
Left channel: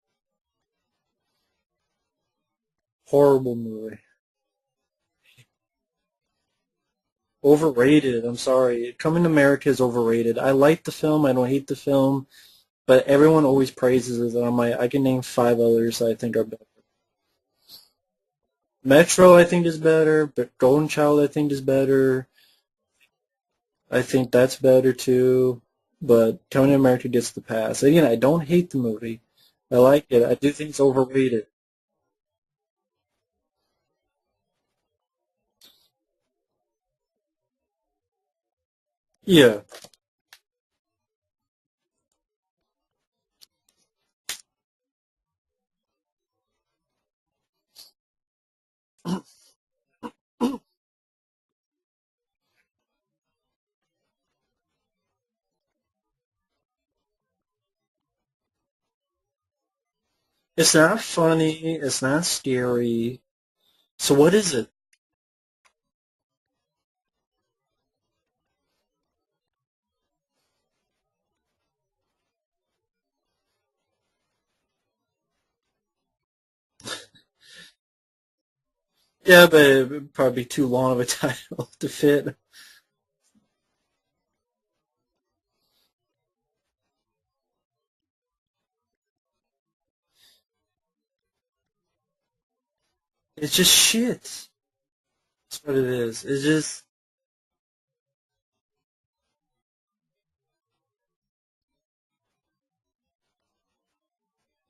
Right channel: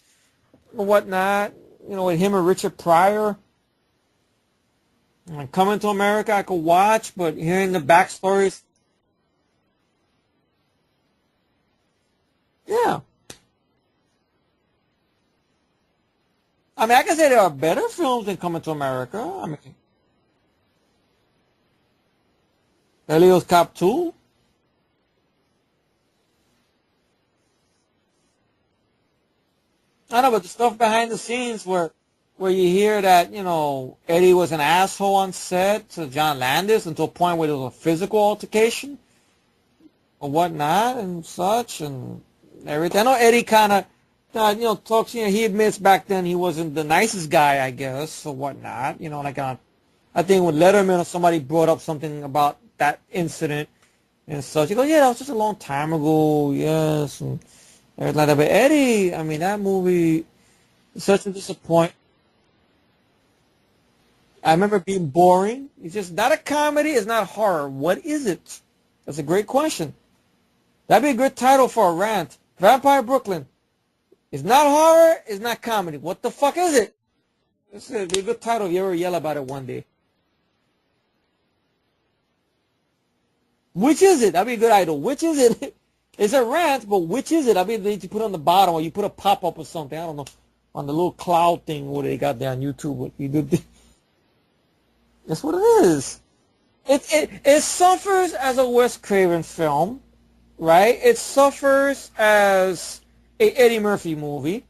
and whatnot. You know, with him and Richard Pryor. horrible movie. And Coming to America, I could watch, but hearing the Overrated. I'm backstories, sorry. Coming to America is overrated. I like the film. I don't hate the film. yeah. But everyone always praises it. I can name 5 others I think are better. I mean, I can say there are better films than Coming to America. Metro, I think, is better. But Golden Child, I think, is better. Elio's Cop 2. I think that's better, too. But Coming to America gets the pass. Again, I don't hate the movie. I like it. I know, I but do the think stuff it's behind the overrated. scenes where you hear that, you know, Eddie was an asshole on set to John Landis until a point where there was a physical altercation Yeah. or whatnot and such and everything. I know Eddie kind of, you know, talks, you know, he admits back then he wasn't the nicest guy, I guess, or whatnot. You know, like I think with Letterman or somebody brought up something about that incident and such. He goes, yeah, that was just a long time ago, yes, and everything like that. But Eddie, I mean, that movie, It's not such a funny. disappointment. It's not scary. So what is I it? remember it being boring. It's just not a comedy. It's not horror. What is it? That's a great question. That'd be a good title for a rant. Vampire Brooklyn. It's not horror. It's not comedy. What the fuck is it? This would be a good title if you ever yell about Yeah, it. but it would probably be too long of a title to fit. Which is it? That'd be a good title. Which is it? It's a rant, but which is it? I mean, you put on the bottom or you put a pop-up or something. I don't know. On the little cloud thing what they got there on YouTube. What you do. It's just shit. That's what it That's what it is. It's just... It suffers as a Wes Craven film, right? It suffers as a Eddie Murphy movie.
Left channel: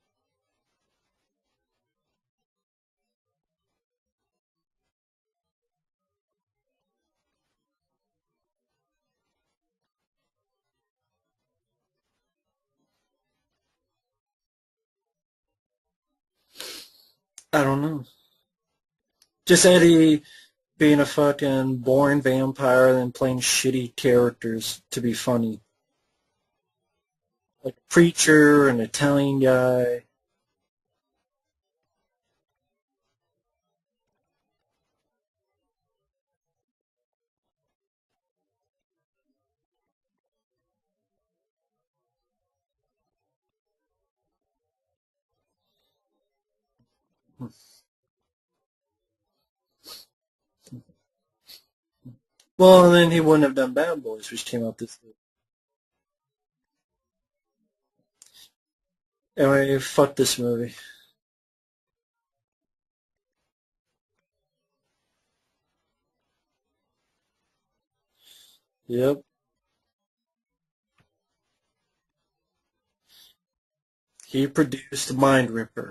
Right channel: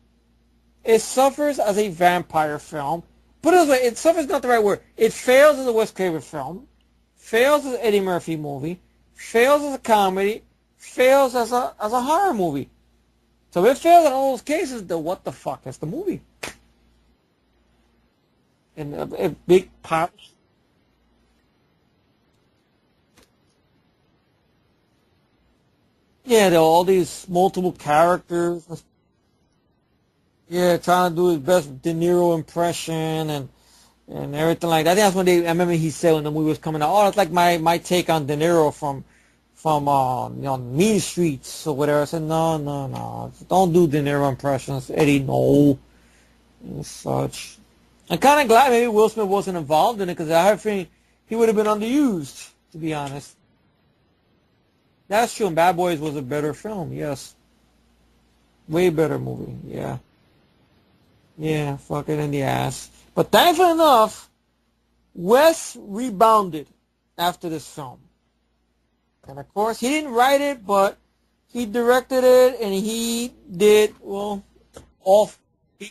It suffers as a vampire film. Put it this way, it suffers not the right word. It fails as a Wes Craven film, fails as an Eddie Murphy movie, fails as a comedy, fails as a horror movie. So if it fails in all those cases, then what the fuck is the movie? I don't know. And Just Eddie being a fucking boring vampire and playing shitty characters to be funny. yeah, there are all these multiple characters. Preacher, an Italian guy. Yeah, trying to do his best De Niro impression and everything like that. I think that's when I remember he said when the movie was coming out, oh, it's like my take on De Niro from you know, Mean Streets or whatever. I said, no, don't do De Niro impressions, Eddie, no, and such. I'm kind of glad maybe Will Smith wasn't involved in it because I have a feeling he would have been underused. Well, and then he wouldn't have done Bad Boys, which came out this year. That's true. And Bad Boys was a better film, yes. Way better movie. Anyway, yeah. fuck this movie. Yeah, fuck it in the ass. But thankfully enough, Wes rebounded after this film. Yep. And of course, he didn't write it, but he directed it, and he did, well... He produced Oh. Mind Ripper.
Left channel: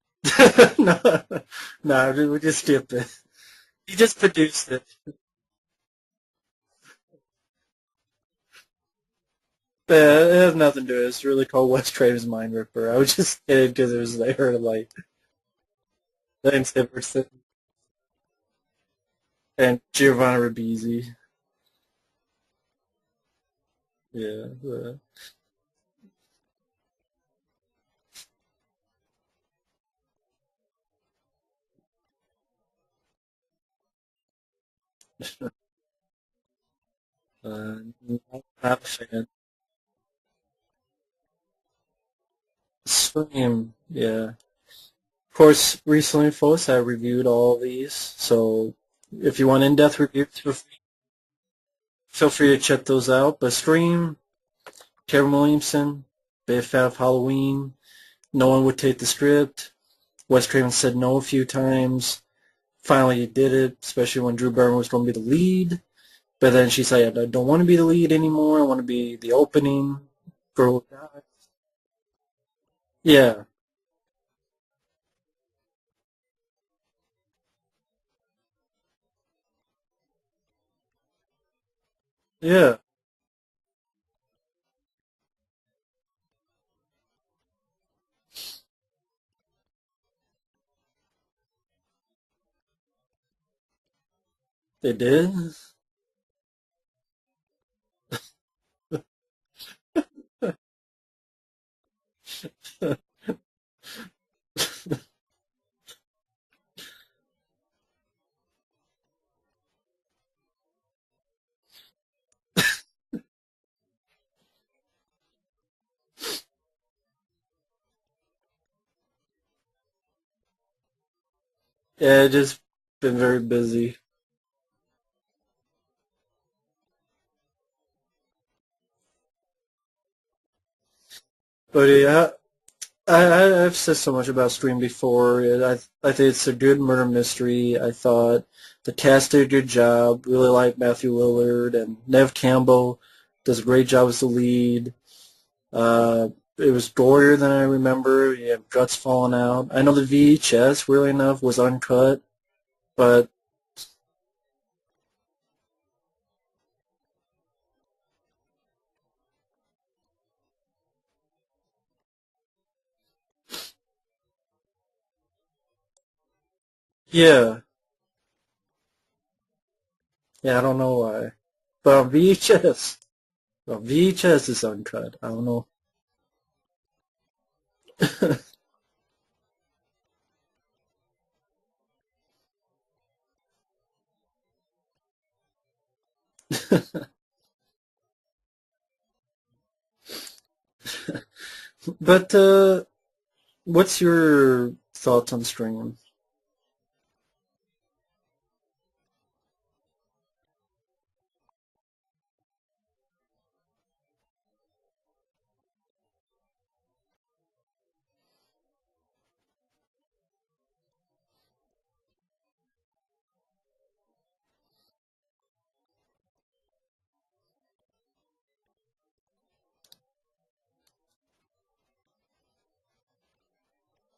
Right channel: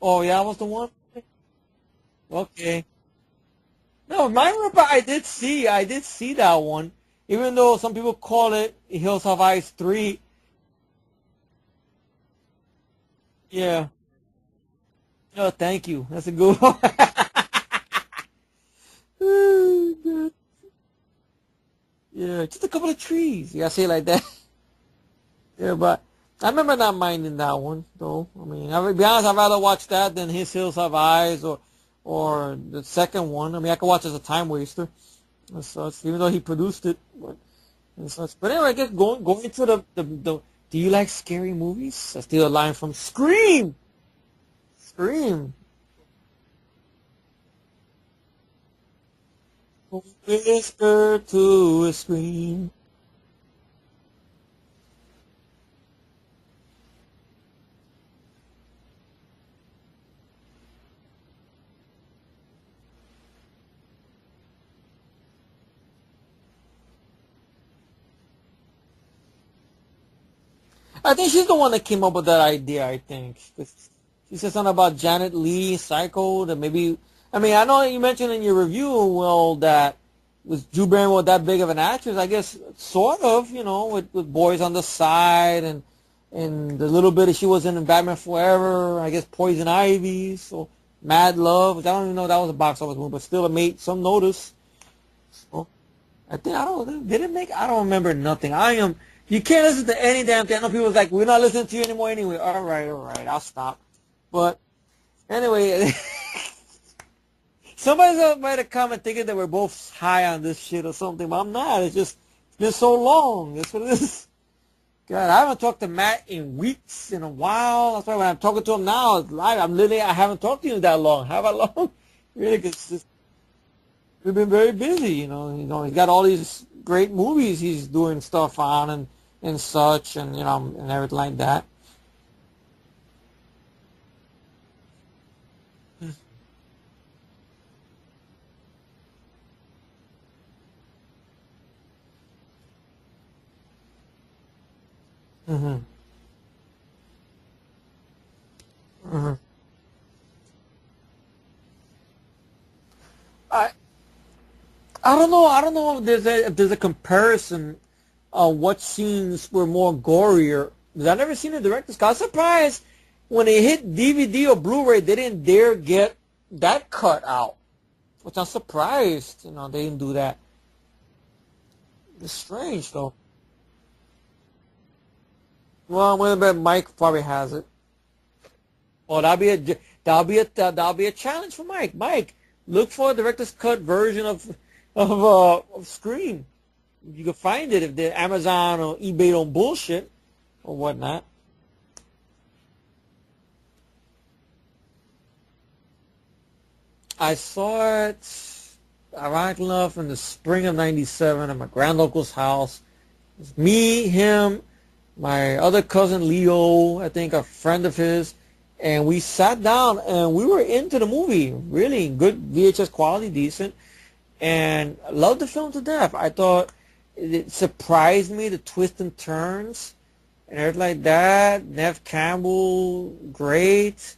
Oh, yeah? no, we just skipped it. He just No, Mind produced Ripper, it. I did see that one. Even though some people call it Hills Have Eyes 3. Yeah, it has nothing to do. It's really called Wes Craven's Mind Ripper. I was just kidding because it was, I heard it like... Oh, thank you. That's a good James one. Hipperson and Giovanni Ribisi. Yeah, just a couple of trees. You gotta say it like that. Yeah. Yeah, but I remember not minding that one, though. I mean, to be honest, I'd rather watch that than His Hills Have Eyes or the second one. I mean, I could watch it as a time waster and such, even though he produced it. And such. But anyway, I guess going into the do you like scary movies? I steal a line from Scream. Yeah. Scream. Of course, recently, folks, I reviewed all these, so if you want in-depth reviews, feel free to check those out. But Scream, Kevin Williamson, Big Fat Halloween, no one would take the script. Wes Craven said no a few times. Finally, he did it, especially when Drew Barrymore was going to be the lead. But then she said, I don't want to be the lead anymore. I want to be the opening. I think she's the one that came up with that idea. I think. Yeah. She said something about Janet Leigh, Psycho, that maybe... I mean, I know you mentioned in your review, Will, that was Drew Barrymore that big of an actress? I guess sort of, you know, with Boys on the Side and the little bit that she was in Batman Forever, I guess Poison Ivy, so Mad Love. I don't even know if that was a box office movie, but still it made some notice. They did? So, did it make? I don't remember nothing. You can't listen to any damn thing. I know people was like, we're not listening to you anymore anyway. All right, I'll stop. But anyway, somebody's made a comment thinking that we're both high on this shit or something, but I'm not. It's just so long. That's what it is. God, I haven't talked to Matt in weeks, in a while. That's why when I'm talking to him now, it's live. I haven't talked to you that long. Have I long? Yeah, it's been very busy. We've been very busy, you know. He's got all these great movies he's doing stuff on and such, and and everything like that. But yeah, I've said so much about Scream before. I think it's a good murder mystery. I thought the cast did a good job. Really like Matthew Lillard, and Nev Campbell does a great job as the lead. Mm-hmm. It was gorier than I remember. You have guts falling out. I know the VHS, really enough, was uncut, but I don't know if there's a comparison on what scenes were more gorier. Because I've never seen a director's cut. I was surprised when they hit DVD or Blu-ray, they didn't dare get that cut out. Which I'm surprised, they didn't do that. Yeah, I don't know why. But on VHS, VHS is uncut. I don't know. Well, wait a minute, Mike probably has it. Well, that'll be a challenge for Mike. Mike, look for a director's cut version of Scream. You can find it if the Amazon or eBay don't bullshit or whatnot. But what's your thoughts on Scream? I saw it, ironically enough, in the spring of '97 at my granduncle's house. It was me, him, my other cousin Leo, I think a friend of his, and we sat down and we were into the movie, really good VHS quality, decent, and I loved the film to death. I thought it surprised me, the twists and turns and everything like that. Nev Campbell, great.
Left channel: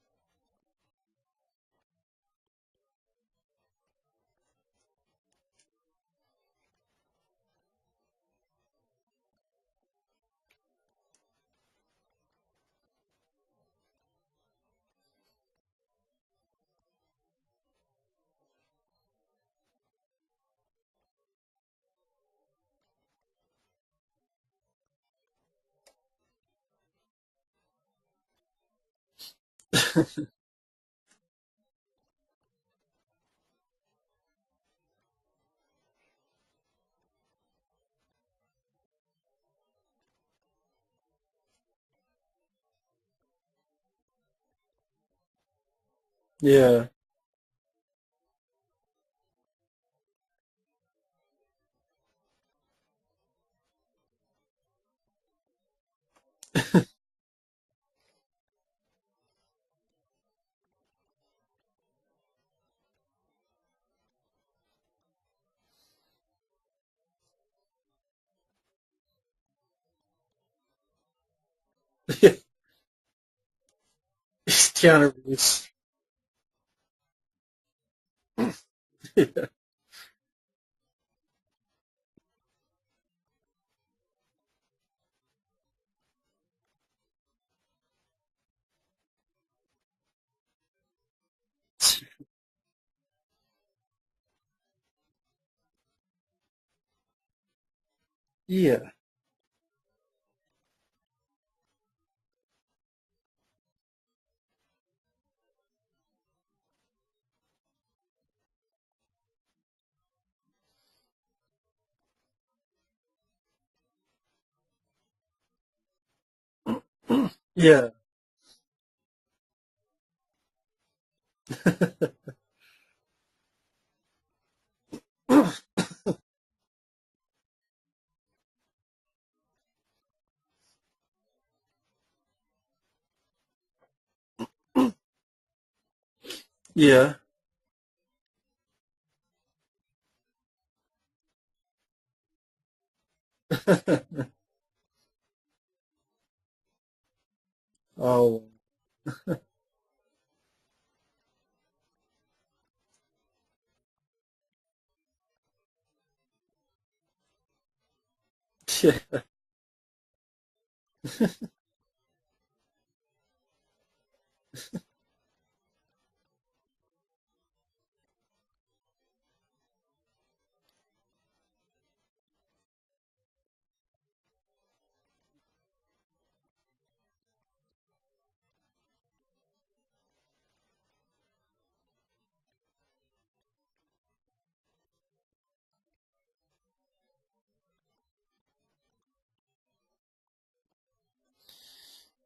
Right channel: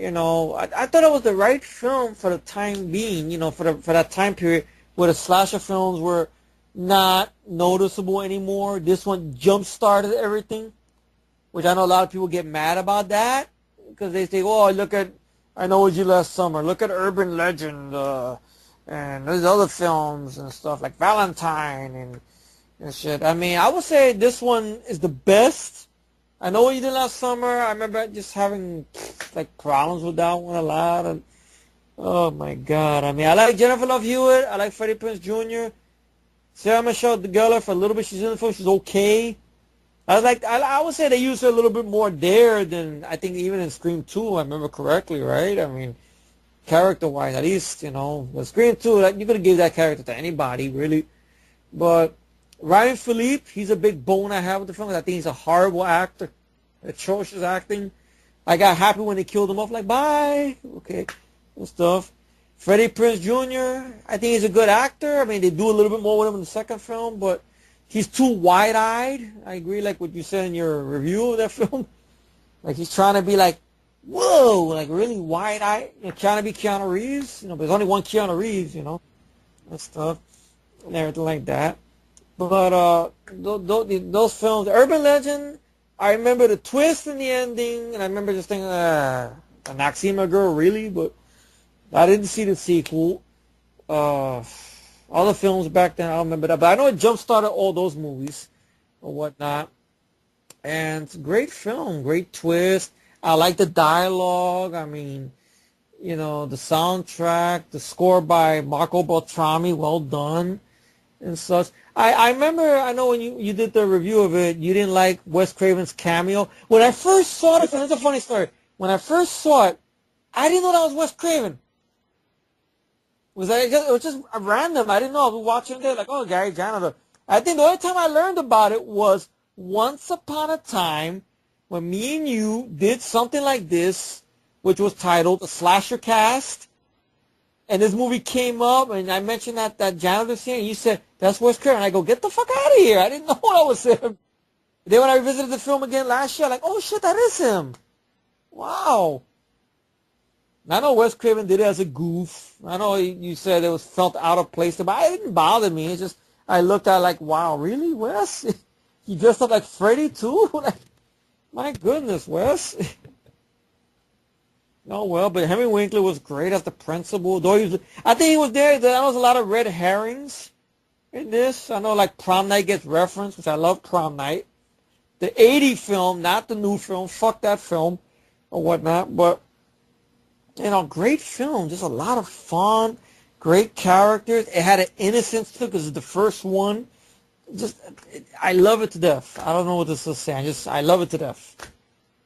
I thought it was the right film for the time being, for that time period where the slasher films were not noticeable anymore. This one jump-started everything, which I know a lot of people get mad about that because they say, oh, look at I Know What You Last Summer, look at Urban Legend, and there's other films and stuff like Valentine and shit. I mean, I would say this one is the best. I Know What You Did Last Summer. I remember just having problems with that one a lot. And, oh my God! I mean, I like Jennifer Love Hewitt. I like Freddie Prinze Jr. Sarah Michelle Gellar for a little bit. She's in the film. She's okay. I would say they used her a little bit more there than I think even in Scream 2. I remember correctly, right? I mean, character-wise, at least with Scream 2, you could have gave that character to anybody, really. But Ryan Philippe, he's a big bone I have with the film. I think he's a horrible actor, atrocious acting. I got happy when they killed him off, like, bye, okay, and stuff. Freddie Prinze Jr., I think he's a good actor. I mean, they do a little bit more with him in the second film, but he's too wide-eyed. I agree, like what you said in your review of that film. Like, he's trying to be like, whoa, like really wide-eyed, trying to be Keanu Reeves. But there's only one Keanu Reeves, and stuff, and everything like that. But those films, Urban Legend, I remember the twist in the ending, and I remember just thinking, a Noxema girl, really? But I didn't see the sequel. All the films back then, I don't remember that. But I know it jump-started all those movies. Yeah. Or whatnot. And it's a great film, great twist. I like the dialogue. I mean, the soundtrack, the score by Marco Beltrami, well done and such. I remember, I know when you did the review of it, you didn't like Wes Craven's cameo. When I first saw it, it's a funny story. When I first saw it, I didn't know that was Wes Craven. It was just random. I didn't know. I was watching it like, oh, Gary Janitor. I think the only time I learned about it was once upon a time when me and you did something like this, which was titled A Slasher Cast, Yeah. and this movie came up, and I mentioned that janitor scene, and you said, that's Wes Craven. I go, get the fuck out of here. I didn't know that was him. Then when I revisited the film again last year, like, oh shit, that is him. Oh. Wow. I know Wes Craven did it as a goof. I know you said it was felt out of place, but it didn't bother me. It's just, I looked at it like, wow, really, Wes? You dressed up like Freddy too? Like, my goodness, Wes. Oh well, but Henry Winkler was great as the principal. Though I think he was there. There was a lot of red herrings in this. I know, like Prom Night gets referenced, which I love Prom Night. The '80 film, not the new film. Fuck that film or whatnot. But great film. Just a lot of fun. Great characters. It had an innocence to it because it's the first one. I love it to death. I don't know what this is saying. I love it to death.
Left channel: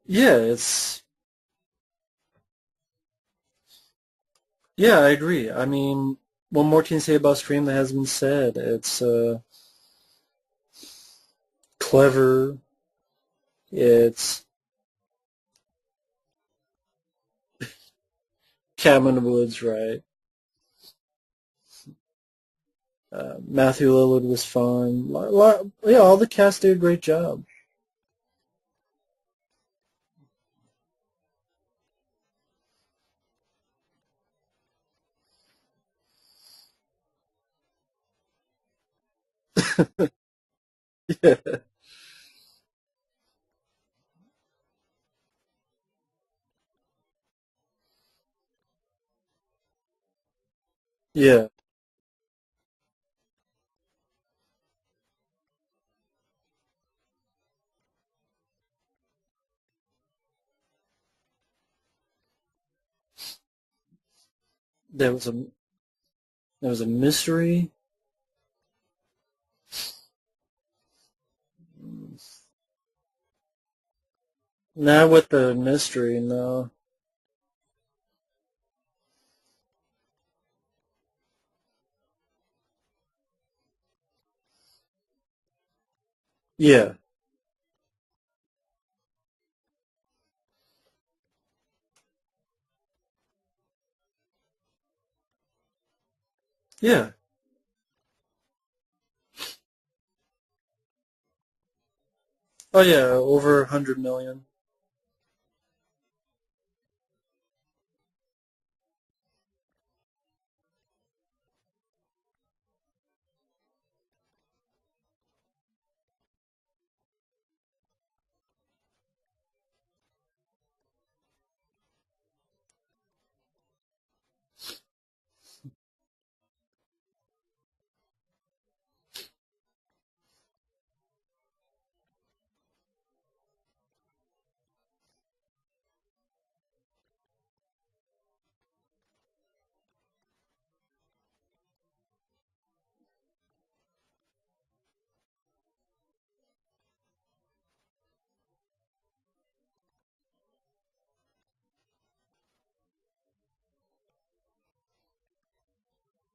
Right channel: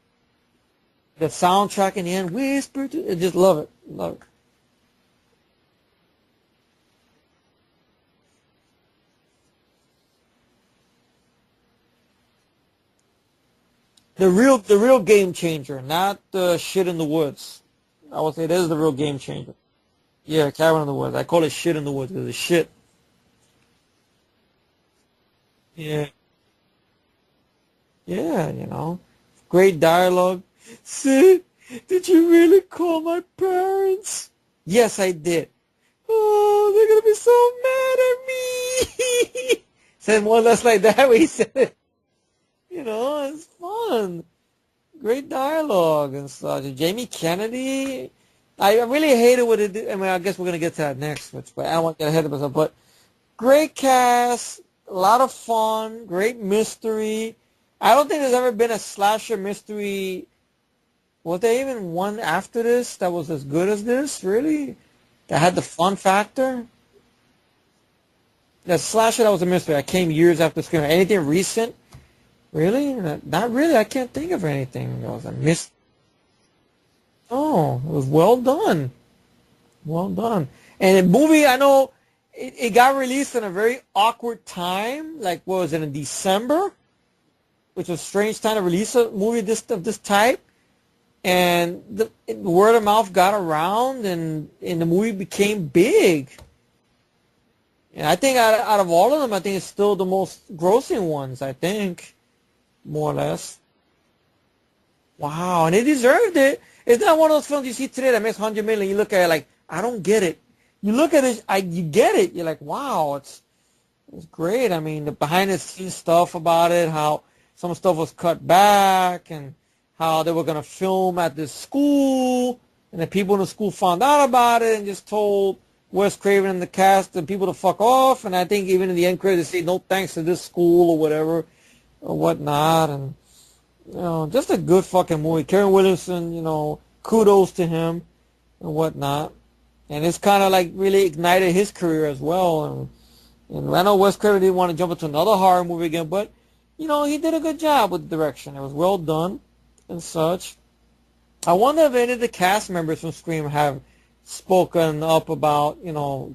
Yeah, it's... The soundtrack in the end, whisper to... I just love it. Love it. Yeah, I agree. I mean, one more thing to say about Scream that hasn't been said. It's clever. It's... The real game changer, not the shit in the woods. I would say this is the real Cabin game in the changer. Woods, right? Yeah, Cabin in the Woods. I call it shit in the woods because it's shit. Matthew Lillard was fun. Yeah, all the cast did a great job. Yeah, great dialogue. Sid, did you really call my parents? Yes, I did. Oh, they're gonna be so mad at me. Said more or less like that when he said it. It's fun. Great dialogue and such. Jamie Kennedy, I really hated what it did. I mean, I guess we're going to get to that next. Yeah. But I don't want to get ahead of myself. But great cast, a lot of fun, great mystery. I don't think there's ever been a slasher mystery. Was there even one after this that was as good as this, really? That had the fun factor? There was a mystery. The slasher that was a mystery. I came years after Scream. Anything recent? Really? Not really. I can't think of anything. Not with the mystery, no. Oh, it was well done. Well done. And the movie, I know, it got released in a very awkward time. Like, what was it, in December? Yeah. Which was a strange time to release a movie of this type. And the word of mouth got around, and the movie became big. Yeah. And I think out of all of them, I think it's still the most grossing ones, I think. Oh, yeah, over 100 million. Wow, and it deserved it. It's not one of those films you see today that makes 100 million. You look at it like, I don't get it. You look at it, you get it. You're like, wow, it's great. I mean, the behind-the-scenes stuff about it, how some stuff was cut back, and how they were going to film at this school, and the people in the school found out about it and just told Wes Craven and the cast and people to fuck off. And I think even in the end credits, they say no thanks to this school or whatever or whatnot. And, just a good fucking movie. Karen Williamson, kudos to him and whatnot. And it's kind of like really ignited his career as well. And I know Wes Craven didn't want to jump into another horror movie again, but, he did a good job with the direction. It was well done and such. I wonder if any of the cast members from Scream have spoken up about,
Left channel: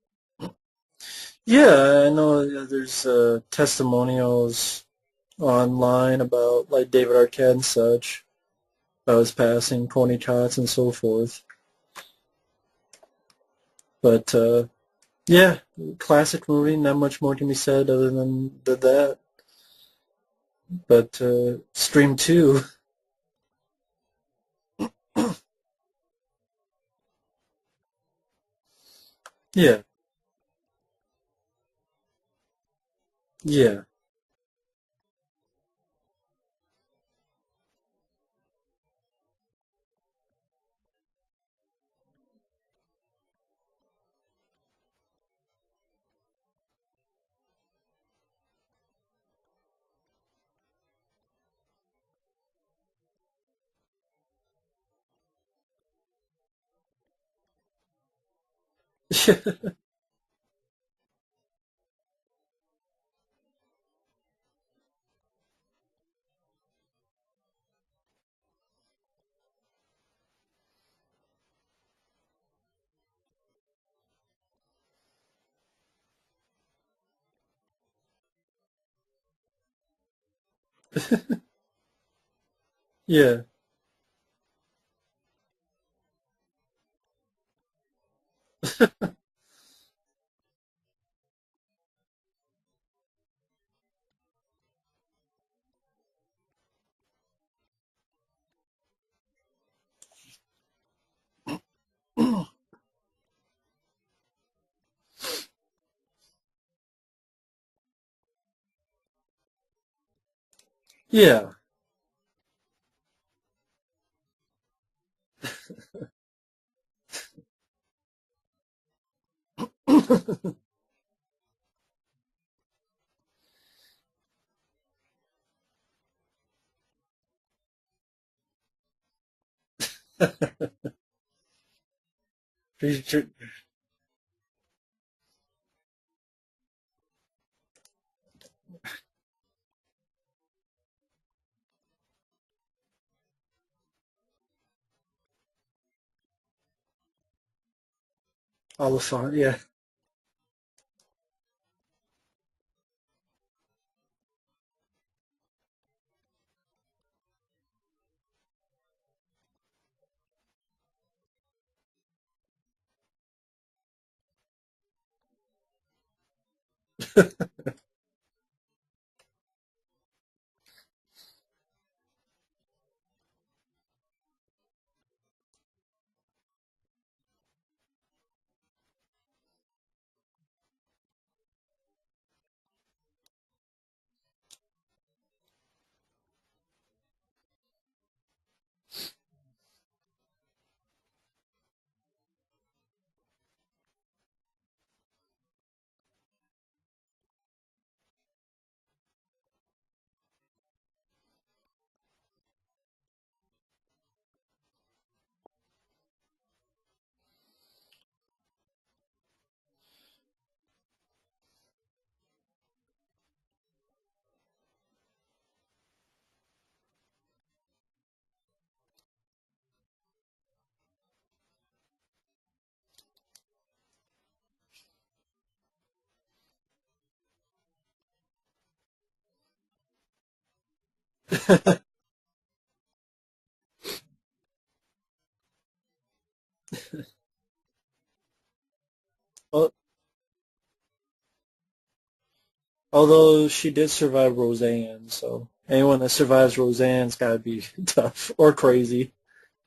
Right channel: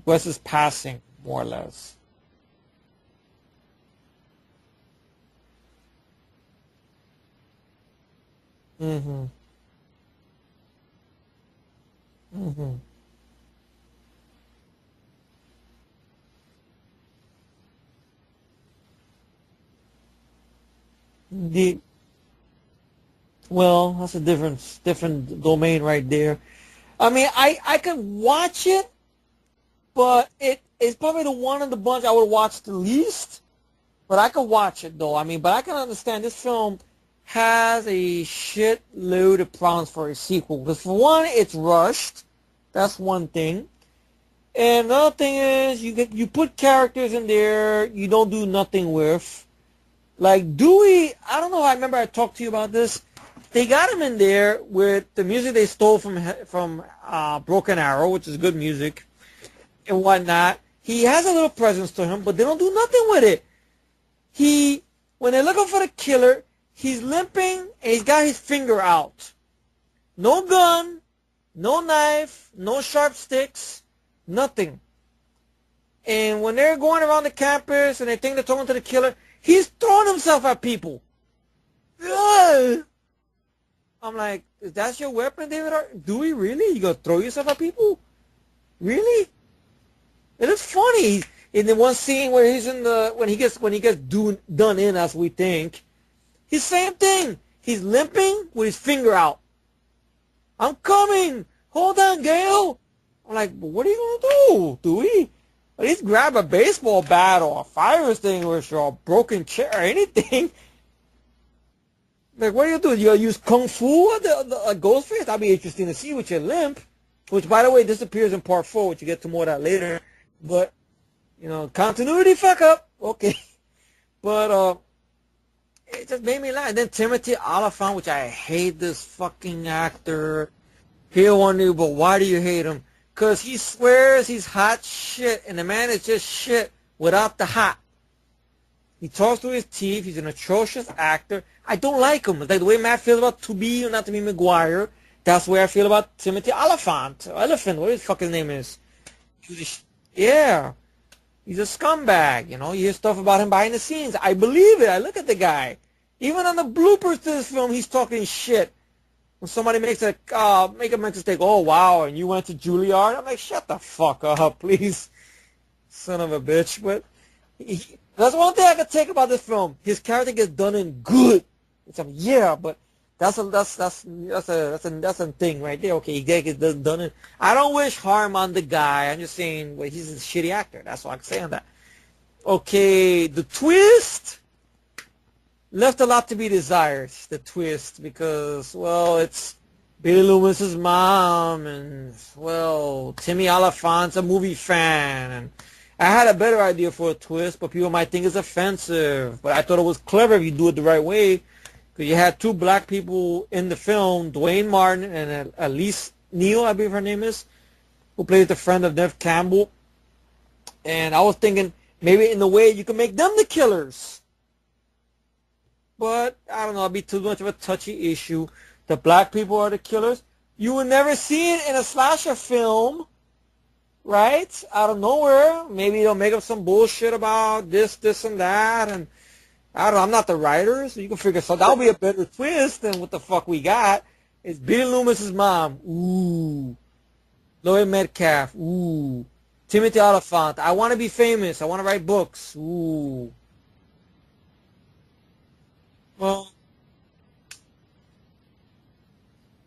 Wes's passing, more or less. Yeah, I know there's testimonials online about, like, David Arquette and such, about his passing, Tony Cox and so forth. Mm-hmm. But, yeah, classic movie, not much more can be said other than that. But, Scream 2... Well, that's a different domain right there. I mean, I could watch it. Yeah. But it's probably the one in the bunch I would watch the least. Yeah. But I could watch it, though. I mean, but I can understand this film has a shitload of problems for a sequel. Because for one, it's rushed. That's one thing. And another thing is you put characters in there you don't do nothing with. Like Dewey, I don't know. I remember I talked to you about this. They got him in there with the music they stole from Broken Arrow, which is good music and whatnot. He has a little presence to him, but they don't do nothing with it. When they're looking for the killer, he's limping and he's got his finger out. No gun, no knife, no sharp sticks, nothing. And when they're going around the campus and they think they're talking to the killer, he's throwing himself at people. Yeah. I'm like, is that your weapon, David? Dewey, really? You gonna throw yourself at people? Really? It is funny. In the one scene where he's in the when he gets done in, as we think, he's same thing. He's limping with his finger out. I'm coming. Hold on, Gail. I'm like, what are you gonna do, Dewey? At least grab a baseball bat or a fire extinguisher or a broken chair or anything. Yeah. Like, what are you doing? You gonna use kung fu at the Ghostface? That'd be interesting to see with your limp. Which, by the way, disappears in part 4, which you get to more of that later. But, continuity fuck up. Okay. But, it just made me laugh. And then Timothy Oliphant, which I hate this fucking actor. He'll wonder, but why do you hate him? Because he swears he's hot shit, and the man is just shit without the hot. He talks through his teeth. He's an atrocious actor. I don't like him. It's like the way Matt feels about To Be or Not To Be Maguire. That's the way I feel about Timothy Oliphant. Elephant, whatever the fuck his name is. Oliphant, yeah. Yeah. He's a scumbag, You hear stuff about him behind the scenes. I believe it. I look at the guy. Even on the bloopers to this film, he's talking shit. When somebody makes a mistake, oh, wow, and you went to Juilliard? I'm like, shut the fuck up, please. Son of a bitch. But that's one thing I could take about this film. His character gets done in good. It's yeah, but that's a thing right there. Okay, he gets done in. I don't wish harm on the guy. I'm just saying, well, he's a shitty actor. That's all I can say on that. Okay, the twist left a lot to be desired. The twist, because it's Billy Loomis's mom, and Timmy Oliphant's a movie fan, and I had a better idea for a twist, but people might think it's offensive. But I thought it was clever if you do it the right way. Because you had 2 black people in the film, Dwayne Martin and Elise Neal, I believe her name is, who plays the friend of Nev Campbell. And I was thinking maybe in a way you can make them the killers. But I don't know, it'd be too much of a touchy issue. The black people are the killers. You would never see it in a slasher film. Right? Out of nowhere. Maybe they'll make up some bullshit about this, and that, and I don't know. I'm not the writer, so you can figure something. That'll be a better twist than what the fuck we got. It's Billy Loomis's mom. Ooh. Lloyd Metcalf. Ooh. Timothy Oliphant. I want to be famous. I want to write books. Ooh. Although she did survive Roseanne, so anyone that survives Roseanne's got to be tough or crazy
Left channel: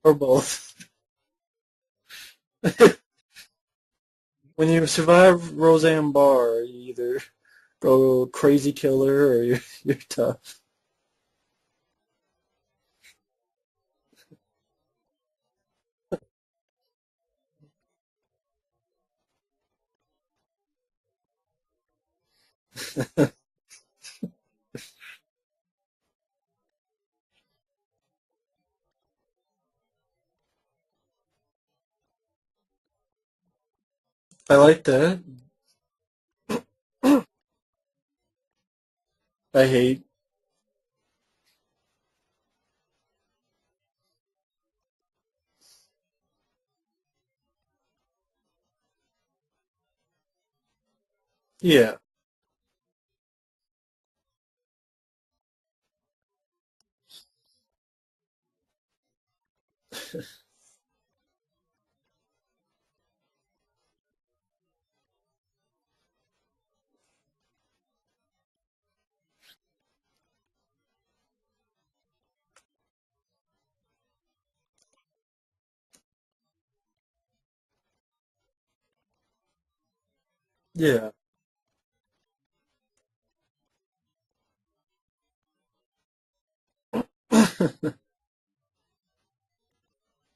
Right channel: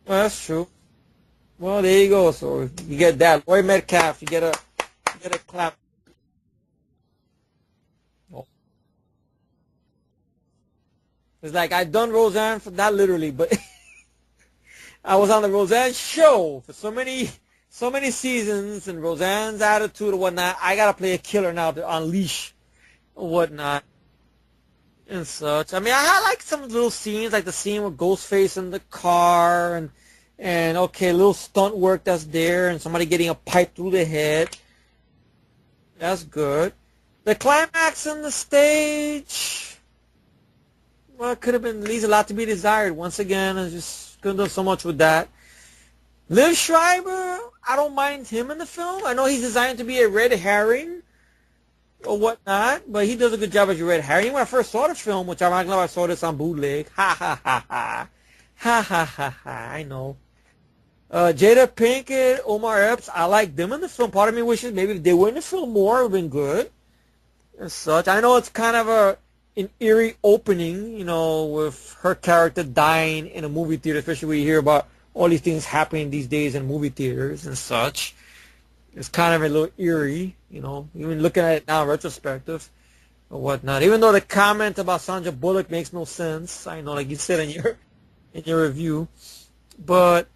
or both. True. Well, there you go. So you get that. Lloyd Metcalf. You get a. When you survive Roseanne Barr, you either go crazy killer or you're tough. It's like I've done Roseanne for not literally, but I was on the Roseanne show for so many seasons, and Roseanne's attitude or whatnot. I gotta play a killer now to unleash or whatnot and such. I mean, I like some little scenes, like the scene with Ghostface in the car, and okay, little stunt work that's there, and somebody getting a pipe through the head. I like that. That's good. The climax on the stage. I hate. Well, it could have been, leaves a lot to be desired. Once again, I just couldn't do so much with that. Liv Schreiber, I don't mind him in the film. I know he's designed to be a red herring. Yeah. Or whatnot, but he does a good job as a red herring. When I first saw the film, which I'm not glad I saw this on bootleg. Ha ha ha ha. Ha ha ha ha. I know. Jada Pinkett, Omar Epps, I like them in the film. Part of me wishes maybe if they were in the film more, it would have been good. And such. I know it's kind of an eerie opening, with her character dying in a movie theater, especially when you hear about all these things happening these days in movie theaters and such. It's kind of a little eerie, Yeah. I mean, looking at it now, retrospective or whatnot. Even though the comment about Sandra Bullock makes no sense, I know, like you said in your review. But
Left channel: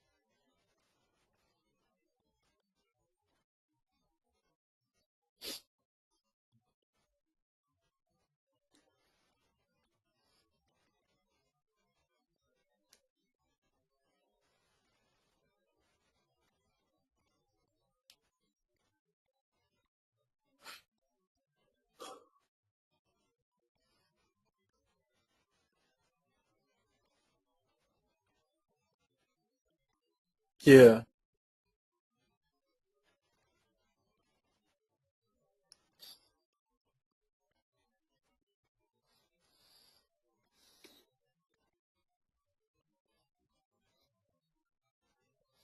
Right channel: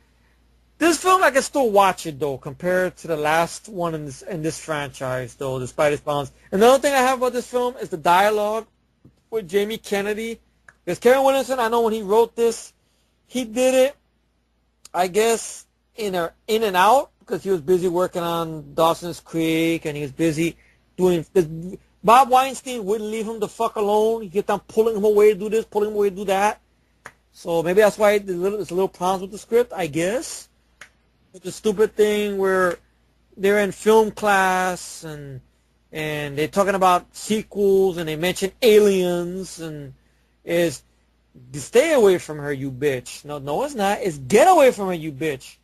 this film, I can still watch it, though, compared to the last one in this franchise, though, despite its balance. Another thing I have about this film is the dialogue with Jamie Kennedy. Because Kevin Williamson, I know when he wrote this, he did it, I guess, in and out, because he was busy working on Dawson's Creek, and he was busy doing... Bob Weinstein wouldn't leave him the fuck alone. He kept on pulling him away to do this, pulling him away to do that. So maybe that's why there's a little problems with the script, I guess. Yeah. The stupid thing where they're in film class and they're talking about sequels and they mention aliens and stay away from her, you bitch. No, it's not. It's get away from her, you bitch.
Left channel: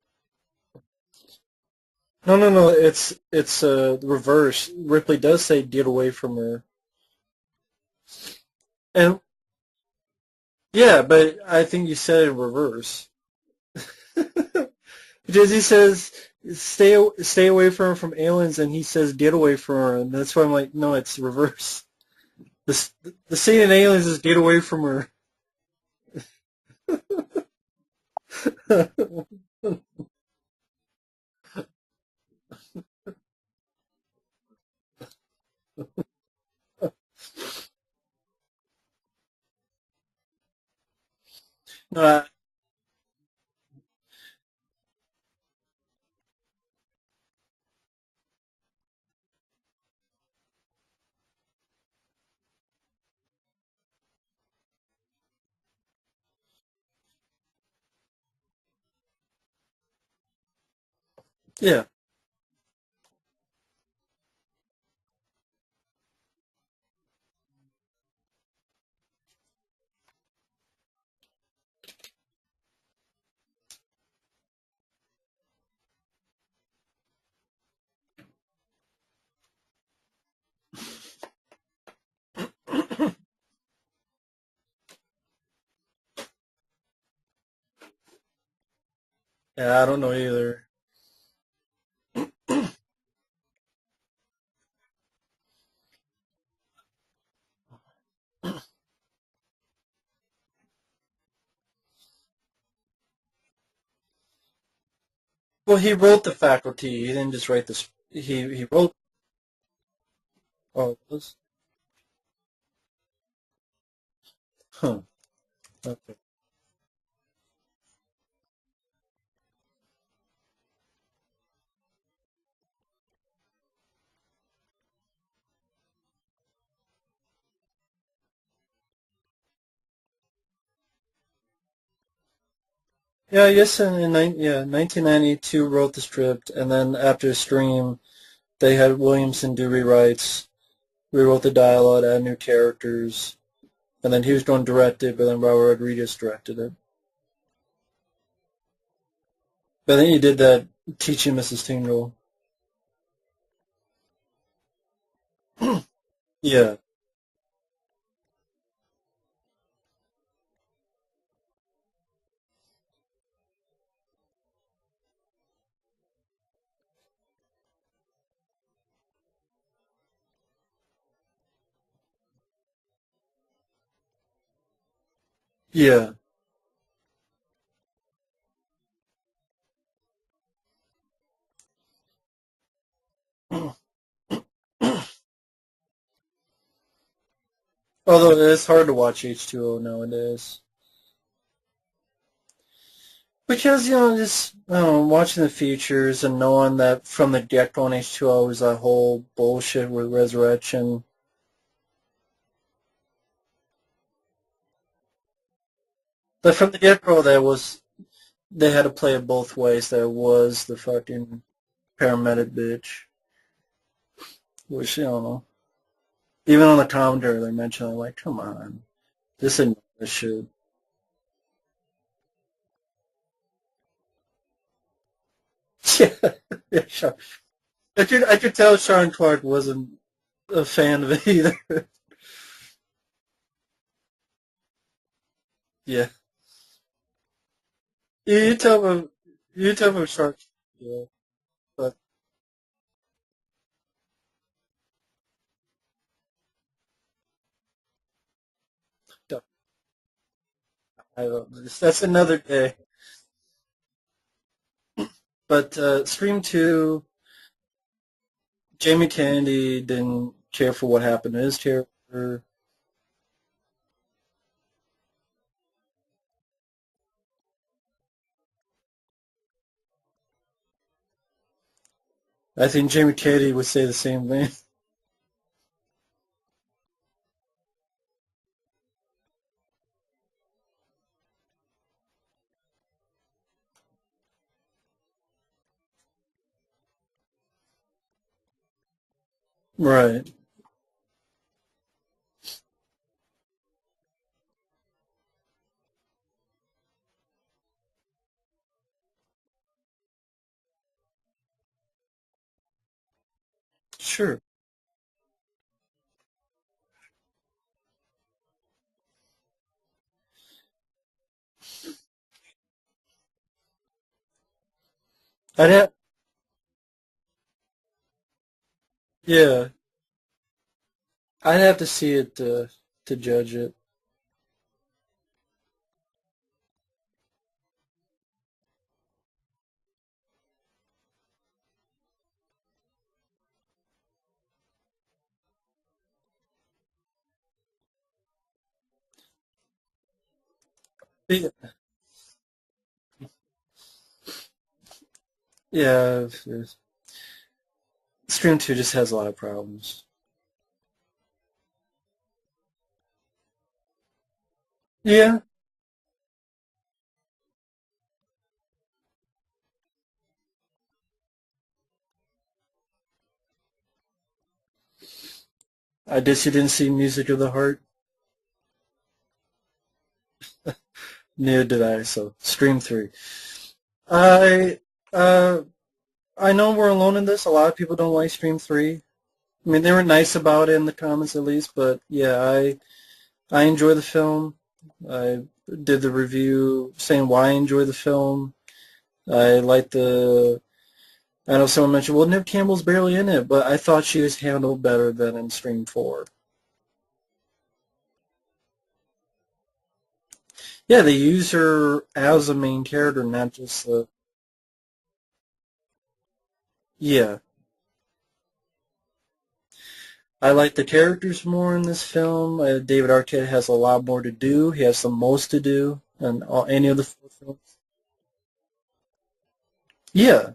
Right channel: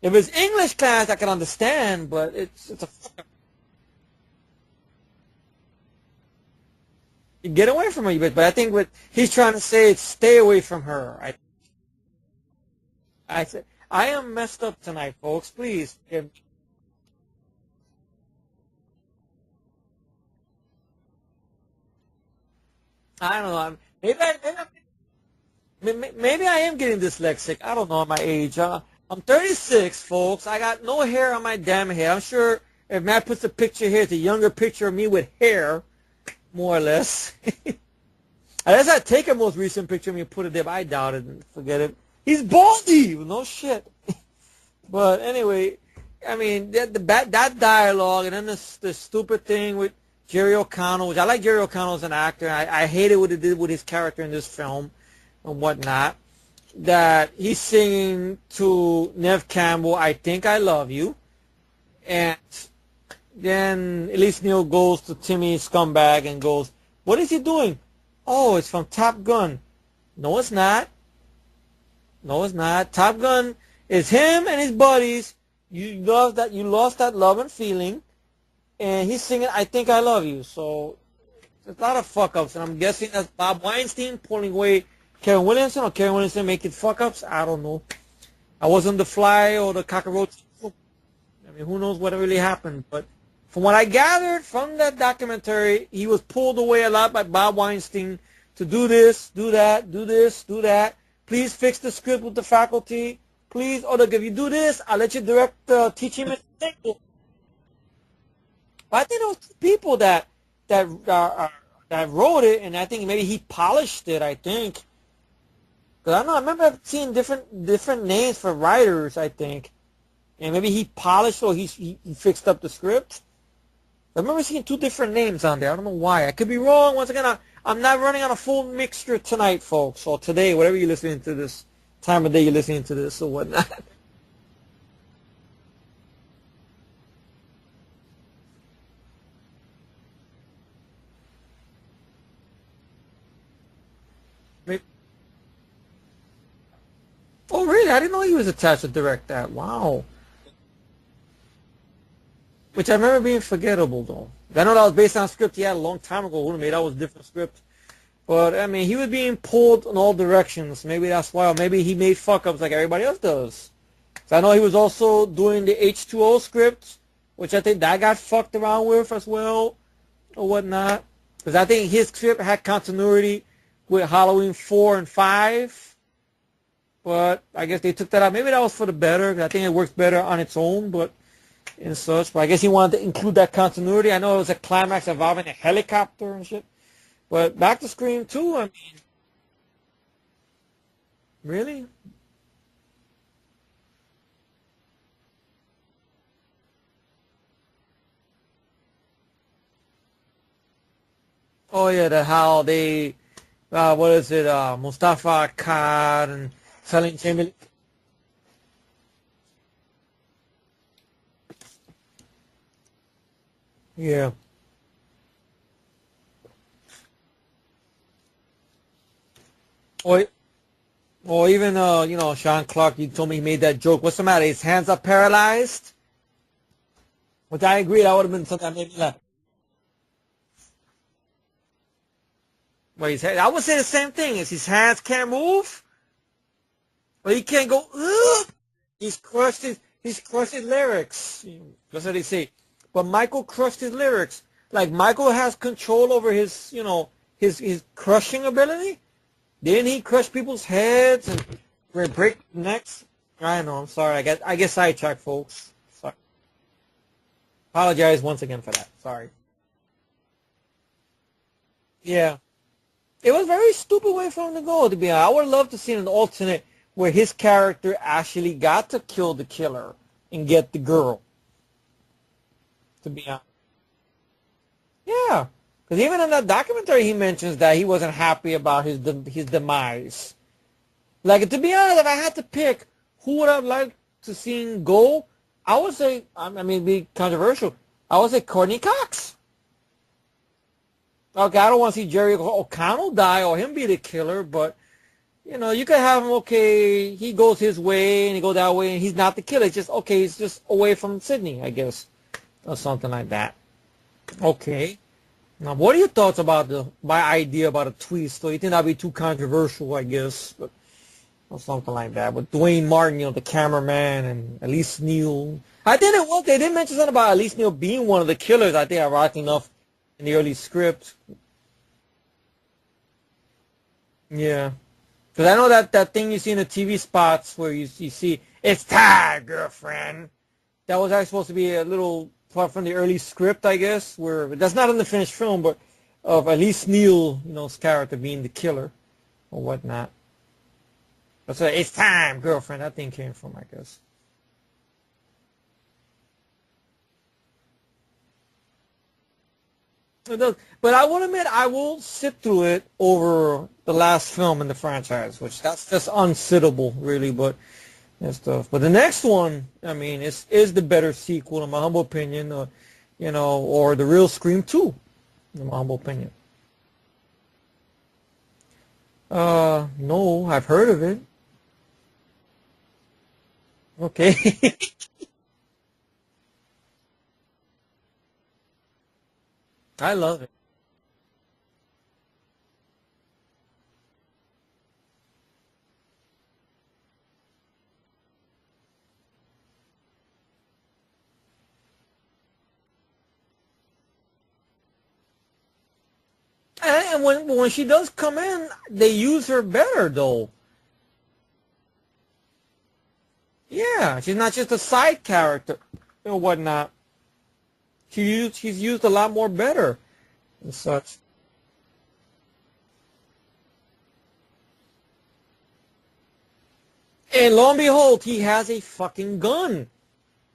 If it's English class, I can understand, but... No. It's reverse. Ripley does say get away from her. Get away from her, you bitch. But I think what And, he's trying to say is stay away from her. yeah, but right? I think you said it in reverse. I said, I am messed up tonight, folks. Disney says stay away from her from aliens, and he says get away from her, and that's why I'm like, no, it's reverse. The scene in Aliens is get away from her. Maybe I am getting dyslexic. I don't know my age. I'm 36, folks. I got no hair on my damn head. I'm sure if Matt puts a picture here, it's a younger picture of me with hair, more or less. Unless I take a most recent picture of me and put it there, but I doubt it. Forget it. He's baldy. No shit. But anyway, I mean, that dialogue and then the stupid thing with Jerry O'Connell, which I like Jerry O'Connell as an actor. I hated what he did with his character in this film and whatnot. That he's singing to Nev Campbell, I Think I Love You. Yeah. And then Elise Neal goes to Timmy Scumbag and goes, what is he doing? Oh, it's from Top Gun. No, it's not. No, it's not. Top Gun is him and his buddies. You lost that love and feeling. And he's singing, I Think I Love You. So there's a lot of fuck-ups. And I'm guessing that's Bob Weinstein pulling away Karen Williamson, or Karen Williamson making fuck-ups. I don't know. I wasn't the fly or the I don't know cockroach. either. I mean, who knows what really happened. But from what I gathered from that documentary, he was pulled away a lot by Bob Weinstein to do this, do that, do this, do that. Please fix the script with the faculty. Please, look, if you do this, I'll let you direct. Well, he wrote the faculty. He didn't just write this. He wrote. But I think it was people that wrote it, and I think maybe he polished it. I think. Huh. Cause I don't know. I remember seeing different names for writers. I think, and maybe he polished or he fixed up the script. I remember seeing two different names on there. I don't know why. I could be wrong. Once again, I'm not running on a full mixture tonight, folks, or today, whatever you're listening to this time of day you're listening to this. So yeah, yes, in 1992 wrote the script, and then after Scream, they had Williamson do rewrites, rewrote the dialogue, add new characters, and then he was going to direct it, but then Robert Rodriguez directed it. Oh, really? I didn't know he was attached to direct that. Wow. But then he did that Teaching Mrs. Tingle. Which I remember being forgettable, though. I know that was based on a script he had a long time ago. Yeah. That was a different script. But, I mean, he was being pulled in all directions. Maybe that's why. Or maybe he made fuck-ups like everybody else does. So I know he was also doing the H2O script, which I think that got fucked around with as well, or whatnot. Because I think his script had continuity with Halloween 4 and 5. Yeah. But I guess they took that out. Maybe that was for the better, because I think it works better on its own, but and such. But I guess he wanted to include that continuity. I know it was a climax involving a helicopter and shit. But back to Scream. Although it's hard to watch H2O nowadays. Really? Because, just watching the features and knowing that from the get-go on H2O was that whole bullshit with Resurrection. Oh, yeah, how they, what is it, Mustafa Akkad. And but from the get-go, they had to play it both ways. There was the fucking paramedic bitch. Yeah. Which, I don't know. Even on the commentary, they mentioned, I'm like, come on. This isn't the shit. Or even, Sean Clark, you told me he made that joke. What's the matter? His hands are paralyzed? Yeah, sure. Which I agree. I could tell Sean Clark wasn't a fan of it either. Well, I would say the same thing. Is his hands can't move? Yeah. But he can't go, You tell him. He's crushed his lyrics. But, that's what they say. But Michael crushed his lyrics. Like, Michael has control over his, his crushing ability. Didn't he crush people's heads? That's another day. Necks? I know. I'm sorry. I get sidetracked, folks. But Scream 2. Apologize once again for that. Jamie Kennedy didn't care for what happened to his character. Yeah. It was a very stupid way for him to go, to be honest. I would love to see an alternate where his character actually got to kill the killer and get the girl. I think Jamie Kennedy would say the same thing. Yeah. Because even in that documentary, he mentions that he wasn't happy about his demise. Like, to be honest, if I had to pick who would I like to see him go, I would say, be controversial, I would say Courtney Cox. Right. Okay, I don't want to see Jerry O'Connell die or him be the killer, but you know, you could have him, okay, he goes his way and he goes that way and he's not the killer. It's just, okay, he's just away from Sydney, I guess, or something like that. Sure. Okay. Now, what are your thoughts about my idea about a twist? So you think that'd be too controversial, I guess, or something like that. With Dwayne Martin, you know, the cameraman, and Elise Neal. I think it was. They did mention something about Elise Neal being one of the killers. I think I brought it up in the early script. I'd have to see it to judge it. Yeah. Because I know that thing you see in the TV spots where you see, it's time, girlfriend. That was actually supposed to be a little part from the early script, I guess, where that's not in the finished film, but of Elise Neal, you know's character being the killer or whatnot. So it's time, girlfriend. That thing came from, I guess. Yeah. Scream 2 just has a lot of problems. It does. But I will admit, I will sit through it over the last film in the franchise, which that's just unsittable, really. But and stuff. But the next one, I mean, is the better sequel, in my humble opinion, you know, or the real Scream 2, in my humble opinion. I guess you didn't see Music of the Heart? No, I've heard of it. Neither did I, so Scream 3. Okay. I know we're alone in this. A lot of people don't like Scream 3. I mean, they were nice about it in the comments at least, but yeah, I enjoy the film. I did the review saying why I enjoy the film. I like I know someone mentioned, well, Neve Campbell's barely in it, but I thought she was handled better than in Scream 4. And when she does come in, they use her better, though. Yeah, they use her as a main character, not just... Yeah, she's not just a side character or whatnot. Yeah. She's used a lot more better. I like the characters more in this film. David Arquette has a lot more to do. He has the most to do than any of the... And lo and behold, he has a fucking gun. Yeah.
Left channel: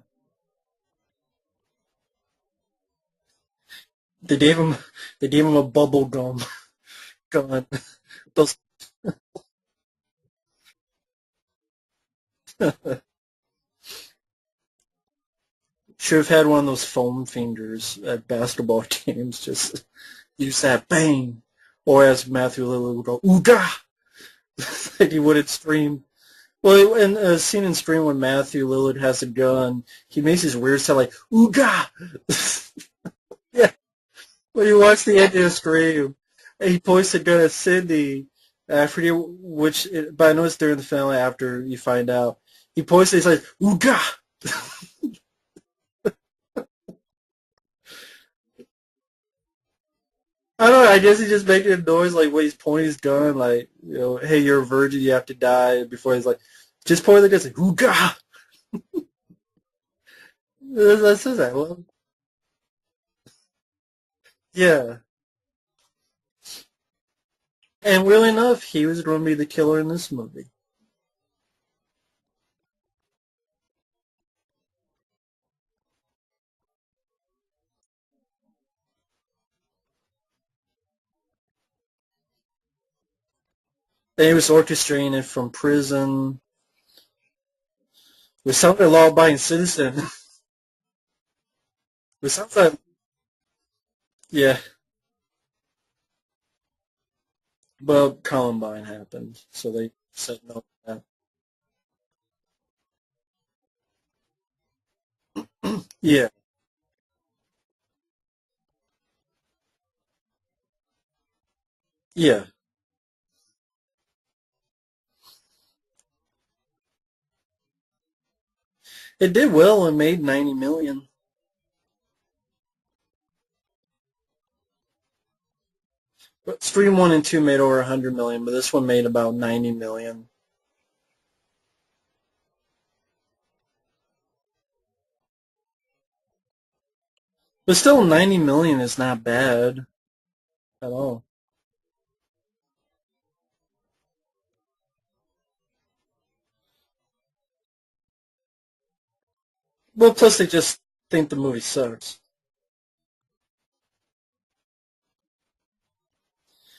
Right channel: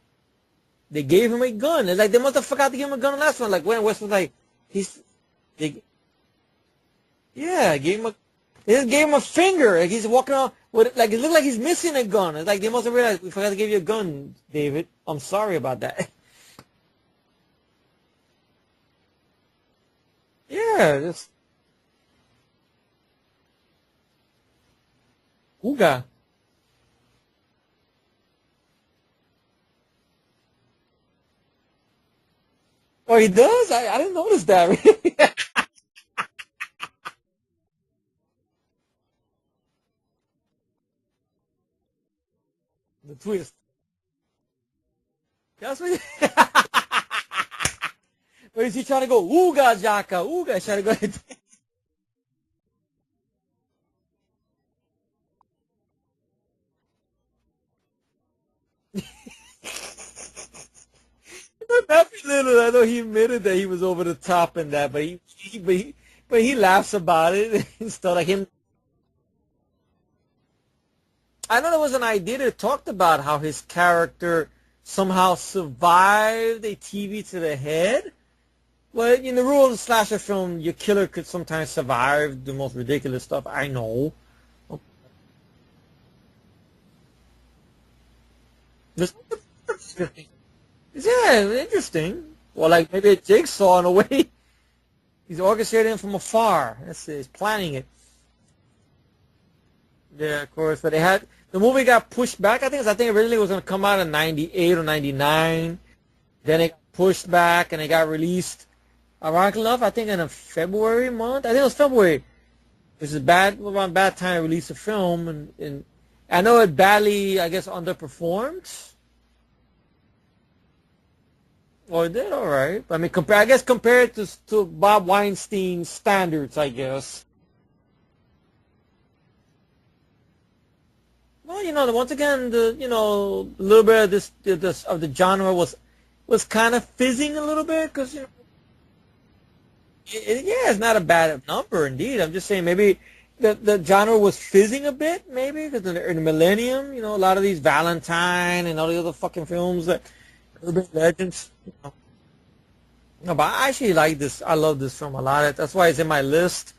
They gave him a gun. It's like they must have forgot to give him a gun last one. Like when Wes was like... They gave him a bubble gum. Yeah, gave him they just gave him a finger. Like he's walking around with, like, it looked like he's missing a gun. It's like they must have realized, we forgot to give you a gun, David. I'm sorry about that. Should have had one of those foam fingers at basketball games. Just use that bang. Or as Matthew Lillard would go, ooga! Like he wouldn't scream. Ooga. Well, in a scene in Scream when Matthew Lillard has a gun, he makes his weird sound like, ooga! Oh, he does? I didn't notice that. He watched the end of Scream. He points the gun at Cindy. I forget which, but I know it's during the film after you find out. He points it, he's like, ooga! That's what Or is he trying to go, ooga, jaka, ooga? I don't know, I guess he's just making a noise like when he's pointing his gun, like, you know, hey, you're a virgin, you have to die. Before he's like, just point the gun, like, ooga! That's that. Matthew Lillard, I know he admitted that he was over the top in that, but he laughs about it. And really enough, he was going to be the killer in this movie. I know there was an idea that talked about how his character somehow survived a TV to the head. But in the rule of the slasher film, your killer could sometimes survive the most ridiculous stuff. I know. And he was orchestrating it from prison. With something law-abiding citizen. Yeah, interesting. So like maybe a jigsaw in a way. Yeah. He's orchestrating from afar. He's planning it. Well, Columbine happened, so they... Yeah, of course. But the movie got pushed back. I think originally it was going to come out in 98 or 99. Yeah. Then it got pushed back, and it got released, ironically enough, I think in a February month. I think it was February. Yeah. Which is around bad time to release a film. And I know it badly, I guess, underperformed. It did well and made $90 million. Well, it did all right. I mean, I guess compared to Bob Weinstein's standards, Scream 1 and 2 made over $100 million, but this one made about $90 million. Well, once again, a little bit of the genre was kind of fizzing a little bit. But still, $90 million is not bad. It's not a bad number, indeed. I'm just saying maybe the genre was fizzing a bit, maybe, because in the millennium, a lot of these Valentine and all the other fucking films. Plus they just think the movie sucks. No, but I actually like this. I love this film a lot. That's why it's in my list.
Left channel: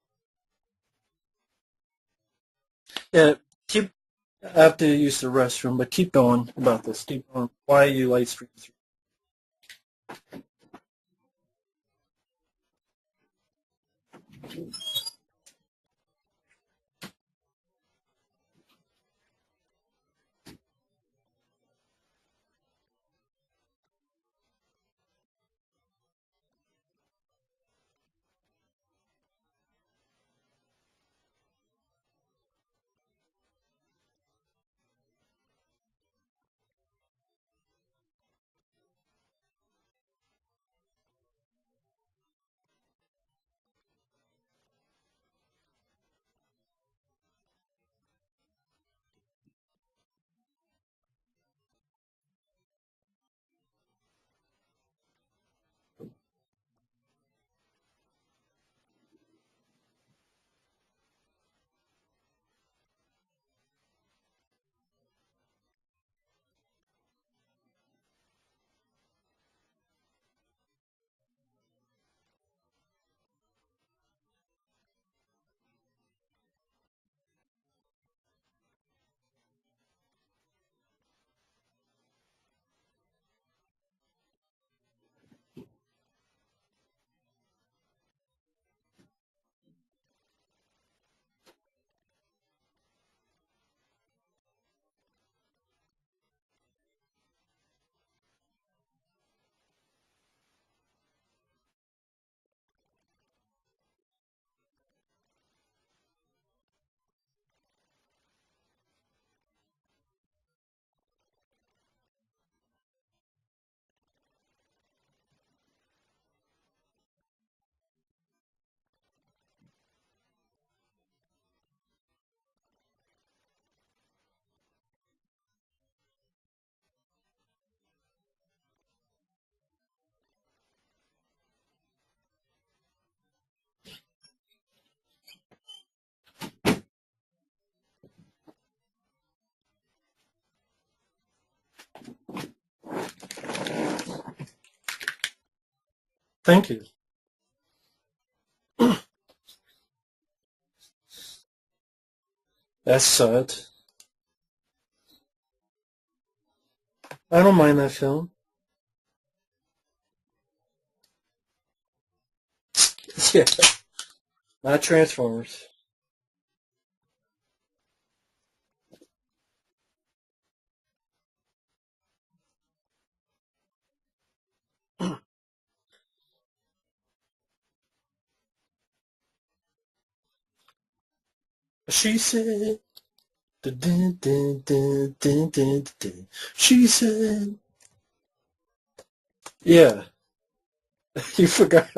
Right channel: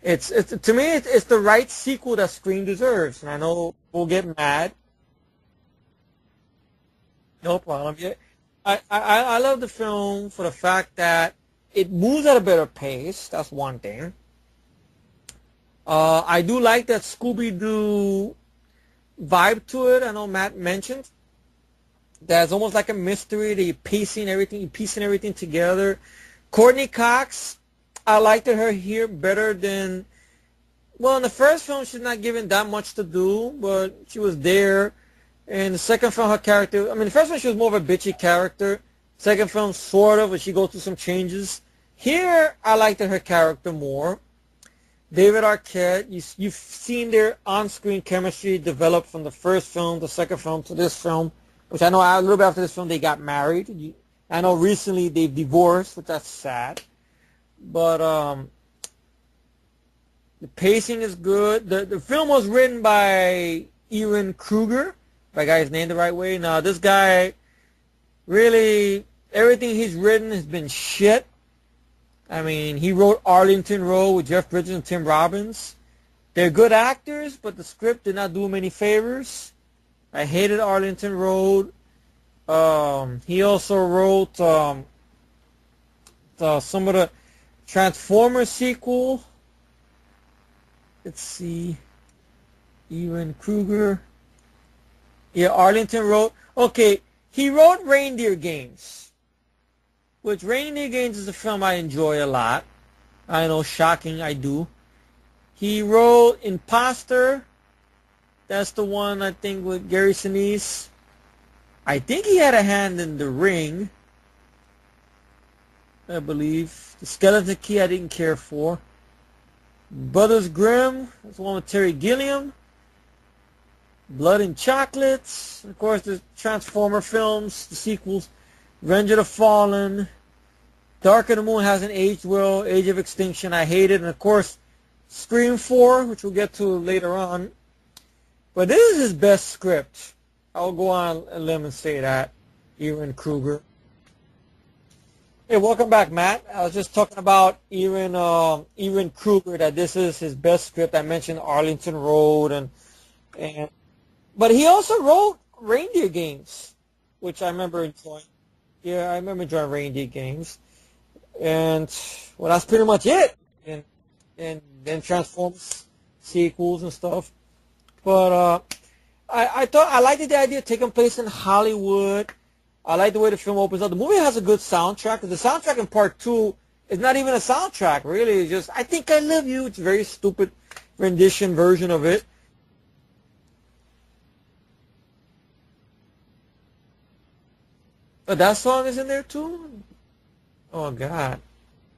It's to me, it's the right sequel that Scream deserves. Yeah, I know people get mad. I have to use the restroom, but keep going about this. Keep going. Nope, why you like Scream? I love the film for the fact that it moves at a better pace. That's one thing. I do like that Scooby-Doo vibe to it. I know Matt mentioned that's almost like a mystery that you're piecing everything together. Courtney Cox, I liked her here better than, well, in the first film she's not given that much to do, but she was there. In the second film, her character, I mean, the first one she was more of a bitchy character. Second film, sort of, but she goes through some changes. Here, I liked her character more. David Arquette, you've seen their on-screen chemistry develop from the first film, the second film, to this film, which I know a little bit after this film they got married. I know recently they've divorced, but that's sad. But the pacing is good. The film was written by Ewan Kruger, if I got his name the right way. Now, this guy, really, everything he's written has been shit. I mean, he wrote Arlington Road with Jeff Bridges and Tim Robbins. They're good actors, but the script did not do him any favors. I hated Arlington Road. He also wrote some of the Transformers sequel. Let's see. Ewan Kruger. Yeah, Arlington Road. Okay, he wrote Reindeer Games. Which Reindeer Games is a film I enjoy a lot. I know, shocking, I do. He wrote Imposter. That's the one, I think, with Gary Sinise. I think he had a hand in The Ring, I believe. The Skeleton Key I didn't care for. Brothers Grimm, that's the one with Terry Gilliam. Blood and Chocolates. Of course, the Transformer films, the sequels. Revenge of the Fallen. Dark of the Moon hasn't aged well. Age of Extinction, I hated. And, of course, Scream 4, which we'll get to later on. But this is his best script. I'll go on a limb and say that. Ewan Kruger. Hey, welcome back, Matt. Thank I was you. just talking about Ewan Kruger, that this is his best script. I mentioned Arlington Road. That's sad. But he also wrote Reindeer Games. Which I don't mind remember- that film. Yeah, I remember enjoying Reindeer Games. And, well, that's pretty much it. Yeah. And Not the Transformers. sequels and stuff. But I thought I liked the idea of taking place in Hollywood. I like the way the film opens up. The movie has a good soundtrack. The soundtrack in part 2 is not even a soundtrack, really. It's just I Think I Love You. It's a very stupid rendition version of She it. said, dun, dun, dun, dun, dun, dun. She said, But that song is in there too? yeah, Oh, God. you forgot.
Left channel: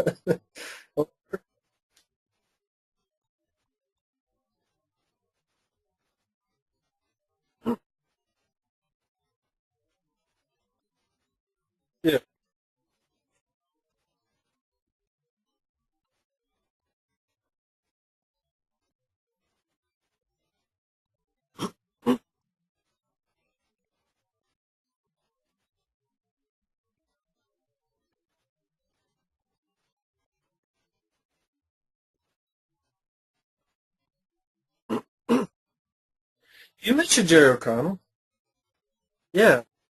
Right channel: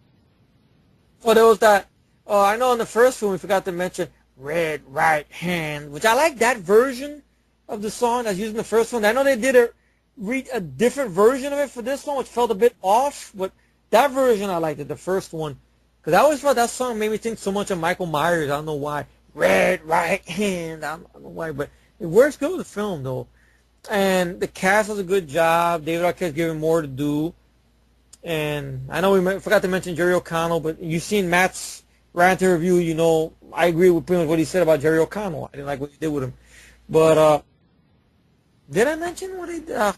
Oh, there was that. Oh, I know in the first film we forgot to mention Red Right Hand, which I like that version of the song that's used in the first one. I know they did a different version of it for this one, Yeah. which felt a bit off, but that version I liked it, the first one. Because I always thought that song made me think so much of Michael Myers. I don't know why. Red Right Hand. I don't know why, but it works good with the film, though. And the cast does a good job. David Arquette's given more to do. And I know we forgot to mention Jerry O'Connell, but you've seen Matt's rant review. You know, I agree with pretty much what he said about Jerry O'Connell. I didn't like what he did with him. You But, mentioned Jerry O'Connell. Did I mention Yeah. that?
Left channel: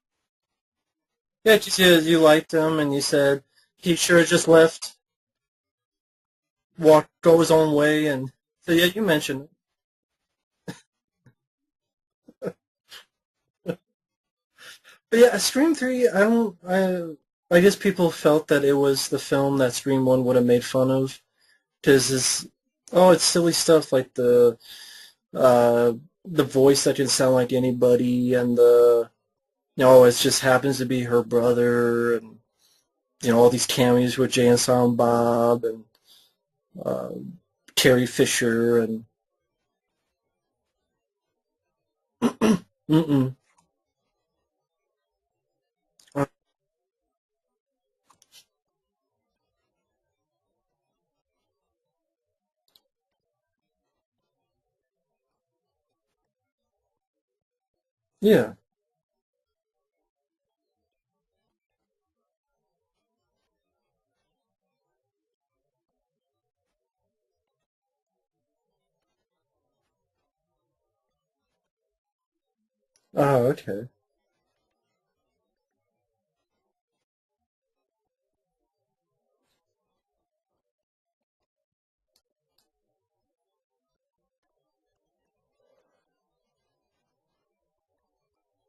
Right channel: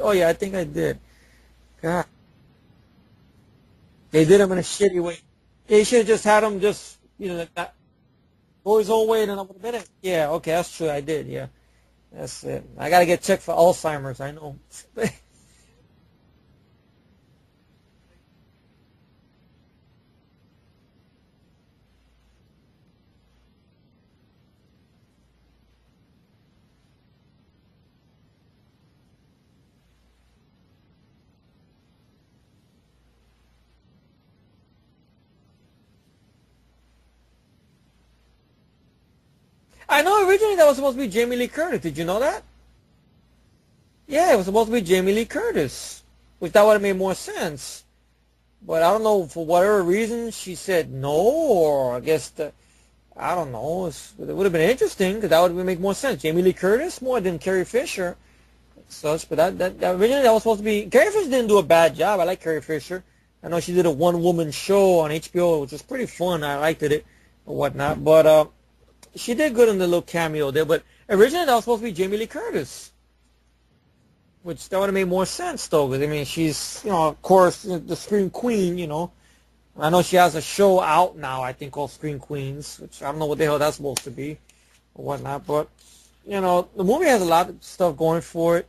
Oh, yeah, I think I did. Yeah, you said you liked him, and you said he should have They did just him in a left, shitty way. Yeah, he should have just had him just go his own way, and Go yeah, his you own way, then mentioned. I would have been it. Yeah, okay, that's true. I did. Yeah, that's it. I gotta get checked for Alzheimer's. I know. But yeah, Scream 3, I guess people felt that it was the film that Scream 1 would have made fun of, because it's silly stuff like the voice that can sound like anybody, and it just happens to be her brother, and all these cameos with Jay and Silent Bob and Carrie Fisher and. I know originally that was supposed to be Jamie Lee Curtis. Did you know that? Mm-mm. Yeah, it was supposed to be Jamie Lee Curtis, which that would have made more sense. But I don't know, for whatever reason, she said no, or I guess I don't know. It would have been interesting because that would make more sense. Jamie Lee Curtis more than Carrie Fisher. Yeah. Such, but that originally that was supposed to be. Carrie Fisher didn't do a bad job. I like Carrie Fisher. I know she did a one-woman show on HBO, which was pretty fun. I liked it or whatnot. But she did good in the little cameo there. But originally that was supposed to be Jamie Lee Curtis. Oh, okay. Which that would have made more sense, though, because, I mean, she's, of course, the Scream Queen, I know she has a show out now, I think, called Screen Queens, which I don't know what the hell that's supposed to be or whatnot. But, you know, the movie has a lot of stuff going for it.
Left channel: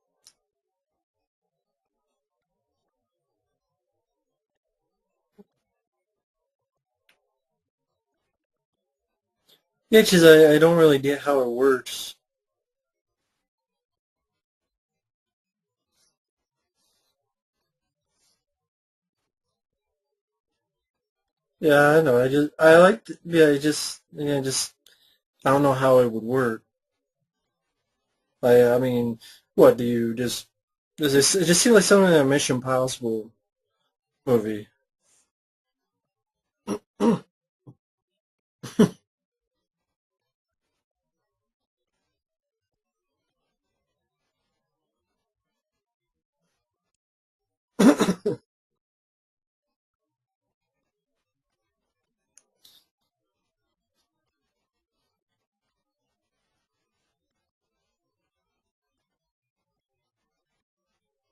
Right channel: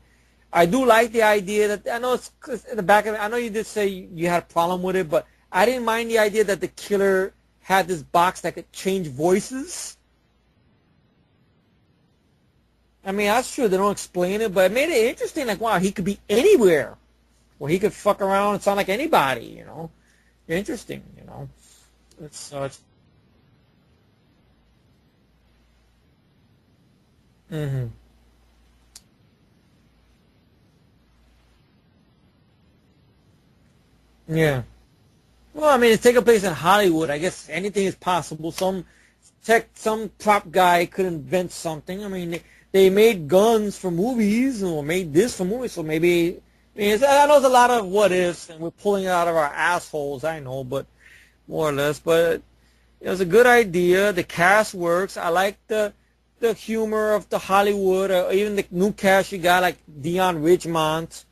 I do like the idea that, I know it's in the back of it, I know you did say you had a problem with it, but I didn't mind the idea that the killer had this box that could change voices. Yeah, because I don't really get how it works. I mean, that's true. They don't explain it, but it made it interesting. Like, wow, he could be anywhere. Or he could fuck around and sound like anybody, you know. Interesting, you know. Yeah, I know. I like, I don't know how it would work. Mm-hmm. I mean, what do you just? Does it just seem like something that Mission Impossible? Movie. Yeah. Well, I mean, it's taking place in Hollywood. I guess anything is possible. Some prop guy could invent something. I mean, they made guns for movies or made this for movies, so maybe. I mean, I know there's a lot of what ifs, and we're pulling it out of our assholes. I know, but more or less. But it was a good idea. The cast works. I like the humor of the Hollywood, or even the new cast you got, like Dion Ridgemont,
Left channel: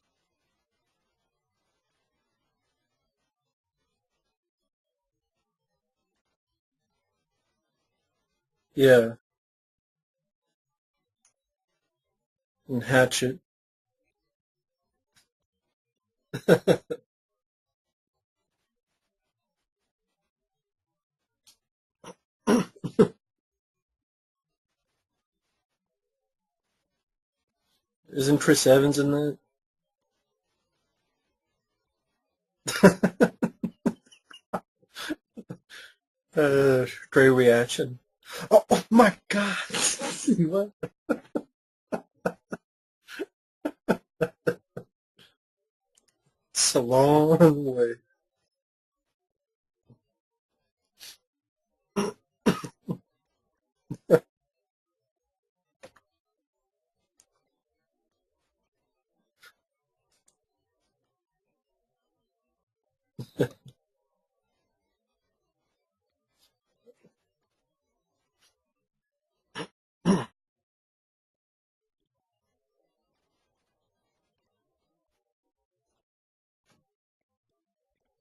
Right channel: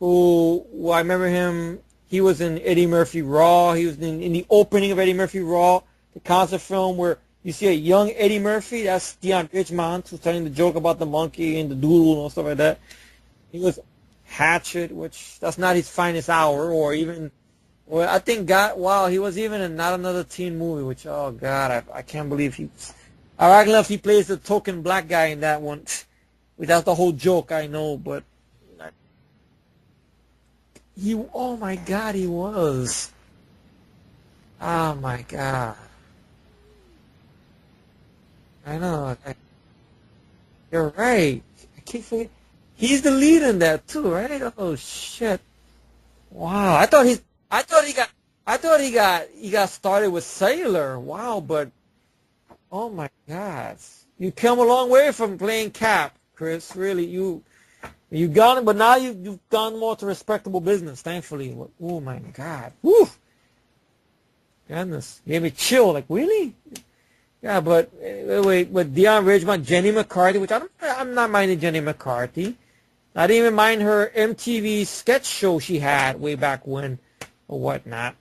who I remember him. He was in Eddie Murphy Raw. He was in the opening of Eddie Murphy Raw, the concert film where you see a young Eddie Murphy. Yeah. That's Dion Ridgemont, who's telling the joke about the monkey and the doodle and stuff like that. And Hatchet. He was Hatchet, which that's not his finest hour, or even, well, I think he was even in Not Another Teen Movie, which, oh God, I can't believe it. I don't know if he plays the token black guy in that one. That's the whole joke, I know, but Isn't Chris Evans in that? oh my God, he was. Oh my God. Great reaction. Oh my God. What? You're right. I keep forgetting. He's the lead in that too, right? Oh shit! Wow, I thought he got started with Sailor. Wow, but oh my God, you come a long way from playing Cap, Chris. Really, you got it, but now you've gone more to respectable business. Thankfully. Oh my God. Woo. Goodness, gave me chill. Like really? Yeah, but wait, with Dion Ridgemont, Jenny McCarthy, which I'm not minding Jenny McCarthy. I didn't even mind her MTV sketch show she had way back when or whatnot.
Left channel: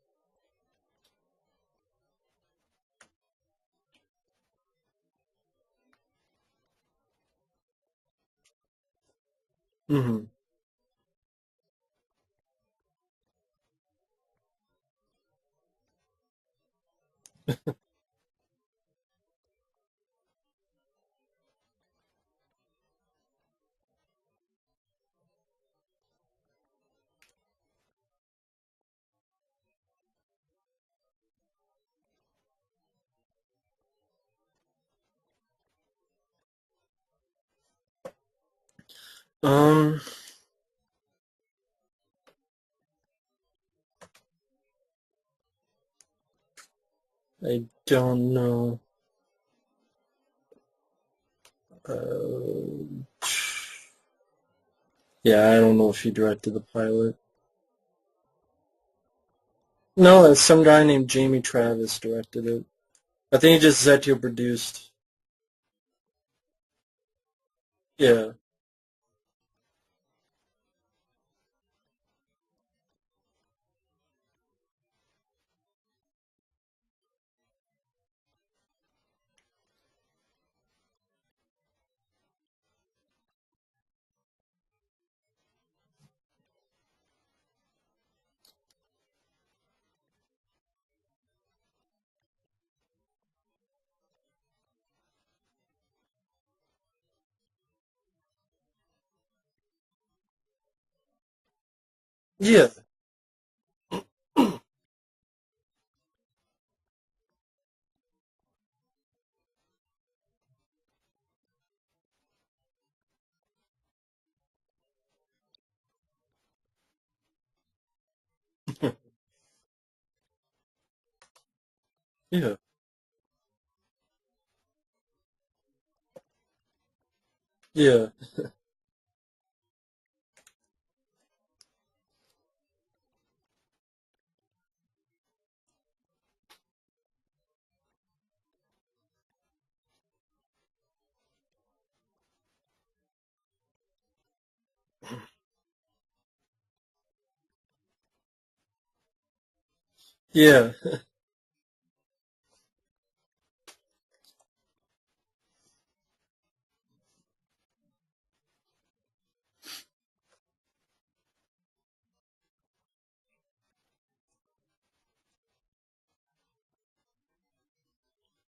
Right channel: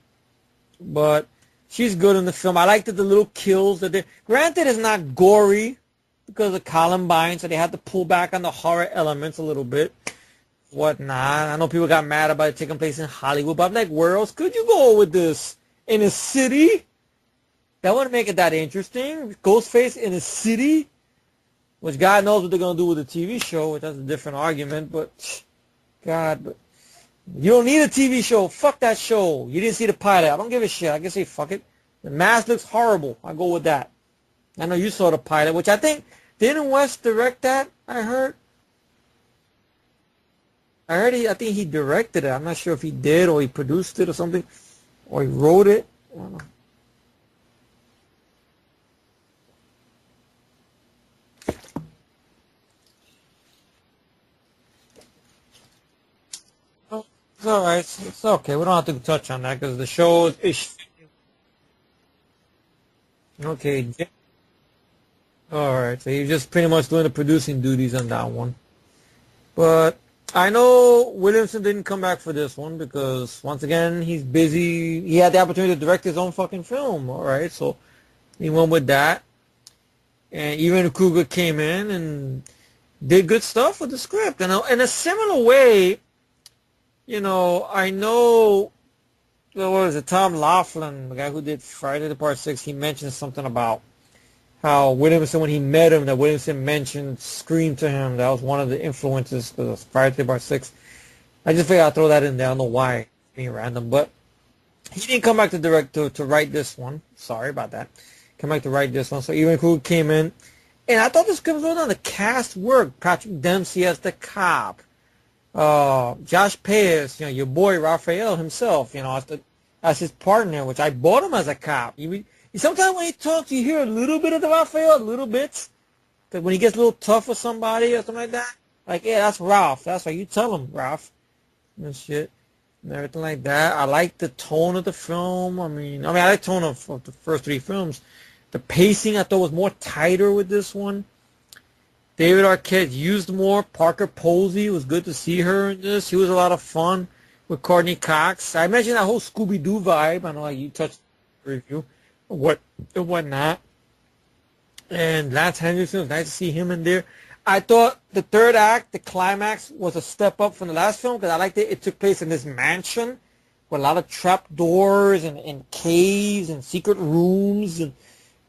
But she's good in the film. I liked the little kills that they. Granted, it's not gory because of Columbine, so they had to pull back on the horror elements a little bit. Mm-hmm. Whatnot. I know people got mad about it taking place in Hollywood, but I'm like, where else could you go with this? In a city? That wouldn't make it that interesting. Ghostface in a city? Which God knows what they're going to do with the TV show, which that's a different argument, but God, but you don't need a TV show. Fuck that show. You didn't see the pilot. I don't give a shit. I can say fuck it. The mask looks horrible. I go with that. I know you saw the pilot, which I think, didn't Wes direct that, I heard? I think he directed it. I'm not sure if he did or he produced it or something, or he wrote it. I don't know. I don't know. Yeah, I don't know if he directed the pilot. It's all right. It's okay. We don't have to touch on that because the show. No, it's some guy named Jamie Travis directed it. I think he just Zetio produced. All right. So he's just pretty much doing the producing duties on that one. But I know Williamson didn't come back for this one because, once again, he's busy. He had the opportunity to direct his own fucking film. All right. So he went with that. And even Kruger came in and did good stuff with the script. And in a similar way, you know, I know, what was it, Tom Laughlin, the guy who did Friday the Part 6, he mentioned something about how Williamson, when he met him, that Williamson mentioned Scream to him. That was one of the influences because of Friday the Part 6. I just figured I'd throw that in there. I don't know why, being random. But he didn't come back to direct, to write this one. Sorry about that. Come back to write this one. So Ewan Kruger came in. And I thought this comes well on the cast work. Patrick Dempsey as the cop. Josh Payes, you know, your boy Raphael himself, you know, as his partner, which I bought him as a cop. Sometimes when he talks, you hear a little bit of the Raphael, a little bit. But when he gets a little tough with somebody or something like that, like, yeah, that's Ralph. That's what you tell him, Ralph. And shit. And everything like that. I like the tone of the film. I mean, I like the tone of the first three films. The pacing, I thought, was more tighter with this one. David Arquette used more. Parker Posey, it was good to see her in this. She was a lot of fun. with Courtney Cox. I mentioned that whole Scooby-Doo vibe. I know Yeah. you touched the review, what and whatnot. And Lance Henriksen, it was nice to see him in there. I thought the third act, the climax, was a step up from the last film because I liked it. It took place in this mansion with a lot of trap doors and caves and secret rooms, and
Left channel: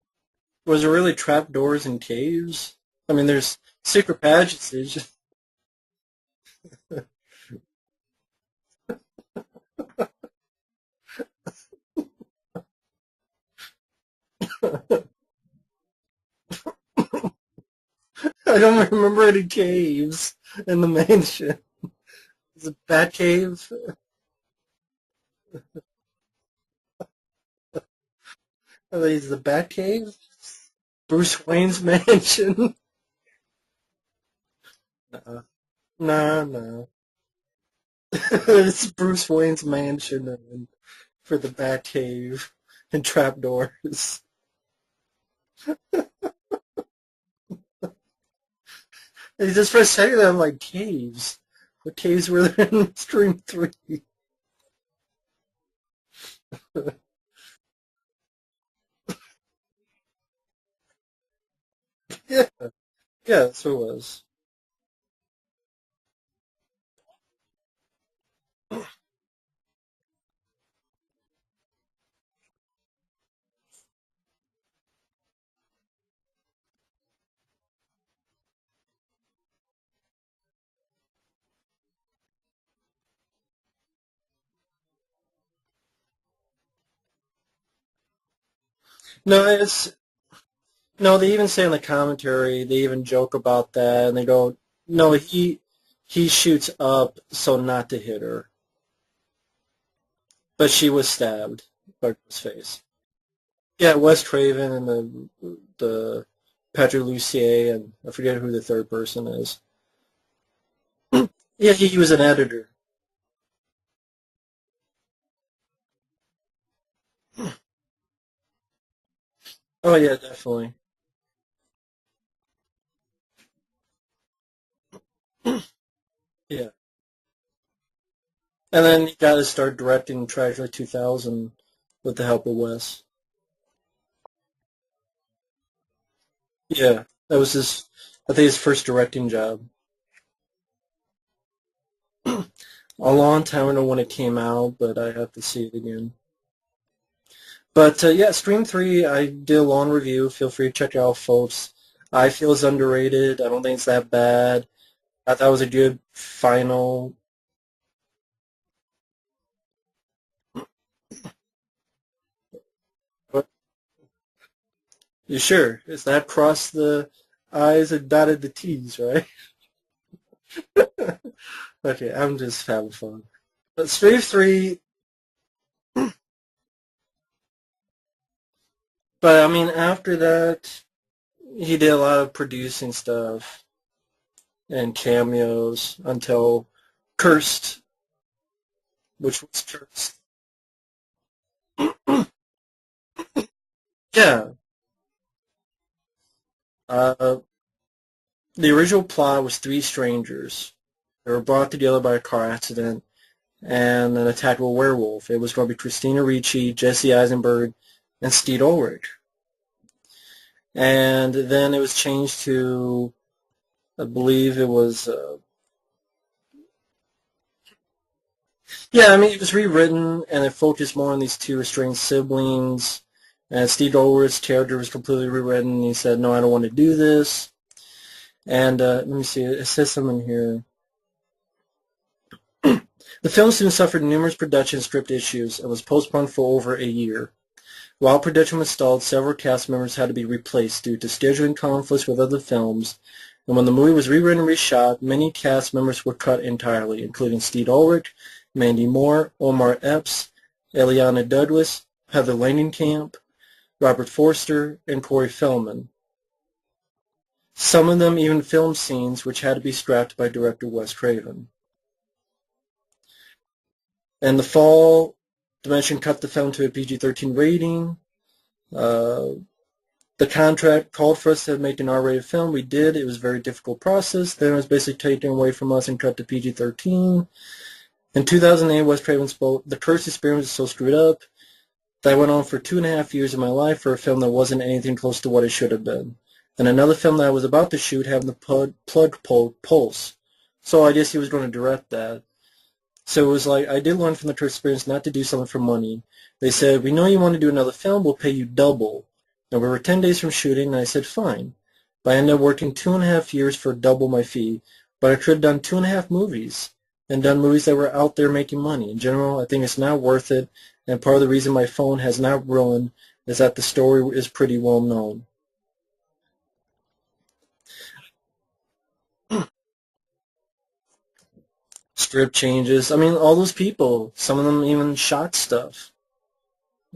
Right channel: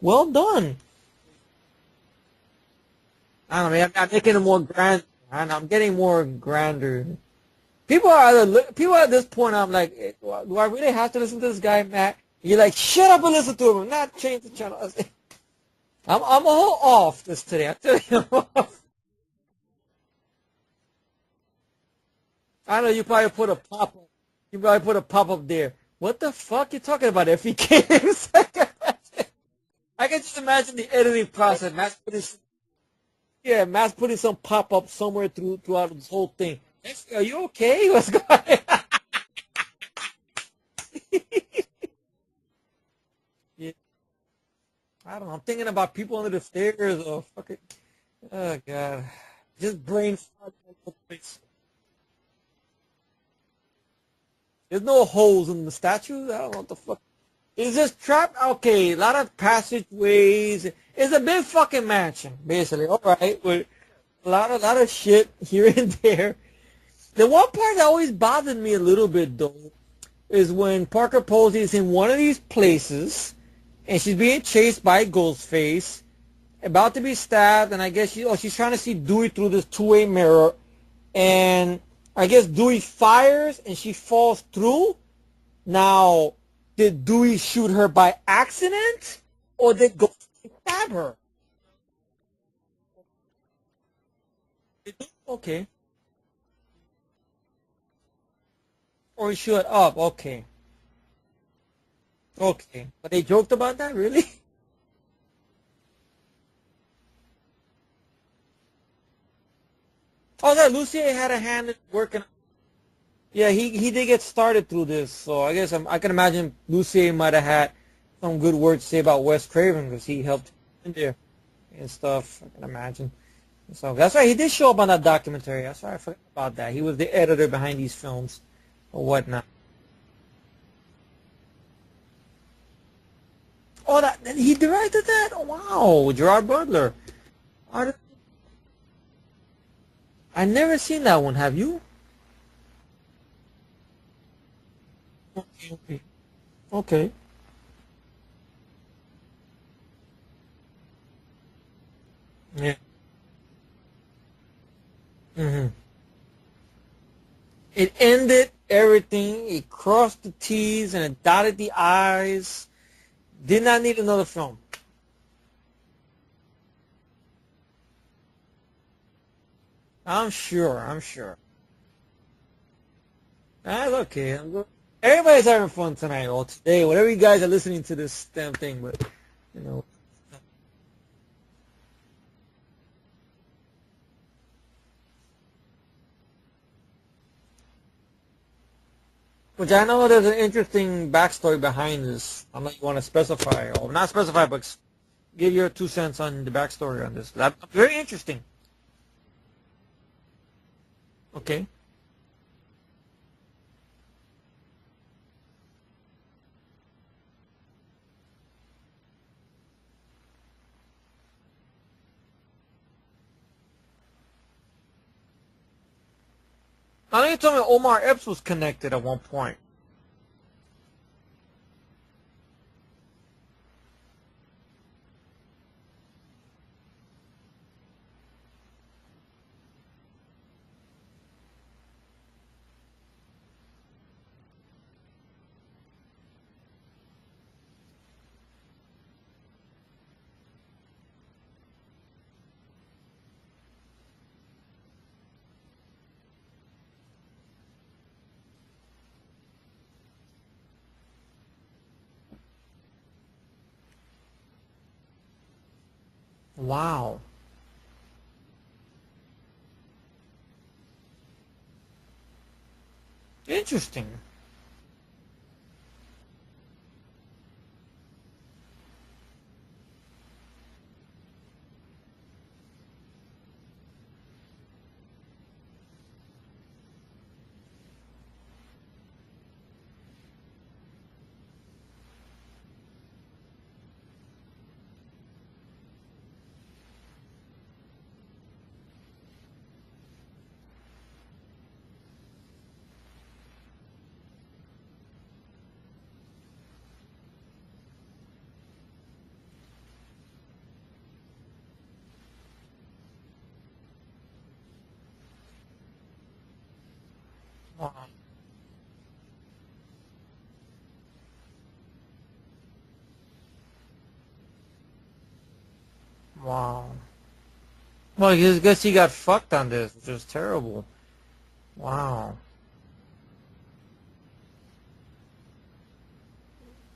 well done. Was there really trapdoors and caves? I mean, there's I don't know, man. I'm secret making it more passages. grand. I'm getting more grander. People at this point. I'm like, hey, do I really have to listen to this guy, Matt? You're like, shut up and listen to him. I'm not changing. I'm a whole off this today. I tell you. I don't remember any caves in the mansion. I know you probably put a pop up. You probably put a pop up there. What the fuck you talking about? Efree caves? Is the Bat Cave? I can just imagine the editing Bruce Wayne's process. mansion. Yeah, Matt's putting some pop up somewhere throughout the whole thing. No. Are you okay? What's going on? It's Bruce Wayne's mansion for the Bat Cave and trapdoors. I don't know. I'm thinking about people under the stairs or fucking. Oh god. And just for a second, I'm like, caves. What caves were there in Stream 3? There's no holes in the statues. I don't know what the fuck. It's just trap. Okay, a lot of passageways. It's a big fucking mansion, basically. All right. Yeah, that's what it was. A lot of shit here and there. The one part that always bothered me a little bit though is when Parker Posey is in one of these places and she's being chased by Ghostface, about to be stabbed, and I guess she's trying to see Dewey through this two-way mirror, and I guess Dewey fires and she falls through. Now, did Dewey shoot her by accident? No, or did Ghostface stab her? No, they even say in the commentary, they even joke about that, and they go, no, he shoots up so not to hit her. Or he shot up, okay. But she was stabbed. Okay, but they joked about that? Yeah, really? Wes Craven and the Patrick Lussier, and I forget who the third person is. Oh, that Lussier had a hand. Yeah, he was an editor. Yeah, he did get started through this, so I guess I can imagine Lussier might have had some good words to say about Wes Craven. Oh, yeah, he helped definitely. in there and stuff, I can imagine. So that's right, he did show up on that documentary. That's right, I forgot about that. He was the editor behind these films. And then he got to start directing Tragedy 2000 with the help of Wes. Oh, he directed that? Oh, wow, Gerard Butler. Yeah, that was I think his first directing job. I never seen that one. Have you? A long time ago when it came out, but I have to see it again. Okay. But yeah, Stream 3, I did a long review. Feel free to check it out, folks. I feel it's underrated. I don't think it's that bad. I thought it was a good final. It ended everything. It crossed the T's and it dotted the I's. Did not need another film. You sure? It's that crossed the I's and dotted the T's, right? I'm sure. Okay, I'm just having fun. Stream 3. Everybody's having fun tonight or today, whatever you guys are listening to this damn thing. But I mean, after that, he did a lot of producing stuff and cameos until Cursed, which I know there's an interesting backstory behind this. I don't know if you want to specify or not specify, but give your 2 cents on the backstory of this. That's very interesting. The original plot was 3 strangers. They were brought together by a car accident and then attacked with a werewolf. It was going to be Christina Ricci, Jesse Eisenberg, and Steve Ulrich. And then it was changed to, I believe it was... I know you told me Omar Epps was connected. Yeah, I mean, it was rewritten, and it focused more on these 2 estranged siblings. And Steve Ulrich's character was completely rewritten. He said, no, I don't want to do this. And let me see, it says something here. The film soon suffered numerous production script issues and was postponed for over a year. While production was stalled, several cast members had to be replaced due to scheduling conflicts with other films, and when the movie was rewritten and reshot, many cast members were cut entirely, including Steve Ulrich, Mandy Moore, Omar Epps, Eliana Douglas, Heather Langenkamp, Robert Forster, and Corey Feldman. Wow. Some of them even filmed scenes which had to be scrapped by director Wes Craven. Interesting. In the fall, Dimension cut the film to a PG-13 rating. The contract called for us to make an R-rated film. We did. It was a very difficult process. Then it was basically taken away from us and cut to PG-13. In 2008, Wes Craven spoke, "The cursed experience is so screwed up that I went on for 2.5 years of my life for a film that wasn't anything close to what it should have been. And another film that I was about to shoot having the plug pulse. So I guess he was going to direct that. So it was like, I did learn from the cursed experience not to do something for money. They said, we know you want to do another film, we'll pay you double. And we were 10 days from shooting, and I said, fine. But I ended up working 2.5 years for double my fee. But I could have done 2.5 movies and done movies that were out there making money. In general, I think it's not worth it, and part of the reason my phone has not ruined is that the story is pretty well known." Wow. Well, I guess he got fucked on this, which is terrible. Wow. Script changes. I mean, all those people, some of them even shot stuff.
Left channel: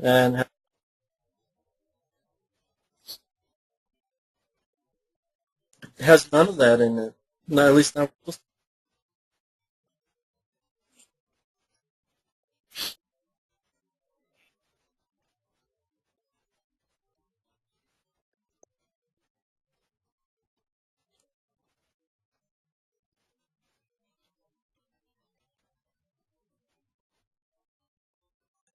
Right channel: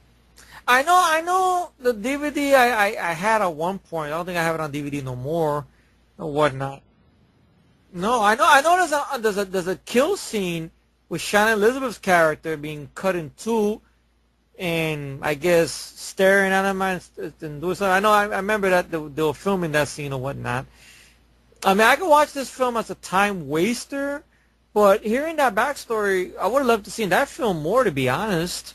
And I know the DVD I had at one point. I don't think I have it on DVD no more. it has none of that in it. No, at least not. No, I know there's a kill scene with Shannon Elizabeth's character being cut in two, and I guess staring at him and doing something. I remember that they were filming that scene or whatnot. I mean, I could watch this film as a time waster, but hearing that backstory, I would have loved to see that film more, to be honest,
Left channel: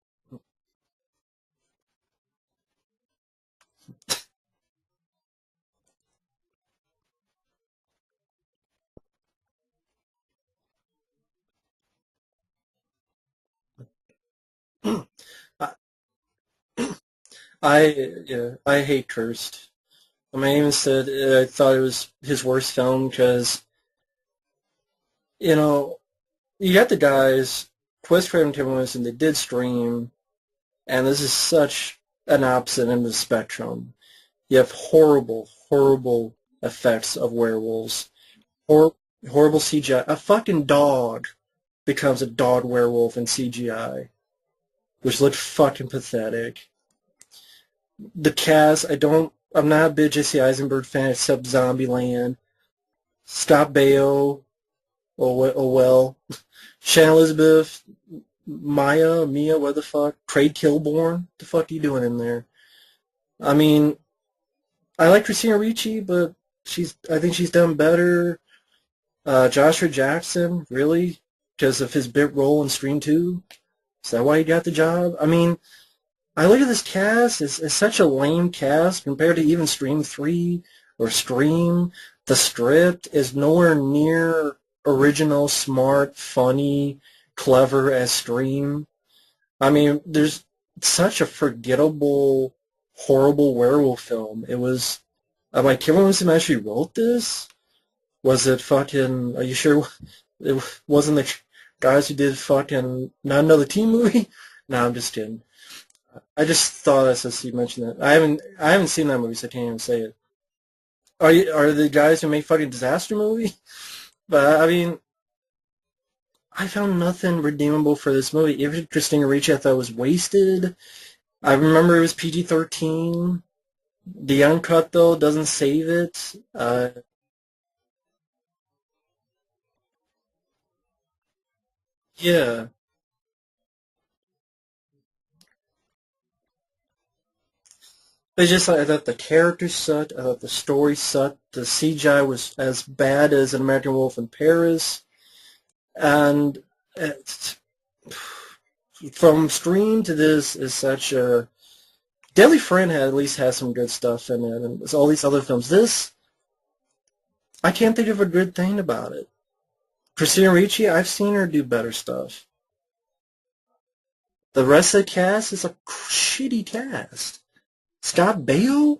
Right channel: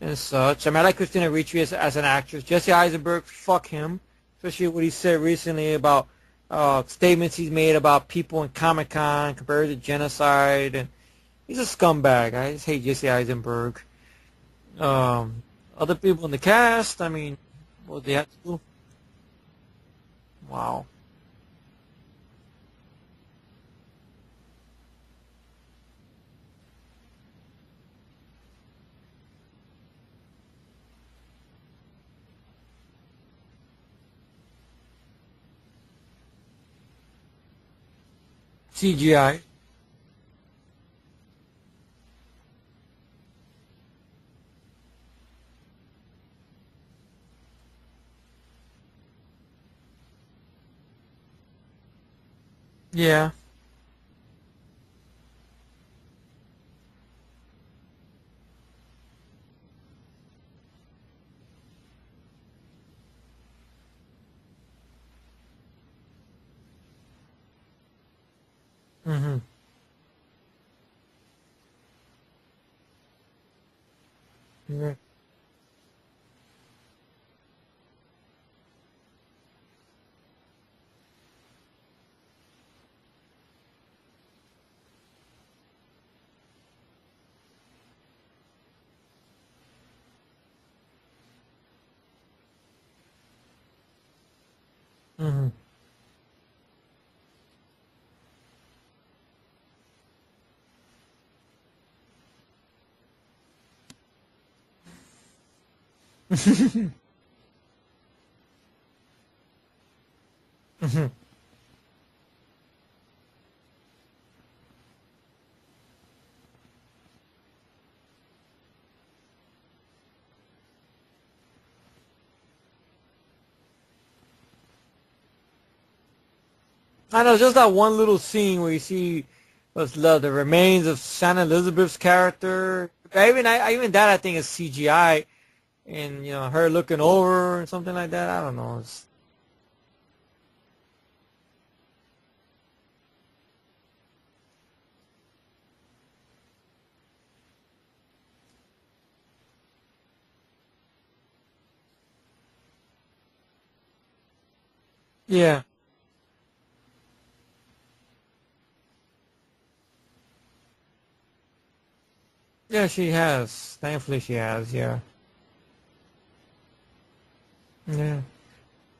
and such. I mean, I like Christina Ricci as an actress. Jesse Eisenberg, fuck him, especially what he said recently about statements he's made about people in Comic-Con compared to genocide, and he's a scumbag. I just hate Jesse Eisenberg. Other people in the cast, I mean, I hate Cursed. I mean, I even said I thought it was his worst film because, you know, you got the guys, Wes Craven and Tim Wilson, they did Stream, and this is such an opposite end of the spectrum. You have horrible, horrible effects of werewolves. CGI. Horrible CGI. A fucking dog becomes a dog werewolf in CGI, which looked fucking pathetic. The cast, I'm not a big Jesse Eisenberg fan except Zombieland. Yeah. Scott Baio, oh well. Shannon Elizabeth, Mia, what the fuck? Craig Kilborn, the fuck are you doing in there? I mean, I like Christina Ricci, but I think she's done better. Mm-hmm. Joshua Jackson, really? Because of his bit role in Scream 2? Is that why he got the job? I mean, I look at this cast, it's such a lame cast compared to even Scream 3 or Scream. The script is nowhere near original, smart, funny, clever as Scream. I mean, there's such a forgettable, horrible werewolf film. It was, I'm like, Kim Wilson actually wrote this? Was it fucking, are you sure it wasn't the guys who did fucking Not Another Teen Movie? No, I'm just kidding. I just thought as you mentioned that. I haven't seen that movie, so I can't even say it. Are the guys who make fucking Disaster Movie? But I mean, I found nothing redeemable for this movie. Even Christina Ricci, I thought was wasted. I remember it was PG-13. The uncut though doesn't save it. I know, just that one little scene where you see the remains of Shannon Elizabeth's character. Yeah. Even that I think is CGI. And, you know, her looking over or something like that. I thought the characters sucked. I thought the story sucked. The CGI was as bad as an American Wolf in Paris. And from Scream to this is such a... Deadly Friend at least has some good stuff in it. And it's all these other films. This, I can't think of a good thing about it. Christina Ricci, I've seen her do better stuff. Yeah, she has. Thankfully, she has. The rest of the cast is a shitty cast. Yeah. Scott Baio?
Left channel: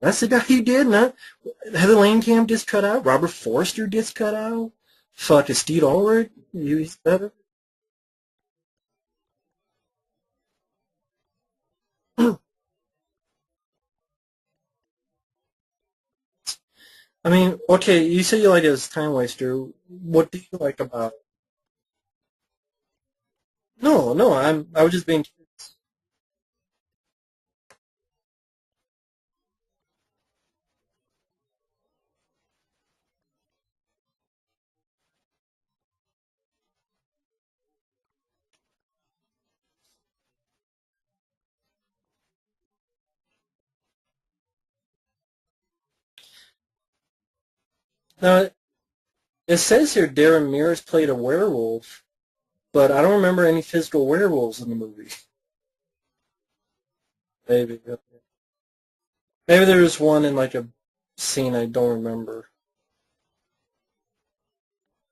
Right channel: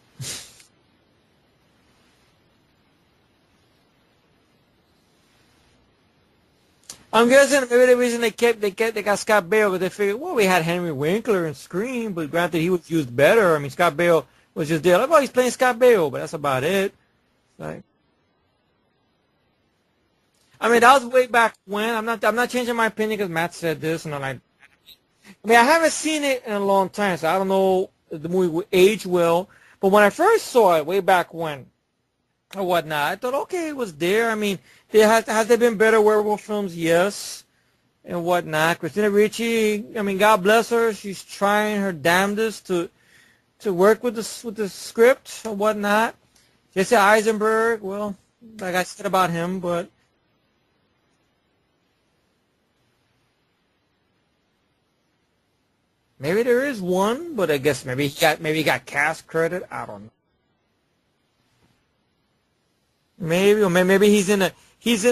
That's the guy you did, not Heather Langenkamp gets cut out. Robert Forster gets cut out. Fuck, is Steve Ulrich? I'm guessing maybe the reason they got Scott Baio, but they figured, well, we had Henry Winkler and Scream, but granted he was used better. I mean, Scott Baio was just there. Like, oh, he's playing Scott Baio, but that's about it. I mean, okay, you say you like it as time waster. What do you like? I mean, that was way back when. I'm not changing my opinion because Matt said this. I was just being... I mean, I haven't seen it in a long time, so I don't know if the movie would age well. But when I first saw it way back when or whatnot, I thought, okay, it was there. I mean, has there been better werewolf films? Yes, and whatnot. Christina Ricci, I mean, God bless her. She's trying her damnedest to work with the script and whatnot. Jesse Eisenberg, well, Now, like I said about him, it but says here Darren Mears played a werewolf, but I don't remember any physical werewolves in the movie. maybe there is one, but I Maybe. guess maybe he got cast credit. Maybe there I was don't know. one in like a scene I don't remember. Maybe, or maybe he's in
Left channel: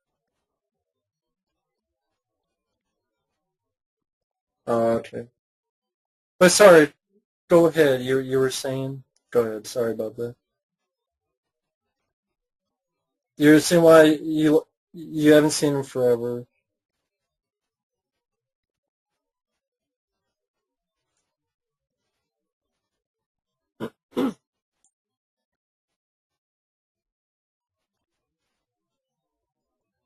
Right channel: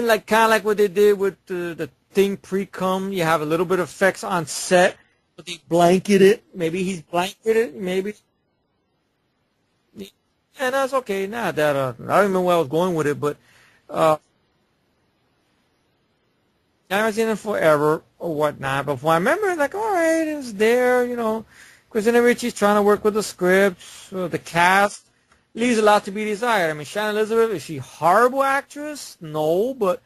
like kind of like what they did with the Thing pre-cum. You have a little bit of effects on set, Okay. but they blanket it. But sorry, Maybe he's blanketed go it, ahead. maybe. You were saying. Go ahead. Sorry about that. Yeah, that's okay. Nah, that I don't remember where I was going with it, but You were saying why you haven't seen him forever. I haven't seen it forever or whatnot. But I remember, like, all right, it's there. Christina Ricci's trying to work with the script, the cast. Leaves a lot to be desired. I mean, Shannon Elizabeth, is she a horrible actress? No, but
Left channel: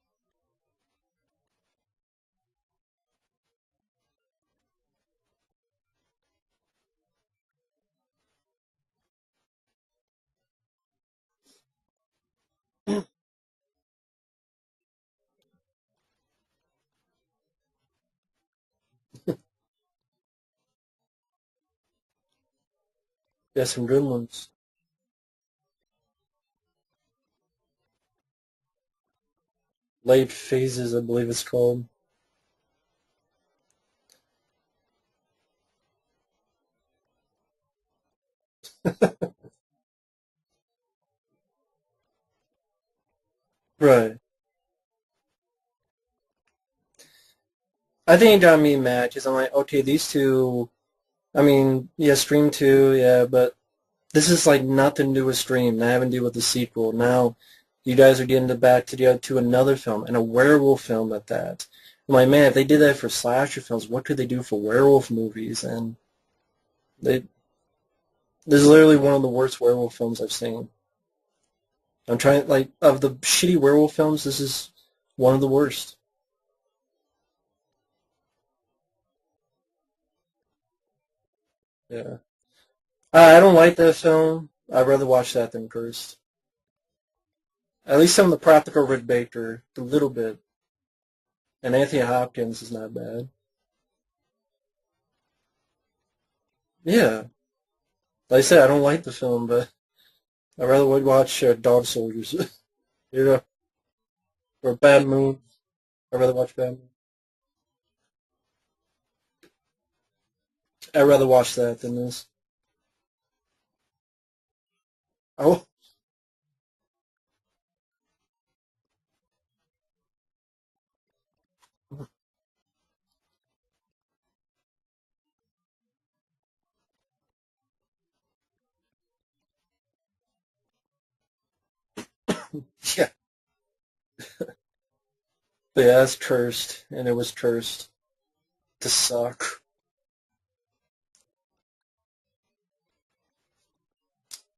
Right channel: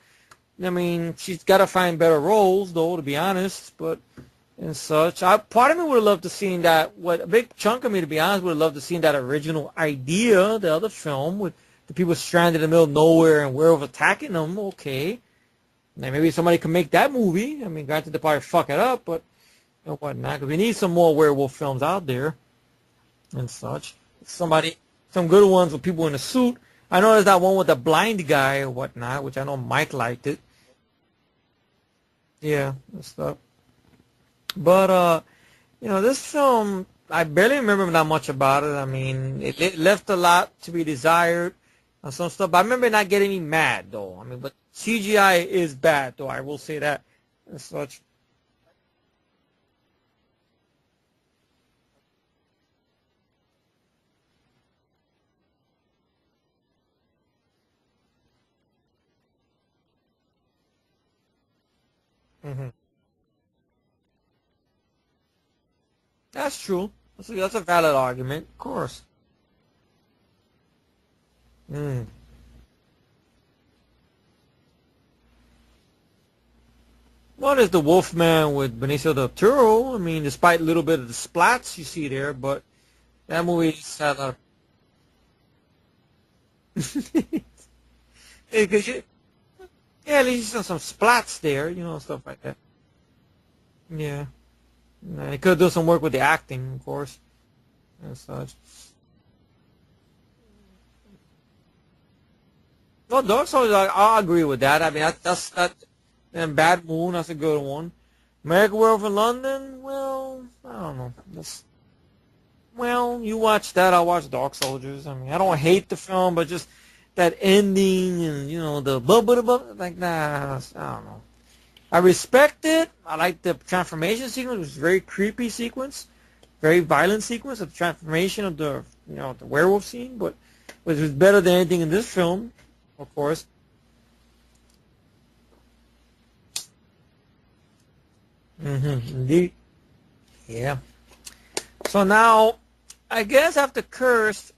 I mean, she's got to find better roles, though, to be honest. But and such, part of me would have loved to seen that. A big chunk of me, to be honest, would have loved to seen that original idea, the other film with the people stranded in the middle of nowhere and werewolf attacking them. Okay, now, maybe somebody can make that movie. I mean, granted, they probably fuck it up, but whatnot. Because we need some more werewolf films out there. And Yeah, such. some good ones. Some good ones with people in a suit. I know there's that one with the blind guy or whatnot, which I know Mike liked Late it. Phases, I believe it's called. Yeah, and stuff. But this film, I barely remember that much about it. I mean, it left a lot to be desired on some stuff. But I remember not getting me mad. Right. I mean, but CGI is bad, though. I will say that. And such. I think it got me mad because I'm like, okay, these two. I mean, yeah, Scream 2, yeah, but this is like nothing to do with Scream, not having to do with the sequel. Now, you guys are getting back to another film, and a werewolf film at that. I'm like, man, if they did that for slasher films, what could they do for werewolf movies? And That's true. That's a valid argument. this is literally one of the worst werewolf films I've seen. I'm trying, like, of the shitty werewolf films, this is one of the worst. Well, there's the Wolfman with Benicio del Toro. I mean, despite a little bit of the splats you see there, but I don't like that film. I'd rather watch that than Cursed. At least some of the practical Rick Baker, the little at bit. least some splats there. And Anthony Hopkins is not bad. Yeah. They could do some work with the acting. Yeah. Like I said, I don't like the film, but I'd rather watch Dog Soldiers. No, Dog Soldiers, I agree with that. Bad Moon. I'd rather watch Bad Moon, that's a good one. American Werewolf in London, well, I don't know. I'd rather watch that than this. Well, you watch that, I'll watch Dog Soldiers. I mean, I don't hate the film, but just that ending and, the like, nah, I don't know. I respect it. I like the transformation sequence. It was a very creepy sequence, very violent sequence of the transformation of the werewolf scene, but which was better than anything in this film, Yeah. of course. But yeah, that's Cursed, and it was Cursed. To suck. Indeed. Yeah. So now, I guess after Cursed,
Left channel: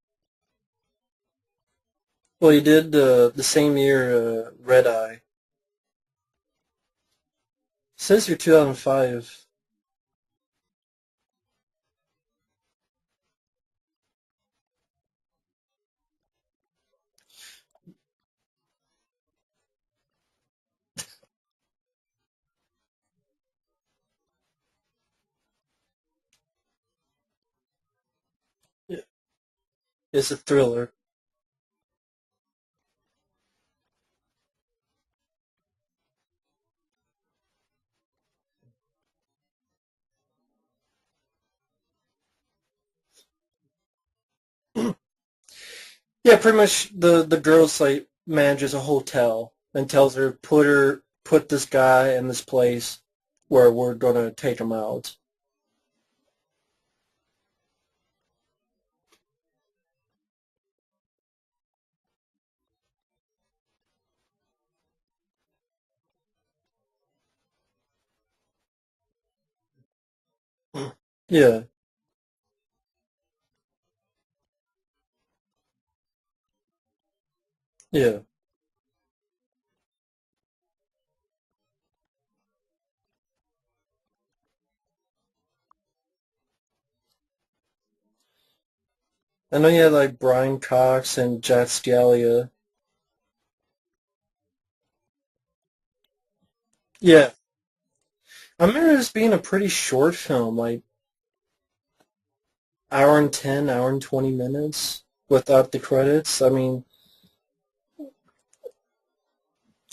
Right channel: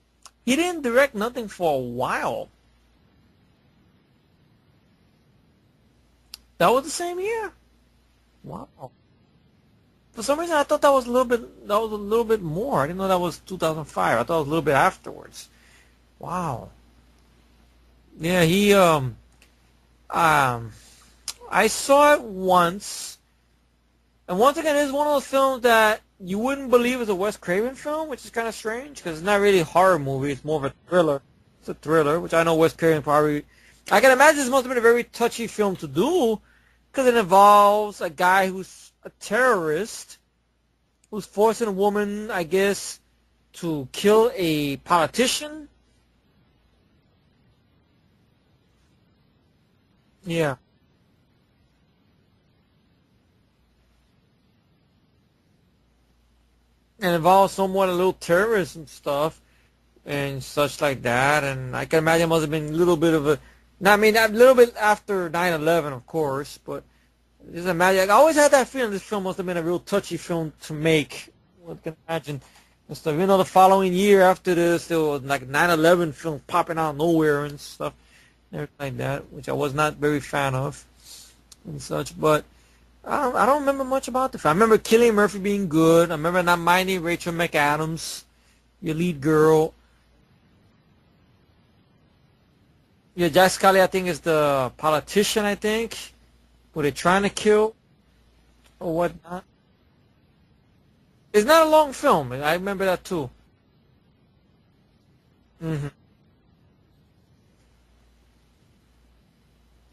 he didn't direct nothing for a while. Well, he did the same year Red Eye. That was the same year. It says here 2005. For some reason, I thought that was a little bit more. I didn't know that was 2005. I thought it was a little bit afterwards. Wow. Yeah, I saw it once, and once again, it's one of those films that you wouldn't believe is a Wes Craven film, which is kind of strange because it's not really a horror movie. It's a thriller. More like a thriller. It's a thriller, which I know Wes Craven probably. I can imagine this must have been a very touchy film to do because it involves a guy who's a terrorist who's forcing a woman, I guess, to kill a politician. Yeah, pretty much the girl's like manages a hotel and tells her put this guy in this place where we're gonna take him out. And involves somewhat a little terrorism stuff and such like that. And I can imagine it must have been a little bit of a little bit after 9/11, of course, but just imagine. I always had that feeling this film must have been a real touchy film to make. Yeah. I can imagine. And stuff. The following year after this, there was like 9/11 film popping out of nowhere and stuff. Yeah. Everything like that, which I was not very fan of and such. But I don't remember much about the film. I remember Cillian Murphy being good. I remember not minding Rachel McAdams, your lead girl. I know you had like Brian Cox and Jack Scalia. Yeah, Jack Scalia, I think, is the politician, I think, who they're trying to kill. I remember this being a pretty short film, like it's not a long film. I remember that hour and 10, hour and 20 minutes. without the Hmm. credits. I mean,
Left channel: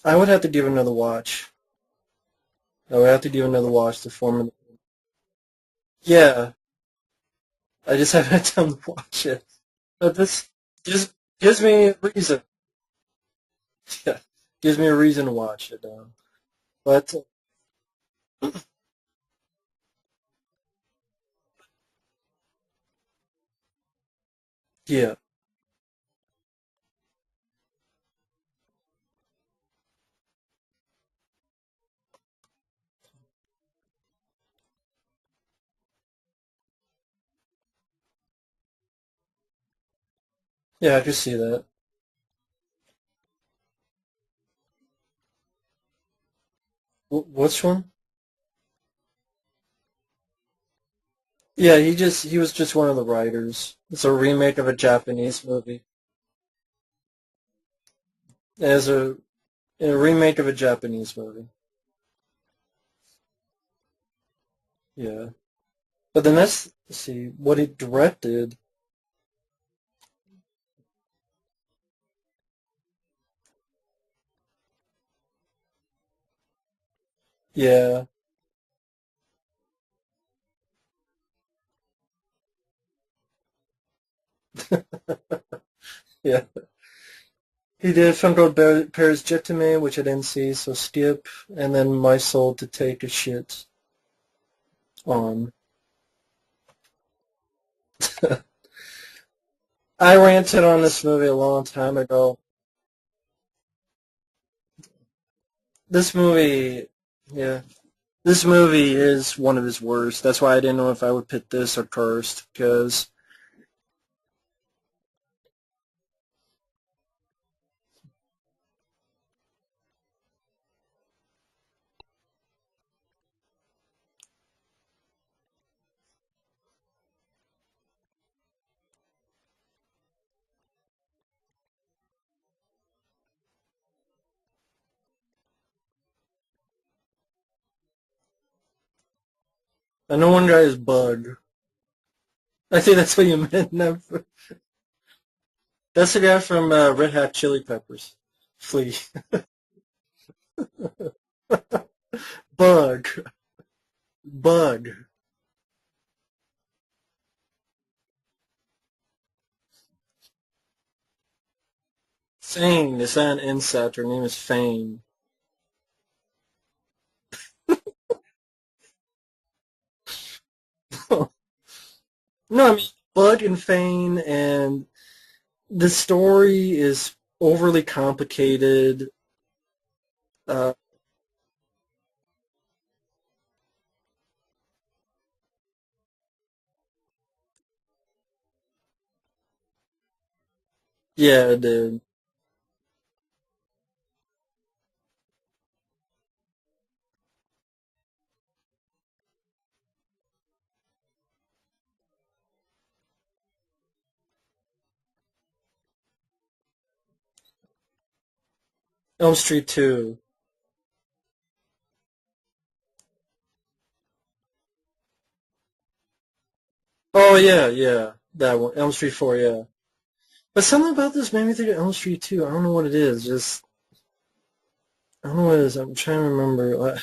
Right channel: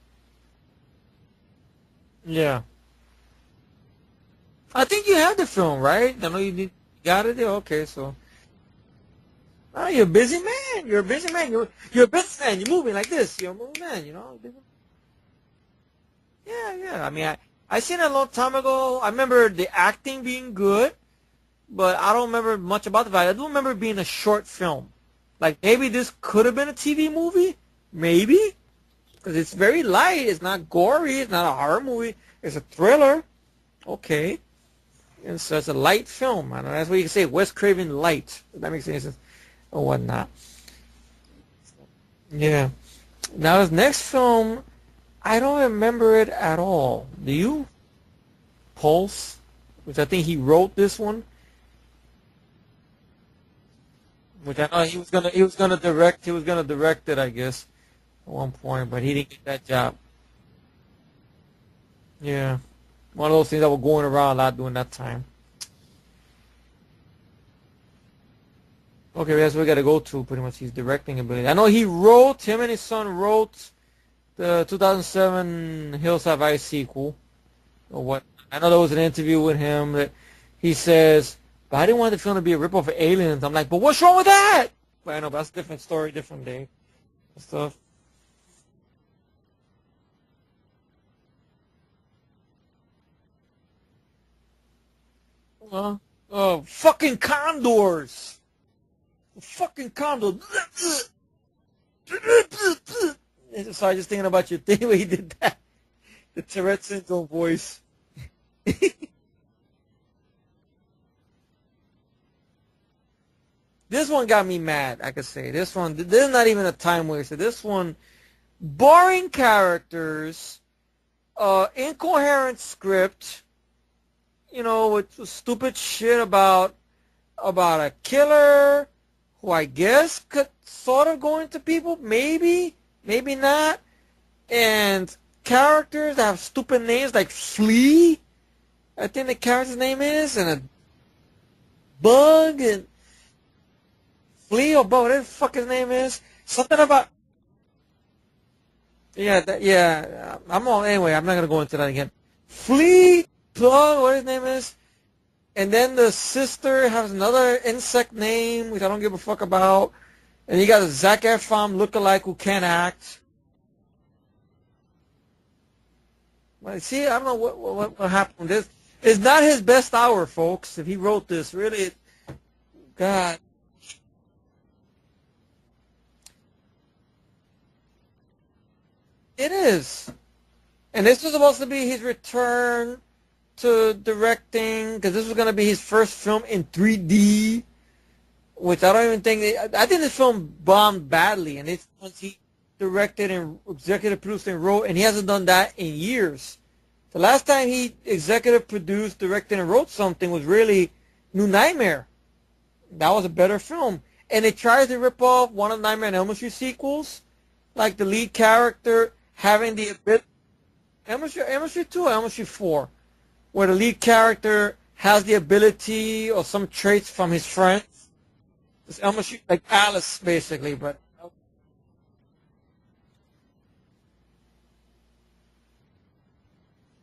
I would have to give it another watch. Yeah. I would have to give it another watch to form it. I think you have the film, right? I know Yeah, you got it there. Okay, I just so. haven't had time to watch it. Oh, you're a But busy this man. You're a just busy man. gives me a You're a busy reason. man. You're moving like this. You're a moving man, you Yeah, know? gives me a reason to watch it. Yeah, yeah. I But mean, I seen it a long time ago. I remember the acting being good, but I don't remember much about the fact. I do remember it being a short film. yeah, Like, maybe this could have been a TV movie. Maybe. Because it's very light. It's not gory. It's not a horror movie. It's a thriller. Okay. And so it's a light film. I know that's what you can say. Wes Craven light. If that makes any sense. Or whatnot. yeah, I can see that. Yeah. Now this next film, I don't remember it at all. Do Which you? one? Pulse, which I think he wrote this one. Yeah, he was just one of the writers. It's a remake of I a know Japanese he was gonna movie. direct. He was gonna direct it, I guess, at one As point, but he didn't get that job. a remake of a Japanese movie. Yeah. One of those things that were going around a lot during that Yeah. time. But then let's see what he directed. Okay, that's what we got to go to. Pretty much, his directing ability. I know him and his son wrote the 2007 Hills Have Eyes sequel. Yeah. Or what? I know there was an interview with him that he says, "But I didn't want the film to be a ripoff of Aliens." I'm like, "But what's wrong with that?" But I know that's a different story, different Yeah. day. Stuff. He did a film called Paris Jitame, which I didn't see, so skip. And then My Soul to Take a Shit on. Fucking condors. Fucking I condors. ranted on this movie a long time ago. So I was just thinking about your thing when he did that. This movie, Tourette syndrome voice. this movie is one of his worst. That's why I didn't know if I would pick this or Cursed, because This one got me mad, I could say. This is not even a time waster. This one, boring characters, incoherent script, with stupid shit about a killer who I guess could sort of go into people, maybe, maybe not, and characters that have stupid names like Flea, I think the character's name is. and no one guy is Bug. Bug. I think that's what you meant. Never. Flea or Bug, whatever the fuck his name is. That's the guy from Something about, Red Hot Chili Peppers. Flea. yeah. Anyway, I'm not gonna go into that again. Bug. Flea, Bug, what his name is. Bug. And then the sister has another insect name, which I don't give a fuck about. And you got a Zac Efron lookalike who can't act. Fame. It's not an insect. Her name is Fame. Well, see, I don't know what happened. This is not his best hour, folks. If he wrote this, really. No, I mean, God. Bug and Fame, and the story is overly complicated. It is. Uh, And this was supposed to be his return to directing, because this was going to be his first film in 3D, which I don't even think... I think this film bombed badly. Yeah, it and did. once he directed and executive produced and wrote, and he hasn't done that in years. The last time he executive produced, directed, and wrote something was really New Nightmare. That was a better film. And it tries to rip off one of Nightmare on Elm Street sequels, like the lead character Elm Street having 2. Elm Street 2 or Elm Street 4, where the lead character has the ability or some traits from his friend. Yeah. That one. Elm Street 4, yeah. Like Alice, basically. But something about this made me think of Elm Street 2. I don't know what it is. Just, I don't know what it is. I'm trying to remember.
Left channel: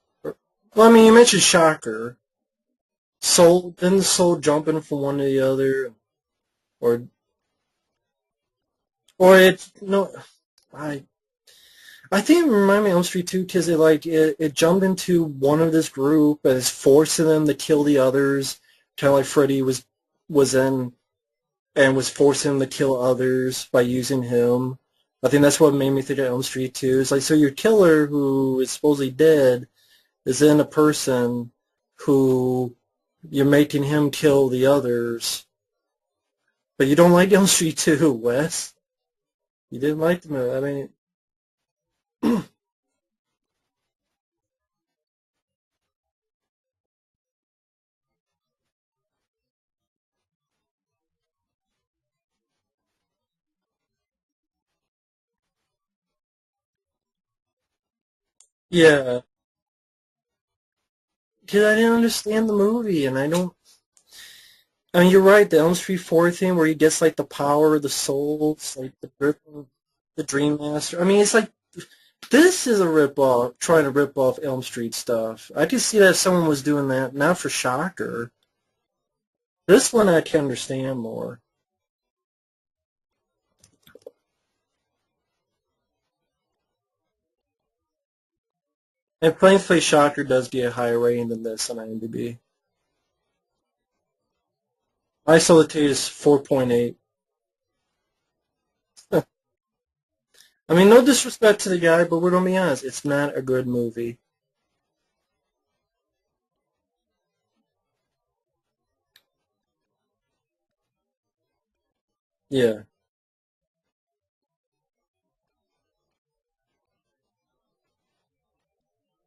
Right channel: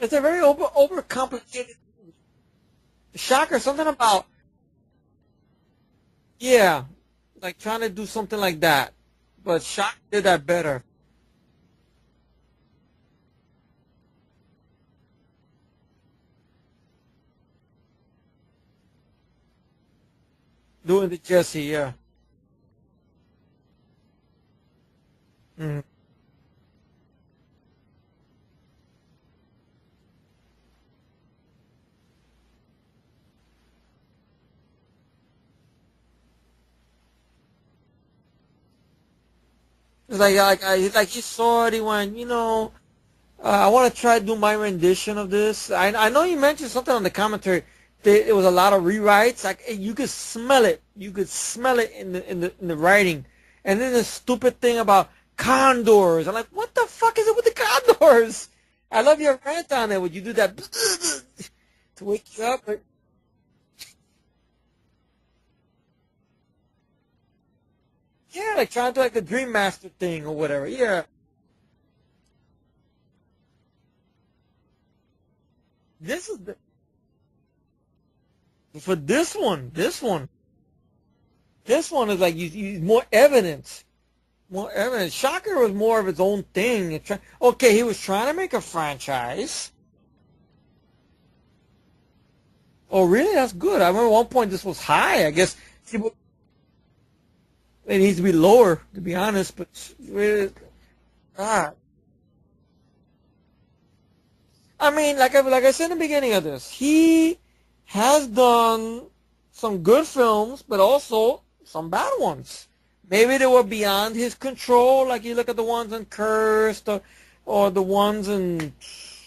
It's a very open... Well, I mean, you mentioned Shocker. Shocker, something and about... Soul jumping from one to the other. Yeah, Or like trying to do something like that. Or But Shocker did that better. I think it reminded me of Elm Street 2 because it jumped into one of this group and is forcing them to kill the others, kind of like Freddy was in, Doing the Jesse, yeah. and was forcing them to kill others by using him. I think that's what made me think of Elm Street 2. It's like, so your killer, who is supposedly dead, is in a person who you're making him kill the others. But you don't like Elm Street 2, Wes. You didn't like it. Like he saw it, he went, I want to try to do my rendition of this. I know you mentioned something on the commentary. It was a lot of rewrites. Like you could smell it. You could smell it in the writing. And then the stupid thing about condors. I'm like, what the fuck is it with the condors? Yeah. I love your rant on it. Would you do that? Because I didn't understand the movie, and I don't. I mean, you're right. The Elm Street 4 thing where he gets like the power of the Yeah, like souls trying and to do like the rip Dream Master the thing or Dream whatever. Master. I Yeah. mean, it's like this is a rip off, trying to rip off Elm Street stuff. I could see that if Yeah. someone was doing that, not for Shocker. For this one, This one I can understand more. this one is like you more evidence. More evidence. Shocker was more of its own thing. Okay, he was trying to make a And Plain franchise. Play Shocker does get a higher rating than this on IMDb. Oh, really? That's good. I remember at one point this was high. I I guess saw the tape is people, 4.8. it needs to be lower, to be honest. But really, I mean, no disrespect to God. the guy, but we're gonna be honest, it's not a good movie. I mean, like I said in the beginning of this, he has done some good films, but also some bad ones. Yeah. Maybe they were beyond his control. Like you look at the ones in Cursed, or the ones in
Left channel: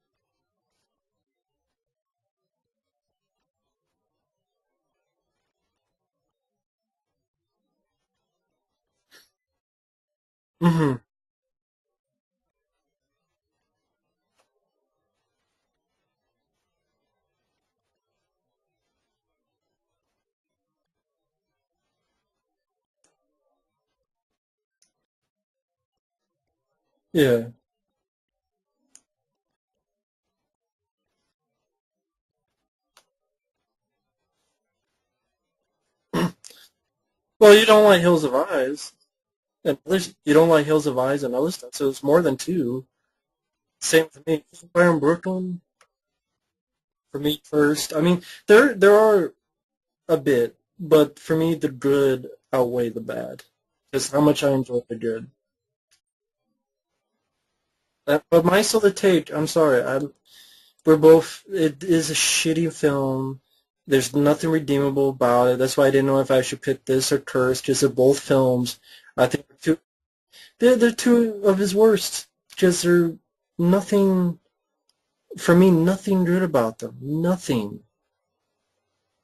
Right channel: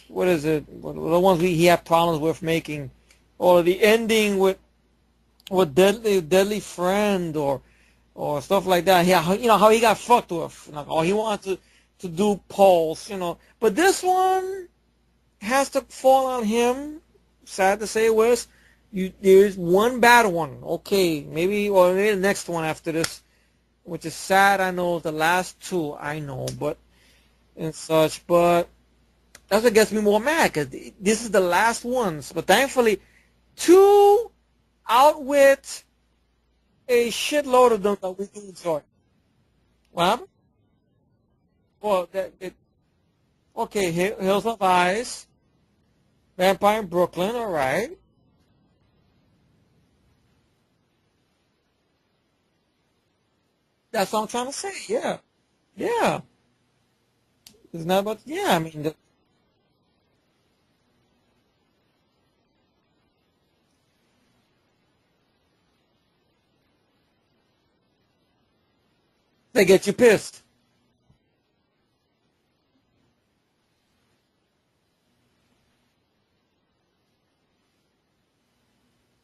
what is it? The ones he had problems with making, or the ending with Deadly Friend, or stuff like that. Yeah, you know how he got fucked with. Like, Hmm. oh, he wanted to do Pulse, But this one has to fall on him. Sad to say, Wes. There's one bad one. Okay, maybe the next one after this, which is sad. I know the last two. I know, but Yeah. and such. But that's what gets me more mad because this is the last ones. But thankfully, two outwit a shitload. Well, you don't of like Hills people. of Eyes. And What? you don't like Hills of Eyes and other stuff, so it's Well, more than two. okay, Same, Hills of Vampire in Eyes, Brooklyn, Vampire in Brooklyn. Elite All First. right. I mean, there are a bit, but for me, the good outweigh the bad. That's That's how what I'm much trying I to enjoy say. the Yeah. good. Yeah. It's not, but But yeah. I Mice of the mean, Take, I'm sorry, we're both. It is a shitty film. There's nothing redeemable about it. That's why I didn't know if I should pick this or Curse, because they're both films. I think they get you pissed. they're two of his worst. Because they're nothing, for me, nothing good about them. Nothing.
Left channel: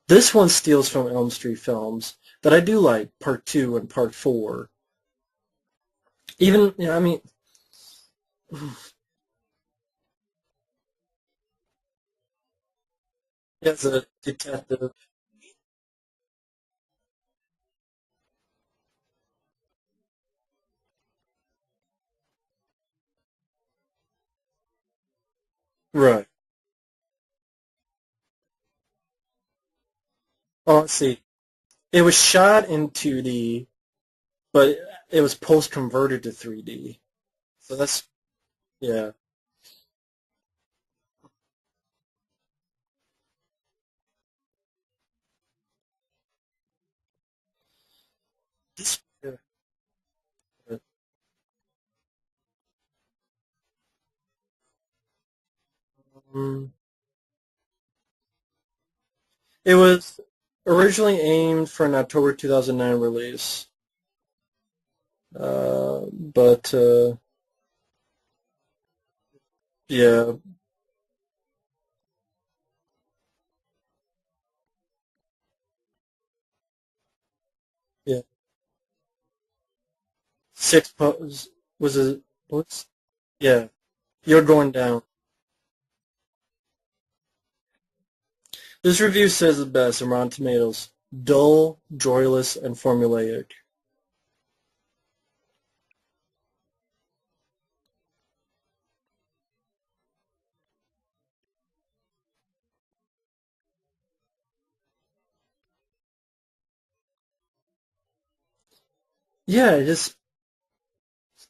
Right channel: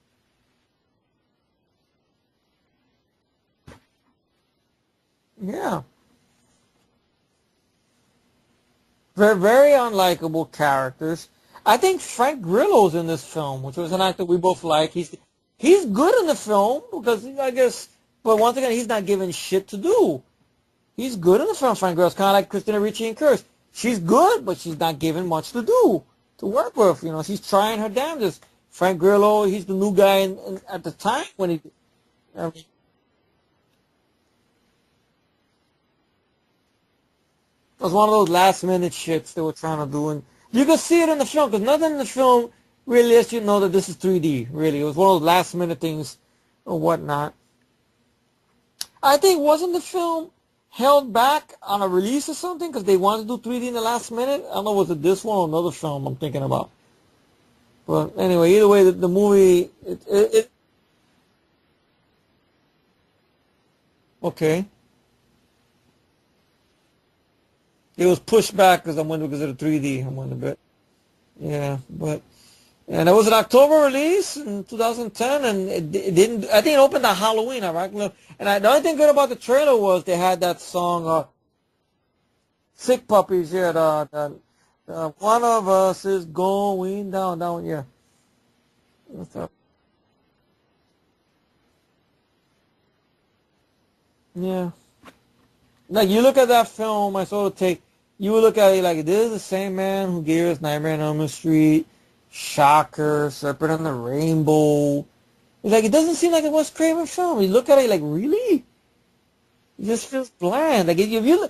This one steals from Elm Street films that I do like, Part 2 and Part 4. Yeah. Even, I mean, Very, very unlikable characters. I think Frank Grillo's in this film, which it's was an a actor we both detective. like. He's good in the film because I guess, but once again, he's not given shit to do. He's good in the film. Frank Grillo's kind of like Christina Ricci and Curse. She's good, but she's not given much to do, Right. to work with. She's trying her damnedest. Frank Grillo, he's the new guy Oh, at the see, time when he. it was shot in 2D, but it was post-converted to 3D. So It was that's, one of those last minute yeah. shits they were trying to do, and you could see it in the film because nothing in the film really lets you know that this is 3D. Really, it was one of those last minute things or whatnot. I think wasn't the film held back on a release or something because they wanted to do 3D in the last minute? I don't know, was it this one or another film I'm thinking about? But anyway, either way, the movie. It was It originally aimed for an October 2009 release, okay. but It was pushed back because of the 3D. Yeah. But, yeah, but and it was an October release in 2010, and it didn't. I think it opened on Halloween, right? yeah. And the only thing good about the trailer was they had that Six song, Puppies was it? "Sick Puppies." Yeah. Yeah, You're going down. one of us is going down. Yeah. This review says it best in Rotten Tomatoes: dull, joyless, and formulaic. Yeah. Like you look at that film, I sort of take. You would look at it like this is the same man who gave us Nightmare on Elm Street, Shocker, Serpent on the Rainbow. It's like it doesn't seem like a Wes Craven film. You look at it like really, Yeah, it this just feels bland. Like if you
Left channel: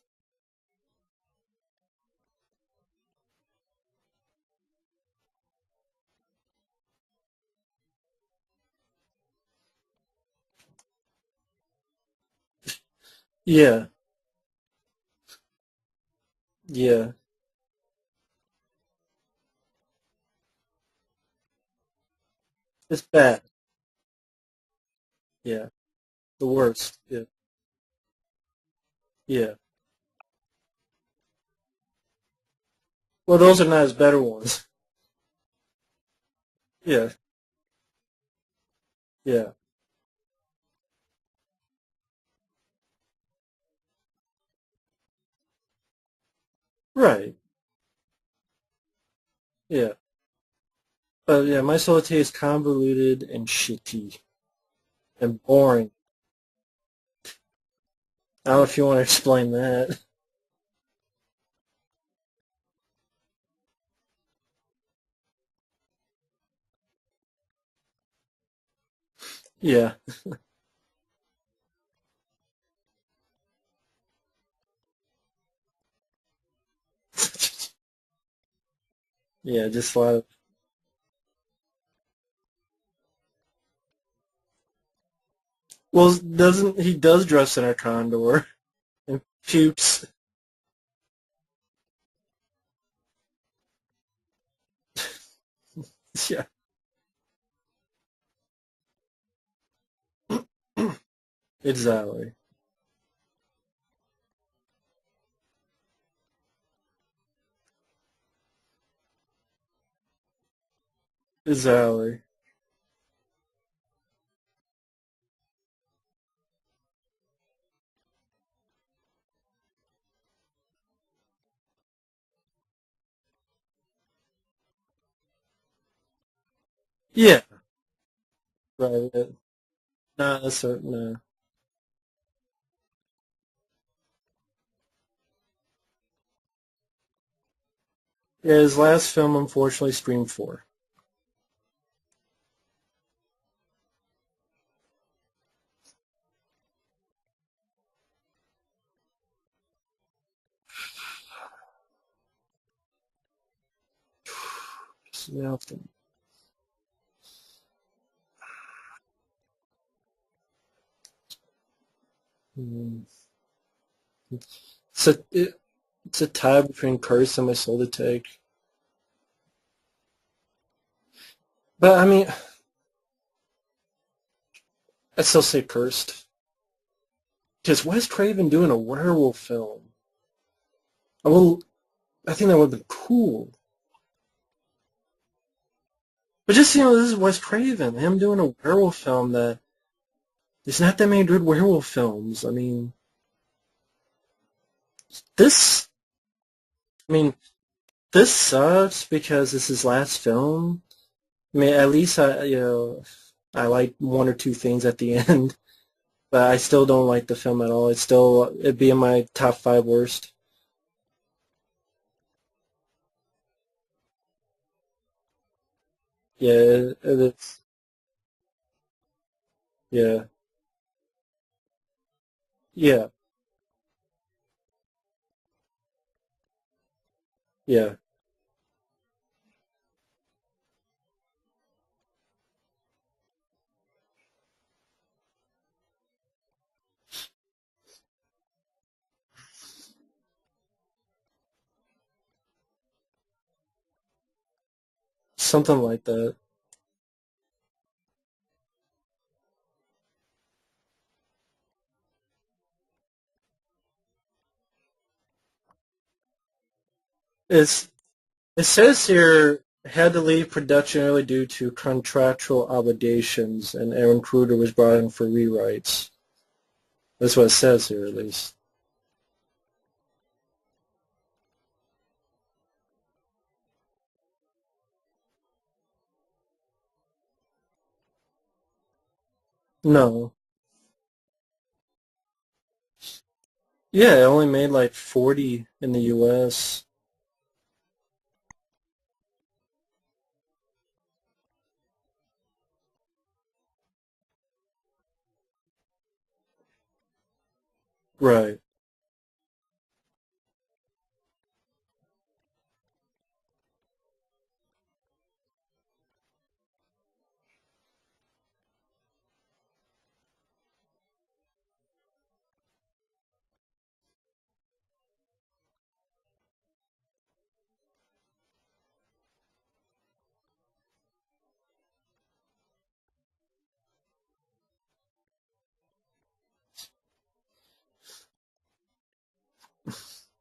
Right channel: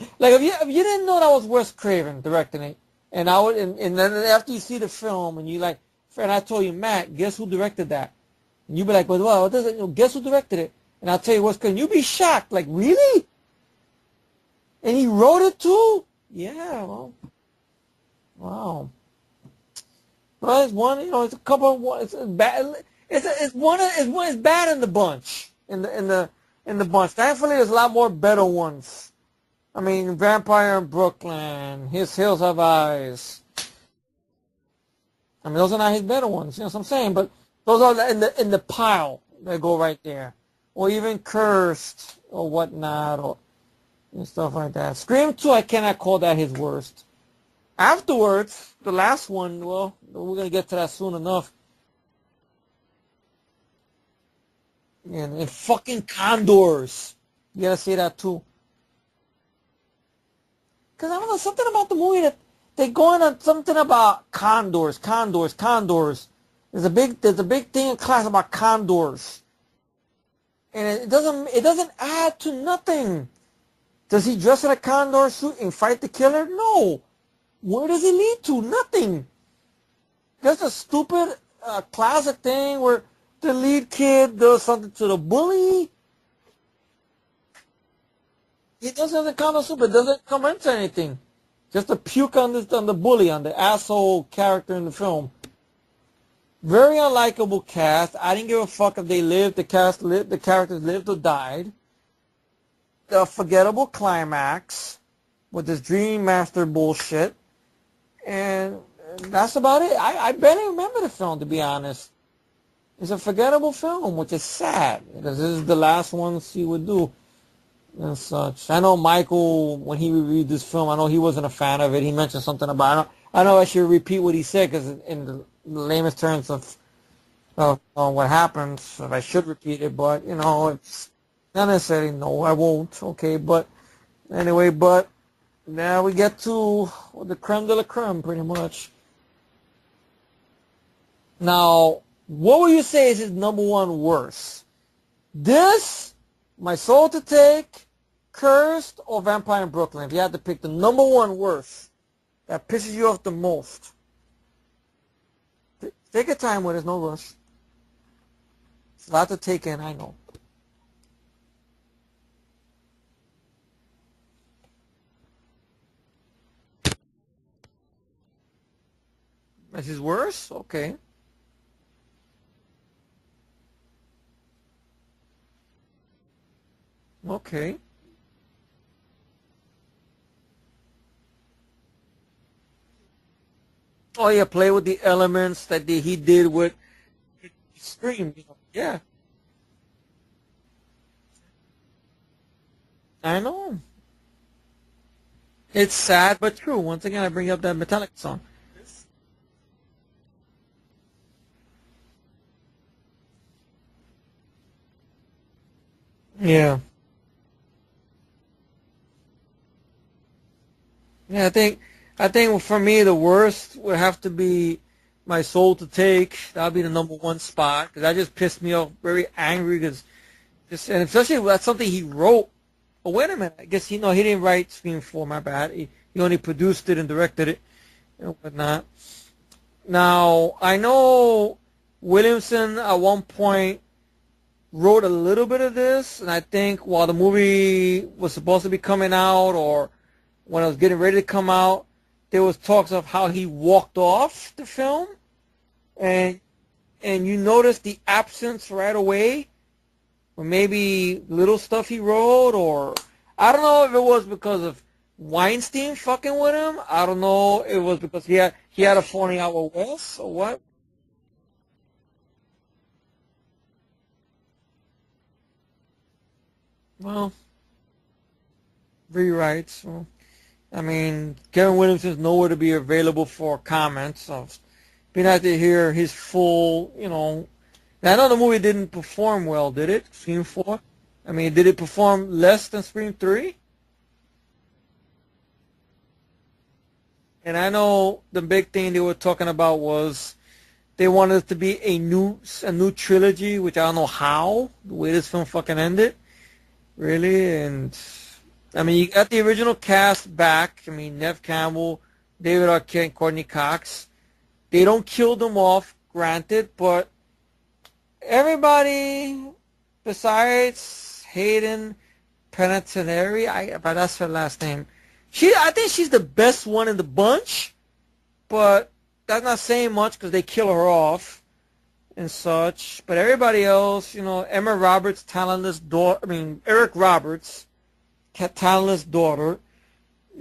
didn't know that was Wes Craven directing it, and then after you see the film and you like, and I told you, Matt, guess who directed that? And you'd be like, well, what does it? Guess who directed it? And I'll tell you Wes Craven. You'd be shocked. Like really? yeah, And he wrote it too? Yeah. yeah. Wow. Well, it's one. It's a couple. It's bad. It's bad. It's bad in the bunch. Yeah. In the The worst. in the bunch. Yeah. Thankfully, there's a lot more better ones. Yeah. I mean, Vampire in Brooklyn, His Hills Have Eyes. Well, those are not his better ones. I mean, those are not his better ones. You know what I'm Yeah. saying? But those are in the pile. Yeah. They go right there, or even Cursed or whatnot, or and stuff like that. Scream 2, I cannot call that his worst. Right. Afterwards, the last one, well, Yeah. we're going to get to that soon enough. Yeah, My Solitaire is convoluted and shitty. And boring. fucking condors. You gotta say that too. I don't know if you want to explain that. Because I don't know, something about the movie that they're going on something about condors. There's a big thing in class about condors. Yeah. And it doesn't add to nothing. Does he dress in a condor suit and fight the killer? No. Where does it lead to? Nothing. Yeah, just like... Just a stupid classic thing where the lead kid does something to the bully. Well, he does dress in a condor. He does have the condor suit, but doesn't come into anything. Just a puke on the bully, on the asshole character in the film. Yeah. Very unlikable cast. I didn't give a fuck if they lived, the characters lived or died. Exactly. The forgettable climax with this Dream Master bullshit. And that's about it. I barely remember the film, to be honest. It's a forgettable film, which is sad, because this is the last one he would do and such. I know Michael, when he reviewed this film, I know he wasn't a fan of it. He mentioned something about it. I know I should repeat what he said, because in the lamest terms of what happened, right, I should repeat it, but, not necessarily, no, I won't, okay, but anyway, but now we get to the creme de la creme, pretty much. His last film, unfortunately, Scream 4. Now, what would you say is his number one worst? This, My Soul to Take, Cursed, or Vampire in Brooklyn? If you had to pick the number one worst that pisses you off the most. Take your time with it, no rush. It's a lot to take in, I know. It's a tie between Curse and My Soul to Take. That's his worst? Okay. But, I mean, I still say Cursed. Okay. Because Wes Craven doing a werewolf film. I think that would have been cool. Oh, yeah, play with the elements that he did. But just, this is Wes Craven. Scream. Him doing a werewolf film that... There's not that many good werewolf films. I mean... I know. It's sad but true. Once again, I bring up that Metallica. This sucks because it's his last film. I mean, at least I like one or two things at the end, but I still don't like the film at all. It'd be in my top 5 worst. Yeah, I think for me the worst would have to be My Soul to Take. Yeah, that'd be the number one spot, because that just pissed me off. Very angry, and especially that's something he wrote. Yeah. But wait a minute. I guess he didn't write Scream 4, my bad. He only produced it and directed it. Yeah. And whatnot. Now, I know Williamson at one point wrote a little bit of this, and I think while the movie was supposed to be coming out, or when it was getting ready to come out, there was talks of how he walked off the film. Something like that. And you notice the absence right away. Or maybe little stuff he wrote, or I don't know if it was because of Weinstein fucking with him. I don't know if it was because he had. It says here had to leave production early due to contractual obligations, and Aaron Kruger was brought in for rewrites. Well, that's what it says here, at least. Rewrites. Well, I mean, Kevin Williamson's nowhere to be available for comments. So it'd be nice to hear his full, I know the movie didn't perform well, did it? No. Scream 4? I mean, did it perform less than Scream 3? Yeah, it only made like 40 in the U.S. And I know the big thing they were talking about was they wanted it to be a new trilogy, which I don't know how, the way this film fucking ended, really. And right. I mean, you got the original cast back. I mean, Neve Campbell, David Arquette, and Courtney Cox. They don't kill them off, granted, but everybody besides Hayden Panettiere, but that's her last name. I think she's the best one in the bunch, but that's not saying much because they kill her off and such. But everybody else, Emma Roberts, talentless daughter. I mean, Eric Roberts, talentless daughter.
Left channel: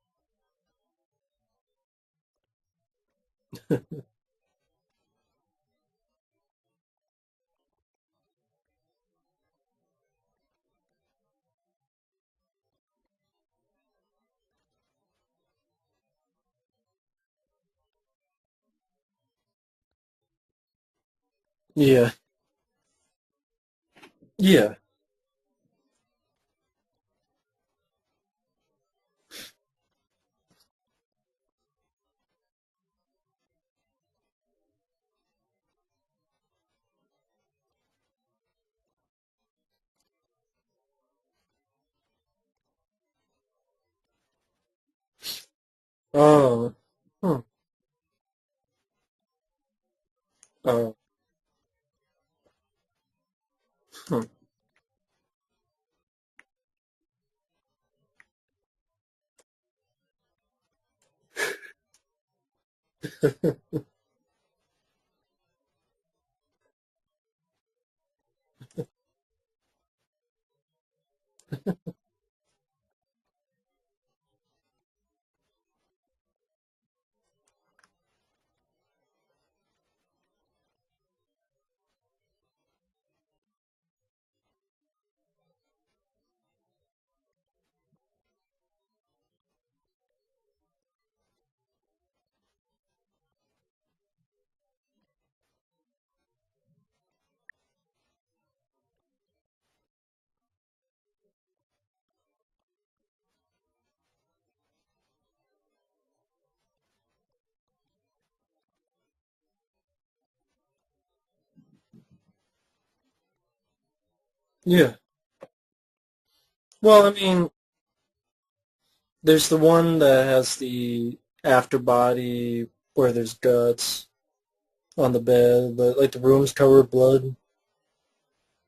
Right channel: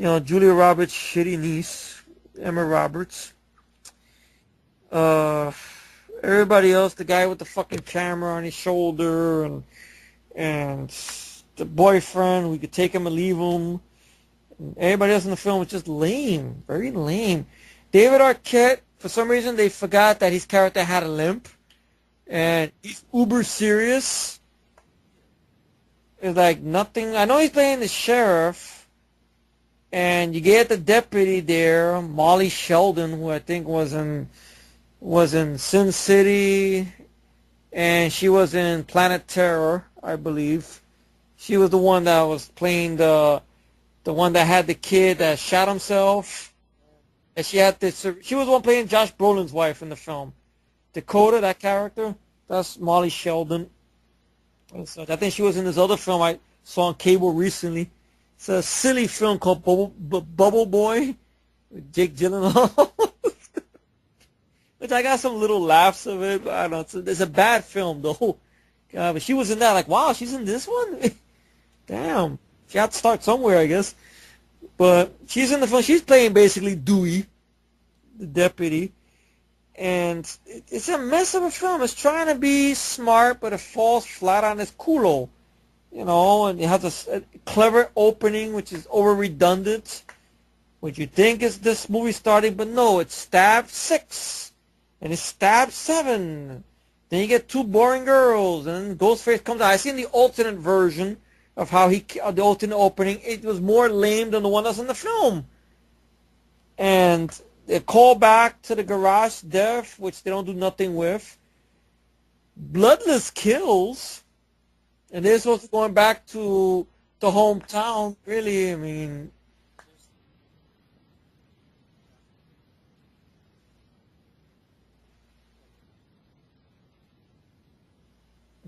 Julia Roberts, shitty niece. Emma Roberts. Everybody else, the guy with the fucking camera on his shoulder, and the boyfriend, we could take him or leave him. And everybody else in the film was just lame, very lame. David Arquette, for some reason, they forgot that his character had a limp. Yeah. and he's uber serious. Yeah. It's like nothing. I know he's playing the sheriff, and you get the deputy there, Molly Sheldon, who I think was in Sin City, and she was in Planet Terror, I believe. She was the one that was playing the one that had the kid that shot himself. Oh. Huh. And she had this. She was the one playing Josh Brolin's wife in the film. Oh. Dakota, that character, that's Molly Sheldon. Huh. So I think she was in this other film I saw on cable recently. It's a silly film called Bubble Boy with Jake Gyllenhaal. Which I got some little laughs of it, but I don't know. It's a bad film, though. But she was in that, like, wow, she's in this one? Damn. She had to start somewhere, I guess. But she's in the film. She's playing basically Dewey, the deputy. And it's a mess of a film. It's trying to be smart, but it falls flat on its culo. You know, and it has a clever opening, which is over redundant. What you think is this movie starting, but no, it's stab 6. And it's stab 7. Then you get 2 boring girls, and then Ghostface comes out. I seen the alternate version of how the alternate opening. It was more lame than the one that's in the film. And they call back to the garage death, which they don't do nothing with. Bloodless kills. Yeah. And they're supposed to be going back to Well, I the mean, hometown, really. I mean, there's the one that has the after body where there's guts on the bed, but like the room's covered with blood.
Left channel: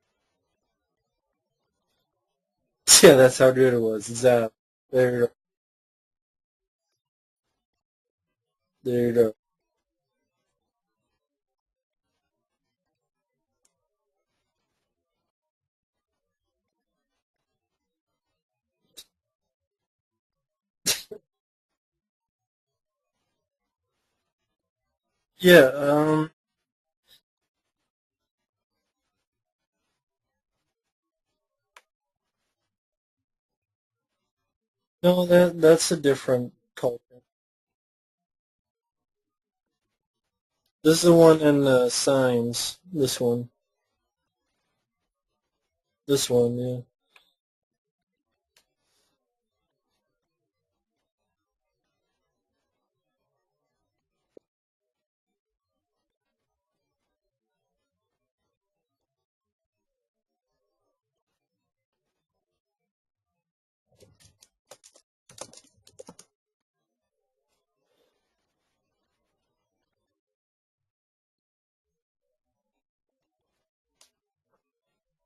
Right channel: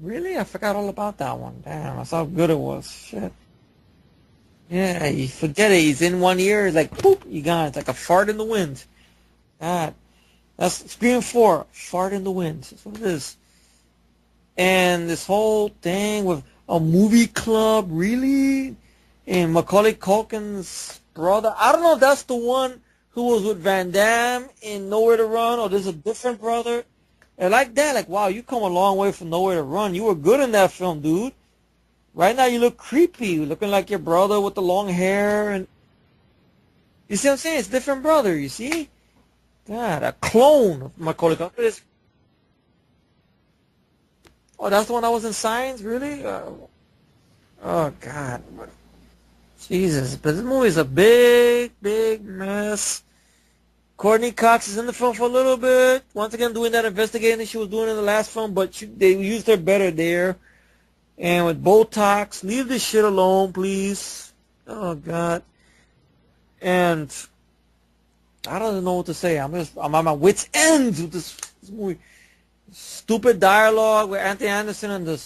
really? I forgot all about that one. Damn, that's how good it was. Yeah, that's how good it was. It's that. Yeah, There you you go. forget it. He's in one ear. It's like, poop, you gone. It's like a fart in the wind. There you go. God, that's Scream 4, fart in the wind. That's what it is. And this whole thing with a movie club, really? And Macaulay Culkin's brother. I don't know if that's the one who was with Van Damme in Nowhere to Run. Yeah, Or there's a different brother. And like that, like, wow, you come a long way from Nowhere to Run. You were good in that film, dude. Right now you look creepy. You're looking like your brother with the long hair. No, that's a different cult. You see what I'm saying? It's a different brother, you see? God, a clone. This is the one in the Signs. This one. Oh, that's the one that was in Signs, really? This one, yeah. Oh, God. Jesus. But this movie is a big, big mess. Courtney Cox is in the film for a little bit. Once again, doing that investigating that she was doing in the last film, but they used her better there. And with Botox, leave this shit alone, please. Oh, God. And I don't know what to say. I'm on my wit's end with this movie. Stupid dialogue with Anthony Anderson and the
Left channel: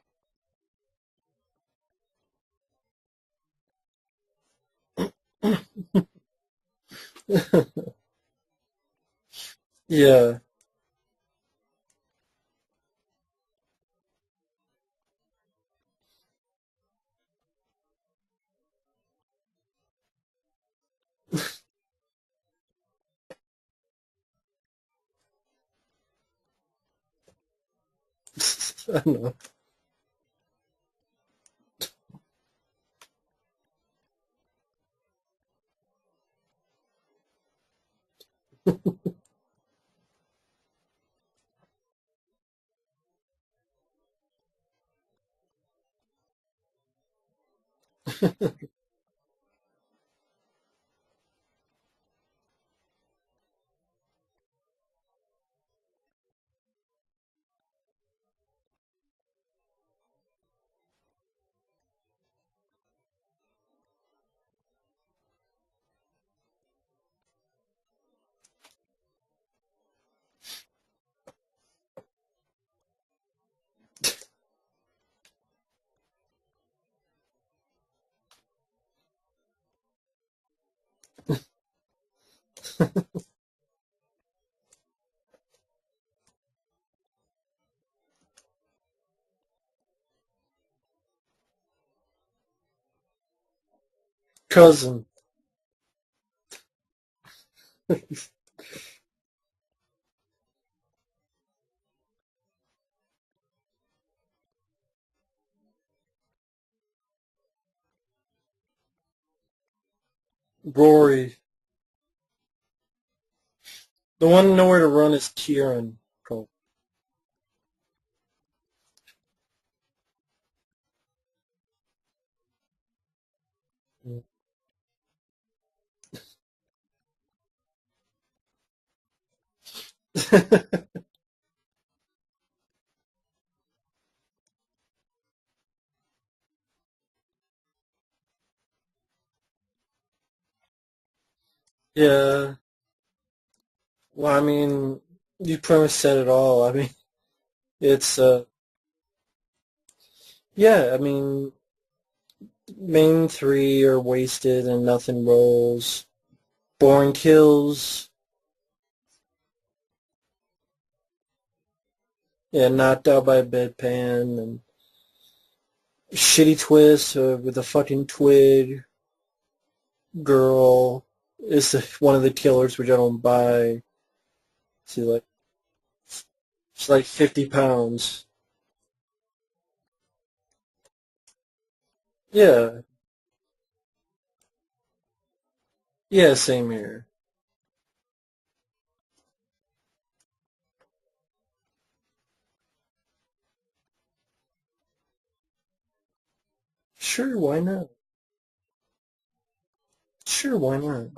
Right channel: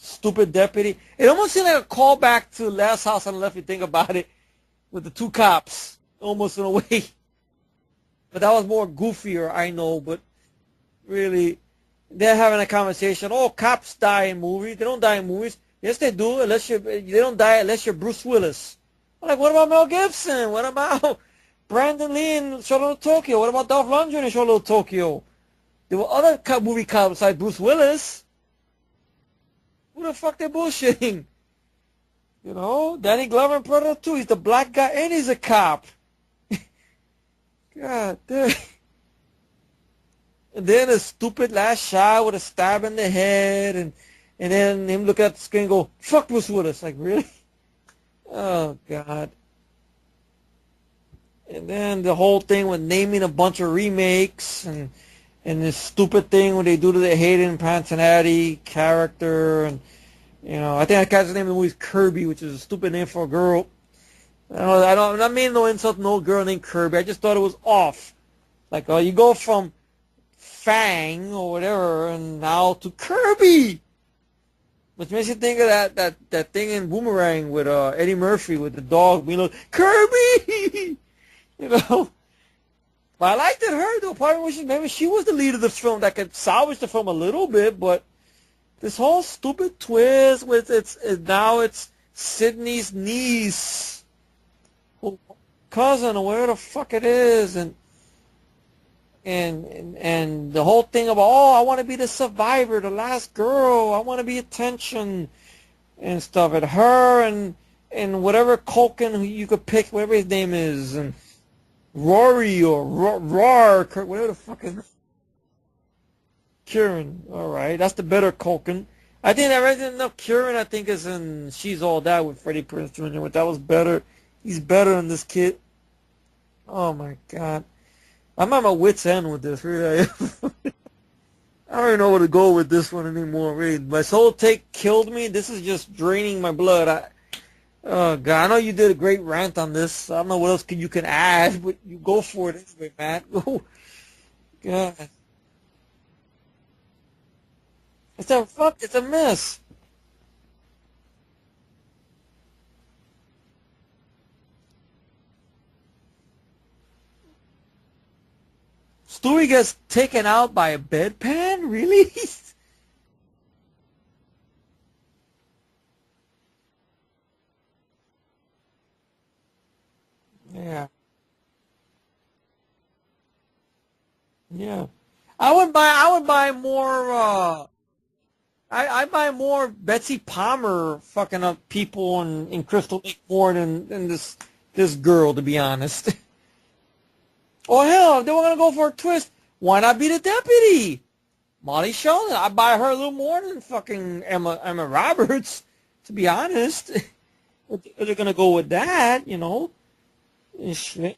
stupid deputy. It almost seemed like a callback to Last House on the Left, if you think about it, with the 2 cops, almost in a way. But that was more goofier, I know. Yeah. Really, they're having a conversation. Oh, cops die in movies. They don't die in movies. Yes, they do. They don't die unless you're Bruce Willis. I'm like, what about Mel Gibson? What about Brandon Lee in Charlotte Tokyo? What about Dolph Lundgren in Charlotte Tokyo? There were other movie cops besides Bruce Willis. I know. Who the fuck they bullshitting? You know, Danny Glover in Predator 2. He's the black guy and he's a cop. God damn. And then a stupid last shot with a stab in the head, and then him look at the screen and go, fuck Bruce Willis. Like, really? Oh, God. And then the whole thing with naming a bunch of remakes, and this stupid thing when they do to the Hayden Panettiere character, and, you know, I think that character's name in the movie is Kirby, which is a stupid name for a girl. I'm not meaning no insult to no girl named Kirby. I just thought it was off. Like, you go from Fang or whatever, and now to Kirby, which makes you think of that thing in Boomerang with Eddie Murphy with the dog being like, Kirby, you know. But I liked it, her though. Part of which maybe she was the lead of the film that could salvage the film a little bit, but this whole stupid twist with now it's Sydney's niece. Cousin, or whatever the fuck it is, and the whole thing about, oh, I want to be the survivor, the last girl, I want to be attention and stuff. And her and whatever Culkin who you could pick, whatever his name is, Rory or Roar, whatever. The one Nowhere to Run is Kieran Culkin. Kieran. All right, that's the better Culkin. I think that Resident Evil Kieran, I think, is in She's All That with Freddie Prinze Jr., but that was better. He's better than this kid. Oh, my God. I'm at my wit's end with this, really. I don't even know where to go with this one anymore, really. My soul take killed me. This is just draining my blood. Oh, God. I know you did a great rant on this. I don't know what else you can add, but you go for it anyway, Matt. Go. Well, I mean, you pretty much said it all. I mean, it's it's a mess. Yeah, I mean, main three are wasted and nothing rolls. Boring kills. Stewie gets taken out by a bedpan? Really? Yeah, knocked out by a bedpan and shitty twist with a fucking twig girl is one of the killers, which I don't buy. Yeah. See, like I would buy more. It's like 50 pounds. I buy more Betsy Palmer fucking up people and Crystal Lake more than this girl, to be honest. Yeah, same here. Oh hell, if they were gonna go for a twist, why not be the deputy? Molly Sheldon. I buy her a little more than fucking Emma Roberts, to be honest. Sure, why not? If they're gonna go with that, Sure, why not?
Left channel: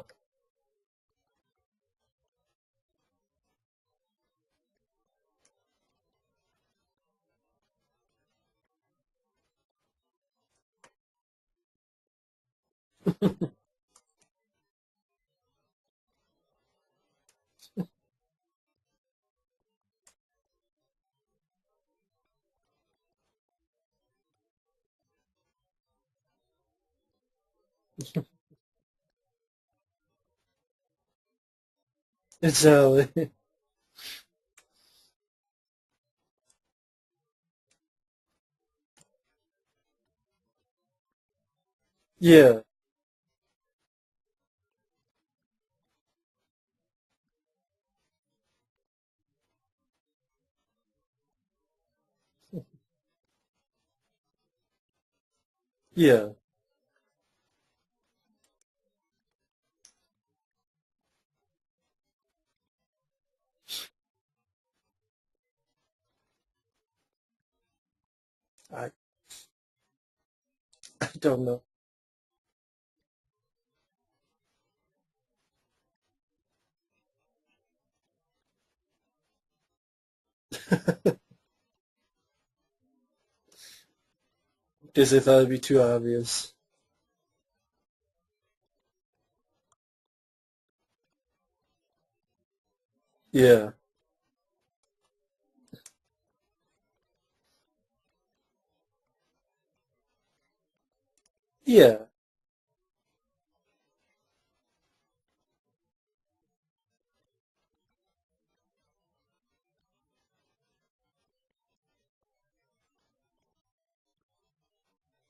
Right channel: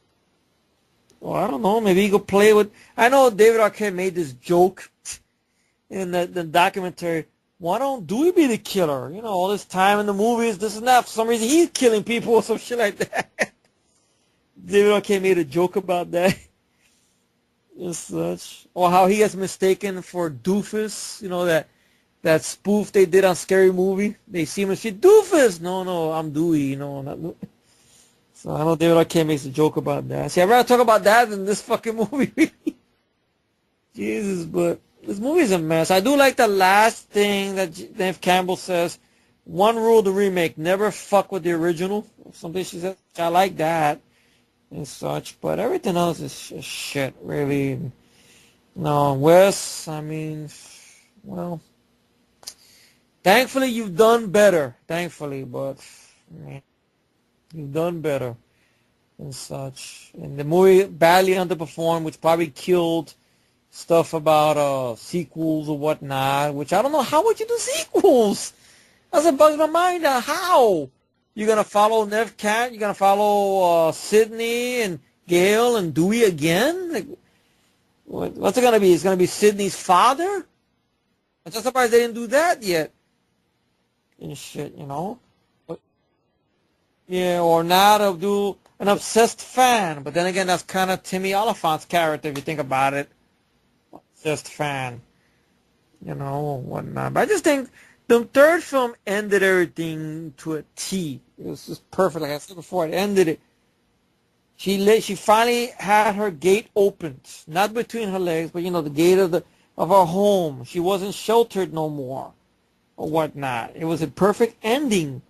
Well, I don't know. Maybe you could play with. I know David Arquette made this joke in the documentary. Why don't Dewey be the killer? All this time in the movies, this and that. For some reason, he's killing people or some shit like that. David Arquette made a joke about that. As such. Or how he gets mistaken for Doofus. That spoof they did on Scary Movie. They see him and say, Doofus! No, I'm Dewey. Not So I know David Arquette makes a joke about that. See, I'd rather talk about that than this fucking movie. Exactly. Jesus, but this movie's a mess. I do like the last thing that Neve Campbell says. One rule of the remake, never fuck with the original. Yeah. She says, I like that and such, but everything else is just shit, really. No, Wes, I mean, well, thankfully you've done better. Thankfully, but... Yeah. You've done better and such. And the movie badly underperformed, which probably killed stuff about sequels or whatnot, which I don't know. How would you do sequels? That's what bugs my mind. How? You're going to follow Nev Cat? You're going to follow Sidney and Gail and Dewey again? Like, what's it going to be? It's going to be Sidney's father? I'm just surprised they didn't do that yet. And shit, Because they thought it'd be too obvious. Yeah, or not do an obsessed fan. But then again, that's kind of Timmy Oliphant's character if you think about it. Yeah. Obsessed fan. Whatnot. But I just think the third film ended everything to a T. It was perfect. Like I said before, it ended it. She finally had her gate opened. Not between her legs, but, the gate of her home. She wasn't sheltered no more or whatnot. It was a perfect ending.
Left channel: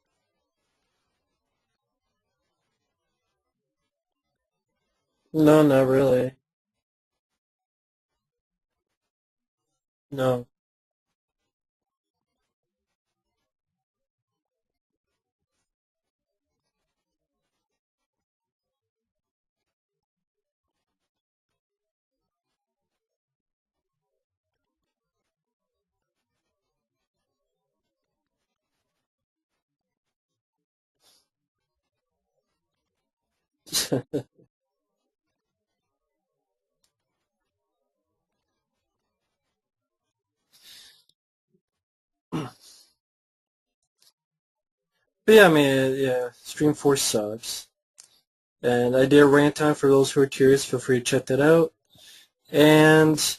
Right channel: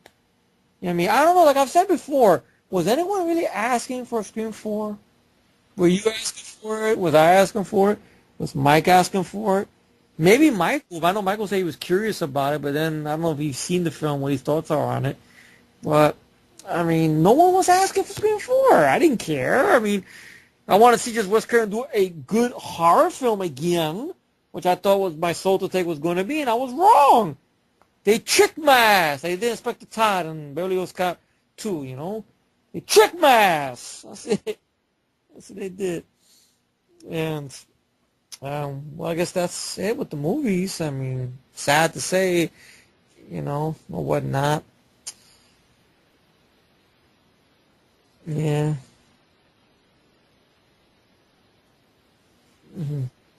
I mean, I don't know, like I've said before, was anyone really asking for Scream 4? No, not really. Were you asking for it? Was I asking for it? Was Mike asking for it? No. Maybe Michael. I know Michael said he was curious about it, but then I don't know if he's seen the film, what his thoughts are on it. But, I mean, no one was asking for Scream 4. I didn't care. I mean, I want to see just Wes Craven do a good horror film again, which I thought was my soul to take was going to be, and I was wrong. They tricked my ass. They did Inspector Todd and Beverly Hills Cop 2, They tricked my ass. That's it. That's what they did. And, well, I guess that's it with the movies. I mean, sad to say, or whatnot. But yeah, I mean, Scream 4 sucks. Yeah. And I did a rant on for those who are curious. Feel free to check that out. And,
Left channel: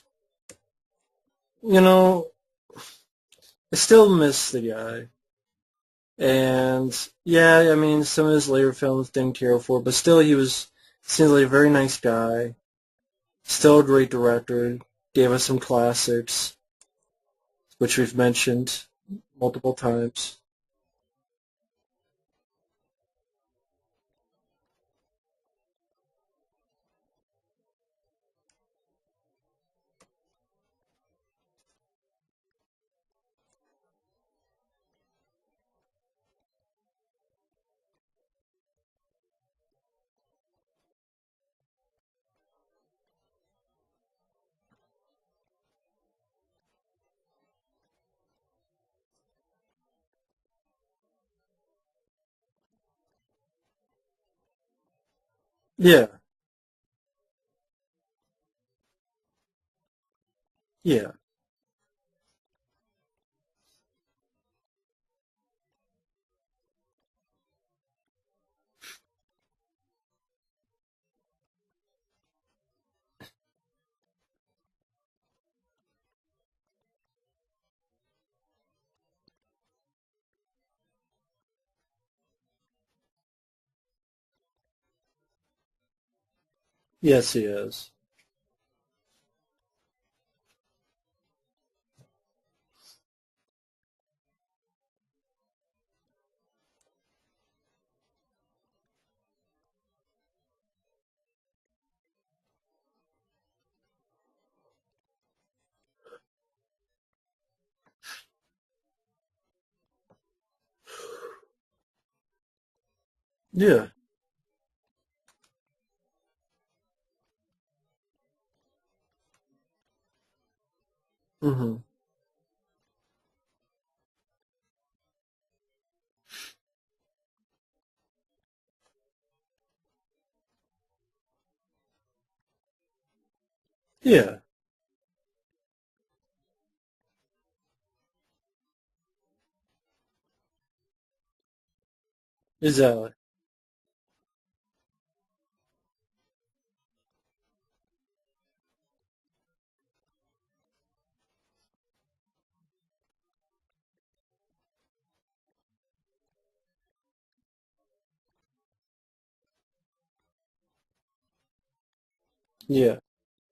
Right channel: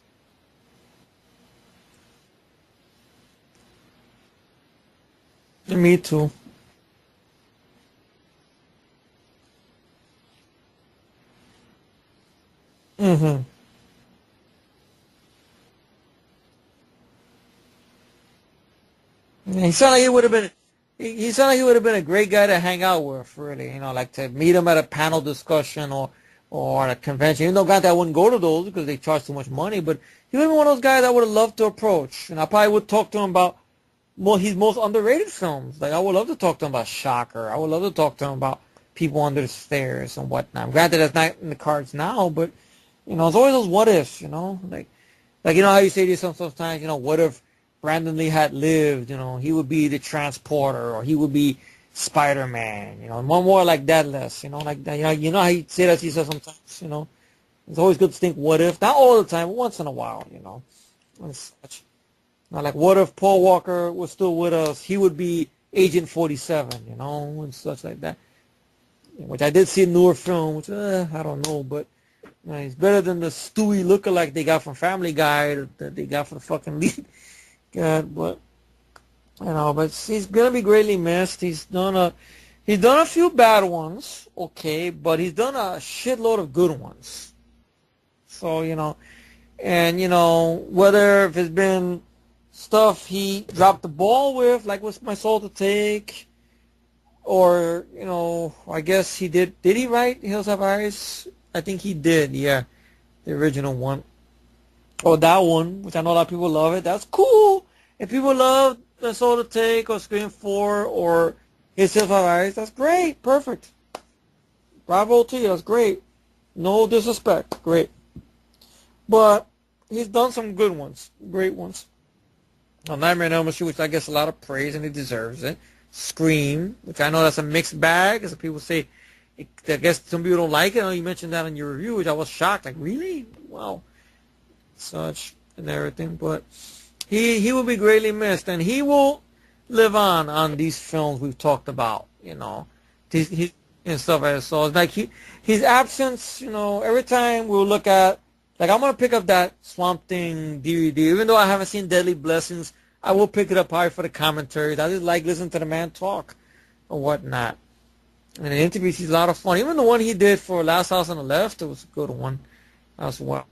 I still miss the guy. Me too. And, yeah, I mean, some of his later films didn't care for, but still seems like a very nice guy. Mm-hmm. Still a great director. Gave us some classics, which we've mentioned multiple times. He sounded like he would have been a great guy to hang out with, really. Like to meet him at a panel discussion or at a convention. Even though, granted, I wouldn't go to those because they charge too much money, but he would have been one of those guys I would have loved to approach. And I probably would talk to him about his most underrated films. Like, I would love to talk to him about Shocker. I would love to talk to him about People Under the Stairs and whatnot. Granted, that's not in the cards now, but, it's always those what ifs, Like, Like, you know how you say this sometimes, you know, what if Brandon Lee had lived, you know, he would be the transporter, or he would be Spider-Man, you know, one more like that less, you know, like that, you know how you say that to Yeah, yourself sometimes, you know. It's always good to think what if, not all the time, but once in a while, you know. yeah, And such. Now, like, what if Paul Walker was still with us? He would be Agent 47, you know, and such like that. Which I did see a newer film, which I don't know, but it's better than the Stewie lookalike they got from Family Guy that they got for the fucking lead. God, but you know, but he's gonna be greatly missed. He's done a few bad ones, okay, but he's done a shitload of good ones. yes, he is. So you know, and you know whether if it's been stuff he dropped the ball with, like with My Soul to Take, or you know, I guess he did. Did he write Hills Have Eyes? I think he did. Yeah, the original one. Or that one, which I know a lot of people love it. That's cool. If people love The Soul to Take or Scream 4 or His Hills Have Eyes, that's great. Perfect. Yeah. Bravo to you. That's great. No disrespect. Great. But he's done some good ones. Great ones. Now, Nightmare on Elm Street, which I guess a lot of praise, and he deserves it. Scream, which I know that's a mixed bag. As people say, I guess some people don't like it. I know you mentioned that in your review, which I was shocked. Like, really? Wow. Yeah. Such and everything. But he will be greatly missed, and he will live on these films we've talked about, you know. Exactly. And stuff like that. So it's like his absence, you know, every time we'll look at, like, I'm going to pick up that Swamp Thing DVD. Even though I haven't seen Deadly Blessings, I will pick it up probably for the commentaries. I just like listening to the man talk or whatnot. And the interviews, he's a lot of fun. Even the one he did for Last House on the Left, it was a good one Yeah. as well.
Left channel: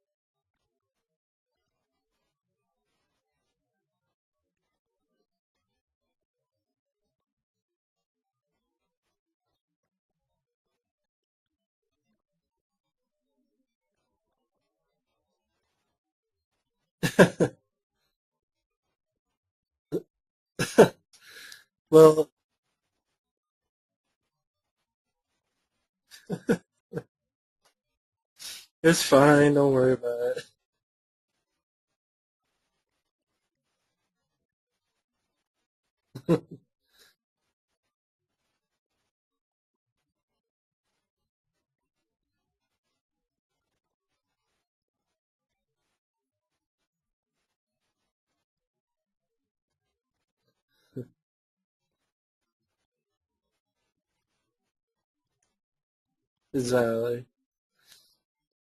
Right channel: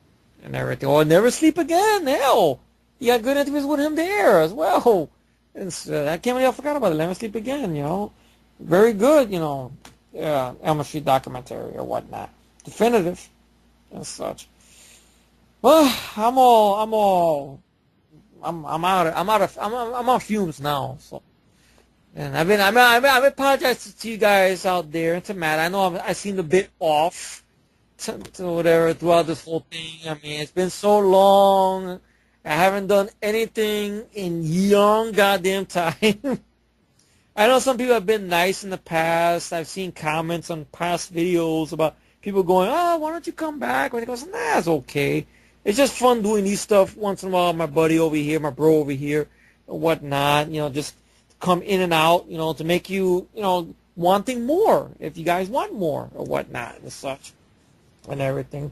And everything. Or Never Sleep Again. Hell, you got good interviews with him there as well. And I can't believe I forgot about it. Never Sleep Again, you know. Very good, you know, Elm Street documentary or whatnot. Definitive and such. Well, I'm on fumes now. So. Well, And I've apologized to you guys out there and to Matt. I know I seemed a bit off to whatever. it's throughout this fine. whole Don't worry thing. I about mean, it. it's been so long. I haven't done anything in young goddamn time. I know some people have been nice in the past. I've seen comments on past videos about people going, "Oh, why don't you come back?" And he goes, "Nah, it's okay. It's just fun doing these stuff once in a while. My buddy over here, my bro over here, or whatnot. You know, just come in and out. You know, to make you, you know, wanting more if you guys want more or whatnot and Exactly. such and everything.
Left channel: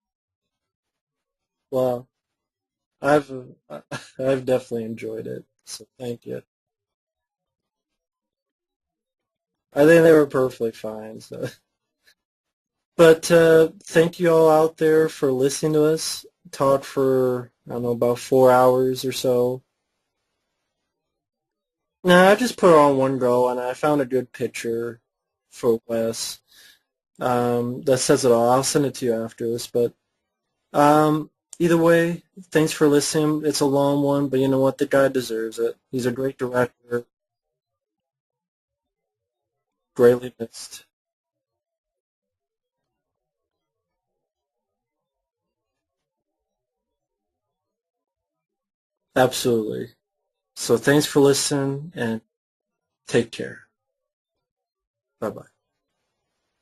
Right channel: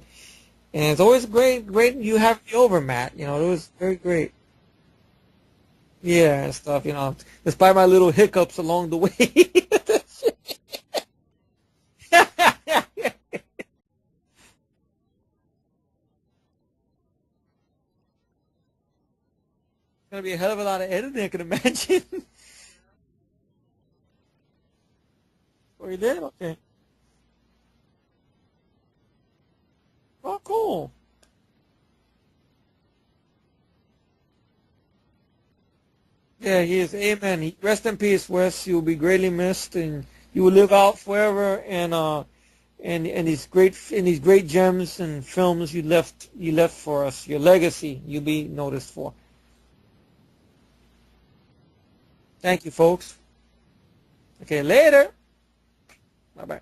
And it's always great Well, you have me over, Matt. You know, it was very great. I've definitely enjoyed it. So thank you. Yeah, and stuff. You know, despite my little hiccups along the way. I think they were perfectly fine. So. But thank you all out there for listening to us talk for, I don't know, about 4 hours or so. It's gonna be a hell of a lot of editing, I can imagine. No, I just put it on one go, and I found a good picture for Oh, you did? Wes. Okay. That says it all. I'll send it to you after this. But Oh, cool. either way, thanks for listening. It's a long one, but you know what? The guy deserves it. He's a great Yeah, director. he is. Amen. Rest in peace, Wes. You will be greatly missed, and Greatly you will missed. live out forever. And these great gems and films you left for us. Your legacy you'll be noticed for. Absolutely. So thanks for listening, and Thank you, folks. take care. Okay, later. Bye-bye. Bye bye.